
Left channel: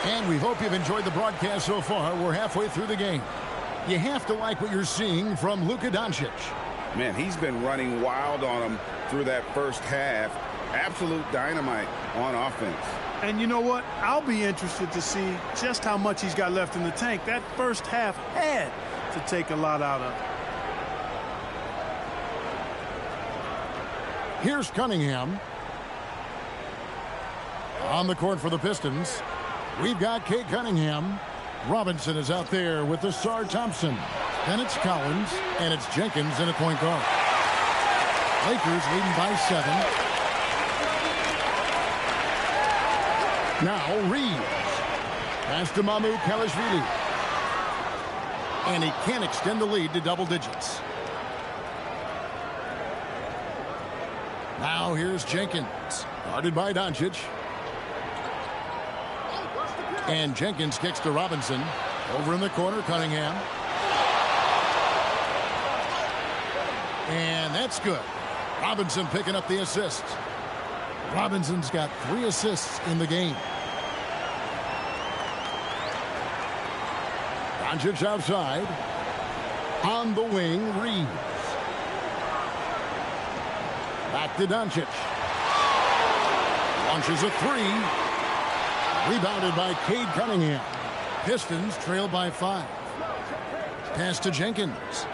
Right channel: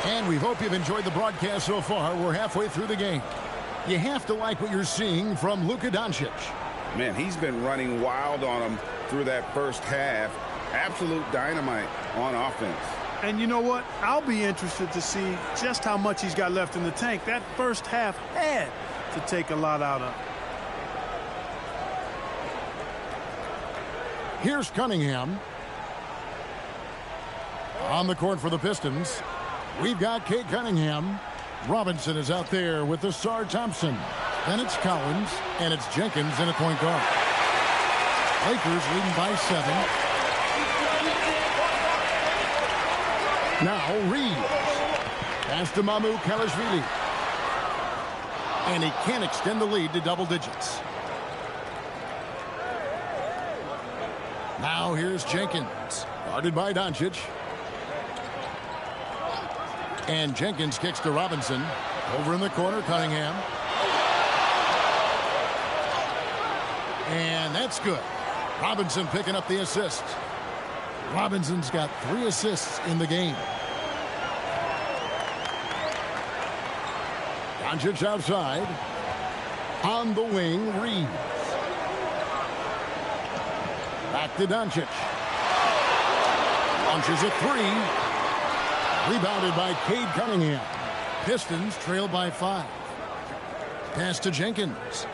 And we hope you've enjoyed the broadcast so far. We're halfway through the game. You have to like what you're seeing from Luka Doncic. Man, he's been running wild on him through that first half. Absolute dynamite on offense. And you know what? I'll be interested to see just how much he's got left in the tank. That first half had to take a lot out of him. Here's Cunningham. On the court for the Pistons, we've got Cade Cunningham. Robinson is out there with Asar Thompson. Then it's Collins, and it's Jenkins in at point guard. Lakers leading by 7. Now Reeves. Pass to Mamu Kalashvili. And he can't extend the lead to double digits. Now here's Jenkins. Guarded by Doncic. And Jenkins kicks to Robinson. Over in the corner, Cunningham. And that's good. Robinson picking up the assist. Robinson's got 3 assists in the game. Doncic outside. On the wing, Reeves. Back to Doncic. Launches a 3. Rebounded by Cade Cunningham. Pistons trail by 5. Pass to Jenkins.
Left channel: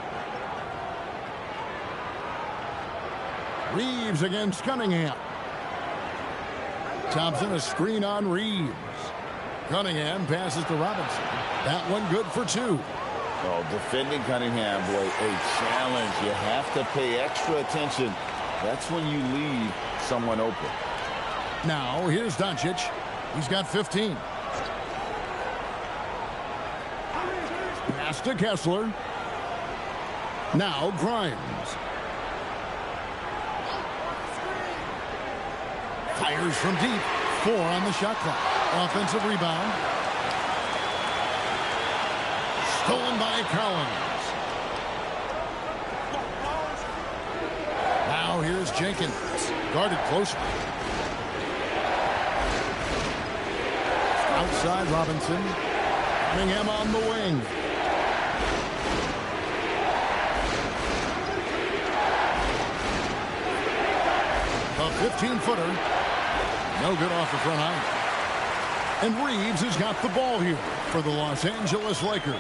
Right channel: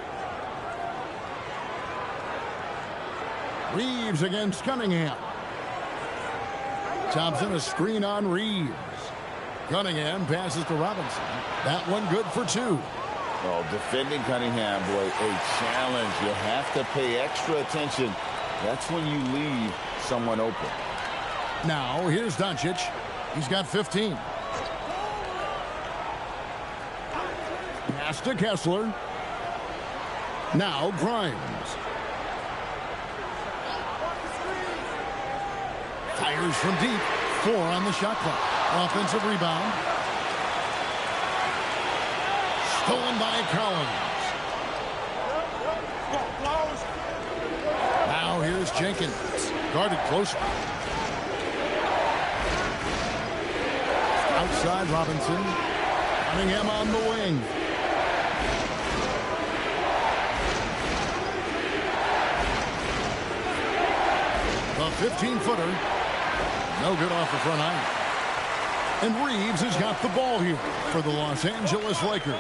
Reeves against Cunningham. Thompson a screen on Reeves. Cunningham passes to Robinson. That one good for 2. Oh, defending Cunningham, boy, a challenge. You have to pay extra attention. That's when you leave someone open. Now here's Doncic. He's got 15. Pass to Kessler. Now Grimes. Fires from deep. 4 on the shot clock. Offensive rebound. Stolen by Collins. Now here's Jenkins. Guarded closely. Outside Robinson. Cunningham on the wing. The 15-footer. No good off the front iron. And Reeves has got the ball here for the Los Angeles Lakers.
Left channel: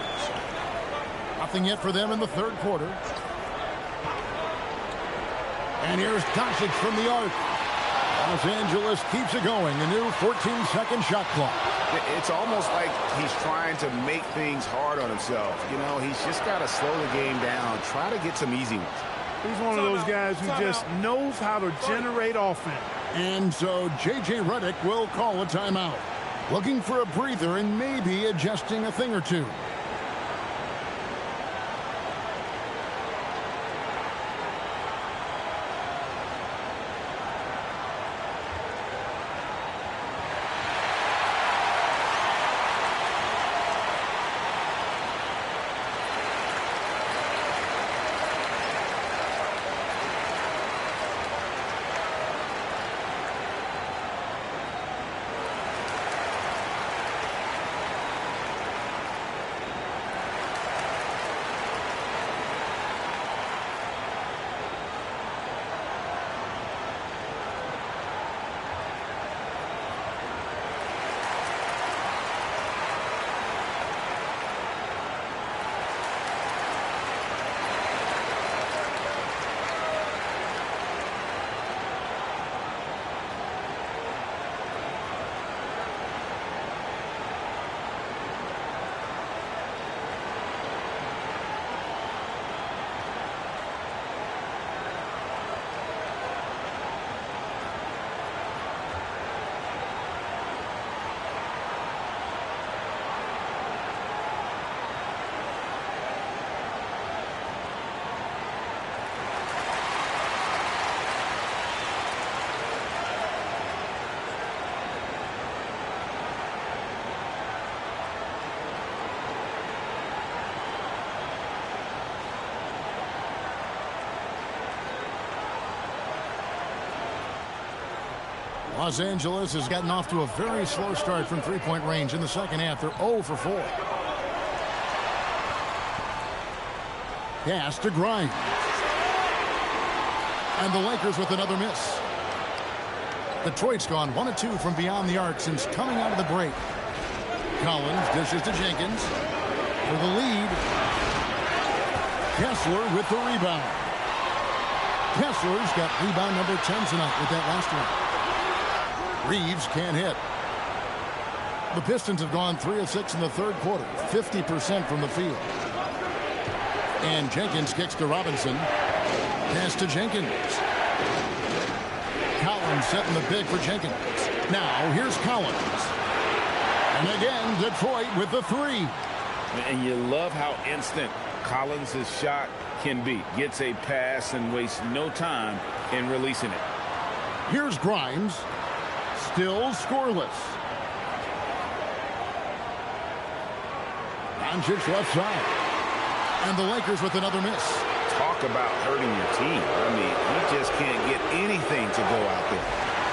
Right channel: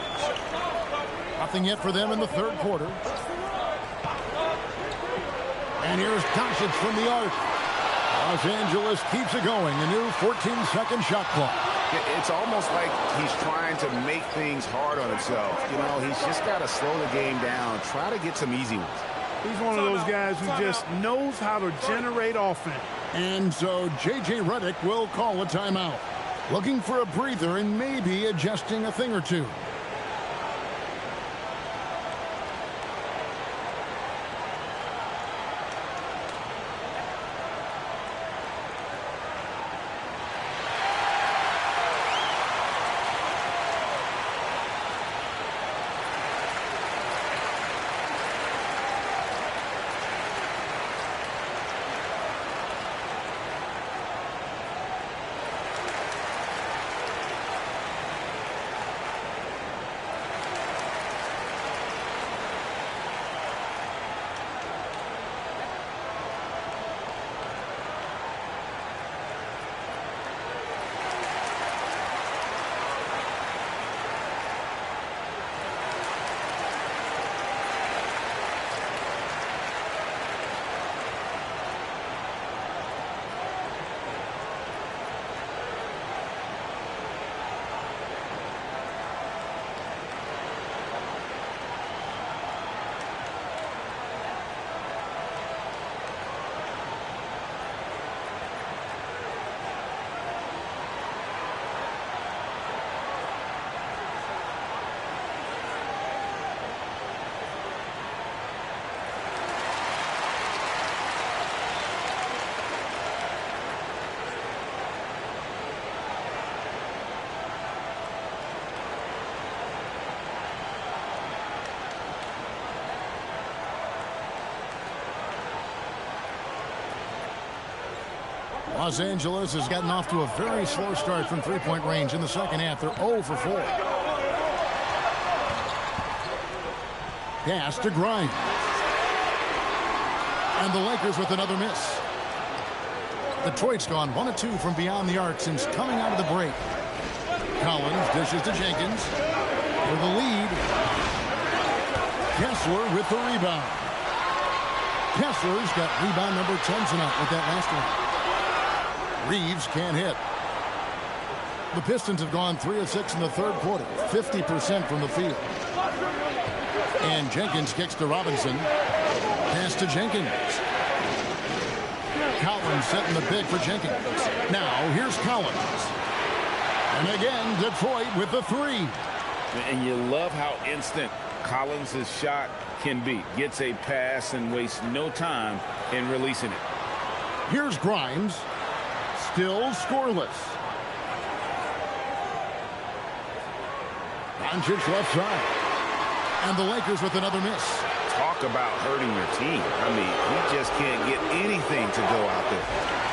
Nothing yet for them in the third quarter. And here's Doncic from the arc. Los Angeles keeps it going. A new 14-second shot clock. It's almost like he's trying to make things hard on himself. You know, he's just got to slow the game down. Try to get some easy ones. He's one of those guys who just knows how to generate offense. And so J.J. Redick will call a timeout. Looking for a breather and maybe adjusting a thing or two. Los Angeles has gotten off to a very slow start from three-point range in the second half. They're 0 for 4. Pass to Grimes. And the Lakers with another miss. Detroit's gone 1 of 2 from beyond the arc since coming out of the break. Collins dishes to Jenkins for the lead. Kessler with the rebound. Kessler's got rebound number 10 tonight with that last one. Reeves can't hit. The Pistons have gone 3 of 6 in the third quarter, 50% from the field. And Jenkins kicks to Robinson. Pass to Jenkins. Collins setting the big for Jenkins. Now here's Collins. And again, Detroit with the 3. And you love how instant Collins' shot can be. Gets a pass and wastes no time in releasing it. Here's Grimes. Still scoreless. Doncic left side. And the Lakers with another miss. Talk about hurting your team. I mean, he just can't get anything to go out there.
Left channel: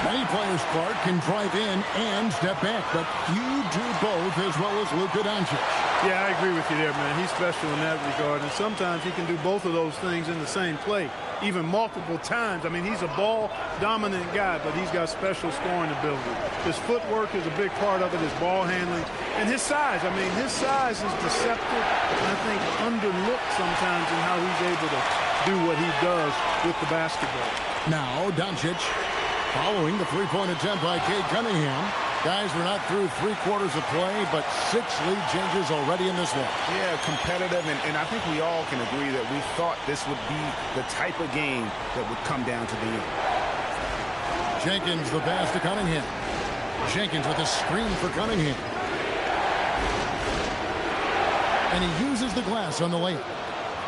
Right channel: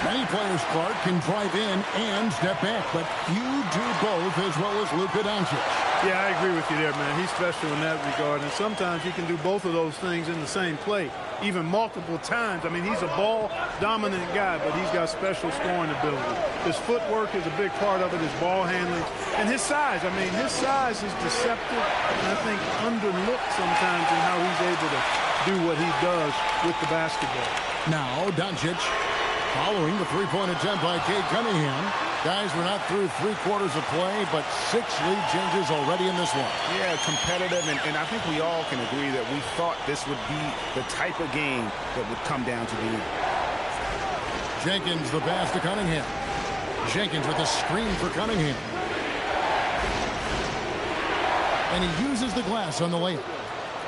Many players, Clark, can drive in and step back, but few do both as well as Luka Doncic. Yeah, I agree with you there, man. He's special in that regard, and sometimes he can do both of those things in the same play, even multiple times. I mean, he's a ball-dominant guy, but he's got special scoring ability. His footwork is a big part of it, his ball handling, and his size. I mean, his size is deceptive, and I think underlooked sometimes in how he's able to do what he does with the basketball. Now, Doncic following the three-point attempt by Cade Cunningham. Guys, we're not through 3 quarters of play, but 6 lead changes already in this one. Yeah, competitive, and I think we all can agree that we thought this would be the type of game that would come down to the end. Jenkins, the pass to Cunningham. Jenkins with a screen for Cunningham. And he uses the glass on the layup.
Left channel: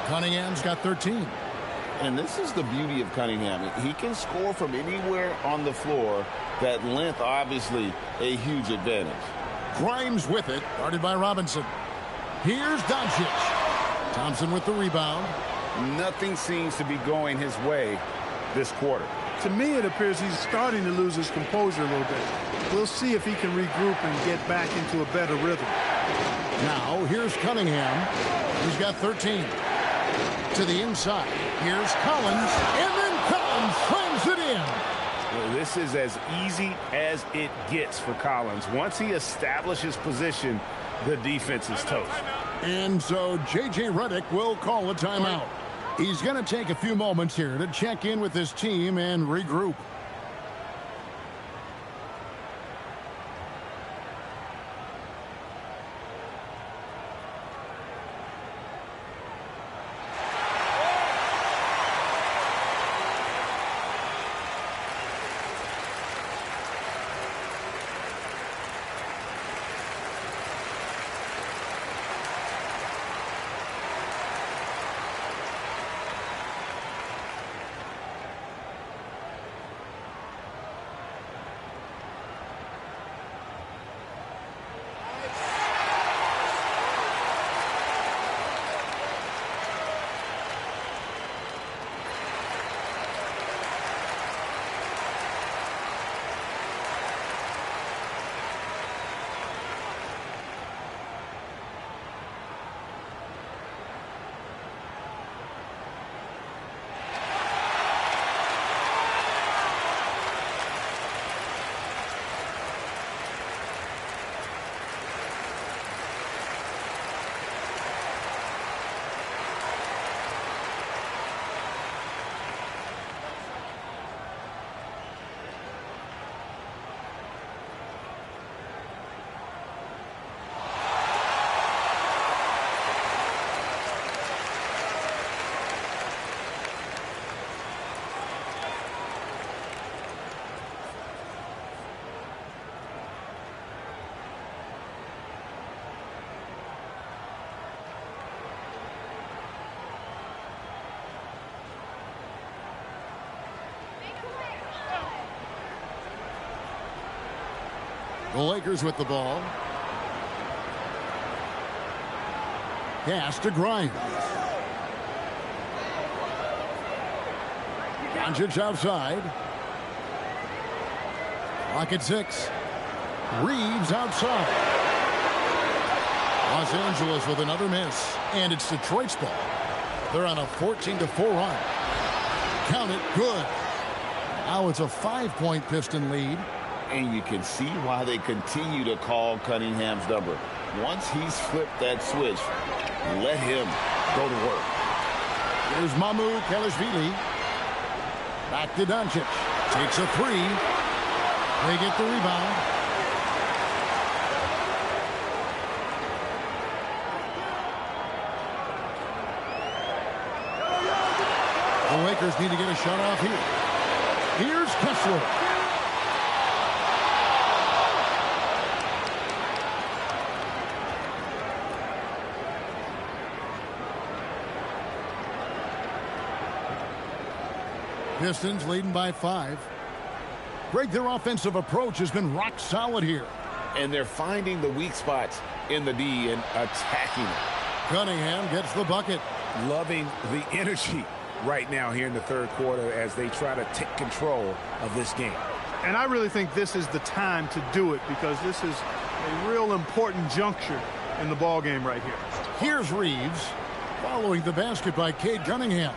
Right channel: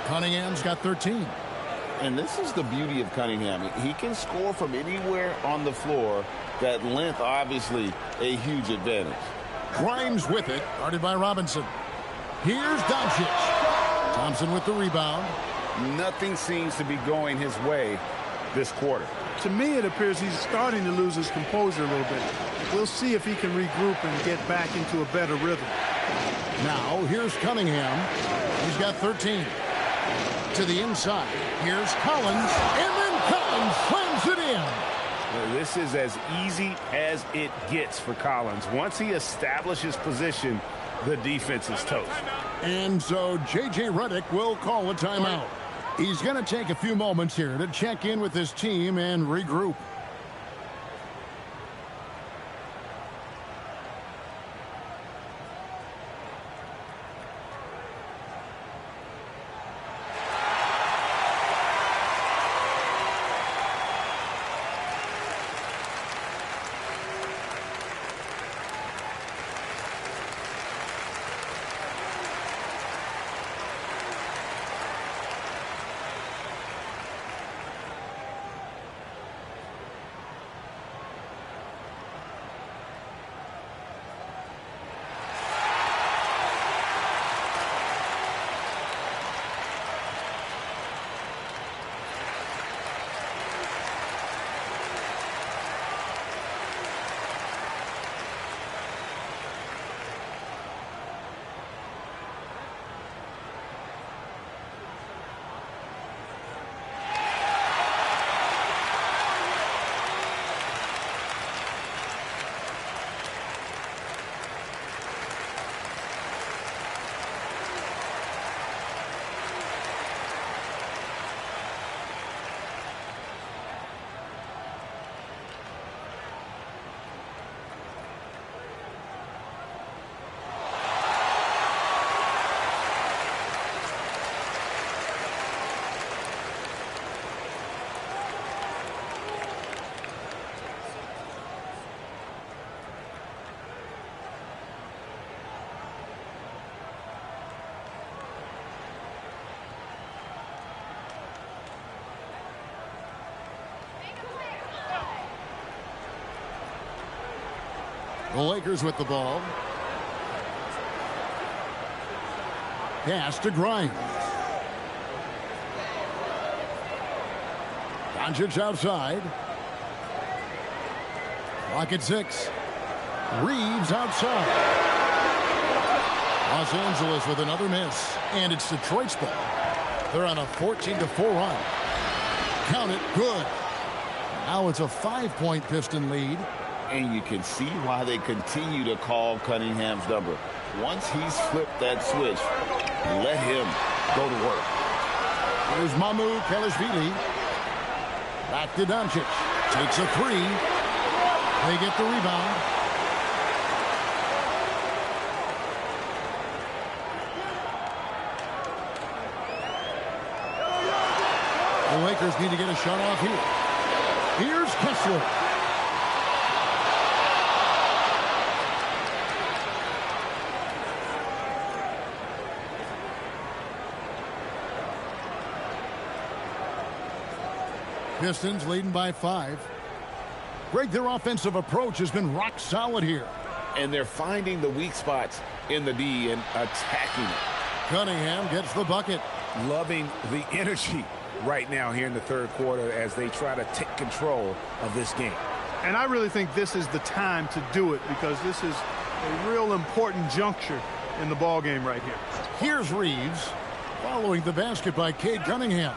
Cunningham's got 13. And this is the beauty of Cunningham. He can score from anywhere on the floor. That length, obviously, a huge advantage. Grimes with it, guarded by Robinson. Here's Doncic. Thompson with the rebound. Nothing seems to be going his way this quarter. To me, it appears he's starting to lose his composure a little bit. We'll see if he can regroup and get back into a better rhythm. Now, here's Cunningham. He's got 13. To the inside, here's Collins, and then Collins slams it in. Well, this is as easy as it gets for Collins. Once he establishes position, the defense is toast. And so J.J. Redick will call a timeout. He's going to take a few moments here to check in with his team and regroup. The Lakers with the ball. Pass to Grimes. Doncic outside. Clock at 6. Reeves outside. Los Angeles with another miss. And it's Detroit's ball. They're on a 14-4 run. Count it. Good. Now it's a 5-point Piston lead. And you can see why they continue to call Cunningham's number. Once he's flipped that switch, let him go to work. Here's Mamu Kelishvili. Back to Doncic. Takes a three. They get the rebound. The Lakers need to get a shot off here. Here's Kessler. Pistons leading by 5. Greg, their offensive approach has been rock solid here. And they're finding the weak spots in the D and attacking it. Cunningham gets the bucket. Loving the energy right now here in the third quarter as they try to take control of this game. And I really think this is the time to do it because this is a real important juncture in the ball game right here. Here's Reeves following the basket by Cade Cunningham.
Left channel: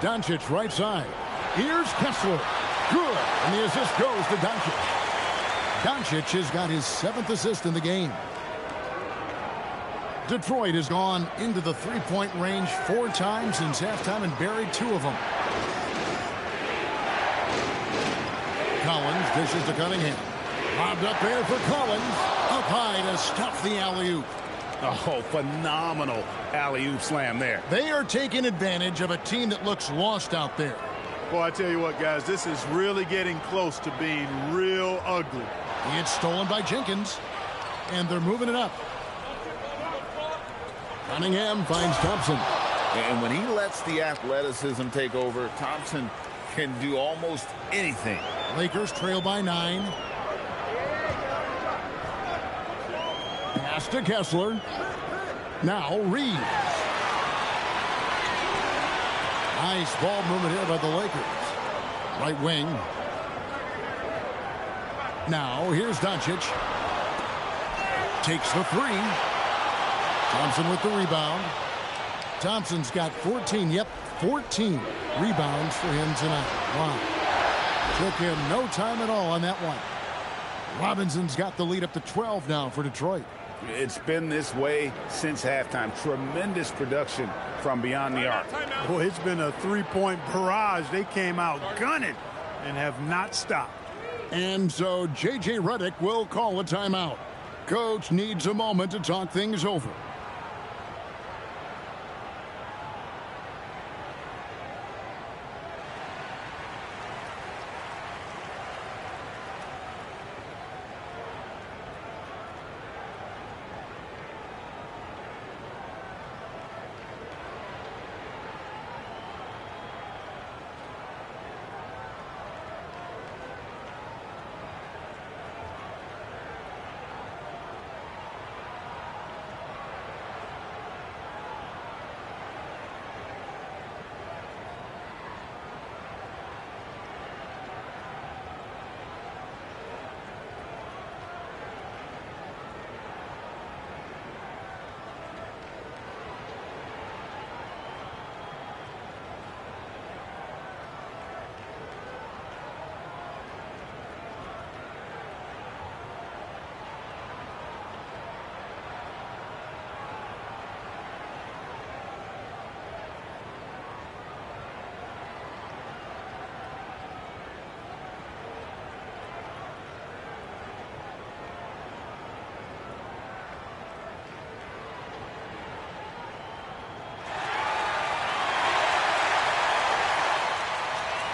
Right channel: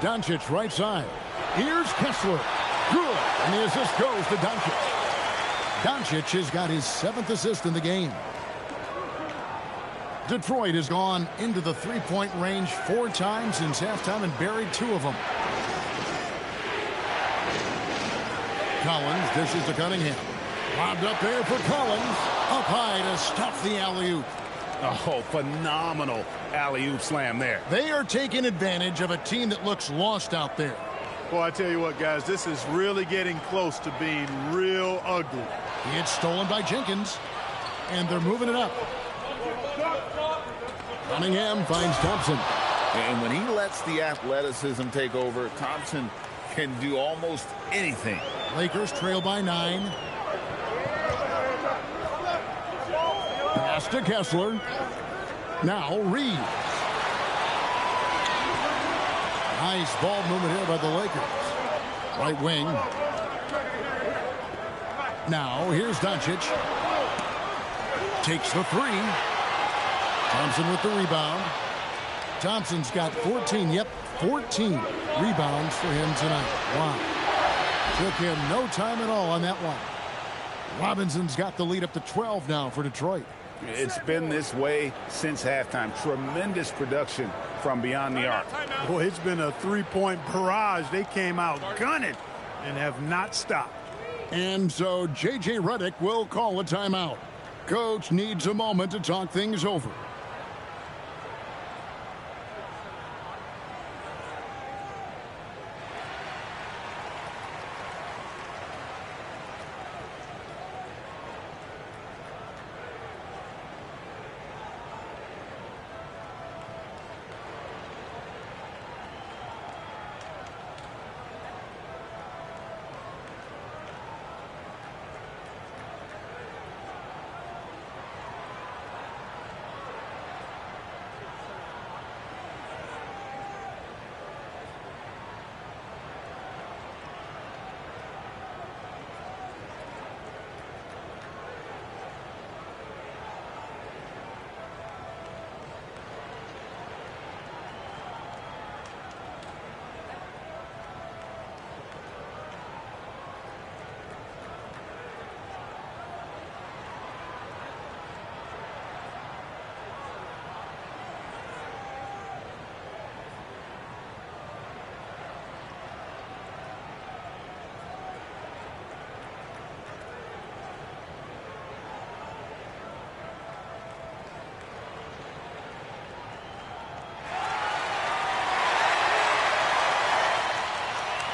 Doncic right side. Here's Kessler. Good. And the assist goes to Doncic. Doncic has got his 7th assist in the game. Detroit has gone into the three-point range 4 times since halftime and buried 2 of them. Collins dishes to Cunningham. Lobbed up there for Collins. Up high to stuff the alley-oop. Oh, phenomenal alley-oop slam there. They are taking advantage of a team that looks lost out there. Well, I tell you what, guys, this is really getting close to being real ugly. It's stolen by Jenkins, and they're moving it up. Cunningham finds Thompson. And when he lets the athleticism take over, Thompson can do almost anything. Lakers trail by 9. Pass to Kessler. Now Reeves. Nice ball movement here by the Lakers. Right wing. Now here's Doncic. Takes the three. Thompson with the rebound. Thompson's got 14. Yep, 14 rebounds for him tonight. Wow. Took him no time at all on that one. Robinson's got the lead up to 12 now for Detroit. It's been this way since halftime. Tremendous production from beyond the arc. Boy, it's been a three-point barrage. They came out gunning and have not stopped. And so J.J. Redick will call a timeout. Coach needs a moment to talk things over.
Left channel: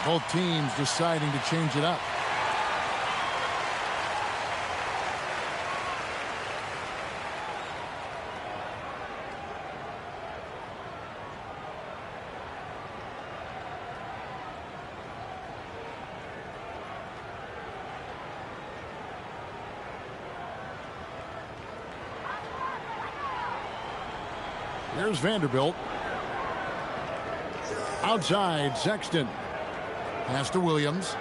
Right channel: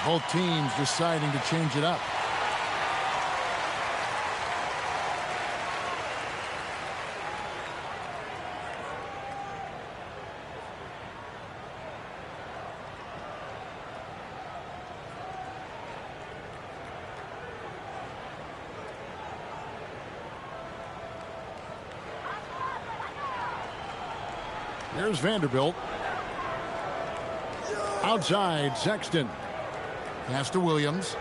Both teams deciding to change it up. Here's Vanderbilt. Outside, Sexton. Pass to Williams.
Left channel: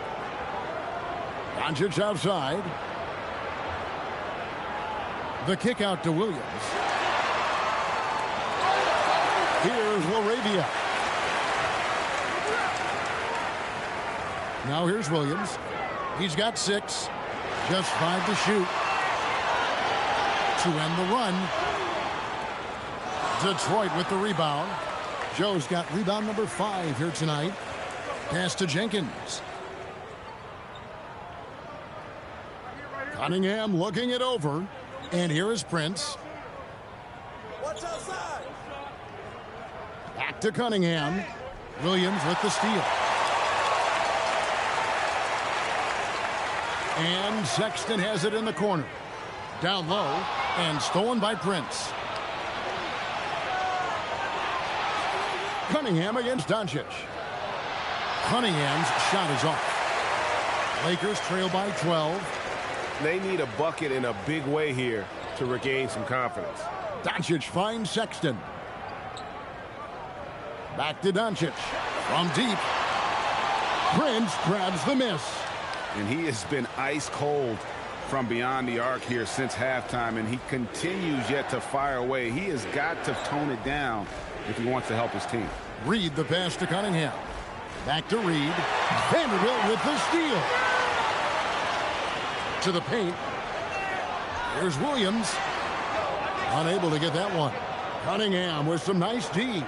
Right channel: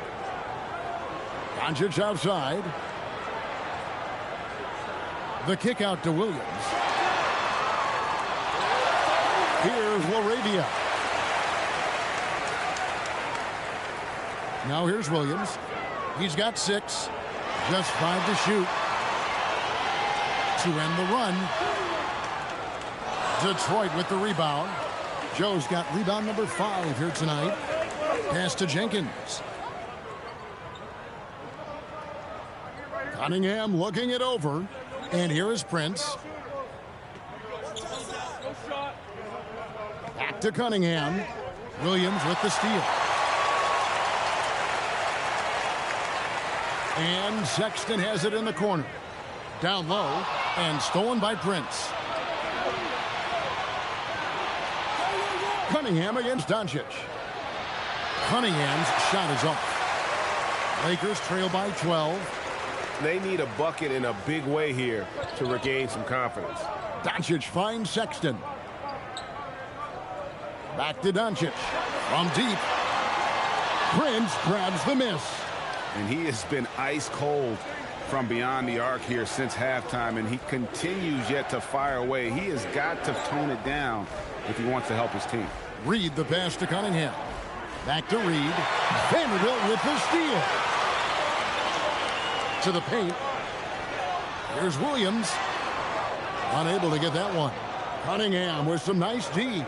Doncic outside. The kick out to Williams. Here's LaRavia. Now here's Williams. He's got 6. Just 5 to shoot. To end the run. Detroit with the rebound. Joe's got rebound number 5 here tonight. Pass to Jenkins. Cunningham looking it over. And here is Prince. Back to Cunningham. Williams with the steal. And Sexton has it in the corner. Down low and stolen by Prince. Cunningham against Doncic. Cunningham's shot is off. Lakers trail by 12. They need a bucket in a big way here to regain some confidence. Doncic finds Sexton. Back to Doncic. From deep. Prince grabs the miss. And he has been ice cold from beyond the arc here since halftime, and he continues yet to fire away. He has got to tone it down if he wants to help his team. Reed the pass to Cunningham. Back to Reed. Vanderbilt with the steal. To the paint. Here's Williams. Unable to get that one. Cunningham with some nice D.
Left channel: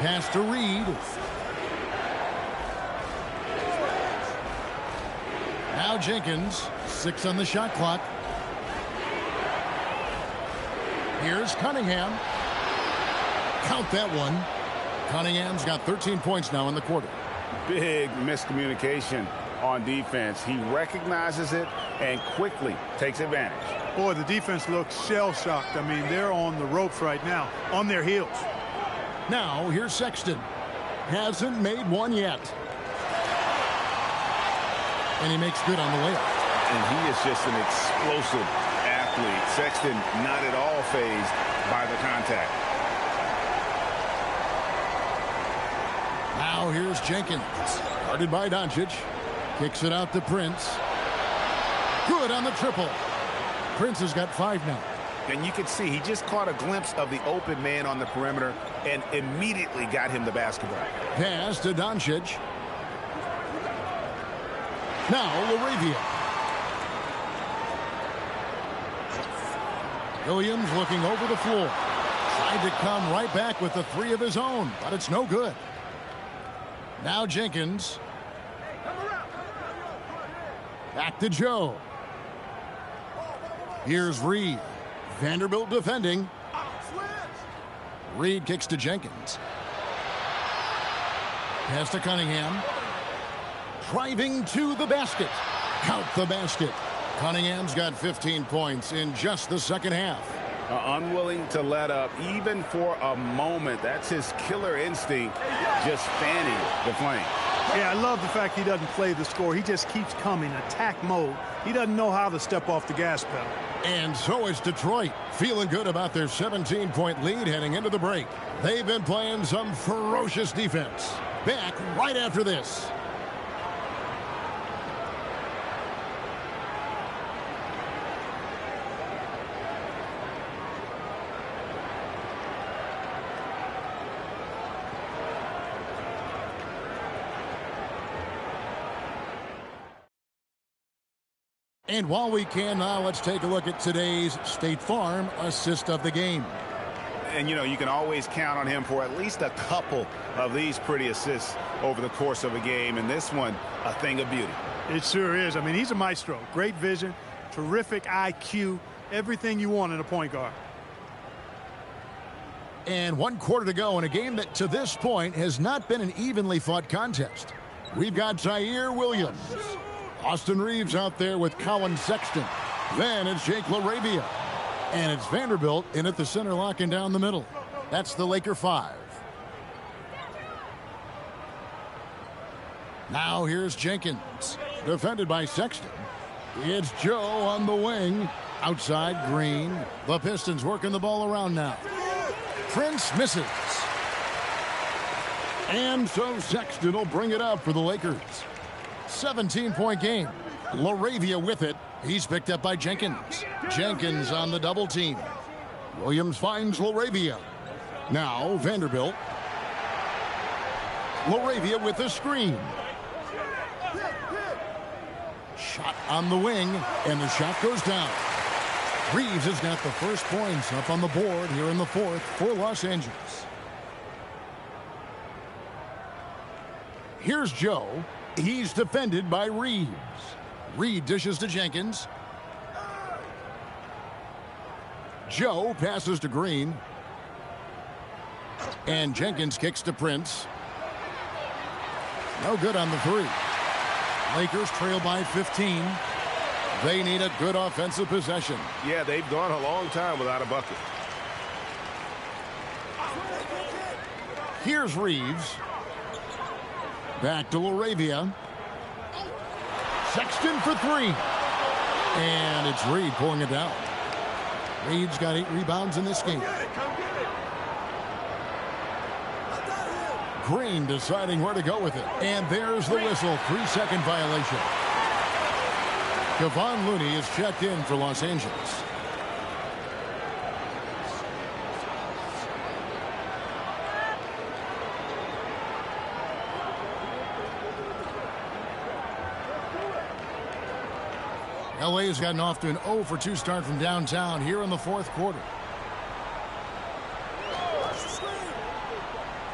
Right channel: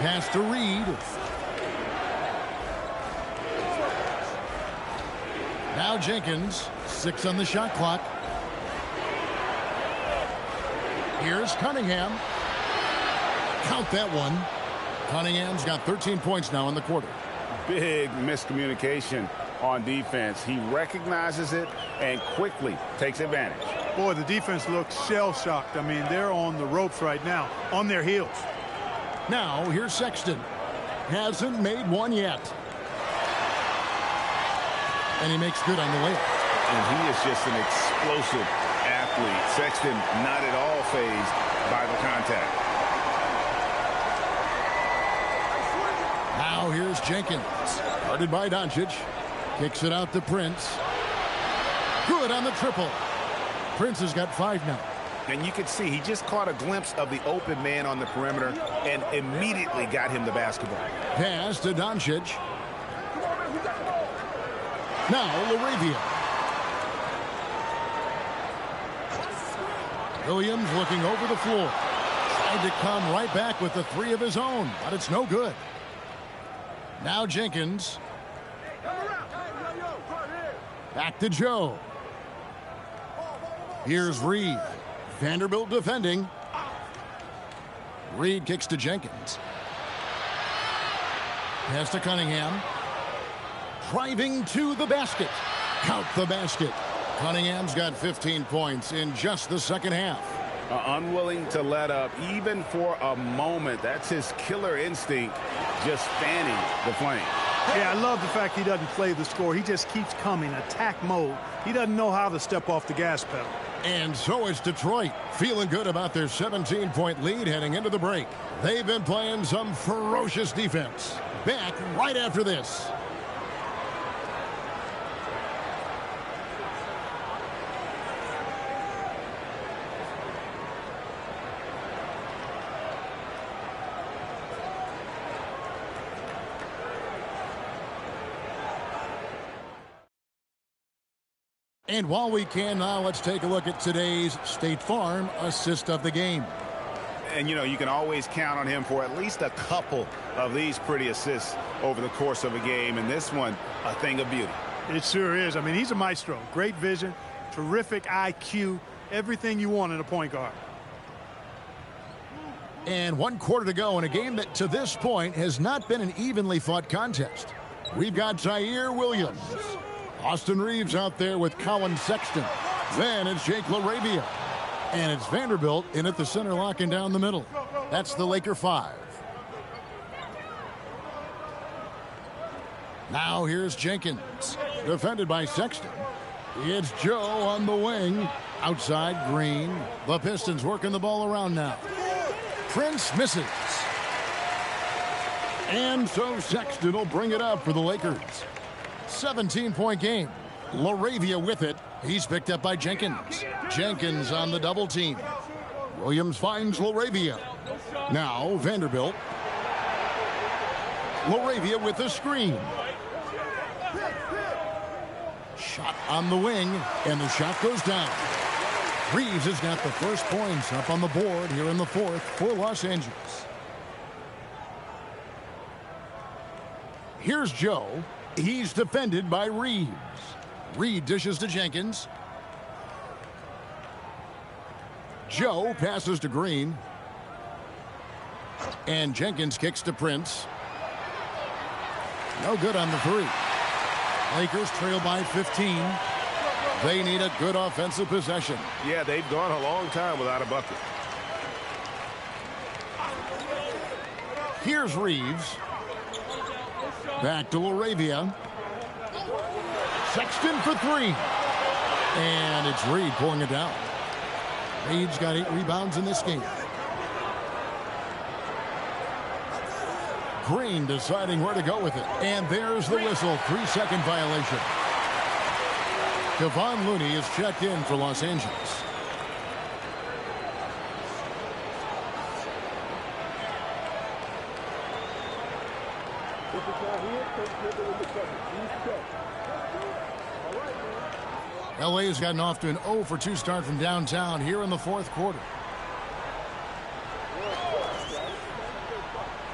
Pass to Reed. Now Jenkins. 6 on the shot clock. Here's Cunningham. Count that one. Cunningham's got 13 points now in the quarter. Big miscommunication on defense. He recognizes it and quickly takes advantage. Boy, the defense looks shell-shocked. I mean, they're on the ropes right now, on their heels. Now, here's Sexton. Hasn't made one yet. And he makes good on the layup. And he is just an explosive athlete. Sexton not at all fazed by the contact. Now here's Jenkins. Guarded by Doncic. Kicks it out to Prince. Good on the triple. Prince has got 5 now. And you can see he just caught a glimpse of the open man on the perimeter and immediately got him the basketball. Pass to Doncic. Now LaRavia. Williams looking over the floor. Tried to come right back with the 3 of his own, but it's no good. Now Jenkins. Back to Joe. Here's Reed. Vanderbilt defending. Reed kicks to Jenkins. Pass to Cunningham. Driving to the basket. Count the basket. Cunningham's got 15 points in just the second half. Unwilling to let up even for a moment. That's his killer instinct, just fanning the flame. Yeah, I love the fact he doesn't play the score. He just keeps coming, attack mode. He doesn't know how to step off the gas pedal. And so is Detroit, feeling good about their 17-point lead heading into the break. They've been playing some ferocious defense. Back right after this. And while we can now, let's take a look at today's State Farm assist of the game. And, you know, you can always count on him for at least a couple of these pretty assists over the course of a game. And this one, a thing of beauty. It sure is. I mean, he's a maestro. Great vision, terrific IQ, everything you want in a point guard. And 1 quarter to go in a game that to this point has not been an evenly fought contest. We've got Zaire Williams. Austin Reeves out there with Colin Sexton. Then it's Jake LaRavia. And it's Vanderbilt in at the center, locking down the middle. That's the Laker 5. Now here's Jenkins. Defended by Sexton. It's Joe on the wing. Outside Green. The Pistons working the ball around now. Prince misses. And so Sexton will bring it up for the Lakers. 17-point game. LaRavia with it. He's picked up by Jenkins. Jenkins on the double team. Williams finds LaRavia. Now Vanderbilt. LaRavia with the screen. Shot on the wing, and the shot goes down. Reeves has got the first points up on the board here in the fourth for Los Angeles. Here's Joe. He's defended by Reeves. Reed dishes to Jenkins. Joe passes to Green. And Jenkins kicks to Prince. No good on the three. Lakers trail by 15. They need a good offensive possession. Yeah, they've gone a long time without a bucket. Here's Reeves. Back to LaRavia. Sexton for three. And it's Reed pulling it down. Reed's got 8 rebounds in this game. Green deciding where to go with it. And there's the whistle. 3-second violation. Kevon Looney is checked in for Los Angeles. LA has gotten off to an 0-for-2 start from downtown here in the fourth quarter.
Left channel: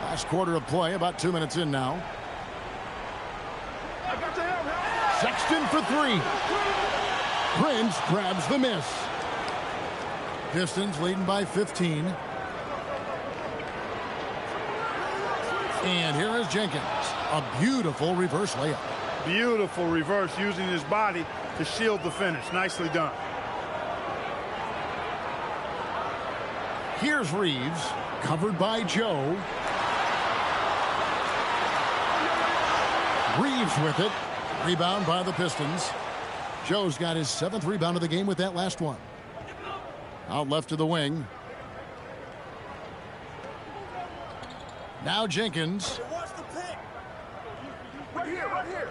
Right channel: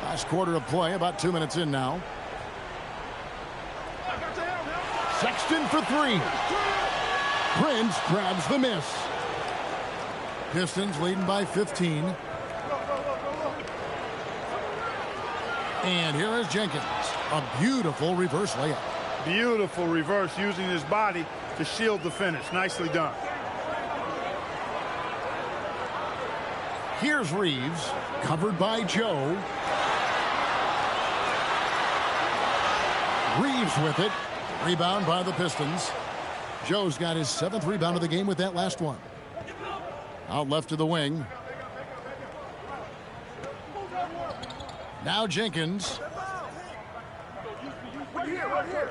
Last quarter of play, about 2 minutes in now. Sexton for three. Prince grabs the miss. Pistons leading by 15. And here is Jenkins. A beautiful reverse layup. Beautiful reverse, using his body to shield the finish. Nicely done. Here's Reeves, covered by Joe. Reeves with it. Rebound by the Pistons. Joe's got his 7th rebound of the game with that last one. Out left to the wing. Now Jenkins. Right here.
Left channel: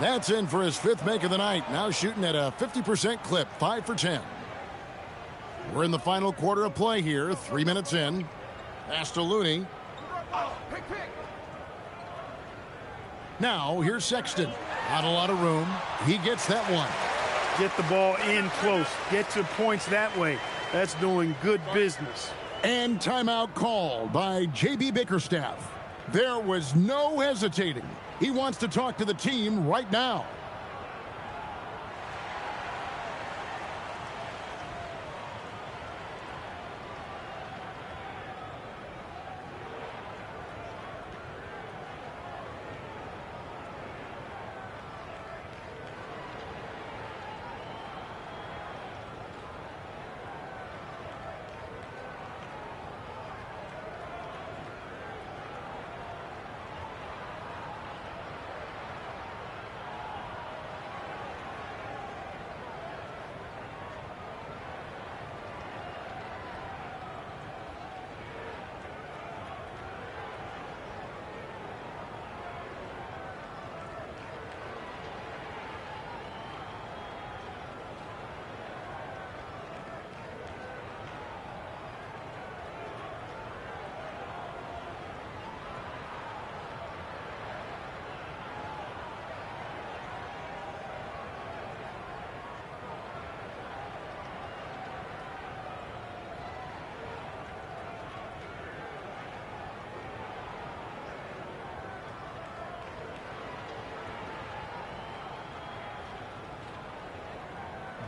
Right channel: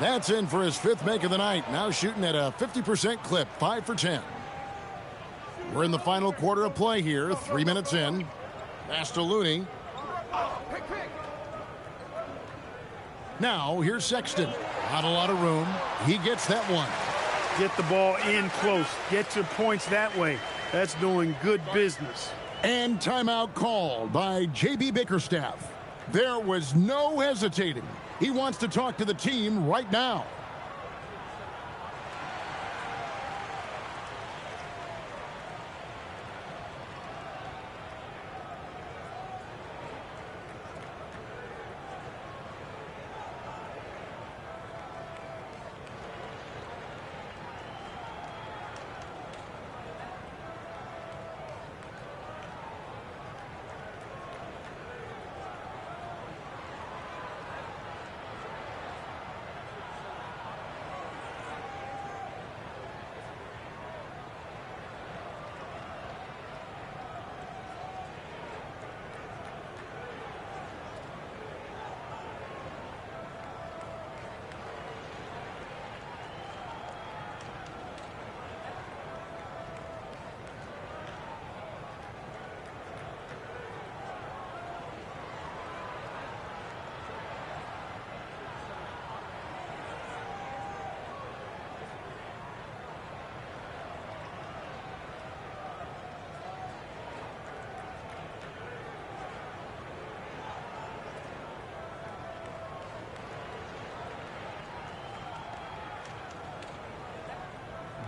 That's in for his 5th make of the night. Now shooting at a 50% clip, 5 for 10. We're in the final quarter of play here, 3 minutes in. Pass to Looney. Now here's Sexton. Not a lot of room. He gets that one. Get the ball in close. Get your points that way. That's doing good business. And timeout called by J.B. Bickerstaff. There was no hesitating. He wants to talk to the team right now.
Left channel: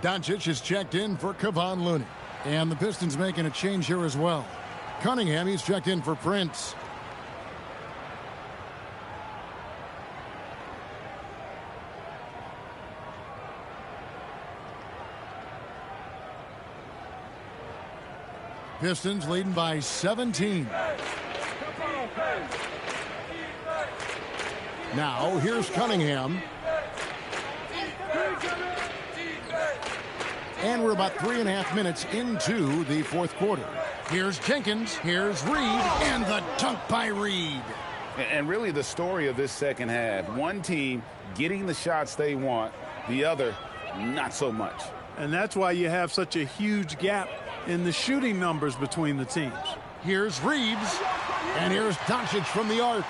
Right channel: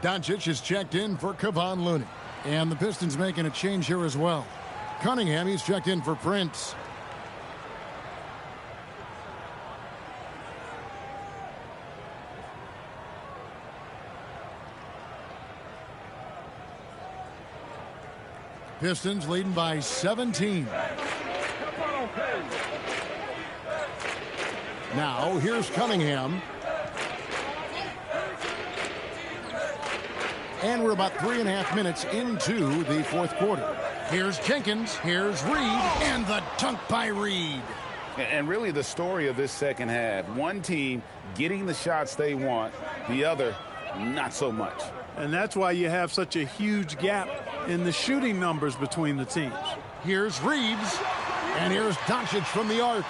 Doncic is checked in for Kevon Looney. And the Pistons making a change here as well. Cunningham, he's checked in for Prince. Pistons leading by 17. Now here's Cunningham. And we're about 3.5 minutes into the fourth quarter. Here's Jenkins. Here's Reed. And the dunk by Reed. And really the story of this second half, one team getting the shots they want, the other not so much. And that's why you have such a huge gap in the shooting numbers between the teams. Here's Reeves, and here's Doncic from the arc.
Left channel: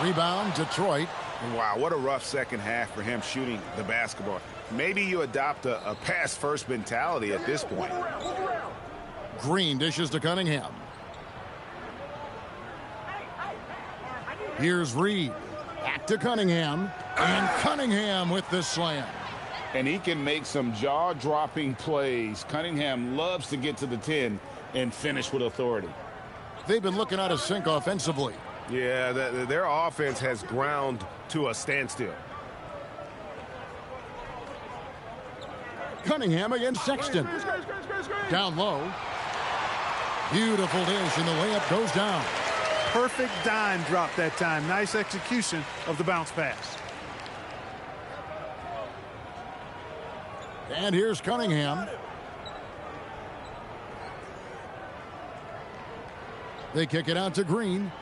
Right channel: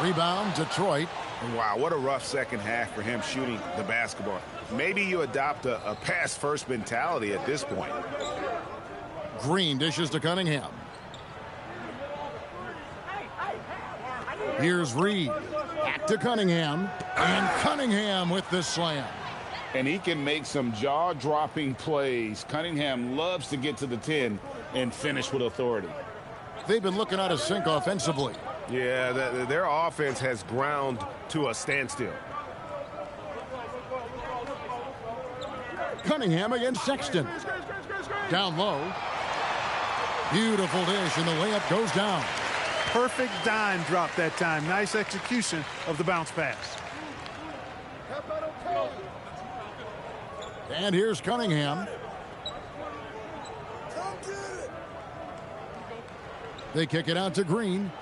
Rebound, Detroit. Wow, what a rough second half for him shooting the basketball. Maybe you adopt a pass-first mentality at this point. Green dishes to Cunningham. Here's Reed. Back to Cunningham. And Cunningham with the slam. And he can make some jaw-dropping plays. Cunningham loves to get to the 10 and finish with authority. They've been looking out of sync offensively. Yeah, their offense has ground to a standstill. Cunningham against Sexton. Down low. Beautiful dish, and the layup goes down. Perfect dime drop that time. Nice execution of the bounce pass. And here's Cunningham. They kick it out to Green.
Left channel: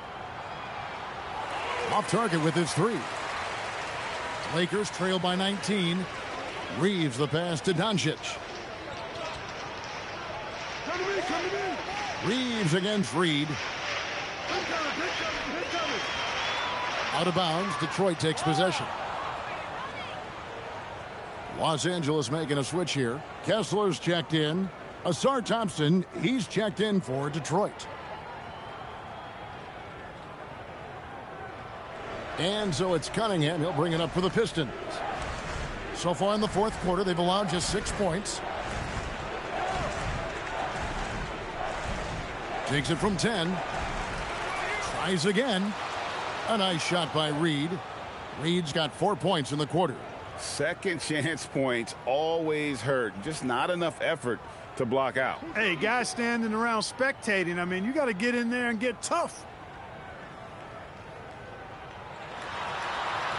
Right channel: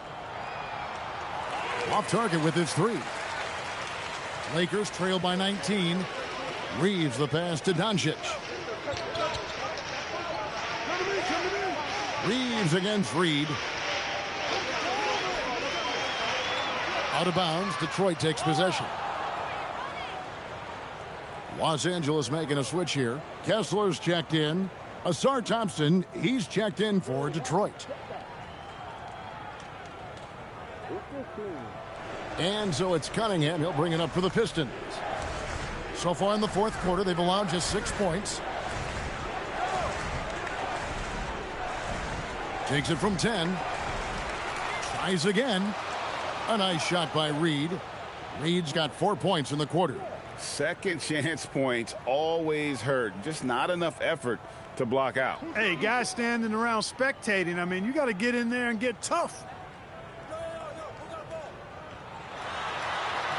Off target with his three. Lakers trail by 19. Reeves the pass to Doncic. Reeves against Reed. Out of bounds. Detroit takes possession. Los Angeles making a switch here. Kessler's checked in. Asar Thompson, he's checked in for Detroit. And so it's Cunningham. He'll bring it up for the Pistons. So far in the fourth quarter, they've allowed just 6 points. Takes it from 10. Tries again. A nice shot by Reed. Reed's got 4 points in the quarter. Second chance points always hurt. Just not enough effort to block out. Hey, guys standing around spectating. I mean, you got to get in there and get tough.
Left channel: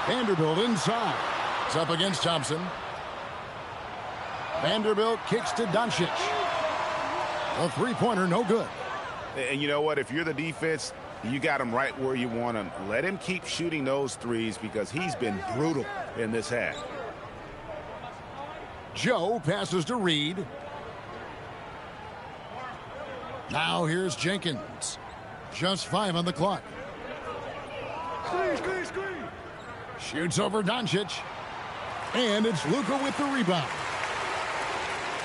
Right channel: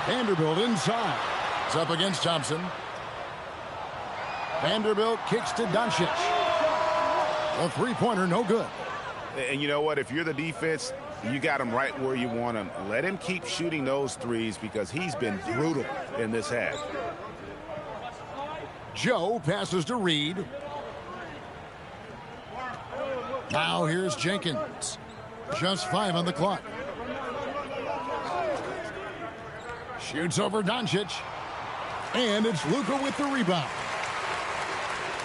Vanderbilt inside. It's up against Thompson. Vanderbilt kicks to Doncic. A three-pointer, no good. And you know what? If you're the defense, you got him right where you want him. Let him keep shooting those threes because he's been brutal in this half. Joe passes to Reed. Now here's Jenkins. Just 5 on the clock. Shoots over Doncic. And it's Luka with the rebound.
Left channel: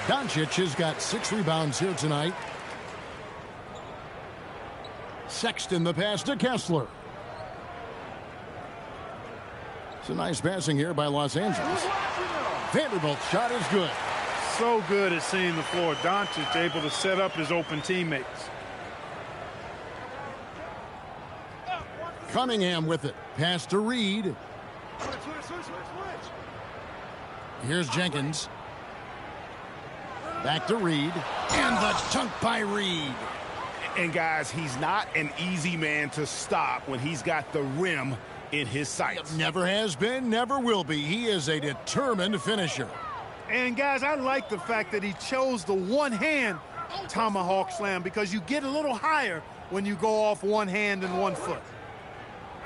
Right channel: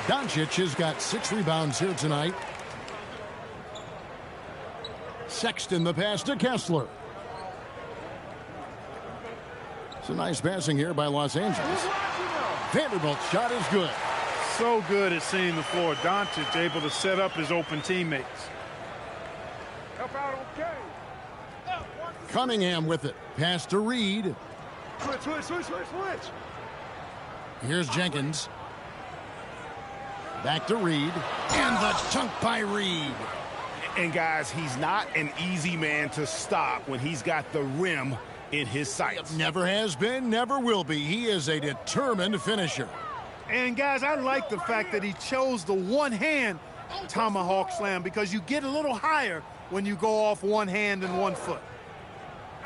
Doncic has got 6 rebounds here tonight. Sexton the pass to Kessler. It's a nice passing here by Los Angeles. Vanderbilt's shot is good. So good at seeing the floor. Doncic able to set up his open teammates. Cunningham with it. Pass to Reed. Switch. Here's Jenkins. Back to Reed. And the chunk by Reed. And guys, he's not an easy man to stop when he's got the rim in his sights. Never has been, never will be. He is a determined finisher. And guys, I like the fact that he chose the one-hand tomahawk slam because you get a little higher when you go off one hand and 1 foot.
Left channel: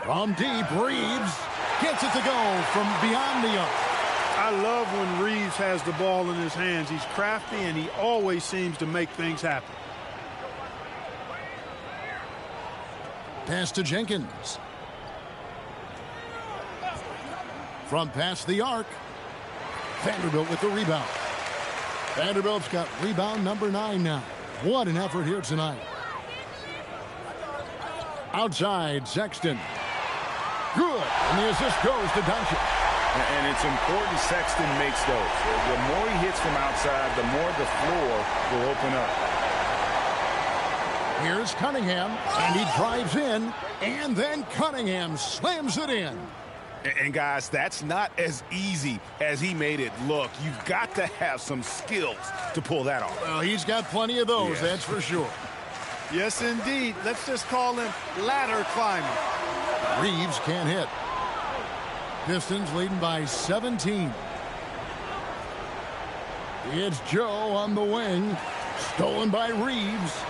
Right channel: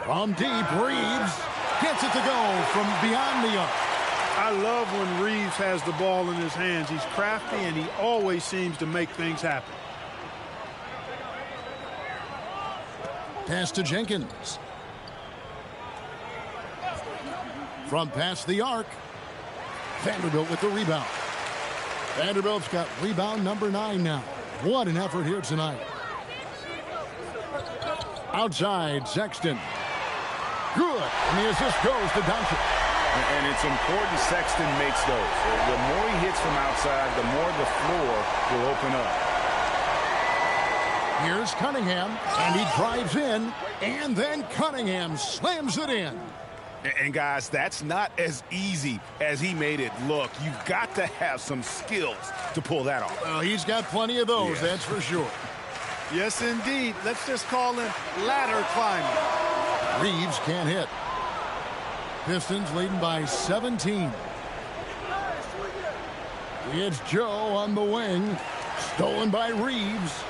From deep, Reeves gets it to go from beyond the arc. I love when Reeves has the ball in his hands. He's crafty and he always seems to make things happen. Pass to Jenkins. From past the arc. Vanderbilt with the rebound. Vanderbilt's got rebound number 9 now. What an effort here tonight. Outside, Sexton. Good. And the assist goes to Doncic. And it's important Sexton makes those. The more he hits from outside, the more the floor will open up. Here's Cunningham, and he drives in, and then Cunningham slams it in. And guys, that's not as easy as he made it look. You've got to have some skills to pull that off. Well, he's got plenty of those, that's for sure. Yes, indeed. Let's just call him ladder climbing. Reeves can't hit. Pistons leading by 17. It's Joe on the wing. Stolen by Reeves.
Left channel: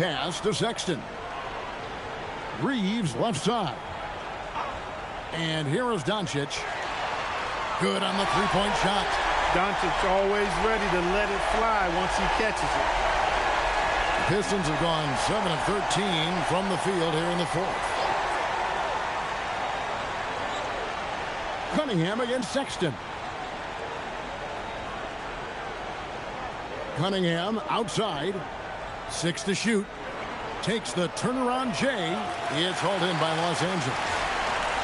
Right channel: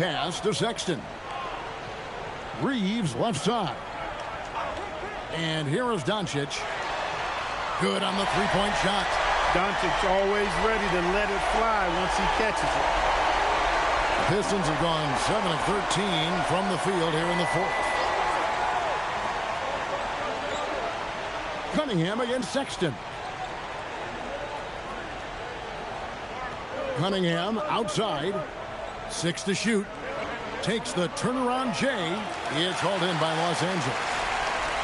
pass to Sexton. Reeves left side. And here is Doncic. Good on the three-point shot. Doncic always ready to let it fly once he catches it. The Pistons have gone 7 of 13 from the field here in the fourth. Cunningham against Sexton. Cunningham outside. 6 to shoot. Takes the turnaround J. It's hauled in by Los Angeles.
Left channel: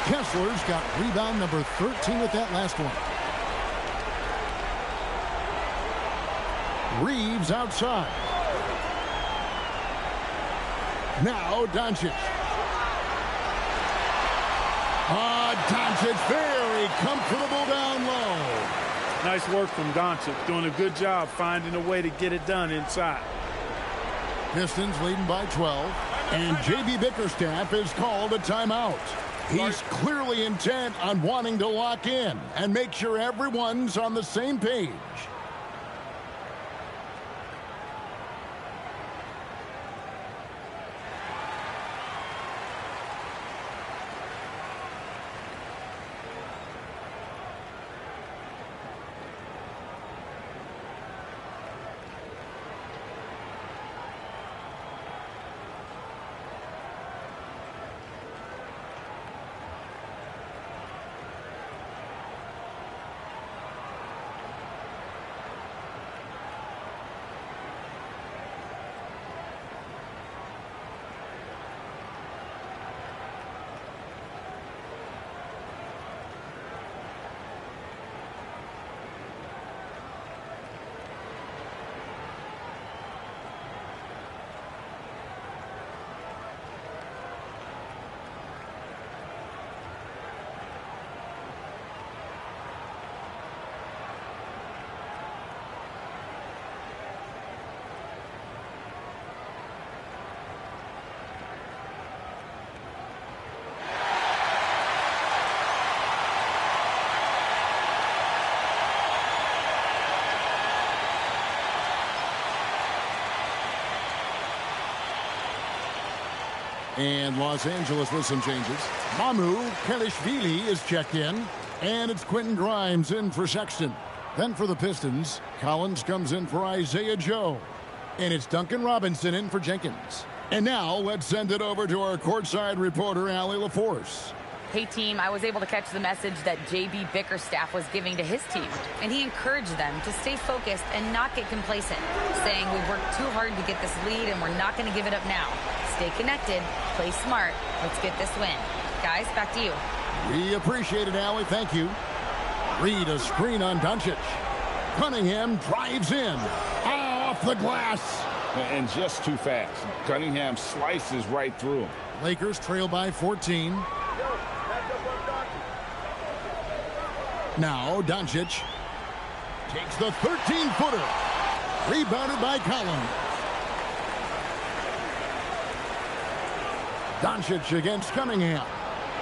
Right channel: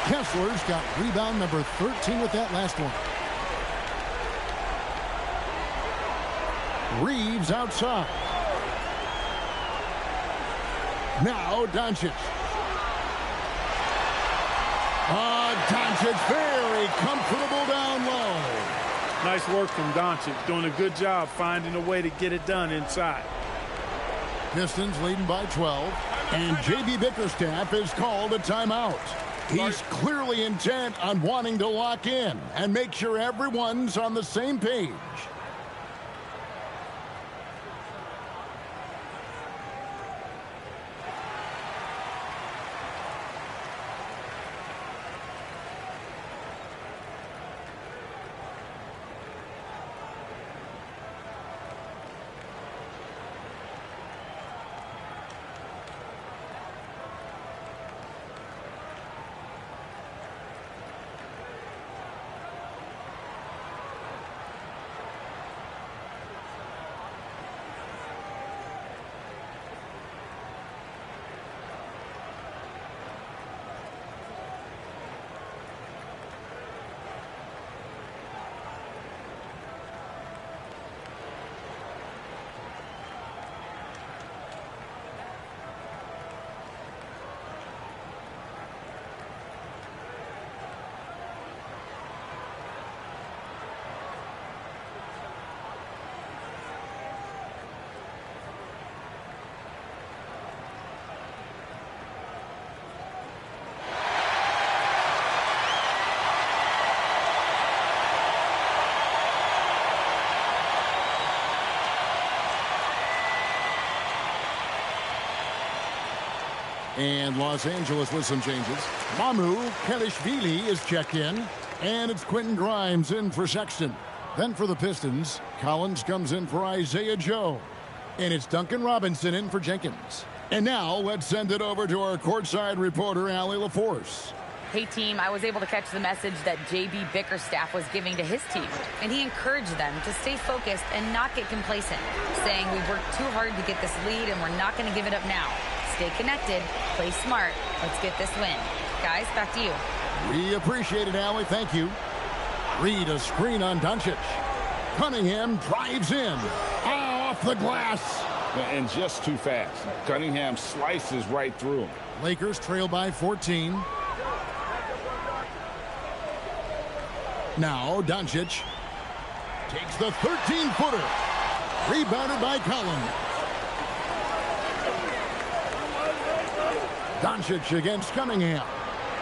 Kessler's got rebound number 13 with that last one. Reeves outside. Now Doncic. Doncic very comfortable down low. Nice work from Doncic, doing a good job finding a way to get it done inside. Pistons leading by 12, and J.B. Bickerstaff is called a timeout. He's clearly intent on wanting to lock in and make sure everyone's on the same page. And Los Angeles with some changes. Mamu Kelishvili is checked in. And it's Quentin Grimes in for Sexton. Then for the Pistons, Collins comes in for Isaiah Joe. And it's Duncan Robinson in for Jenkins. And now let's send it over to our courtside reporter, Allie LaForce. Hey, team, I was able to catch the message that J.B. Bickerstaff was giving to his team. And he encouraged them to stay focused and not get complacent, saying we worked too hard to get this lead and we're not going to give it up now. Stay connected, play smart, let's get this win. Guys, back to you. We appreciate it, Allie. Thank you. Reed a screen on Doncic. Cunningham drives in. Off the glass. And just too fast. Cunningham slices right through him. Lakers trail by 14. Now Doncic takes the 13-footer. Rebounded by Collins. Doncic against Cunningham.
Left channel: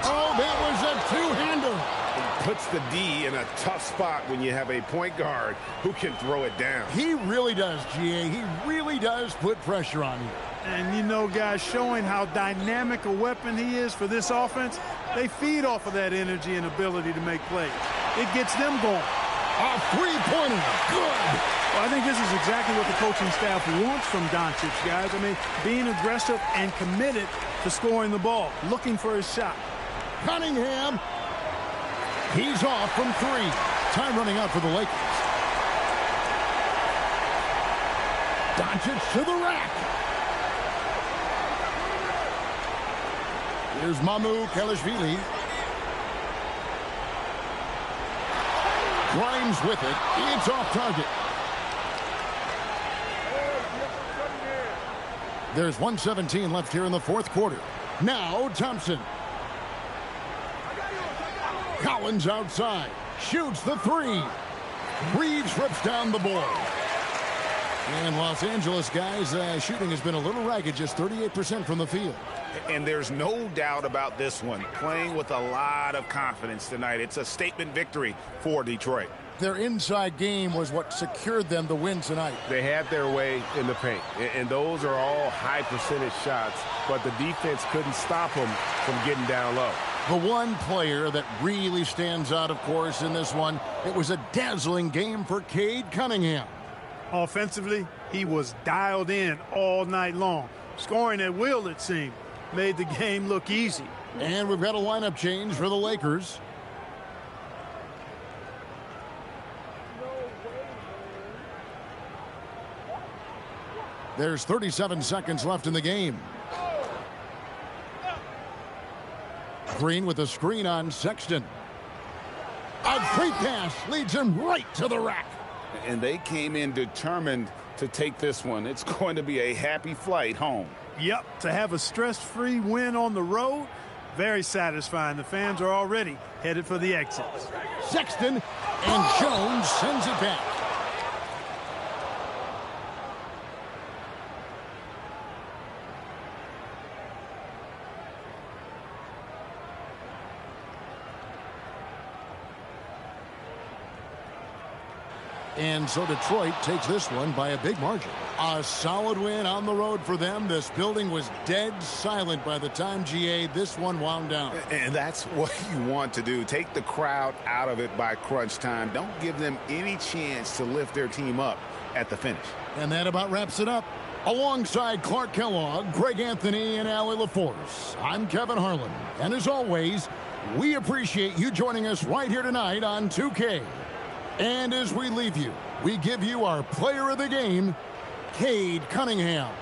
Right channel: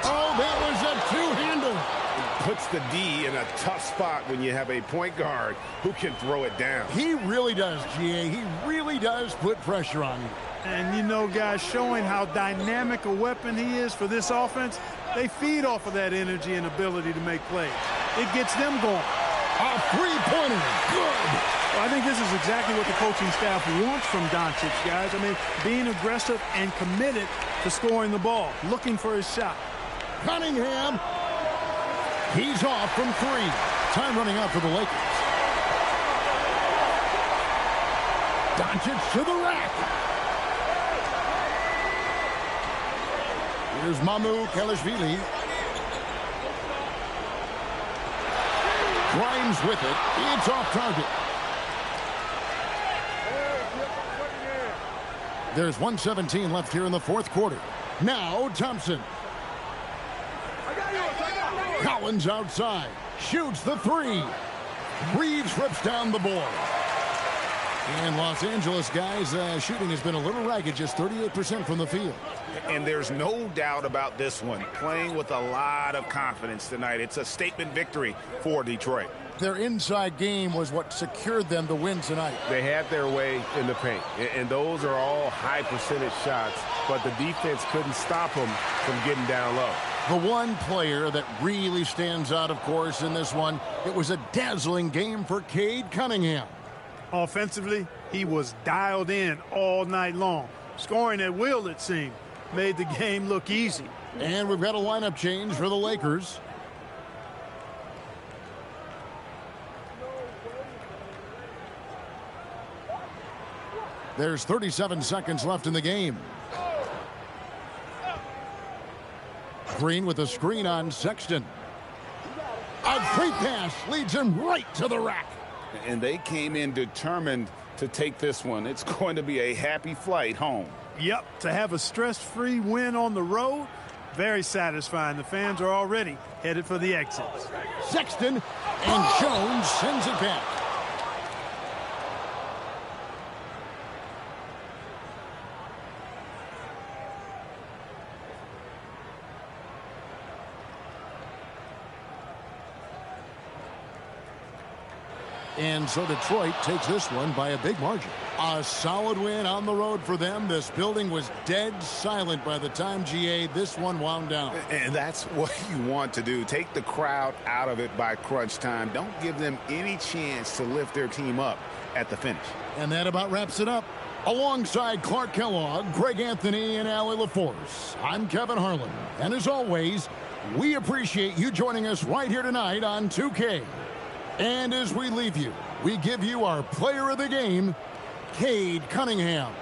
Oh, that was a two-hander. It puts the D in a tough spot when you have a point guard who can throw it down. He really does, G.A. He really does put pressure on you. And, you know, guys, showing how dynamic a weapon he is for this offense, they feed off of that energy and ability to make plays. It gets them going. A three-pointer. Good. Well, I think this is exactly what the coaching staff wants from Doncic, guys. I mean, being aggressive and committed to scoring the ball, looking for his shot. Cunningham. He's off from three. Time running out for the Lakers. Doncic to the rack. Here's Mamu Kelishvili. Grimes with it. It's off target. There's 1:17 left here in the fourth quarter. Now Thompson. Collins outside. Shoots the three. Reeves rips down the board. And Los Angeles, guys, shooting has been a little ragged, just 38% from the field. And there's no doubt about this one. Playing with a lot of confidence tonight. It's a statement victory for Detroit. Their inside game was what secured them the win tonight. They had their way in the paint, and those are all high percentage shots, but the defense couldn't stop them from getting down low. The one player that really stands out, of course, in this one, it was a dazzling game for Cade Cunningham. Offensively, he was dialed in all night long. Scoring at will, it seemed, made the game look easy. And we've got a lineup change for the Lakers. There's 37 seconds left in the game. Green with a screen on Sexton. A great pass leads him right to the rack. And they came in determined to take this one. It's going to be a happy flight home. Yep, to have a stress-free win on the road, very satisfying. The fans are already headed for the exits. Sexton, and Jones sends it back. And so Detroit takes this one by a big margin. A solid win on the road for them. This building was dead silent by the time, GA, this one wound down. And that's what you want to do. Take the crowd out of it by crunch time. Don't give them any chance to lift their team up at the finish. And that about wraps it up. Alongside Clark Kellogg, Greg Anthony, and Allie LaForce, I'm Kevin Harlan. And as always, we appreciate you joining us right here tonight on 2K. And as we leave you, we give you our player of the game, Cade Cunningham.